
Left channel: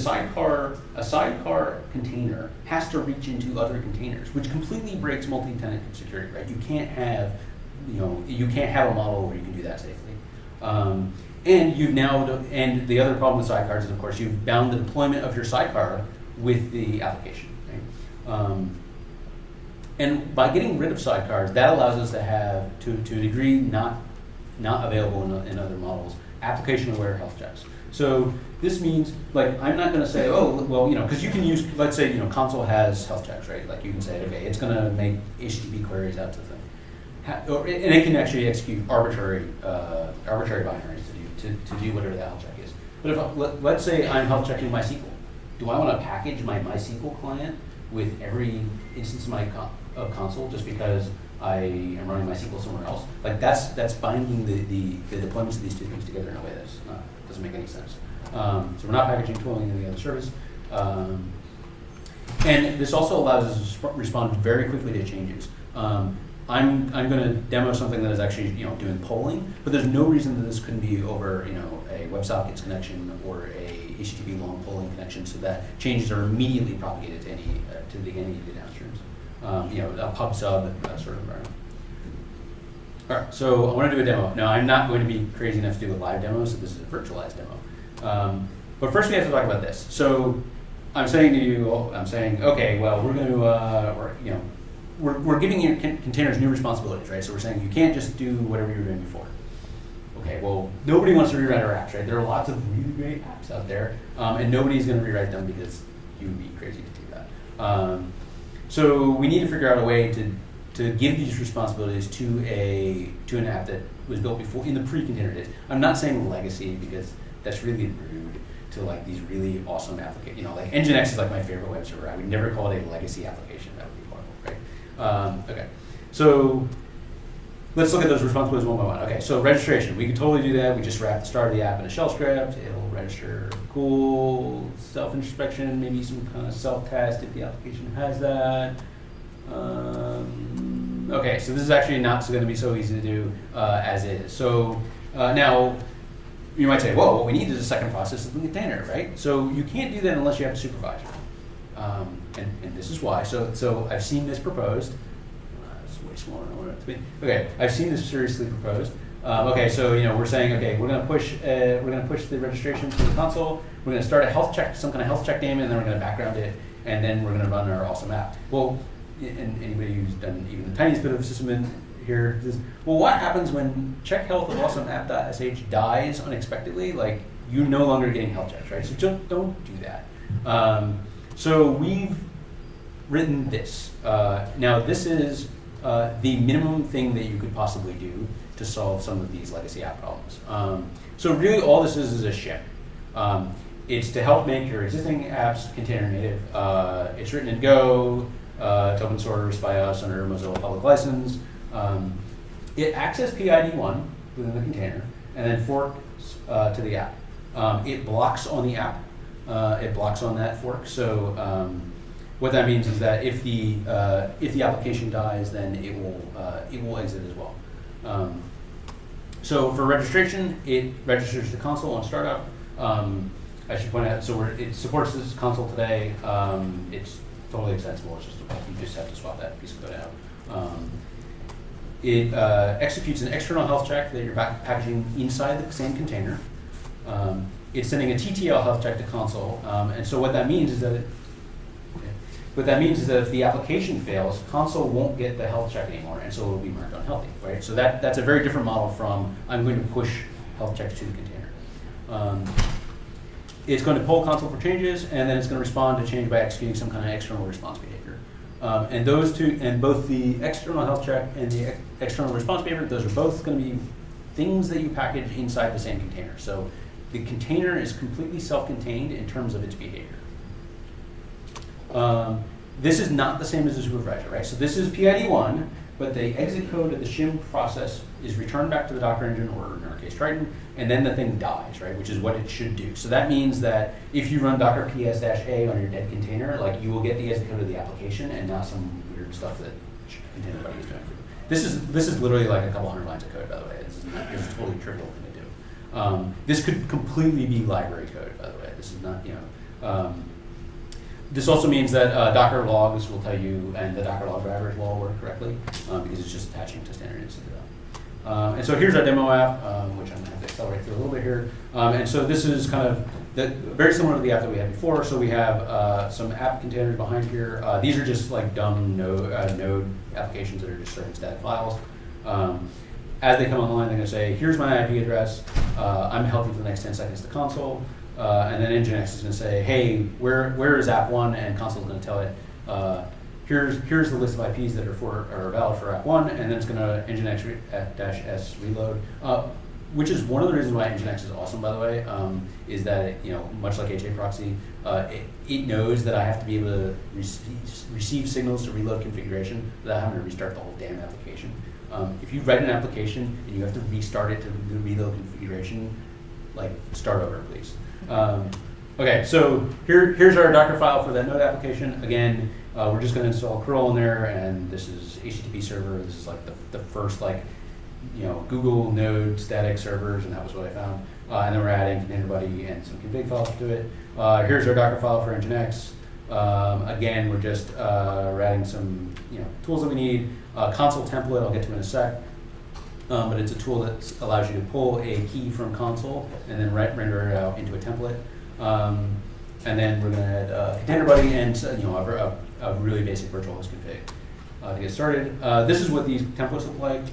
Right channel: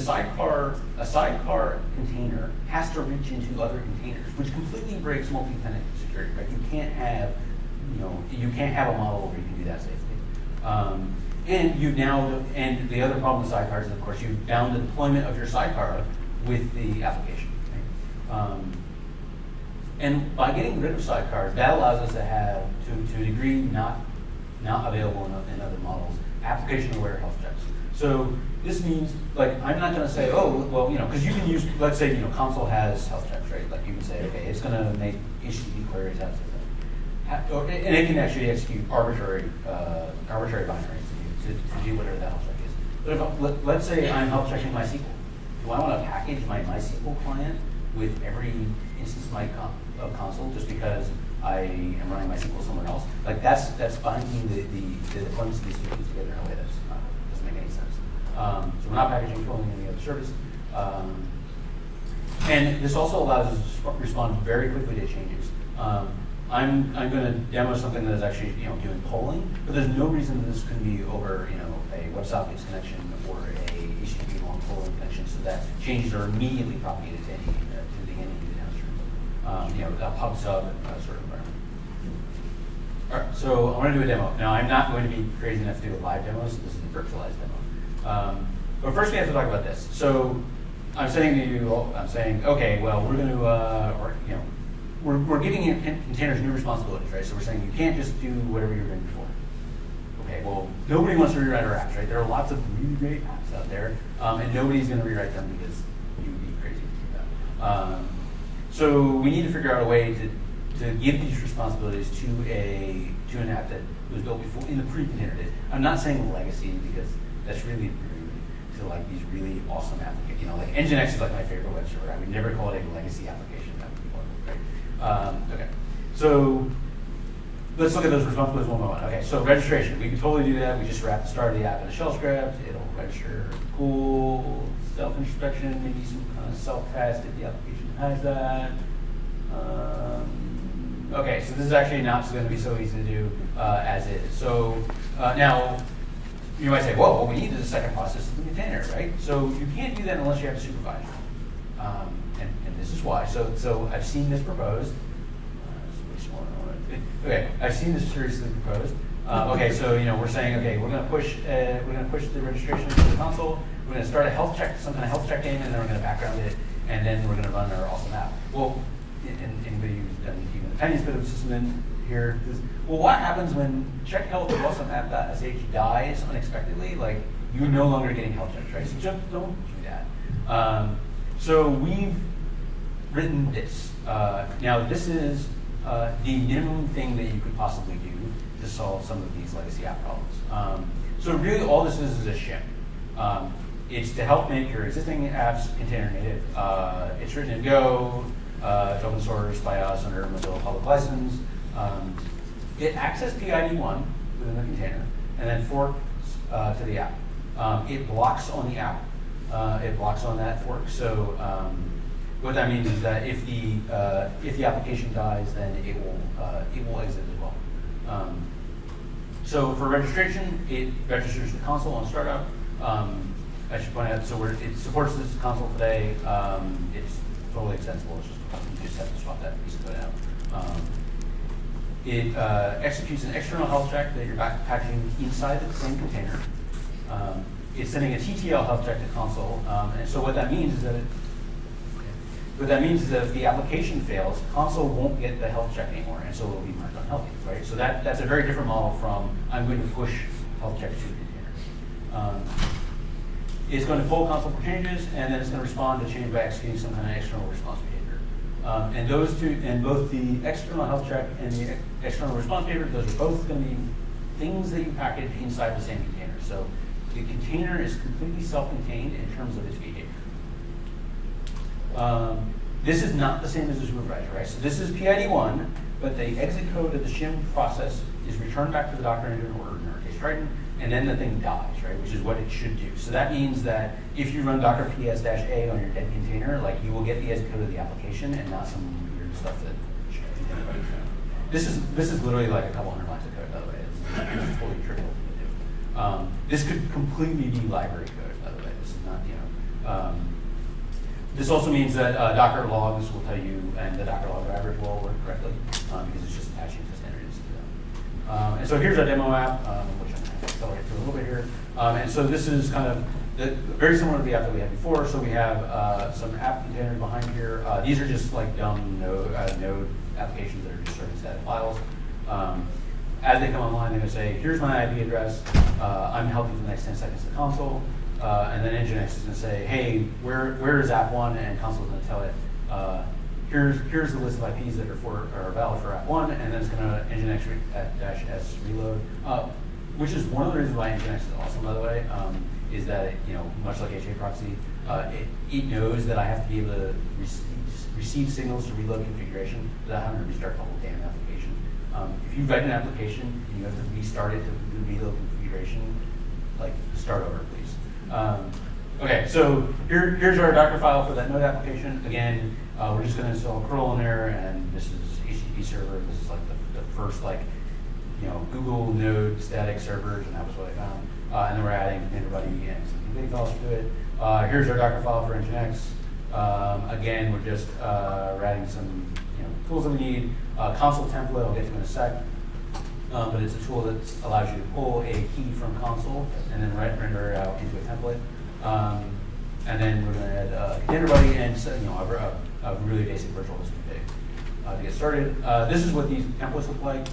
sidecar container has to reach into other containers, which completely breaks multi-tenant security. Right? You can't have a model where you can do that safely. And the other problem with sidecars is, of course, you've bound the deployment of your sidecar with the application. Okay? And by getting rid of sidecars, that allows us to have, to a degree, not not available in other models, application-aware health checks. So this means, like, I'm not going to say, oh, well, because you can use, let's say, console has health checks, right? Like, you can say, okay, it's going to make HTTP queries out to the thing. And it can actually execute arbitrary binaries to do whatever the health check is. But if, let's say I'm health checking MySQL. Do I want to package my MySQL client with every instance of my console just because I am running MySQL somewhere else? Like, that's binding the deployments of these two things together in a way that doesn't make any sense. So we're not packaging pulling any other service. And this also allows us to respond very quickly to changes. I'm going to demo something that is actually doing polling, but there's no reason that this couldn't be over a WebSockets connection or a HTTP long polling connection, so that changes are immediately propagated to any downstreams. A pub sub sort of environment. All right, so I want to do a demo. Now I'm not going to be crazy enough to do a live demo, so this is a virtualized demo. But first we have to talk about this. So I'm saying to you, okay, well we're going to, we're giving your containers new responsibilities, right? So we're saying you can't just do whatever you were doing before. Okay, well, nobody wants to rewrite our apps, right? There are lots of really great apps out there, and nobody's going to rewrite them because you would be crazy to do that. So we need to figure out a way to give these responsibilities to an app that was built before in the pre-container days. I'm not saying legacy because that's really rude to like these really awesome applications. Like Nginx is like my favorite web server. I would never call it a legacy application. That would be horrible, right? Okay, so let's look at those responsibilities one by one. Okay, so registration. We can totally do that. We just wrap the start of the app in a shell script. It'll register. Cool. Self-inspection, maybe some kind of self-test if the application has that. Okay, so this is actually not going to be so easy to do as is. So now, you might say, well, what we need is a second process in the container, right? So you can't do that unless you have a supervisor. And this is why. So I've seen this proposed. It's way smaller than I want it to be. Okay, I've seen this seriously proposed. Okay, so we're saying, okay, we're going to push the registration to the console. We're going to start a health check, some kind of health check name, and then we're going to background it, and then we're going to run our awesome app. Well, and anybody who's done even the tiniest bit of system here, well, what happens when check health awesome app.sh dies unexpectedly? Like, you're no longer getting health checks, right? So just don't do that. So we've written this. Now, this is the minimum thing that you could possibly do to solve some of these legacy app problems. So really, all this is a shim. It's to help make your existing apps container native. It's written in Go. It's open source by us under Mozilla Public License. It accesses PID1 within the container and then forks to the app. It blocks on the app. It blocks on that fork. So what that means is that if the application dies, then it will exit as well. So for registration, it registers the console on startup. I should point out, so it supports this console today. It's totally extensible. You just have to swap that piece of code out. It executes an external health check that you're packaging inside the same container. It's sending a TTL health check to console, and so what that means is that if the application fails, console won't get the health check anymore, and so it will be marked unhealthy, right? So that's a very different model from I'm going to push health checks to the container. It's going to pull console for changes, and then it's going to respond to change by executing some kind of external response behavior. And those two, and both the external health check and the external response behavior, those are both going to be things that you package inside the same container. So the container is completely self-contained in terms of its behavior. This is not the same as a supervisor, right? So this is PID1, but the exit code of the shim process is returned back to the Docker engine, or in our case Triton, and then the thing dies, right? Which is what it should do. So that means that if you run Docker ps-a on your dead container, like you will get the exit code of the application and not some weird stuff that container code is doing. This is literally like a couple hundred lines of code, by the way. It's totally trivial to do. This could completely be library code, by the way. This is not, this also means that Docker logs will tell you, and the Docker log drivers will all work correctly, because it's just attaching to standard instance to them. And so here's our demo app, which I'm going to accelerate through a little bit here. And so this is kind of very similar to the app that we had before. So we have some app containers behind here. These are just like dumb node applications that are just serving static files. as they come online, they're going to say, here's my IP address. I'm helping for the next 10 seconds to console. And then Nginx is going to say, hey, where is app 1? And console is going to tell it, here's the list of IPs that are valid for app 1, and then it's going to Nginx-s reload, which is one of the reasons why Nginx is awesome, by the way, is that it, much like HA proxy, it knows that I have to be able to receive signals to reload configuration without having to restart the whole damn application. If you write an application and you have to restart it to reload configuration, like start over, please. Okay, so here's our Docker file for that node application. Again, we're just going to install curl in there, and this is HTTP server. This is like the first Google node static servers, and that was what I found. And then we're adding ContainerBuddy and some config files to it. Here's our Docker file for Nginx. Again, we're just we're adding some tools that we need. Console template, I'll get to in a sec. But it's a tool that allows you to pull a key from console and then render it out into a template. And then we're going to add ContainerBuddy and a really basic virtual host config to get started. This is what these templates look like.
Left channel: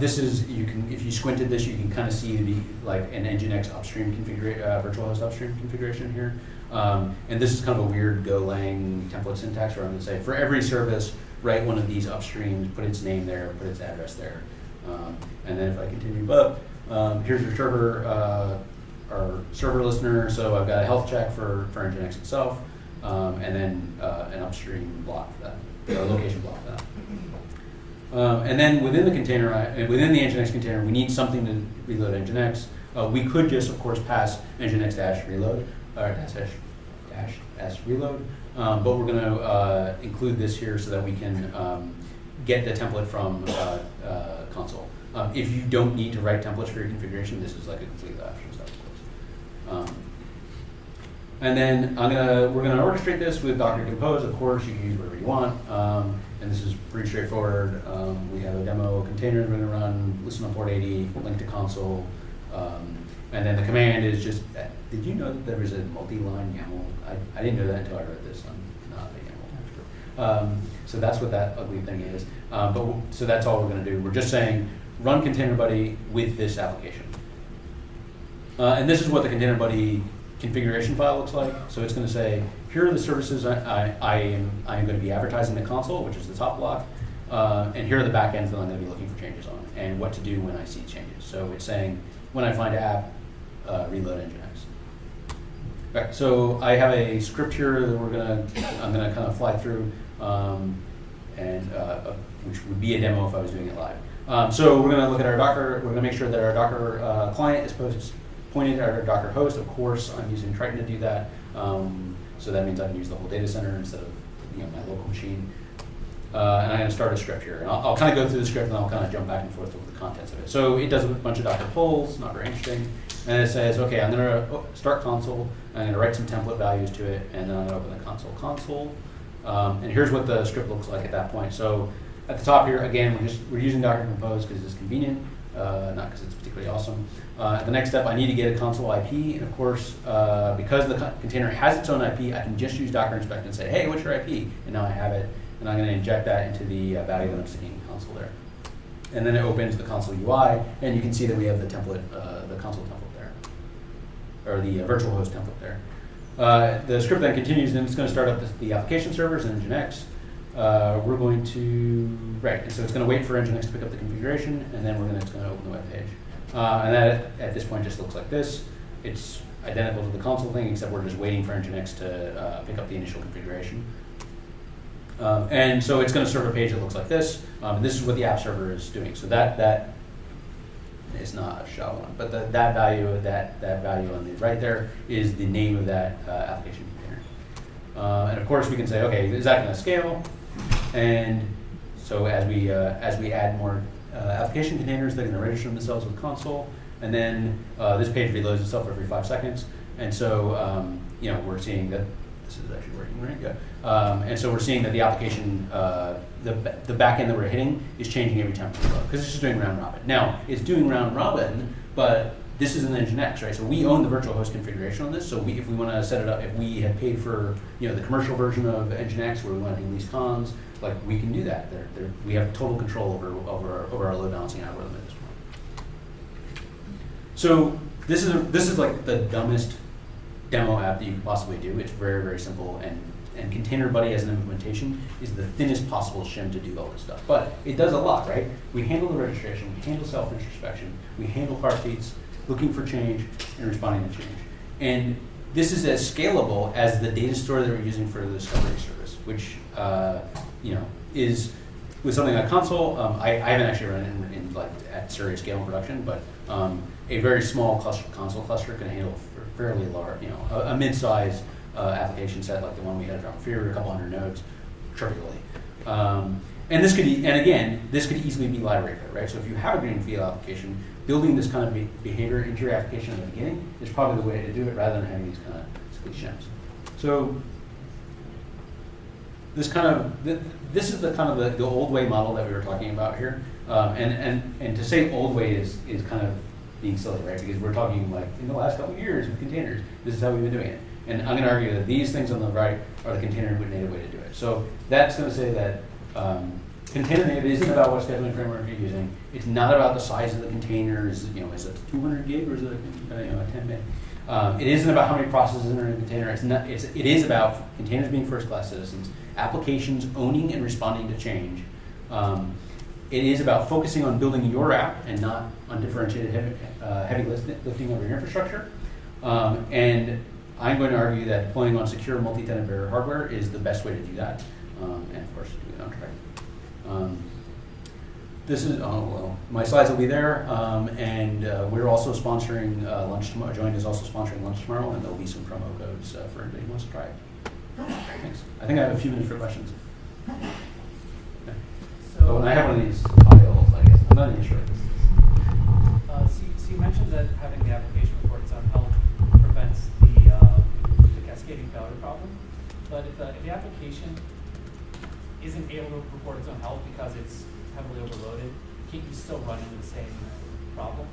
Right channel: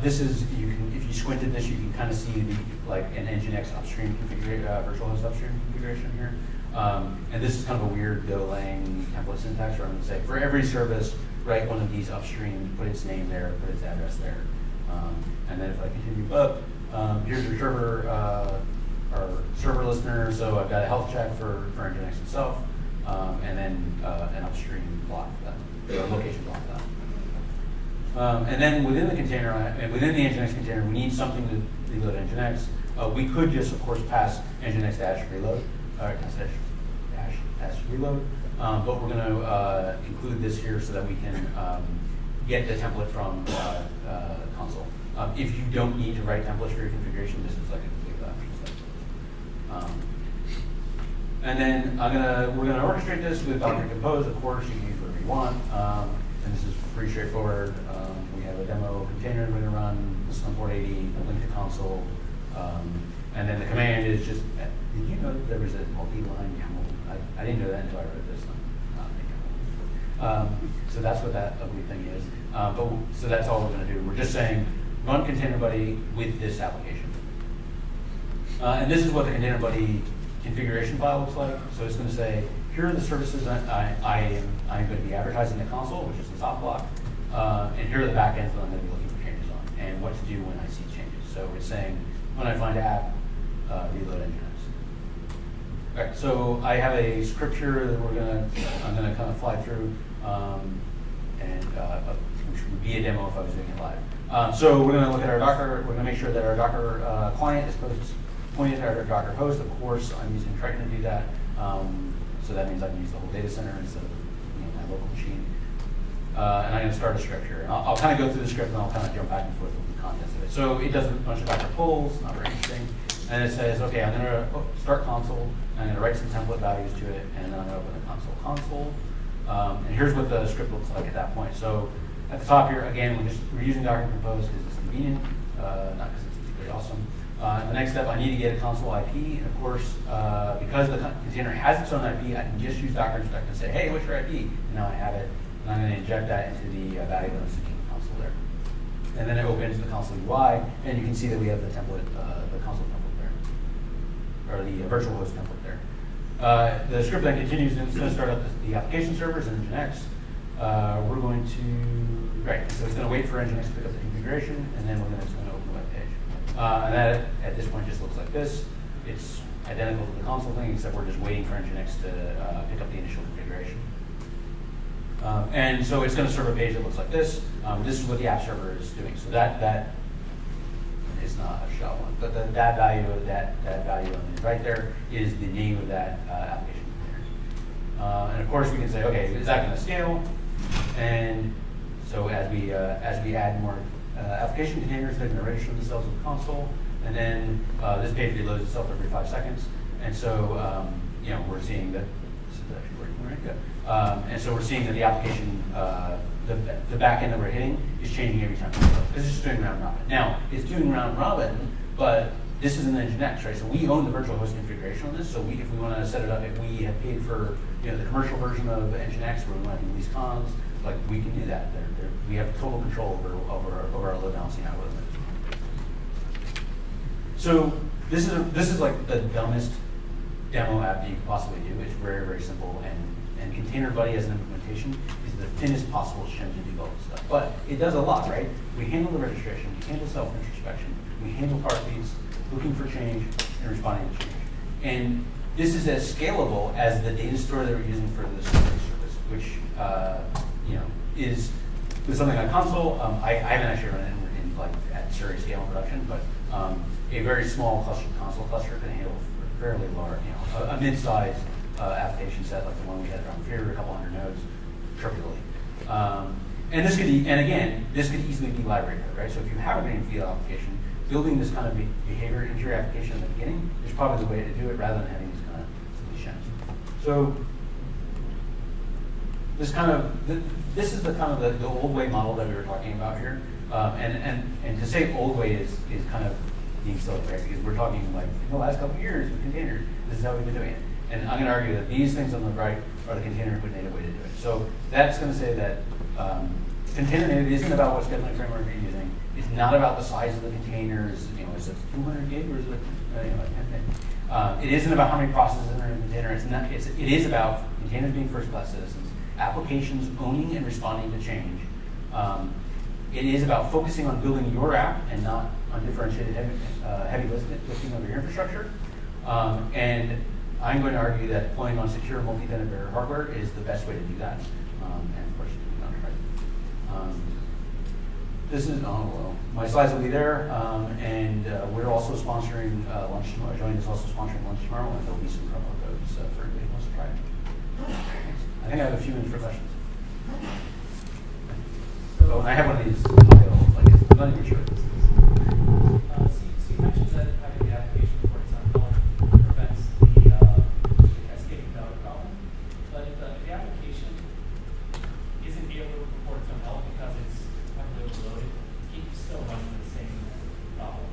This is if you squinted this, you can kind of see an Nginx upstream virtual host upstream configuration here. And this is kind of a weird Golang template syntax where I'm going to say for every service, write one of these upstreams, put its name there, put its address there. And then if I continue up, here's your server, our server listener. So I've got a health check for Nginx itself, and then an upstream block for that, or a location block for that. And then within the container, within the Nginx container, we need something to reload Nginx. We could just, of course, pass Nginx-reload, or -reload, but we're going to include this here so that we can get the template from console. If you don't need to write templates for your configuration, this is like a complete option. And then we're gonna orchestrate this with Docker Compose. Of course, you can use whatever you want. And this is pretty straightforward. We have a demo container we're gonna run, listen on port 80, link to console. And then the command is just, did you know that there was a multi-line YAML? I didn't know that until I read this. So that's what that ugly thing is. So that's all we're gonna do. We're just saying, run ContainerBuddy with this application. And this is what the ContainerBuddy configuration file looks like. So it's going to say, here are the services I'm going to be advertising in console, which is the top block. And here are the backends that I'm going to be looking for changes on, and what to do when I see changes. So it's saying, when I find an app, reload Nginx. Right, so I have a script here that I'm going to kind of fly through, which would be a demo if I was doing it live. So we're going to look at our Docker. We're going to make sure that our Docker client is pointing to our Docker host. Of course, I'm using Triton to do that. So that means I can use the whole data center instead of my local machine. And I'm going to start a script here. And I'll kind of go through the script and I'll kind of jump back and forth with the contents of it. So it does a bunch of Docker pulls, not very interesting. And it says, okay, I'm going to start console. I'm going to write some template values to it, and then I'm going to open the console. And here's what the script looks like at that point. So at the top here, again, we're using Docker Compose because it's convenient, not because it's particularly awesome. The next step, I need to get a console IP, and of course, because the container has its own IP, I can just use Docker Inspect and say, hey, what's your IP? And now I have it, and I'm going to inject that into the value that I'm seeing in the console there. And then it opens the console UI, and you can see that we have the template, the console template there, or the virtual host template there. The script then continues, and it's going to start up the application servers in Nginx. We're going to, so it's going to wait for Nginx to pick up the configuration, and then it's going to open the web page. And that, at this point, just looks like this. It's identical to the console thing, except we're just waiting for Nginx to pick up the initial configuration. And so it's going to serve a page that looks like this. This is what the app server is doing. So that is not a shell one, but that value on the right there is the name of that application container. And of course, we can say, okay, is that going to scale? And so as we add more application containers, they're going to register themselves with console, and then this page reloads itself every 5 seconds. And so we're seeing that this is actually working right good. And so we're seeing that the application, the back end that we're hitting is changing every time because it's just doing round robin. Now it's doing round robin, but this is an Nginx, right? So we own the virtual host configuration on this. So if we want to set it up, if we had paid for the commercial version of Nginx where we want to release cons, like we can do that. We have total control over our load balancing algorithm at this point. So this is like the dumbest demo app that you could possibly do. It's very, very simple, and Container Buddy as an implementation is the thinnest possible shim to do all this stuff. But it does a lot, right? We handle the registration, we handle self-introspection, we handle car feeds, looking for change, and responding to change. And this is as scalable as the data store that we're using for the discovery service, which is with something like console. I haven't actually run in like at serious scale in production, but a very small console cluster can handle fairly large, a mid-size application set like the one we had around here, a couple hundred nodes, trivially. And this could easily be library code, right? So if you have a greenfield application, building this kind of behavior into your application at the beginning is probably the way to do it, rather than having these kind of shims. So this is the kind of the old way model that we were talking about here. And to say old way is kind of being silly, right? Because we're talking like in the last couple of years with containers, this is how we've been doing it. And I'm going to argue that these things on the right are the container native way to do it. So that's going to say that container native isn't about what scheduling framework you're using. It's not about the size of the containers. Is it 200 gig or is it a 10 meg? It isn't about how many processes are in a container. It is about containers being first-class citizens, applications owning and responding to change. It is about focusing on building your app and not on differentiated heavy lifting over your infrastructure. And I'm going to argue that deploying on secure multi-tenant bearer hardware is the best way to do that. And of course, you do contract. This is, my slides will be there. And we're also sponsoring lunch tomorrow. Join is also sponsoring lunch tomorrow, and there'll be some promo codes for anybody who wants to try it. Thanks. I think I have a few minutes for questions. So I have one of these files, I guess. I'm not even sure what this is. So you mentioned that having the application report its own help prevents the cascading failure problem. But if the application isn't able to report its own help because it's heavily overloaded, can't you still run into the same problem?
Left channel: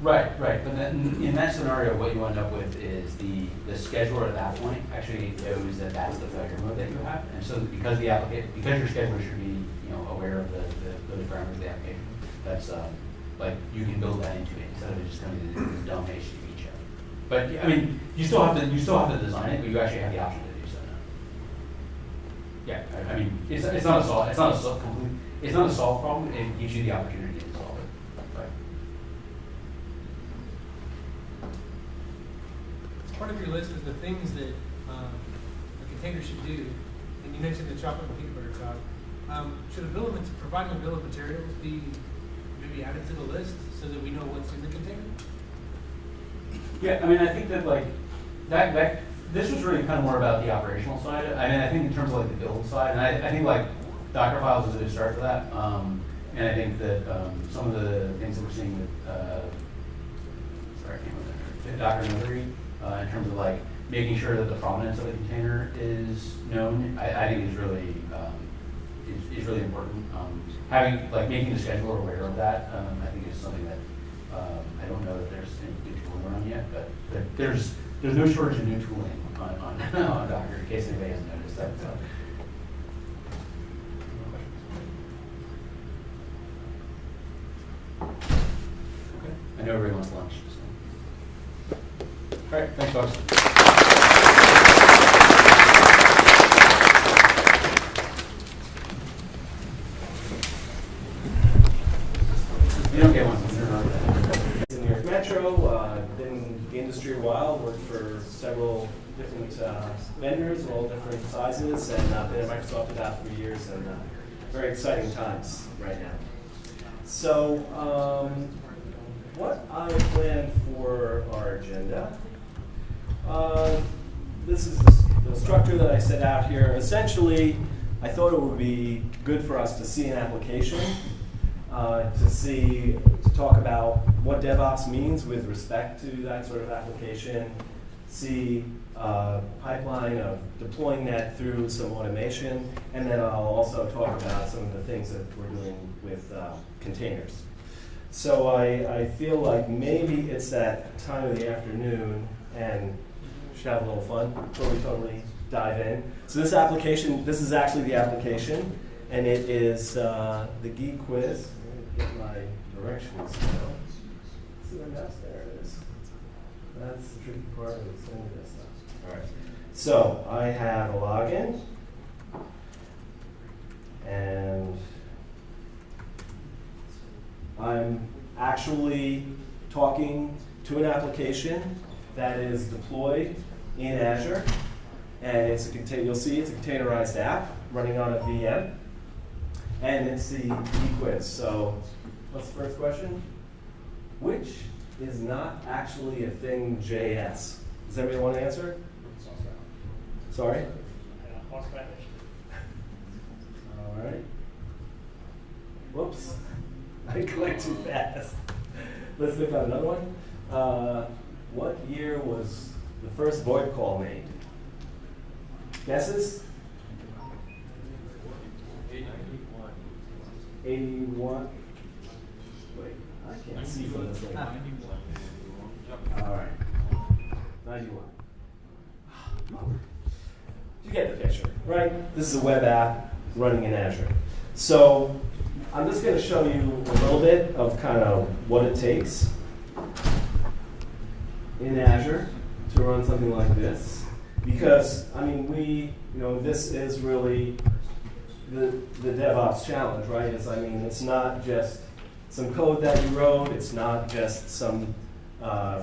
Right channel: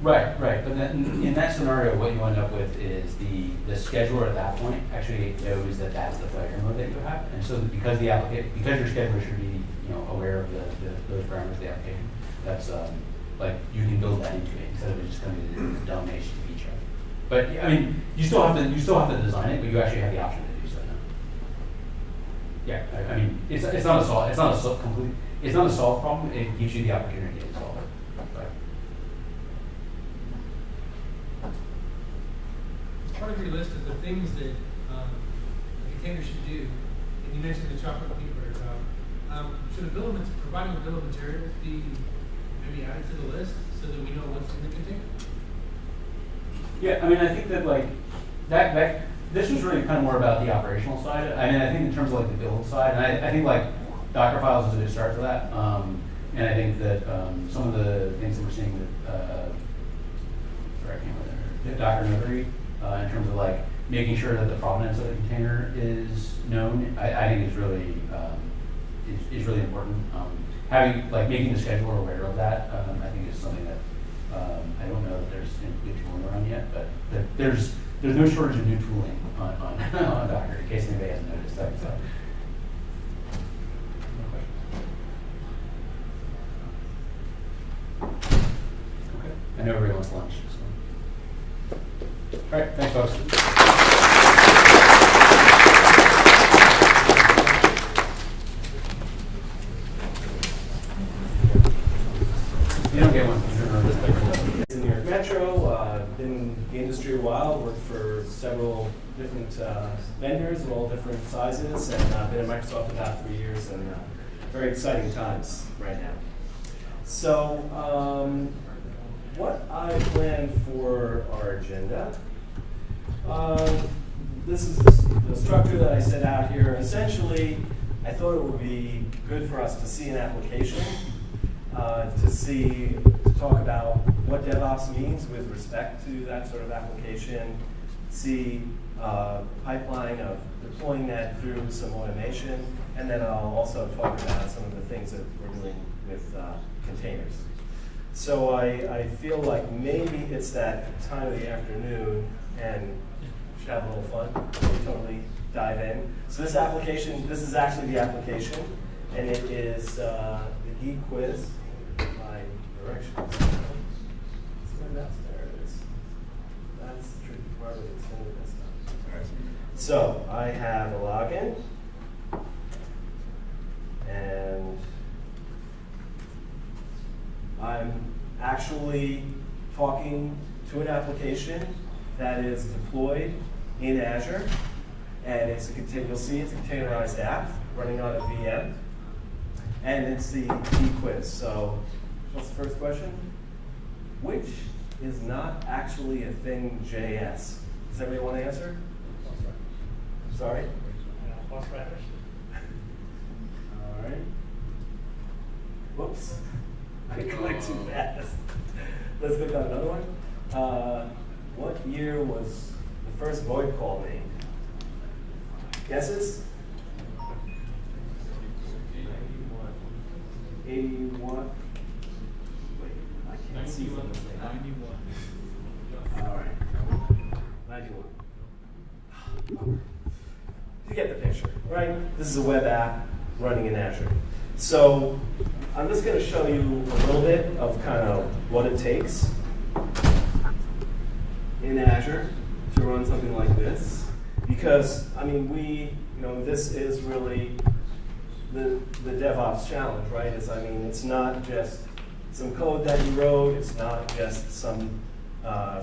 Right. But then in that scenario, what you end up with is the scheduler at that point actually knows that that's the failure mode that you have, and so because your scheduler should be aware of those parameters of the application, that's like you can build that into it instead of it just coming to this dumb HTTP check. But I mean, you still have to design it, but you actually have the option to do so now. Yeah, I mean, it's not a solved problem. It gives you the opportunity to solve it. Right. Part of your list is the things that a container should do, and you mentioned the chocolate and peanut butter cup. Should providing a bill of materials be maybe added to the list so that we know what's in the container? Yeah, I mean, I think that like that this was really kind of more about the operational side. I mean, I think in terms of like the build side, and I think like Docker files is a good start for that. And I think that some of the things that we're seeing with Docker Notary in terms of like making sure that the provenance of the container is known, I think is really important. Making the scheduler aware of that, I think is something that I don't know that there's any good tooling around yet, but there's no shortage of new tooling on Docker in case anybody hasn't noticed that. So. Okay. I know everybody wants lunch. So. All right, thanks, folks. You don't get one. In New York Metro, been in the industry a while, worked for several different vendors of all different sizes, and been at Microsoft about 3 years, and very exciting times right now. So, what I planned for our agenda, this is the structure that I set out here. Essentially, I thought it would be good for us to see an application, to talk about what DevOps means with respect to that sort of application, see pipeline of deploying that through some automation, and then I'll also talk about some of the things that we're doing with containers. So I feel like maybe it's that time of the afternoon, and we should have a little fun. Totally dive in. So this application, this is actually the application, and it is the Geek Quiz. Let me get my directions. See my mouse? There it is. That's the tricky part of it. It's only this stuff. All right. So I have a login, and I'm actually talking to an application that is deployed in Azure, and it's a you'll see it's a containerized app running on a VM, and it's the quiz. So, what's the first question? Which is not actually a thing JS? Does everybody want to answer? Sorry? All right. Whoops. I clicked too fast. Let's look at another one. What year was the first VoIP call made? Guesses? 81. Wait, I can't see from this way. 91. All right. 91. You get the picture, right? This is a web app running in Azure. So I'm just going to show you a little bit of kind of what it takes in Azure to run something like this. Because, I mean, this is really the DevOps challenge, right? It's not just some code that you wrote. It's not just some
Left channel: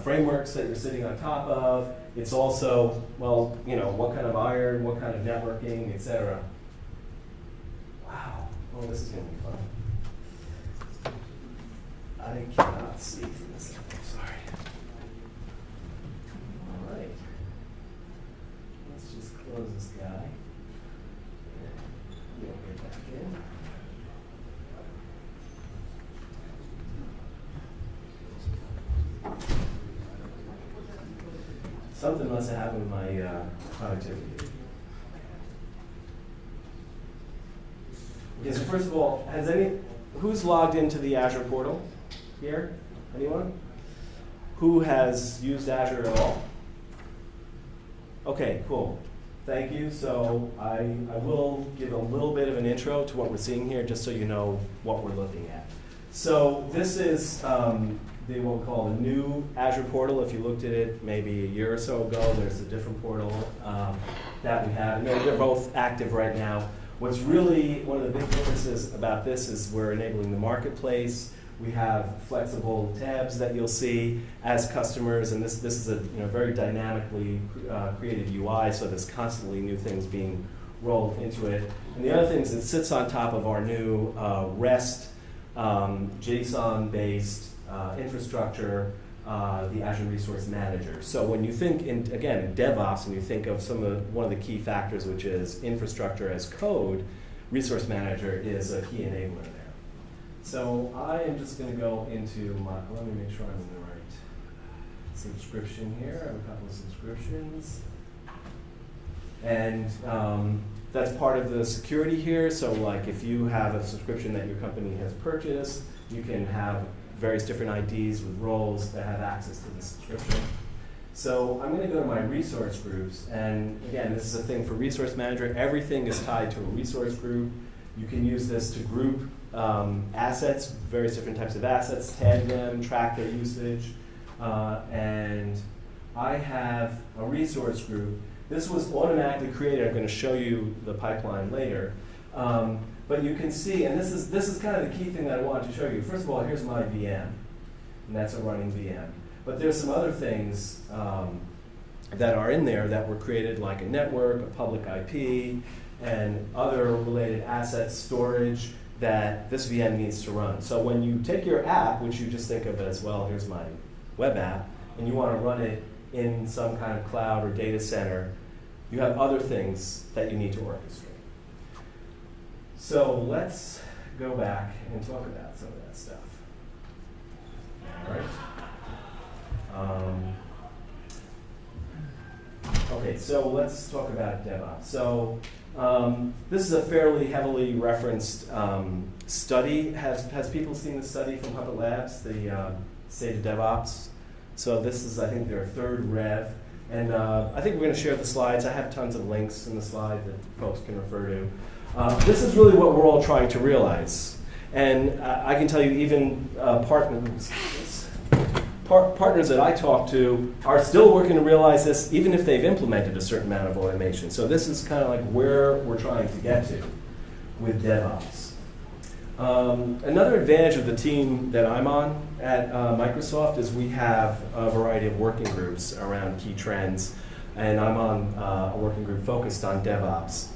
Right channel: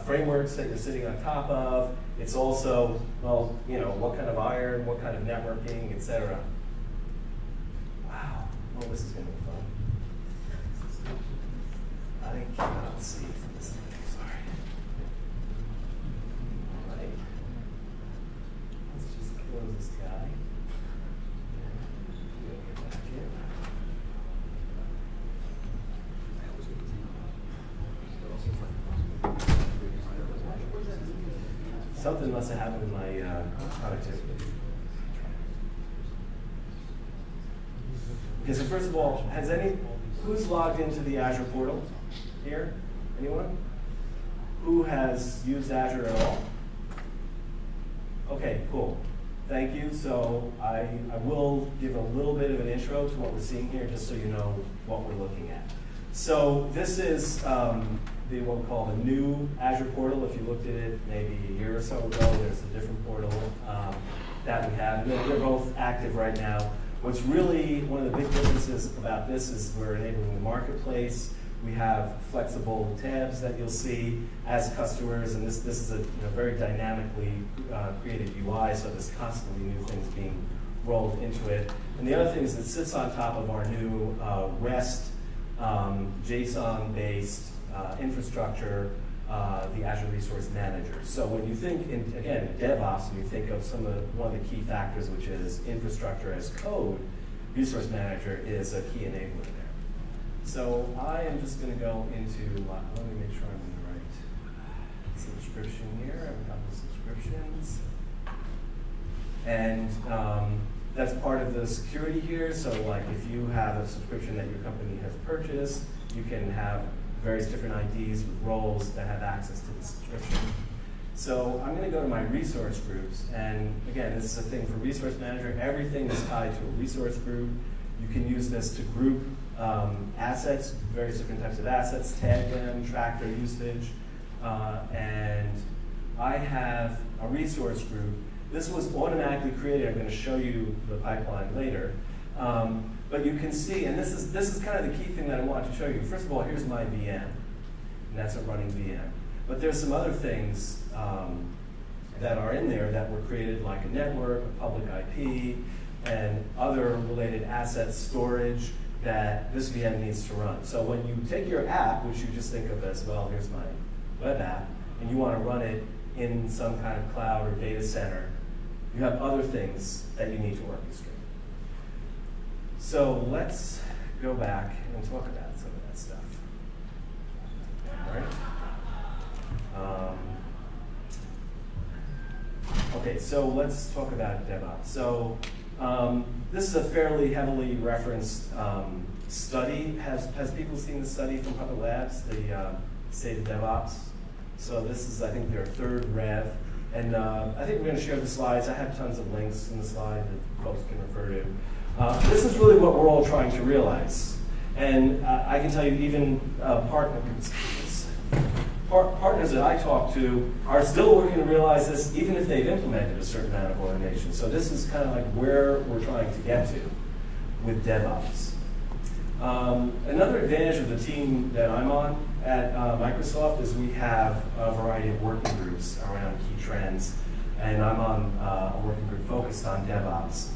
frameworks that you're sitting on top of. It's also, well, what kind of iron, what kind of networking, etc. Wow. Oh, this is going to be fun. I cannot see from this. Sorry. All right. Let's just close this guy. We'll get back in. Something must have happened with my productivity. Okay, so first of all, who's logged into the Azure portal here? Anyone? Who has used Azure at all? Okay, cool. Thank you. So I will give a little bit of an intro to what we're seeing here, just so you know what we're looking at. So this is what we call the new Azure portal. If you looked at it maybe a year or so ago, there's a different portal that we have. They're both active right now. What's really one of the big differences about this is we're enabling the marketplace. We have flexible tabs that you'll see as customers, and this is a very dynamically created UI, so there's constantly new things being rolled into it. And the other thing is it sits on top of our new REST JSON-based infrastructure, the Azure Resource Manager. So when you think, in DevOps, and you think of one of the key factors, which is infrastructure as code, Resource Manager is a key enabler there. So I am just going to go into let me make sure I'm in the right subscription here. I have a couple of subscriptions. And that's part of the security here. So like if you have a subscription that your company has purchased, you can have various different IDs with roles that have access to the subscription. So I'm going to go to my resource groups. And again, this is a thing for Resource Manager. Everything is tied to a resource group. You can use this to group assets, various different types of assets, tag them, track their usage. And I have a resource group. This was automatically created. I'm going to show you the pipeline later. But you can see, and this is kind of the key thing that I wanted to show you. First of all, here's my VM, and that's a running VM. But there's some other things that are in there that were created, like a network, a public IP, and other related assets, storage, that this VM needs to run. So when you take your app, which you just think of as, well, here's my web app, and you want to run it in some kind of cloud or data center, you have other things that you need to orchestrate. So let's go back and talk about some of that stuff. All right. Okay, so let's talk about DevOps. So this is a fairly heavily referenced study. Has people seen the study from Hubbard Labs, the State of DevOps? So this is, I think, their third rev. And I think we're going to share the slides. I have tons of links in the slide that folks can refer to. This is really what we're all trying to realize. And I can tell you even partners that I talk to are still working to realize this even if they've implemented a certain amount of automation. So this is kind of like where we're trying to get to with DevOps. Another advantage of the team that I'm on at Microsoft is we have a variety of working groups around key trends, and I'm on a working group focused on DevOps.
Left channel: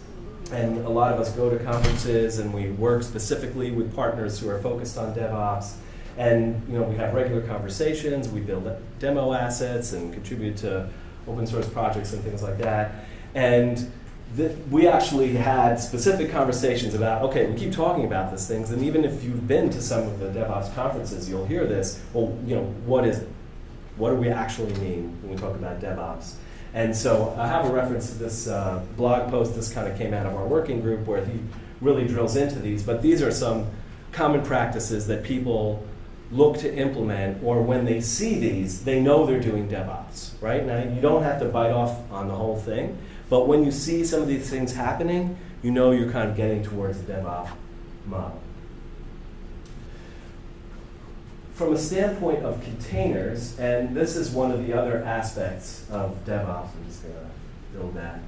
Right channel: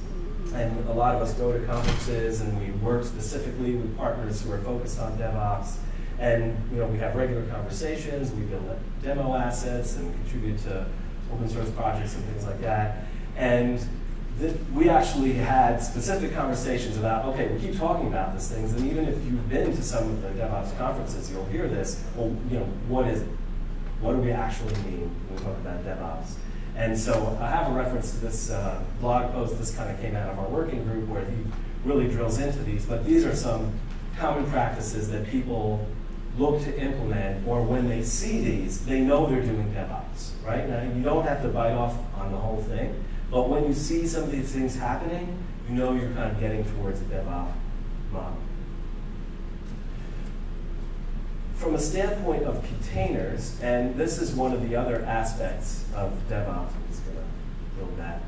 And a lot of us go to conferences and we work specifically with partners who are focused on DevOps. And we have regular conversations, we build demo assets and contribute to open source projects and things like that. And we actually had specific conversations about, okay, we keep talking about these things, and even if you've been to some of the DevOps conferences, you'll hear this. Well, what is it? What do we actually mean when we talk about DevOps? And so I have a reference to this blog post. This kind of came out of our working group where he really drills into these. But these are some common practices that people look to implement, or when they see these, they know they're doing DevOps, right? Now, you don't have to bite off on the whole thing, but when you see some of these things happening, you know you're kind of getting towards the DevOps model. From a standpoint of containers, and this is one of the other aspects of DevOps, I'm just going to build that.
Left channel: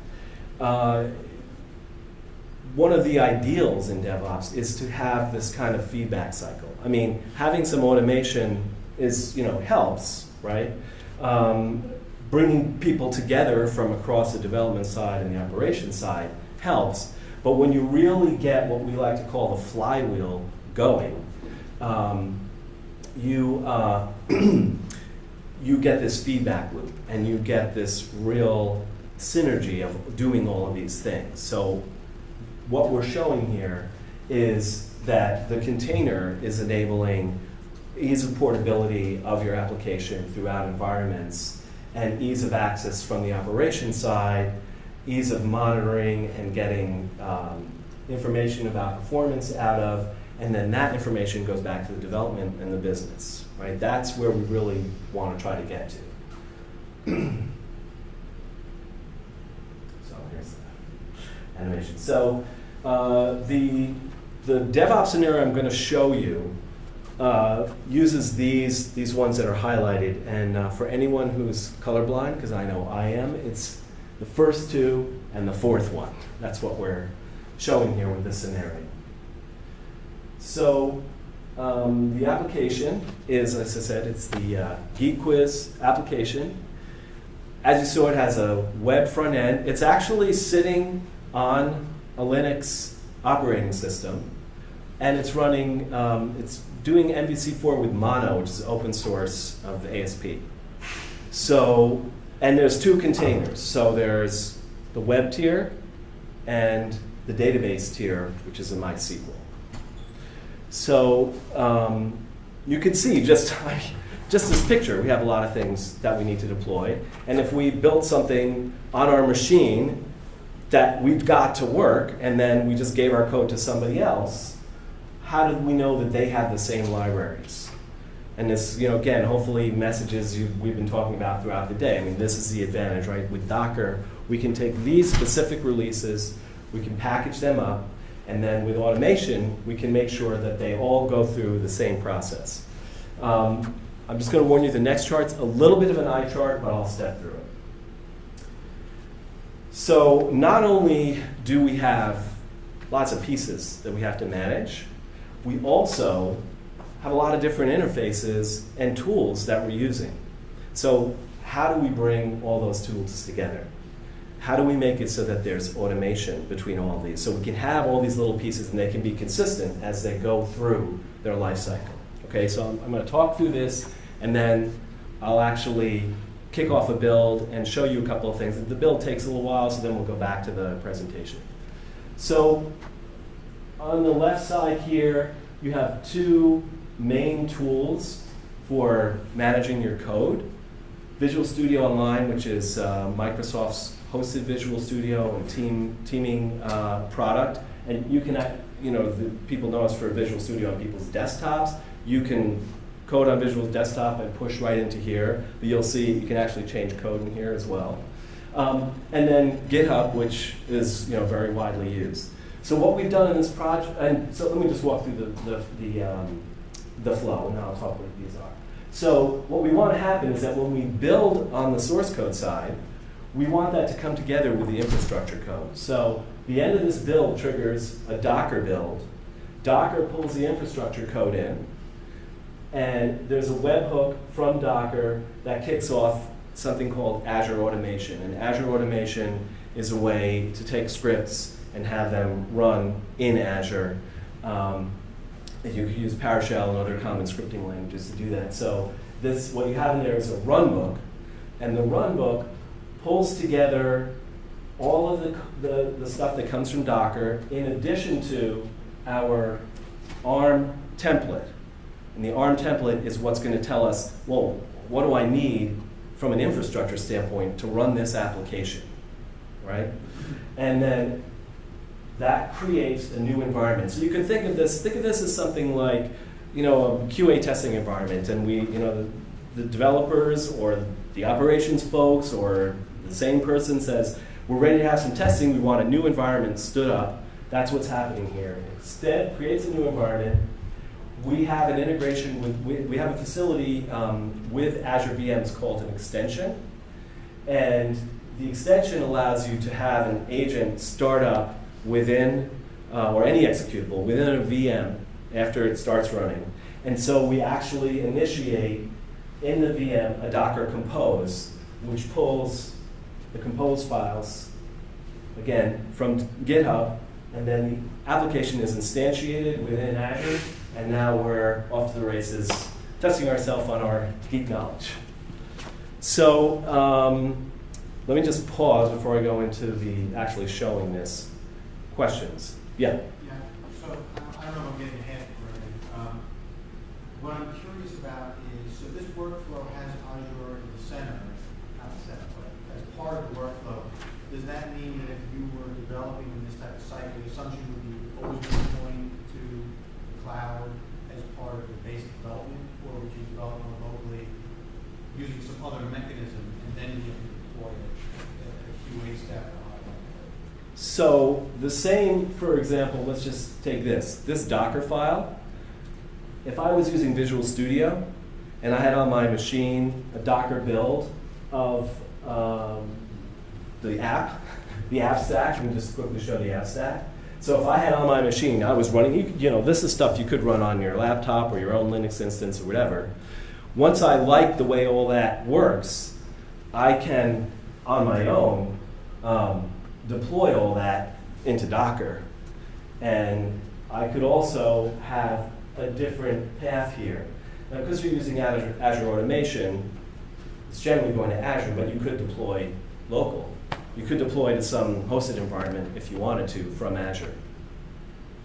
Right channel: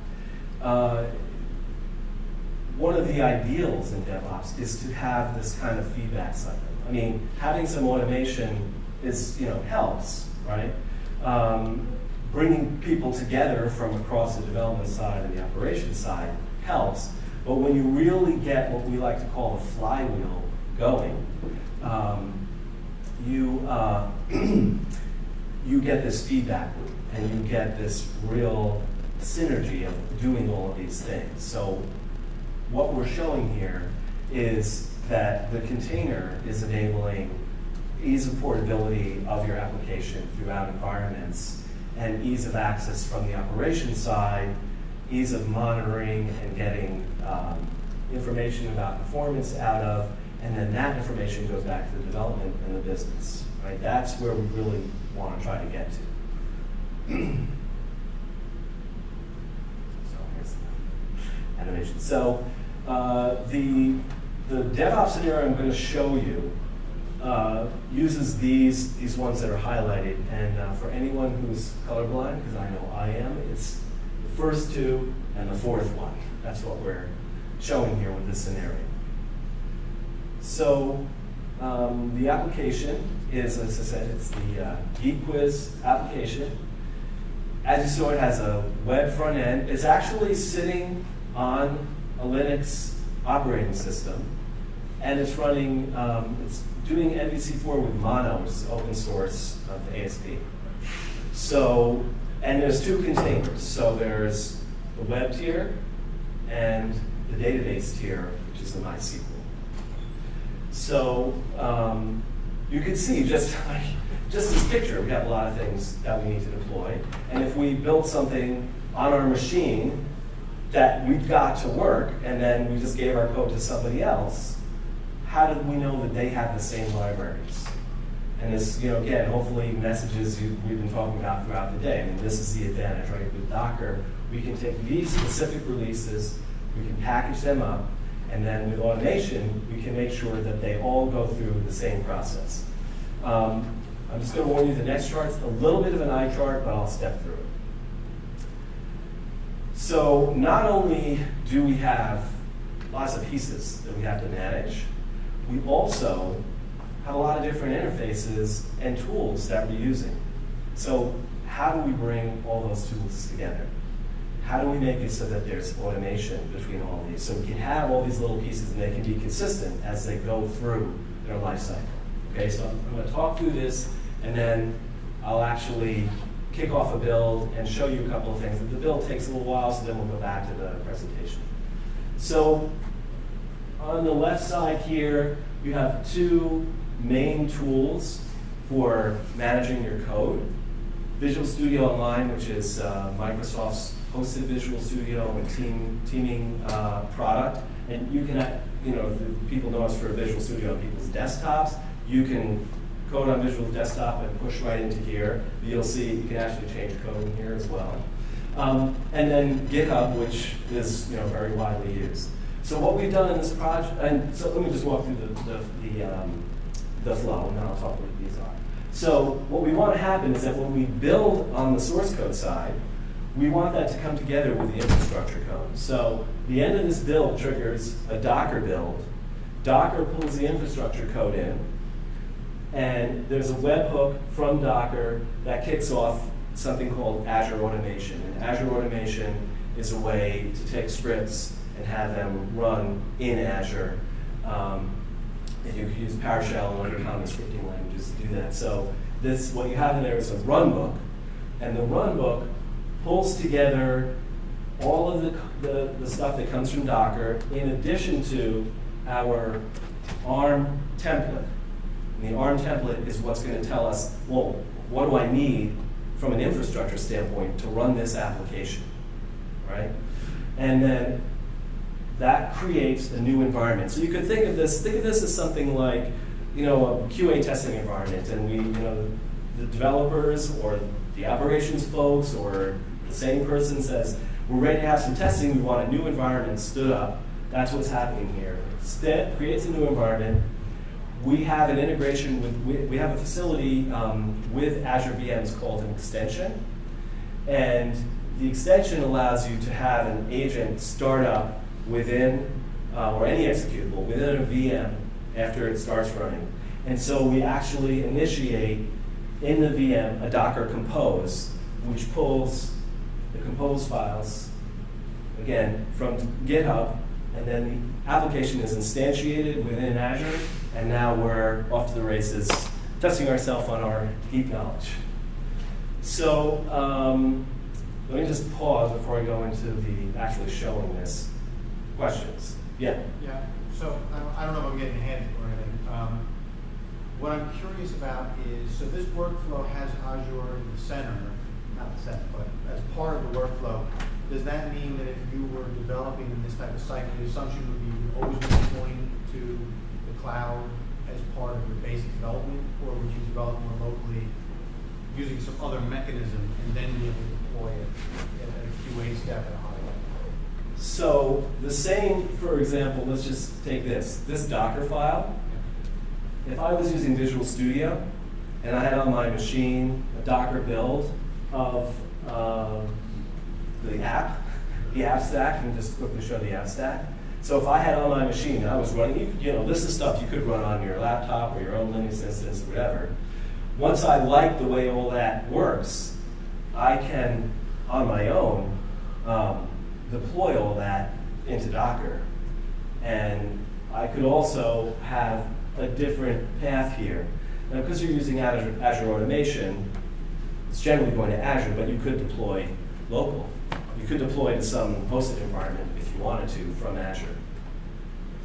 One of the ideals in DevOps is to have this kind of feedback cycle. I mean, having some automation is, helps, right? Bringing people together from across the development side and the operations side helps. But when you really get what we like to call the flywheel going, you get this feedback loop, and you get this real synergy of doing all of these things. So what we're showing here is that the container is enabling ease of portability of your application throughout environments, and ease of access from the operation side, ease of monitoring and getting information about performance out of, and then that information goes back to the development and the business, right? That's where we really want to try to get to. So here's the animation. So the DevOps scenario I'm going to show you uses these ones that are highlighted. And for anyone who's colorblind, because I know I am, it's the first two and the fourth one. That's what we're showing here with this scenario. So the application is, as I said, it's the Geek Quiz application. As you saw, it has a web front end. It's actually sitting on a Linux operating system, and it's running, it's doing MVC4 with Mono, which is open source of the ASP. So, and there's two containers. So there's the web tier and the database tier, which is a MySQL. So you can see just this picture, we have a lot of things that we need to deploy. And if we build something on our machine that we've got to work, and then we just gave our code to somebody else, how do we know that they have the same libraries? And this, again, hopefully messages we've been talking about throughout the day. I mean, this is the advantage, right? With Docker, we can take these specific releases, we can package them up, and then with automation, we can make sure that they all go through the same process. I'm just going to warn you, the next chart's a little bit of an eye chart, but I'll step through it. So not only do we have lots of pieces that we have to manage, we also have a lot of different interfaces and tools that we're using. So how do we bring all those tools together? How do we make it so that there's automation between all of these? So we can have all these little pieces and they can be consistent as they go through their life cycle. Okay, so I'm going to talk through this, and then I'll actually kick off a build and show you a couple of things. The build takes a little while, so then we'll go back to the presentation. So on the left side here, you have two main tools for managing your code. Visual Studio Online, which is Microsoft's hosted Visual Studio and teaming product. And you can, people know us for Visual Studio on people's desktops. You can code on Visual Desktop and push right into here. But you'll see you can actually change code in here as well. And then GitHub, which is very widely used. So what we've done in this project, and so let me just walk through the flow, and then I'll talk what these are. So what we want to happen is that when we build on the source code side, we want that to come together with the infrastructure code. So the end of this build triggers a Docker build. Docker pulls the infrastructure code in, and there's a webhook from Docker that kicks off something called Azure Automation. And Azure Automation is a way to take scripts and have them run in Azure. You can use PowerShell and other common scripting languages to do that. So this, what you have in there is a runbook, and the runbook pulls together all of the stuff that comes from Docker in addition to our ARM template. And the ARM template is what's going to tell us, well, what do I need from an infrastructure standpoint to run this application, right? And then that creates a new environment. So you could think of this as something like, a QA testing environment, and the developers or the operations folks or the same person says, we're ready to have some testing, we want a new environment stood up. That's what's happening here. Instead, creates a new environment. We have an integration we have a facility with Azure VMs called an extension. And the extension allows you to have an agent start up within, or any executable, within a VM after it starts running. And so we actually initiate in the VM a Docker compose, which pulls the compose files, again, from GitHub, and then the application is instantiated within Azure, and now we're off to the races, testing ourselves on our deep knowledge. So let me just pause before I go into the actually showing this. Questions? Yeah? Yeah, so I don't know if I'm getting ahead or anything. What I'm curious about is, so this workflow has Azure in the center, not the center, but as part of the workflow. Does that mean that if you were developing in this type of site, the assumption would be you always be deploying to the cloud as part of your basic development, or would you develop more locally using some other mechanism and then be able to deploy it at a QA step at a high level? So the same, for example, let's just take this Docker file. If I was using Visual Studio and I had on my machine a Docker build of the app stack, and just quickly show the app stack. So if I had on my machine, I was running, this is stuff you could run on your laptop or your own Linux instance or whatever. Once I like the way all that works, I can, on my own, deploy all that into Docker. And I could also have a different path here. Now, because you're using Azure Automation, it's generally going to Azure, but you could deploy local. You could deploy to some hosted environment if you wanted to from Azure.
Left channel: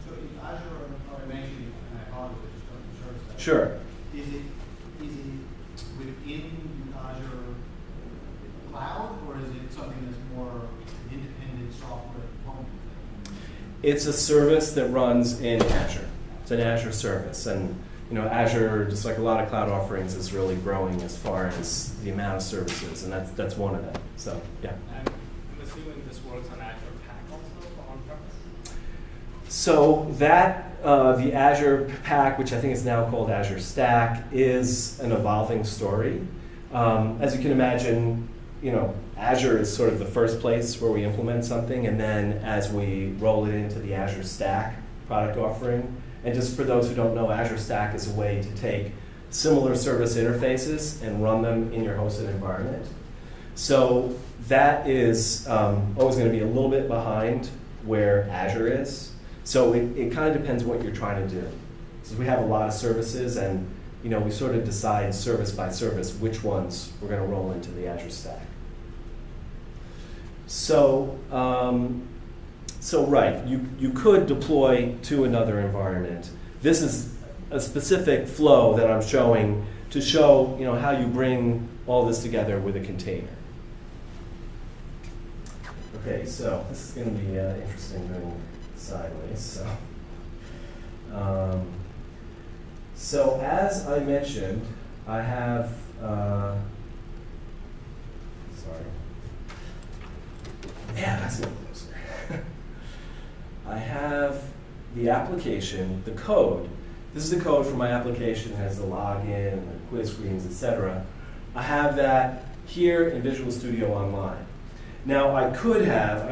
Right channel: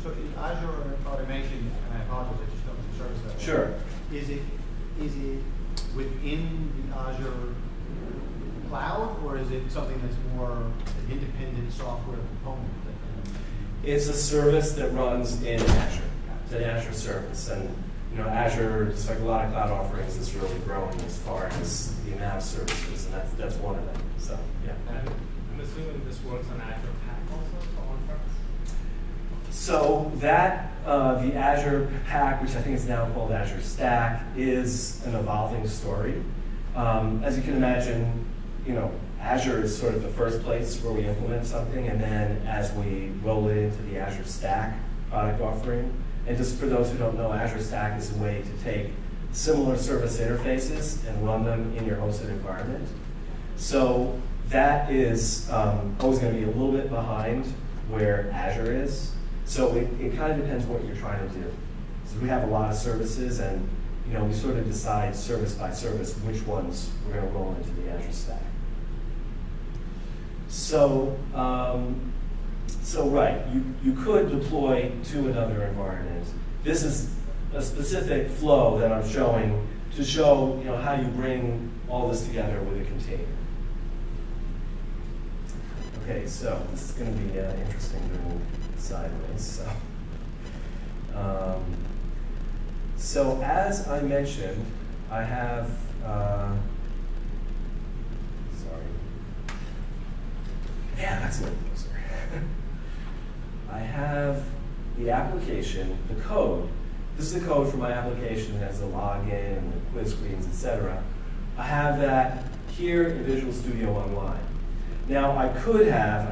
So in Azure Automation, and I apologize, I just don't have service that. Sure. Is it within Azure cloud, or is it something that's more an independent software component? It's a service that runs in Azure. It's an Azure service, and Azure, just like a lot of cloud offerings, is really growing as far as the amount of services, and that's one of them. So yeah. And I'm assuming this works on Azure Pack also for on-premise. So that the Azure Pack, which I think is now called Azure Stack, is an evolving story. As you can imagine, Azure is sort of the first place where we implement something, and then as we roll it into the Azure Stack product offering. And just for those who don't know, Azure Stack is a way to take similar service interfaces and run them in your hosted environment. So that is always going to be a little bit behind where Azure is. So it kind of depends what you're trying to do. So we have a lot of services, and we sort of decide service by service which ones we're going to roll into the Azure Stack. So right, you could deploy to another environment. This is a specific flow that I'm showing to show how you bring all this together with a container. Okay, so this is going to be interesting going sideways. So as I mentioned, I have, sorry. Yeah, that's a little closer. I have the application, the code. This is the code for my application. It has the login and the quiz screens, etc. I have that here in Visual Studio Online. Now I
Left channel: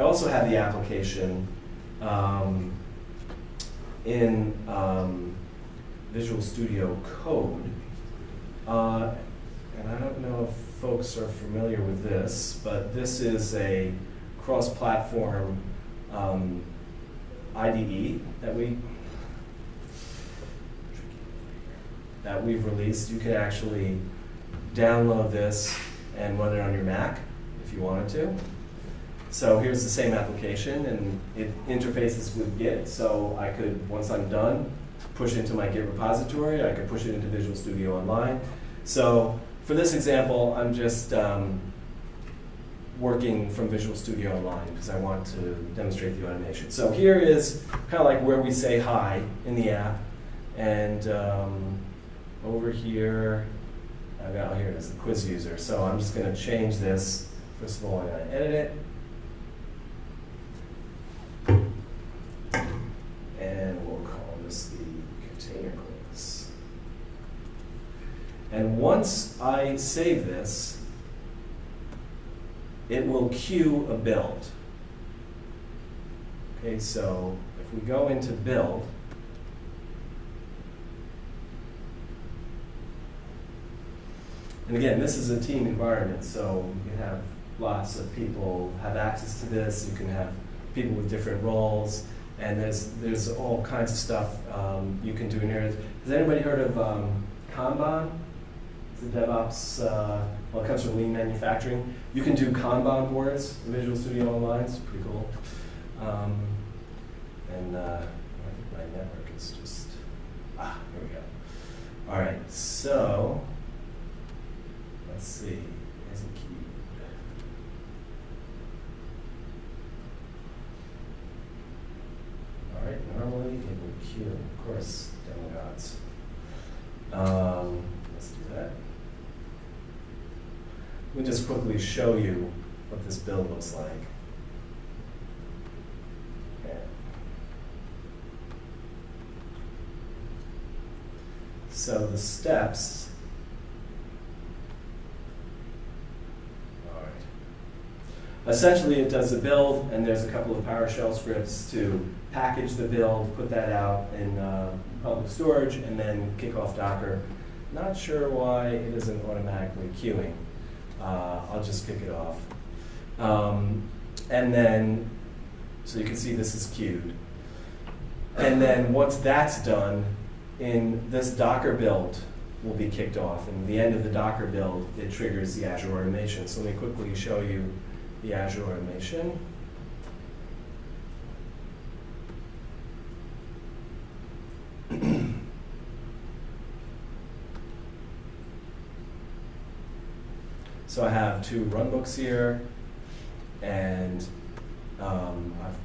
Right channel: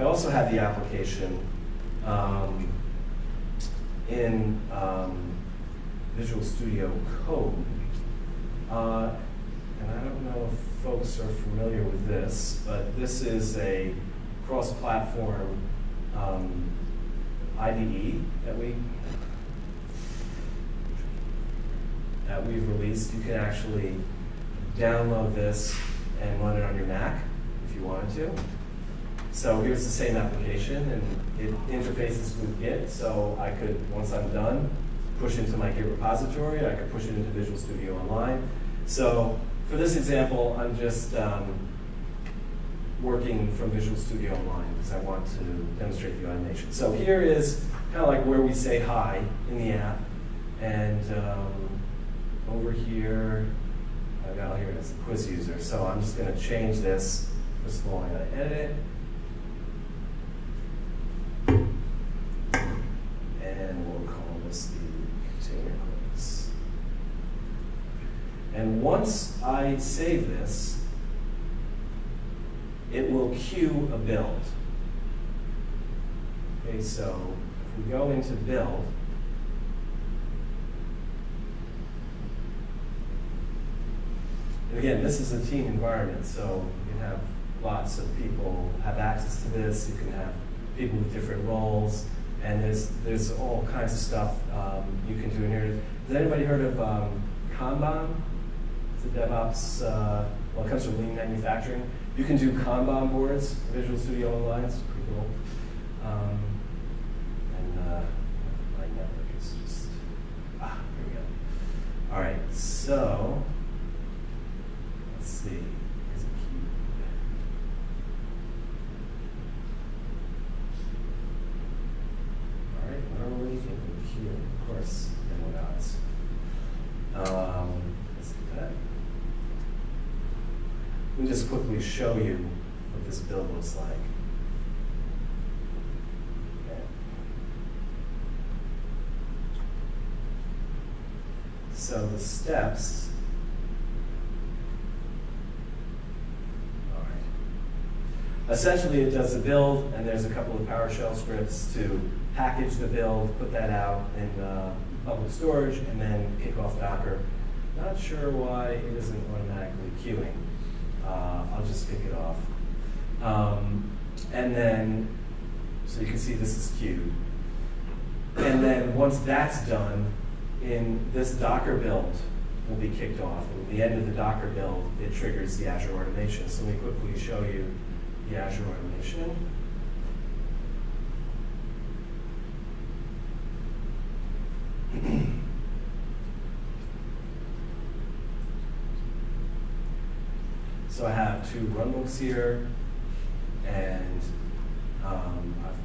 also have the application in Visual Studio Code. And I don't know if folks are familiar with this, but this is a cross-platform IDE that we've released. You can actually download this and run it on your Mac if you wanted to. So here's the same application, and it interfaces with Git. So I could, once I'm done, push into my Git repository. I could push it into Visual Studio Online. So for this example, I'm just working from Visual Studio Online because I want to demonstrate the automation. So here is kind of like where we say hi in the app. And over here, here it is, the quiz user. So I'm just going to change this. First of all, I'm going to edit it. And we'll call this the container quiz. And once I save this, it will queue a build. Okay, so if we go into build, and again, this is a team environment, so you can have lots of people have access to this. You can have people with different roles, and there's all kinds of stuff you can do in here. Has anybody heard of Kanban? It's a DevOps, well, it comes from lean manufacturing. You can do Kanban boards in Visual Studio Online. It's pretty cool. And my network is just, here we go. All right, so let's see. Here's a key. All right, normally it would queue, of course, demo gods. Let's do that. Let me just quickly show you what this build looks like. Okay. So the steps. All right. Essentially, it does a build, and there's a couple of PowerShell scripts to package the build, put that out in public storage, and then kick off Docker. Not sure why it isn't automatically queuing. I'll just kick it off. And then, so you can see this is queued. And then once that's done, in this Docker build will be kicked off. And at the end of the Docker build, it triggers the Azure automation. So let me quickly show you the Azure automation. So I have two runbooks here, and I've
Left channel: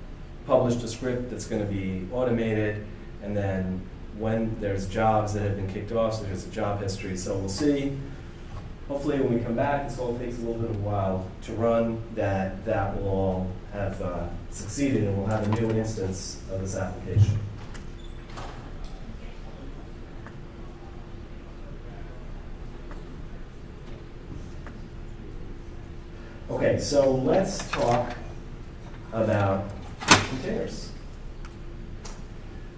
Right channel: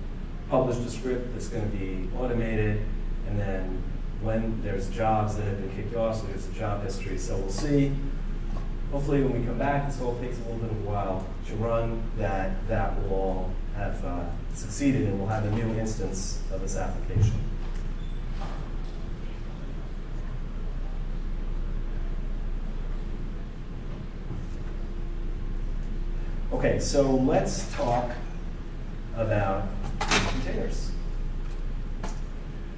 published a script that's going to be automated, and then when there's jobs that have been kicked off, so there's a job history. So we'll see, hopefully when we come back, this all takes a little bit of a while to run, that will all have succeeded, and we'll have a new instance of this application. Okay, so let's talk about containers.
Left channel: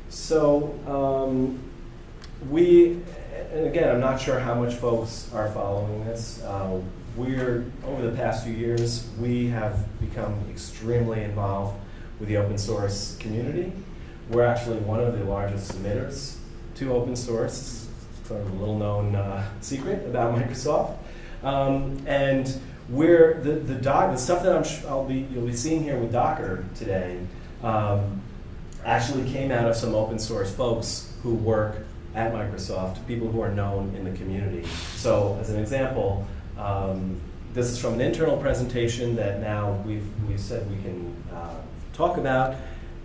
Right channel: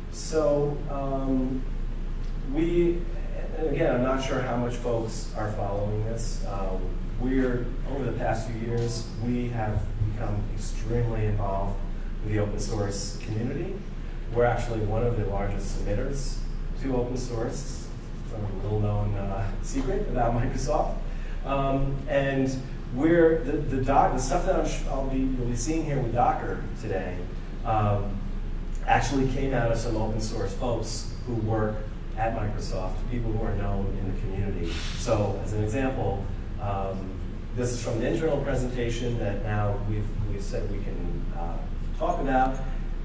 So and again, I'm not sure how much folks are following this. Over the past few years, we have become extremely involved with the open source community. We're actually one of the largest submitters to open source, from a little known secret about Microsoft. And the stuff that you'll be seeing here with Docker today actually came out of some open source folks who work at Microsoft, people who are known in the community. So as an example, this is from an internal presentation that now we've said we can talk about.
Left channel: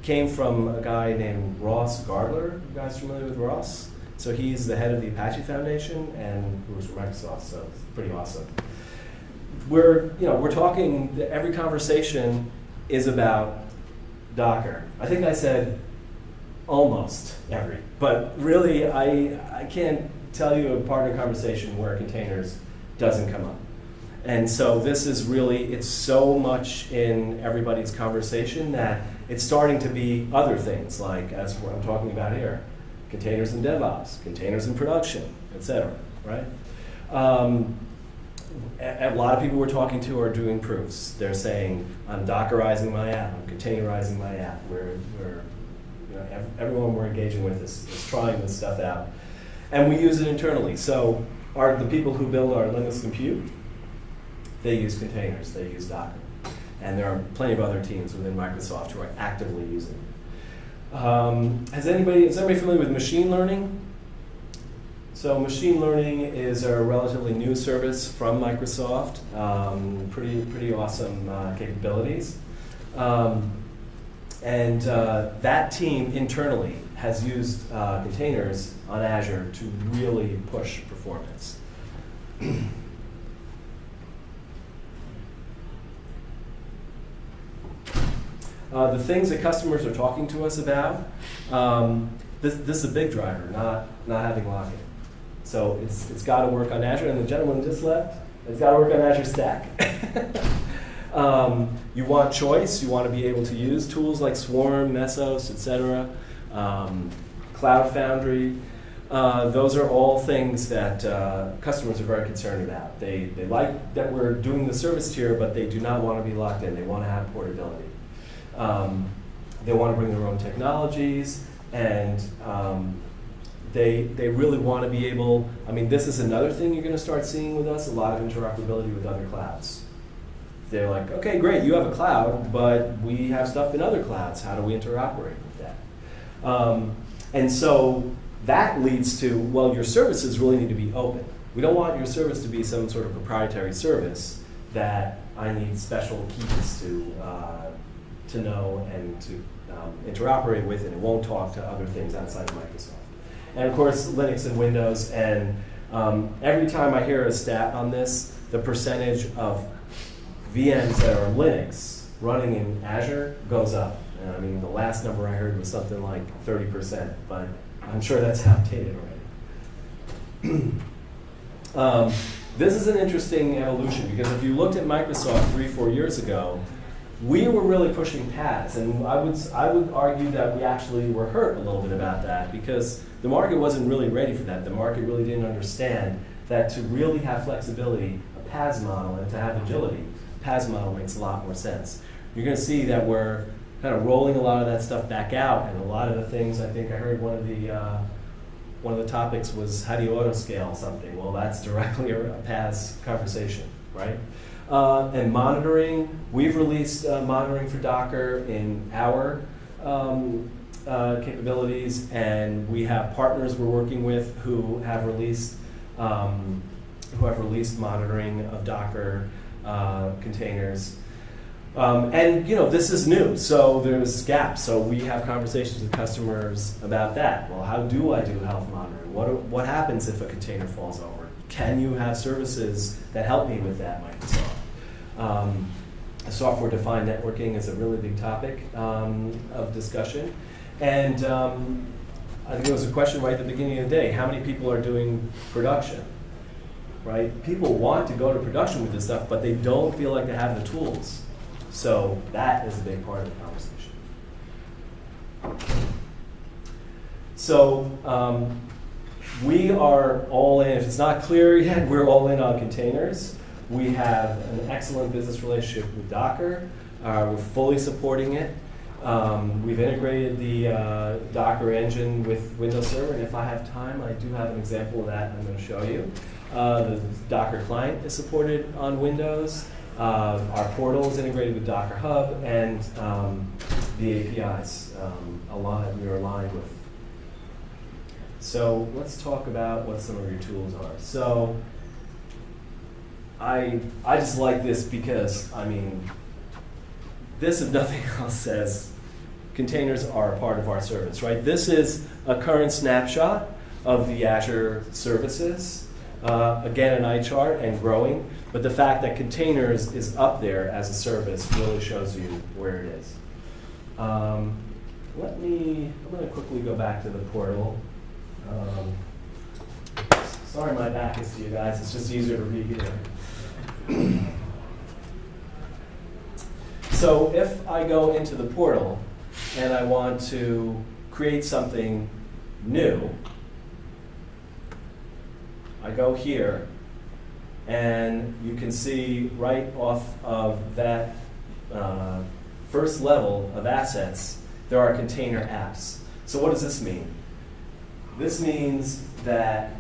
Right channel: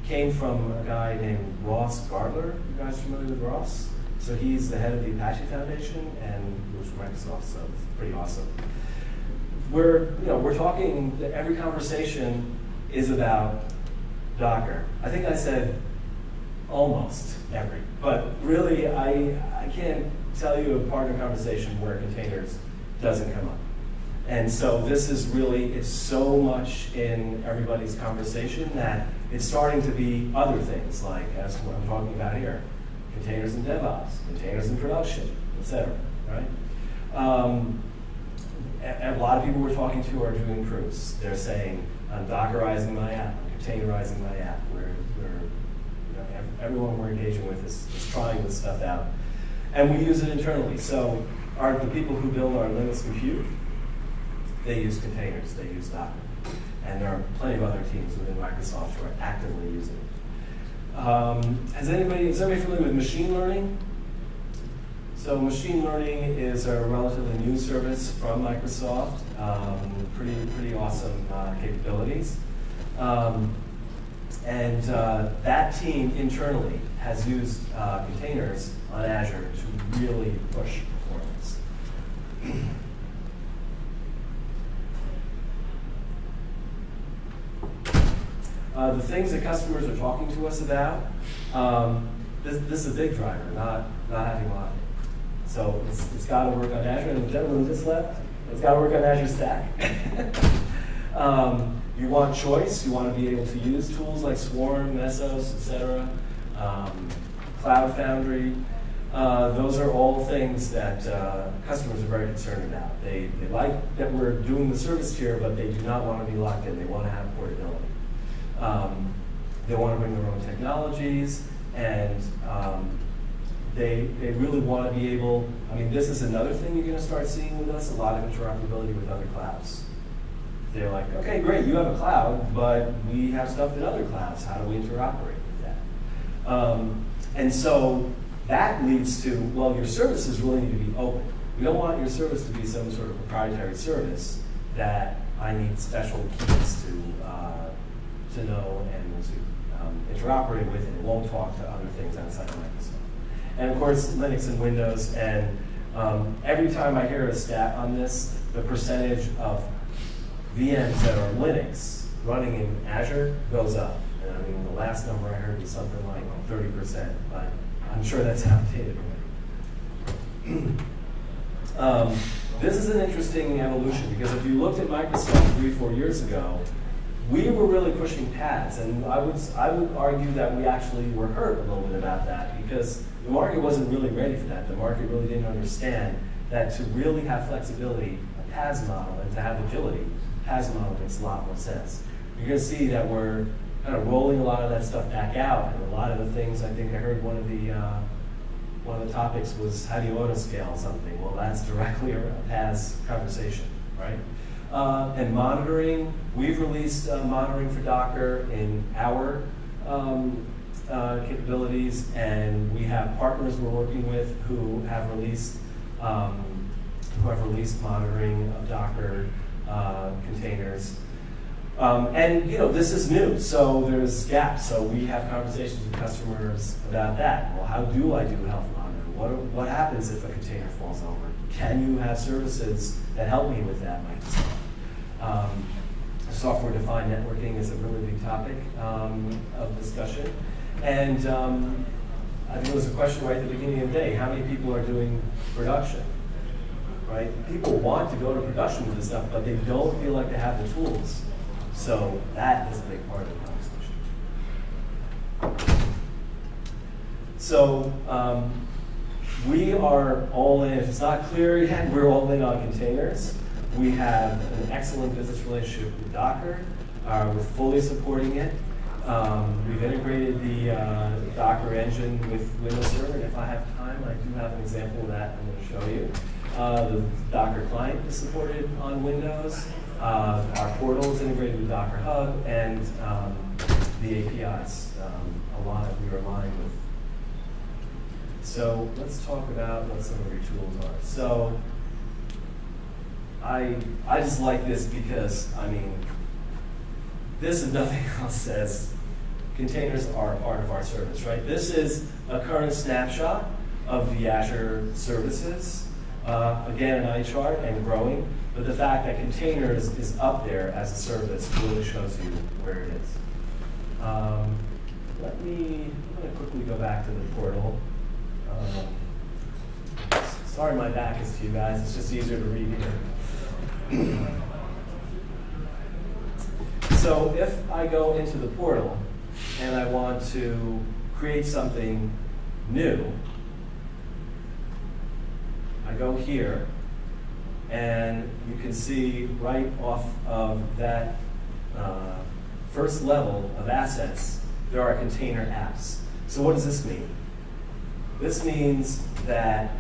Came from a guy named Ross Gardler. You guys familiar with Ross? So he's the head of the Apache Foundation and works for Microsoft, so it's pretty awesome. We're talking, every conversation is about Docker. I think I said almost every, but really I can't tell you a part of the conversation where containers doesn't come up. And so this is really, it's so much in everybody's conversation that it's starting to be other things, like as what I'm talking about here, containers in DevOps, containers in production, etc. Right? A lot of people we're talking to are doing proofs. They're saying, I'm Dockerizing my app, I'm containerizing my app. Everyone we're engaging with is trying this stuff out. And we use it internally. So the people who build our Linux compute, they use containers, they use Docker. And there are plenty of other teams within Microsoft who are actively using it. Is everybody familiar with machine learning? So machine learning is a relatively new service from Microsoft, pretty awesome capabilities. And that team internally has used containers on Azure to really push performance. The things that customers are talking to us about, this is a big driver, not having lock-in. So it's got to work on Azure, and the gentleman just left, it's got to work on Azure Stack. You want choice, you want to be able to use tools like Swarm, Mesos, etc., Cloud Foundry. Those are all things that customers are very concerned about. They like that we're doing the service tier, but they do not want to be locked in. They want to have portability. They want to bring their own technologies, and they really want to be able, this is another thing you're going to start seeing with us, a lot of interoperability with other clouds. They're like, okay, great, you have a cloud, but we have stuff in other clouds. How do we interoperate with that? And so that leads to, well, your services really need to be open. We don't want your service to be some sort of proprietary service that I need special keys to know and to interoperate with, and won't talk to other things outside of Microsoft. And of course, Linux and Windows, and every time I hear a stat on this, the percentage of VMs that are Linux running in Azure goes up. And the last number I heard was something like 30%, but I'm sure that's outdated already. This is an interesting evolution, because if you looked at Microsoft 3-4 years ago, we were really pushing PaaS, and I would argue that we actually were hurt a little bit about that, because the market wasn't really ready for that. The market really didn't understand that to really have flexibility, a PaaS model, and to have agility, a PaaS model makes a lot more sense. You're going to see that we're kind of rolling a lot of that stuff back out, and a lot of the things, I think I heard one of the topics was, how do you auto-scale something? Well, that's directly a PaaS conversation, right? And monitoring, we've released monitoring for Docker in our capabilities, and we have partners we're working with who have released monitoring of Docker containers. And this is new, so there's gaps. So we have conversations with customers about that. Well, how do I do health monitoring? What happens if a container falls over? Can you have services that help me with that, Microsoft? Software-defined networking is a really big topic of discussion. And I think there was a question right at the beginning of the day, how many people are doing production? Right? People want to go to production with this stuff, but they don't feel like they have the tools. So that is a big part of the conversation. So we are all in. If it's not clear yet, we're all in on containers. We have an excellent business relationship with Docker. We're fully supporting it. We've integrated the Docker engine with Windows Server, and if I have time, I do have an example of that I'm going to show you. The Docker client is supported on Windows. Our portal is integrated with Docker Hub, and the APIs we're aligned with. So let's talk about what some of your tools are. So I just like this because, this, if nothing else, says containers are a part of our service, right? This is a current snapshot of the Azure services. Again, an eye chart and growing, but the fact that containers is up there as a service really shows you where it is. I'm going to quickly go back to the portal. Sorry my back is to you guys, it's just easier to read here. So if I go into the portal and I want to create something new, I go here, and you can see right off of that first level of assets, there are container apps. So what does this mean? This means that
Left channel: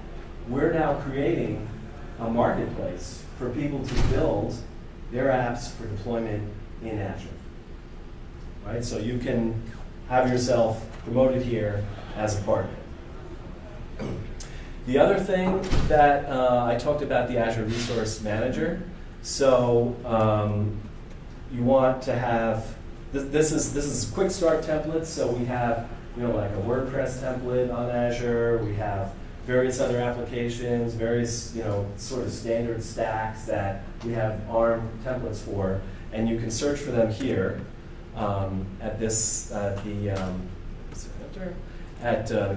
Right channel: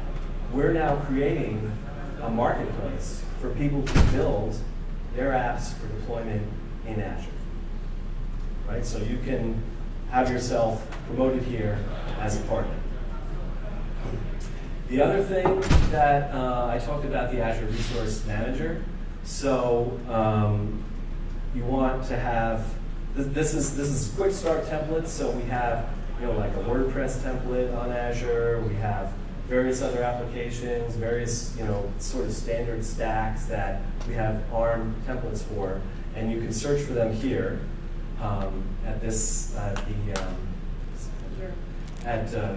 we're now creating a marketplace for people to build their apps for deployment in Azure. Right? So you can have yourself promoted here as a partner. The other thing that I talked about the Azure Resource Manager. So you want to have this is quick start templates. So we have like a WordPress template on Azure. We have various other applications, various sort of standard stacks that we have ARM templates for, and you can search for them here at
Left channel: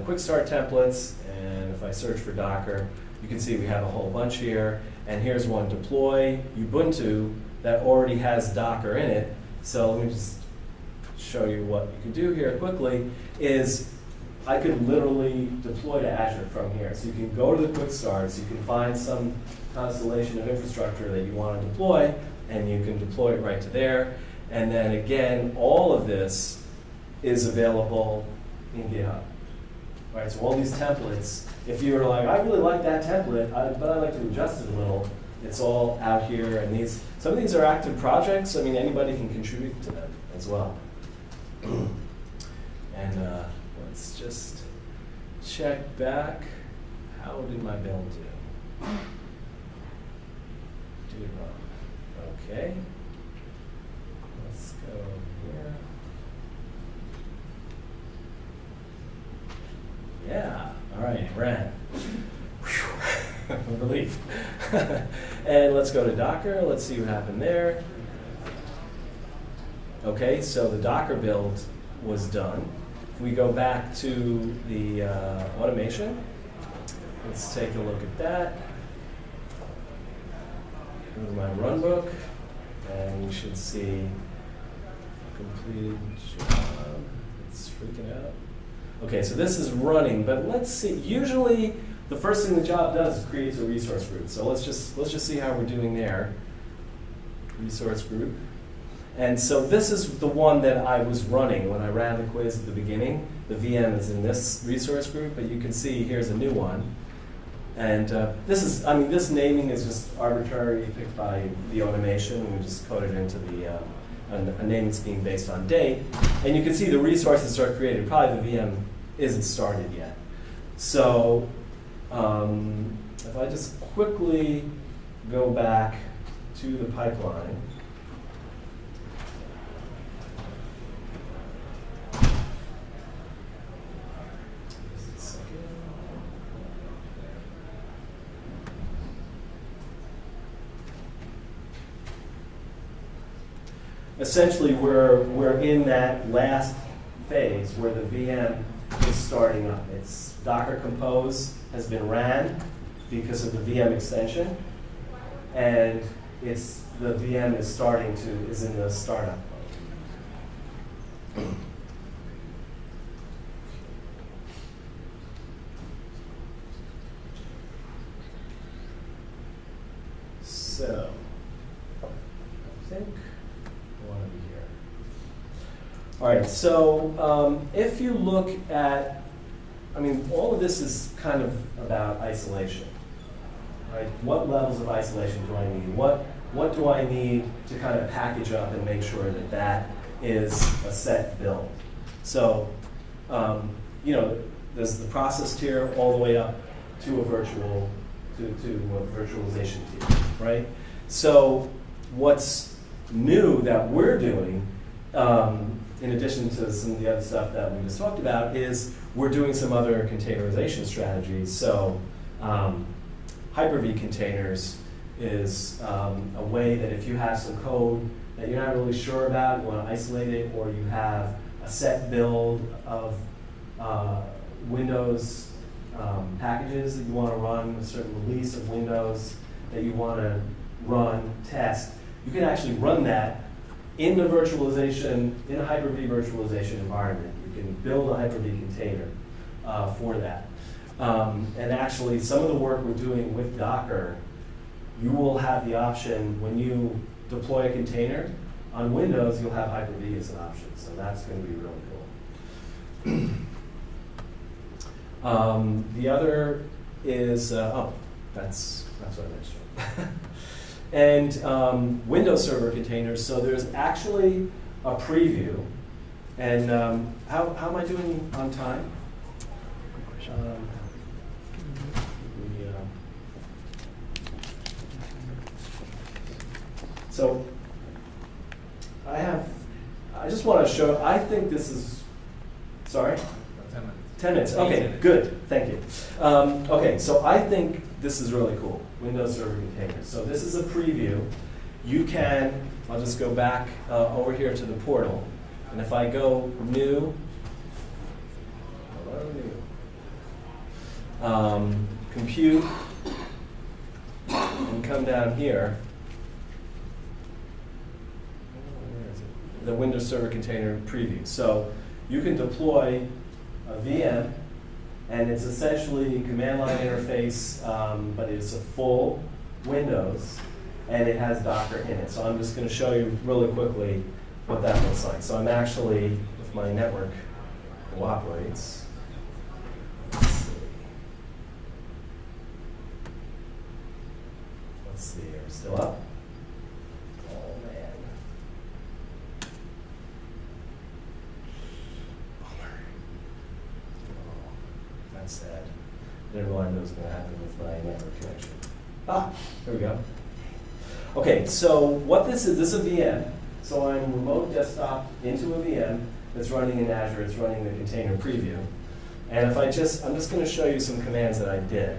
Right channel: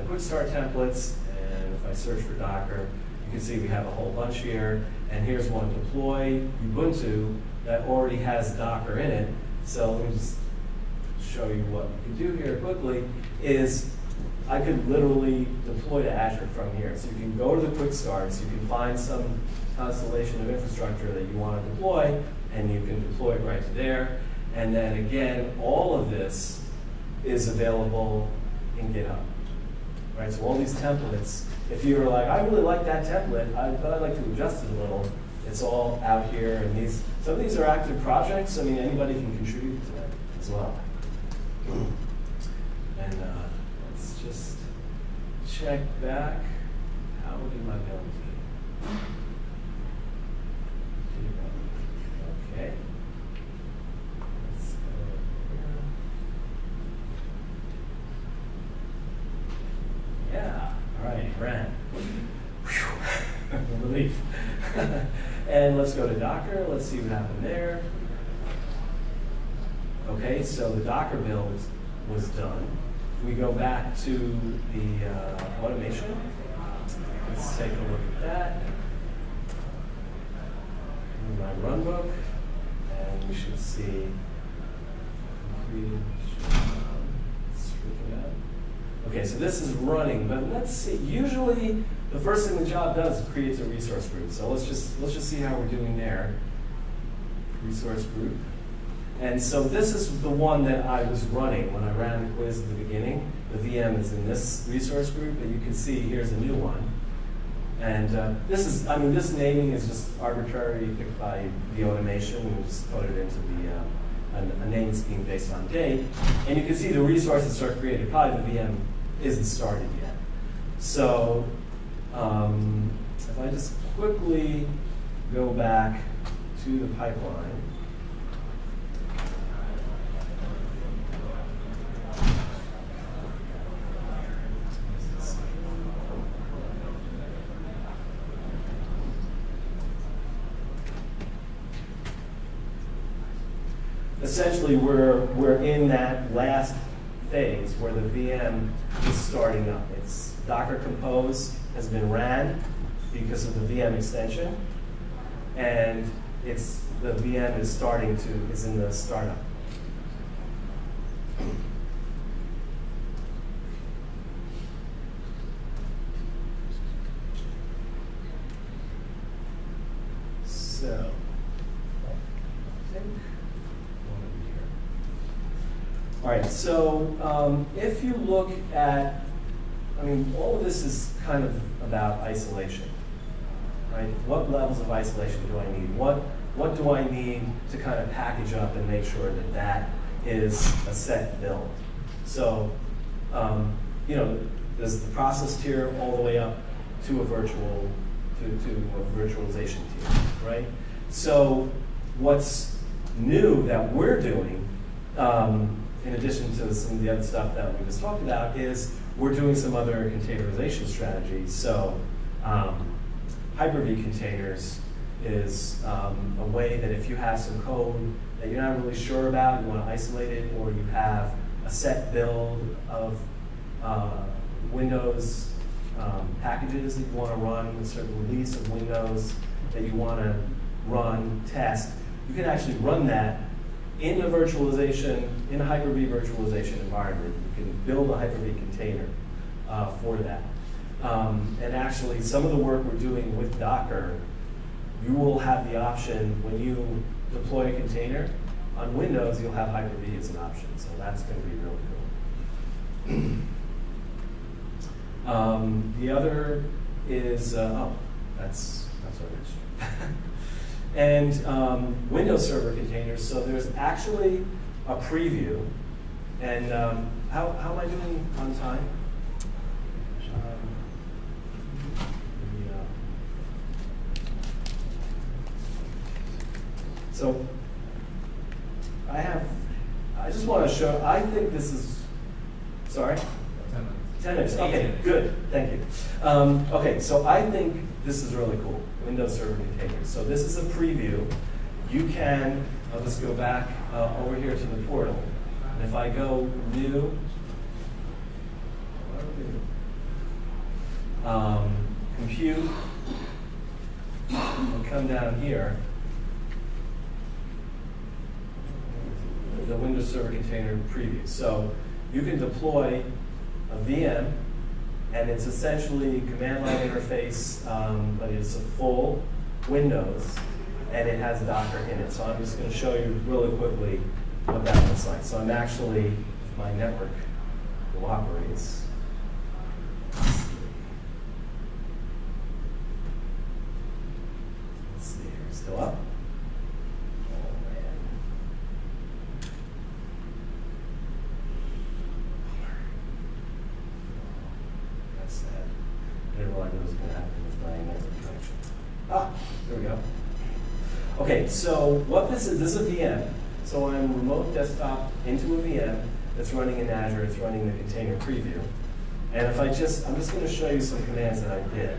Quick Start Templates. And if I search for Docker, you can see we have a whole bunch here. And here's one, deploy Ubuntu, that already has Docker in it. So let me just show you what you can do here quickly. Is I could literally deploy to Azure from here. So you can go to the quick starts, you can find some constellation of infrastructure that you want to deploy, and you can deploy it right to there. And then again, all of this is available in GitHub. Right, so all these templates, if you're like, I really like that template, but I'd like to adjust it a little, it's all out here. And some of these are active projects. I mean, anybody can contribute to them as well. And let's just check back. How did my build do? Okay. Let's go here. Yeah, all right, ran. Relief. And let's go to Docker. Let's see what happened there. Okay, so the Docker build was done. If we go back to the automation, let's take a look at that. Move my runbook, and you should see completed job. It's freaking out. Okay, so this is running, but let's see. Usually, the first thing the job does is creates a resource group. So let's just see how we're doing there. Resource group. And so this is the one that I was running when I ran the quiz at the beginning. The VM is in this resource group, but you can see here's a new one. And this naming is just arbitrary, picked by the automation. We just put it into a name that's being based on date. And you can see the resources are created. Probably the VM isn't started yet. So if I just quickly go back to the pipeline. Essentially, we're in that last phase where the VM is starting up. It's Docker Compose has been ran because of the VM extension, and the VM is in the startup. So, I think. All right, so if you look at, all of this is kind of about isolation, right? What levels of isolation do I need? What do I need to kind of package up and make sure that that is a set build? So, there's the process tier all the way up to a virtualization tier, right? So, what's new that we're doing in addition to some of the other stuff that we just talked about, is we're doing some other containerization strategies. So Hyper-V containers is a way that if you have some code that you're not really sure about, you want to isolate it, or you have a set build of Windows packages that you want to run, a certain release of Windows that you want to run, test, you can actually run that in the virtualization, in a Hyper-V virtualization environment. You can build a Hyper-V container for that. And actually, some of the work we're doing with Docker, you will have the option when you deploy a container on Windows, you'll have Hyper-V as an option. So that's going to be really cool. The other is, that's what I mentioned. And Windows Server containers. So there's actually a preview. And how am I doing on time? So I just want to show, I think this is, sorry? 10 minutes. 10 minutes, okay, good, thank you. Okay, so I think this is really cool, Windows Server containers. So this is a preview. You can, I'll just go back over here to the portal. And if I go new, compute, and come down here, the Windows Server Container preview. So you can deploy a VM, and it's essentially a command line interface, but it's a full Windows, and it has Docker in it. So I'm just going to show you really quickly what that looks like. So I'm actually, if my network cooperates, let's see here, still up? Sad. Never mind, knows what's going to happen with my network connection. There we go. Okay, so what this is a VM. So I'm remote desktop into a VM that's running in Azure. It's running the container preview. And if I'm just going to show you some commands that I did.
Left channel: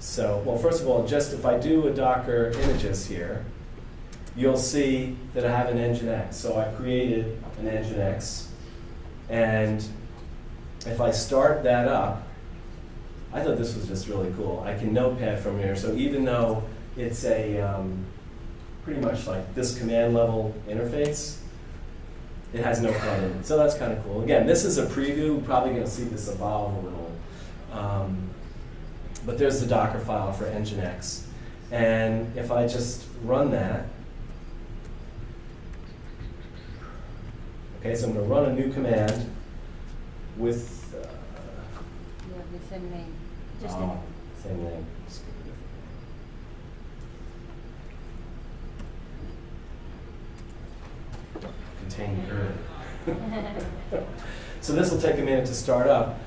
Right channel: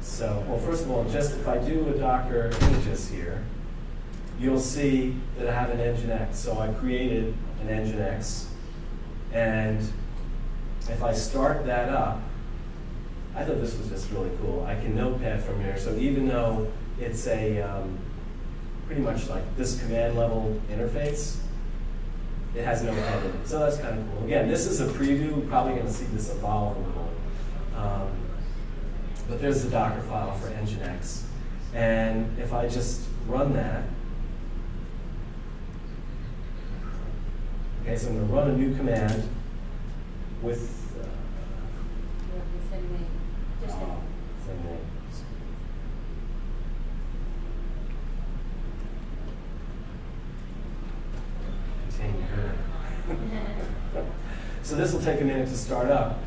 So, well, first of all, just if I do a Docker images here, you'll see that I have an Nginx. So I created an Nginx, and if I start that up, I thought this was just really cool. I can notepad from here, so even though it's a pretty much like this command level interface, it has notepad in it. So that's kind of cool. Again, this is a preview. We're probably going to see this evolve a little. But there's the Docker file for Nginx. And if I just run that, okay, so I'm going to run a new command with the same name. Just same name. Container. So this will take a minute to start up.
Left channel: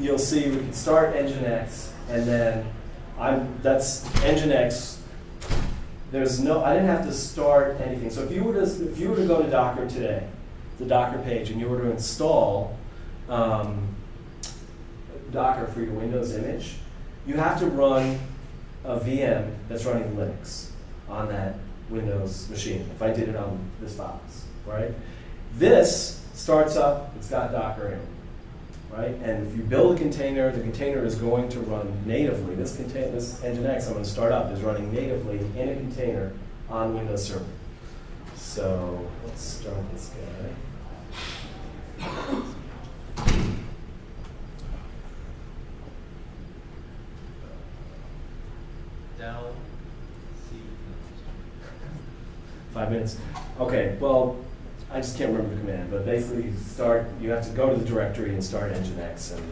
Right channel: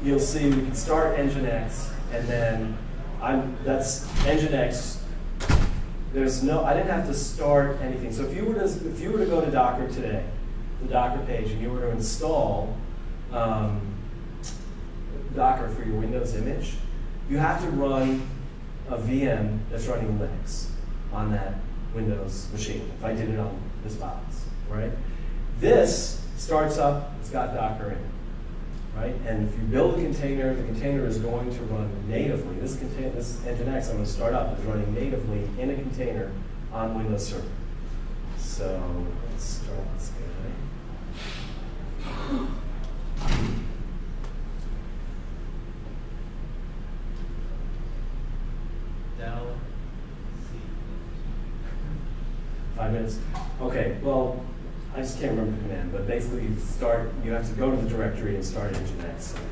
You'll see we can start Nginx, and then that's Nginx. There's no, I didn't have to start anything. So if you were to go to Docker today, the Docker page, and you were to install Docker for your Windows image, you have to run a VM that's running Linux on that Windows machine. If I did it on this box, right? This starts up, it's got Docker in it, right? And if you build a container, the container is going to run natively. This Nginx I'm going to start up is running natively in a container on Windows Server. So let's start this guy. Del C. 5 minutes. Okay, well, I just can't remember the command, but basically you have to go to the directory and start Nginx. And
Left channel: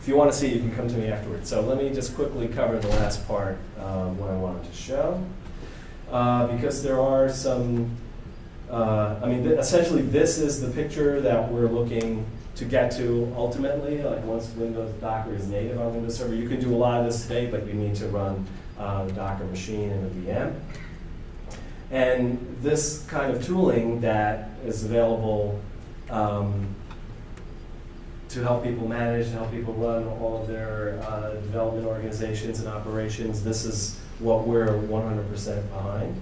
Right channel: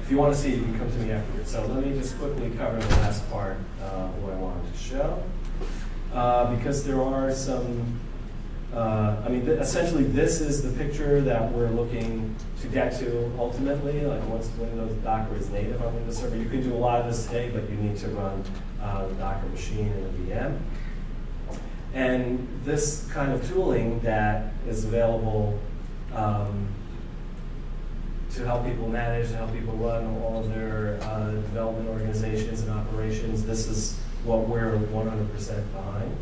if you want to see, you can come to me afterwards. So let me just quickly cover the last part of what I wanted to show. Because there are some, essentially this is the picture that we're looking to get to ultimately, like once Windows Docker is native on Windows Server. You can do a lot of this today, but you need to run the Docker machine in a VM. And this kind of tooling that is available to help people manage, to help people run all of their development organizations and operations. This is what we're 100% behind.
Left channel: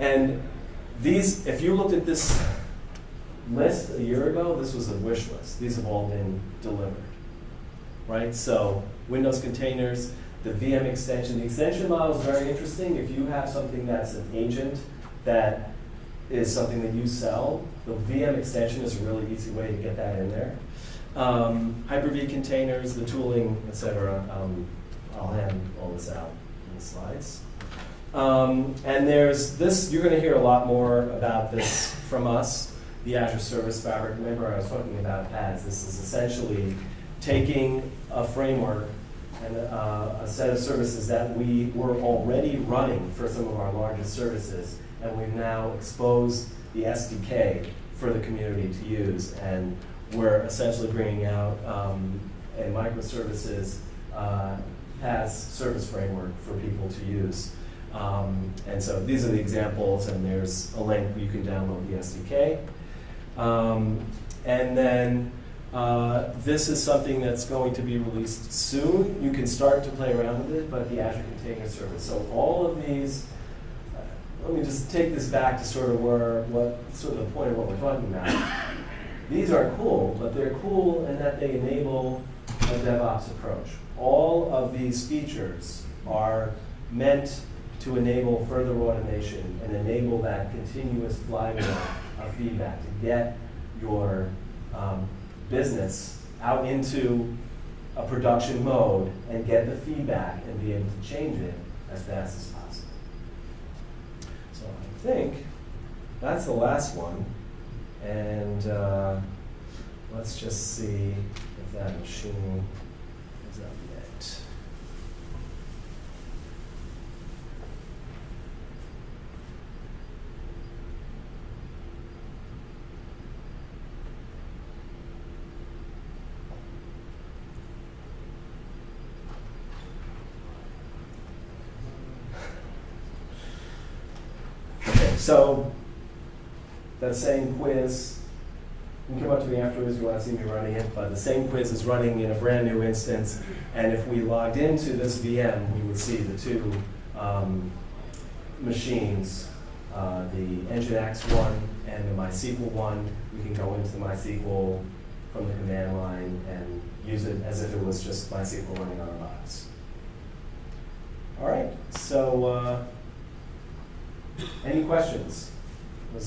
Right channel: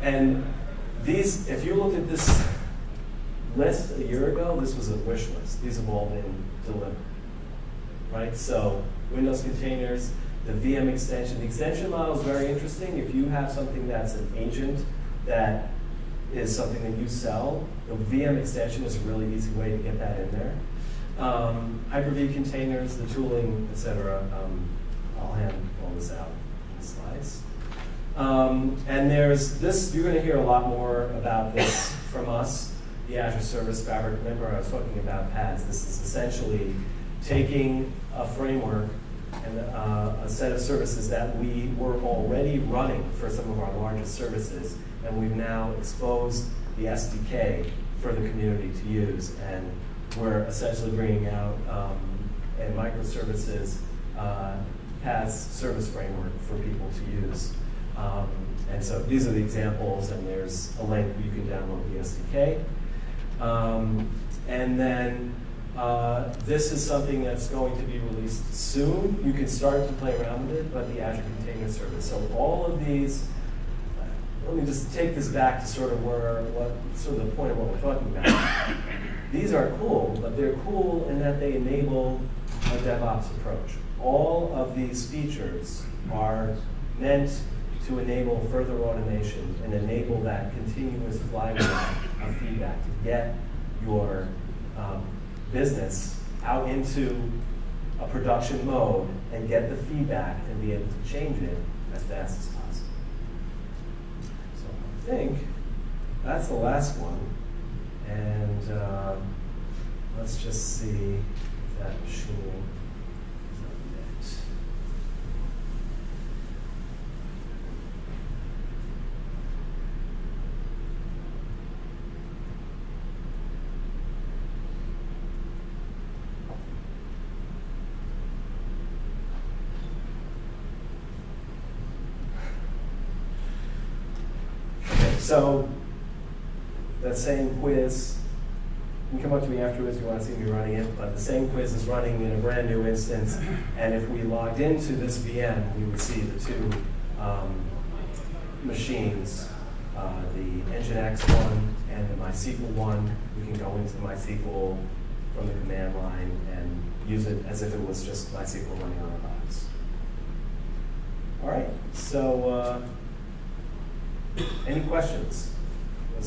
And these, if you looked at this list a year ago, this was a wish list. These have all been delivered, right? So Windows containers, the VM extension. The extension model is very interesting. If you have something that's an agent that is something that you sell, the VM extension is a really easy way to get that in there. Hyper-V containers, the tooling, etc. I'll hand all this out in the slides. And there's this, you're going to hear a lot more about this from us, the Azure Service Fabric. Remember I was talking about PaaS. This is essentially taking a framework and a set of services that we were already running for some of our largest services, and we've now exposed the SDK for the community to use. And we're essentially bringing out a microservices PaaS service framework for people to use. And so these are the examples, and there's a link where you can download the SDK. And then this is something that's going to be released soon. You can start to play around with it, but the Azure Container Service. So all of these, let me just take this back to sort of the point of what we're talking about. These are cool, but they're cool in that they enable a DevOps approach. All of these features are meant to enable further automation and enable that continuous flywheel of feedback to get your business out into a production mode and get the feedback and be able to change it as fast as possible. So I think that's the last one. And let's just see if that machine is up yet. So that same quiz, you can come up to me afterwards if you want to see me running it, but the same quiz is running in a brand new instance, and if we logged into this VM, we would see the two machines, the Nginx one and the MySQL one. You can go into the MySQL from the command line and use it as if it was just MySQL running on our box. All right, so any questions? I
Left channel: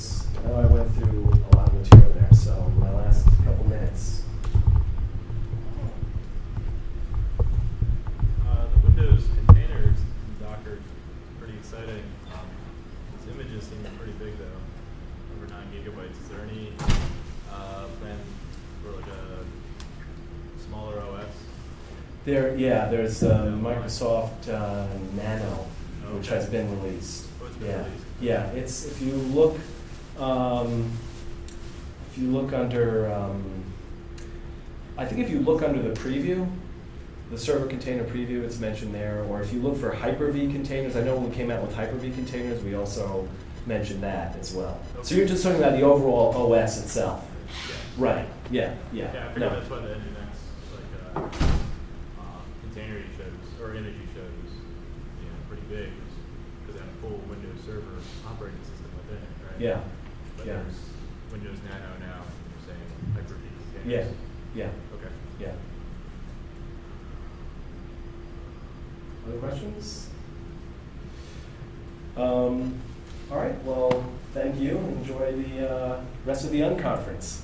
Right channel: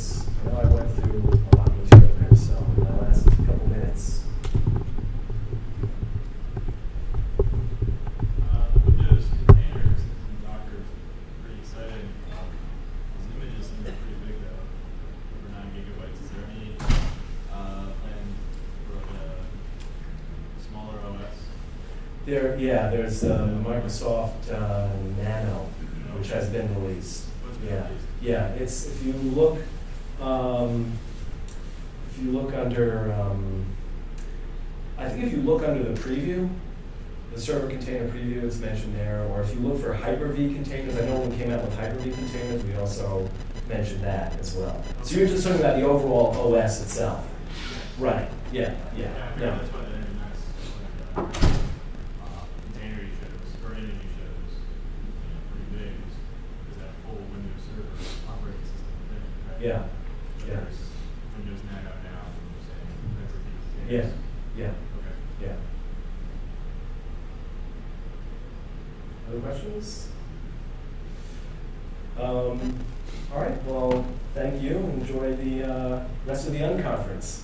know I went through a lot of material there, so in my last couple minutes. The Windows containers in Docker is pretty exciting. These images seem pretty big though, over 9 gigabytes. Is there any plan for like a smaller OS? There's Microsoft Nano, which has been released. Yeah. It's if you look under, I think if you look under the preview, the server container preview, it's mentioned there. Or if you look for Hyper-V containers, I know when we came out with Hyper-V containers, we also mentioned that as well. So you're just talking about the overall OS itself, right? Yeah. No. That's what the container you showed, or image you showed was pretty big. Because that full Windows Server operating system within it, right? Yeah. There's Windows Nano now, saying Hyper-V Yeah. Okay. Yeah. Other questions? All right. Well, thank you. Enjoy the rest of the unconference.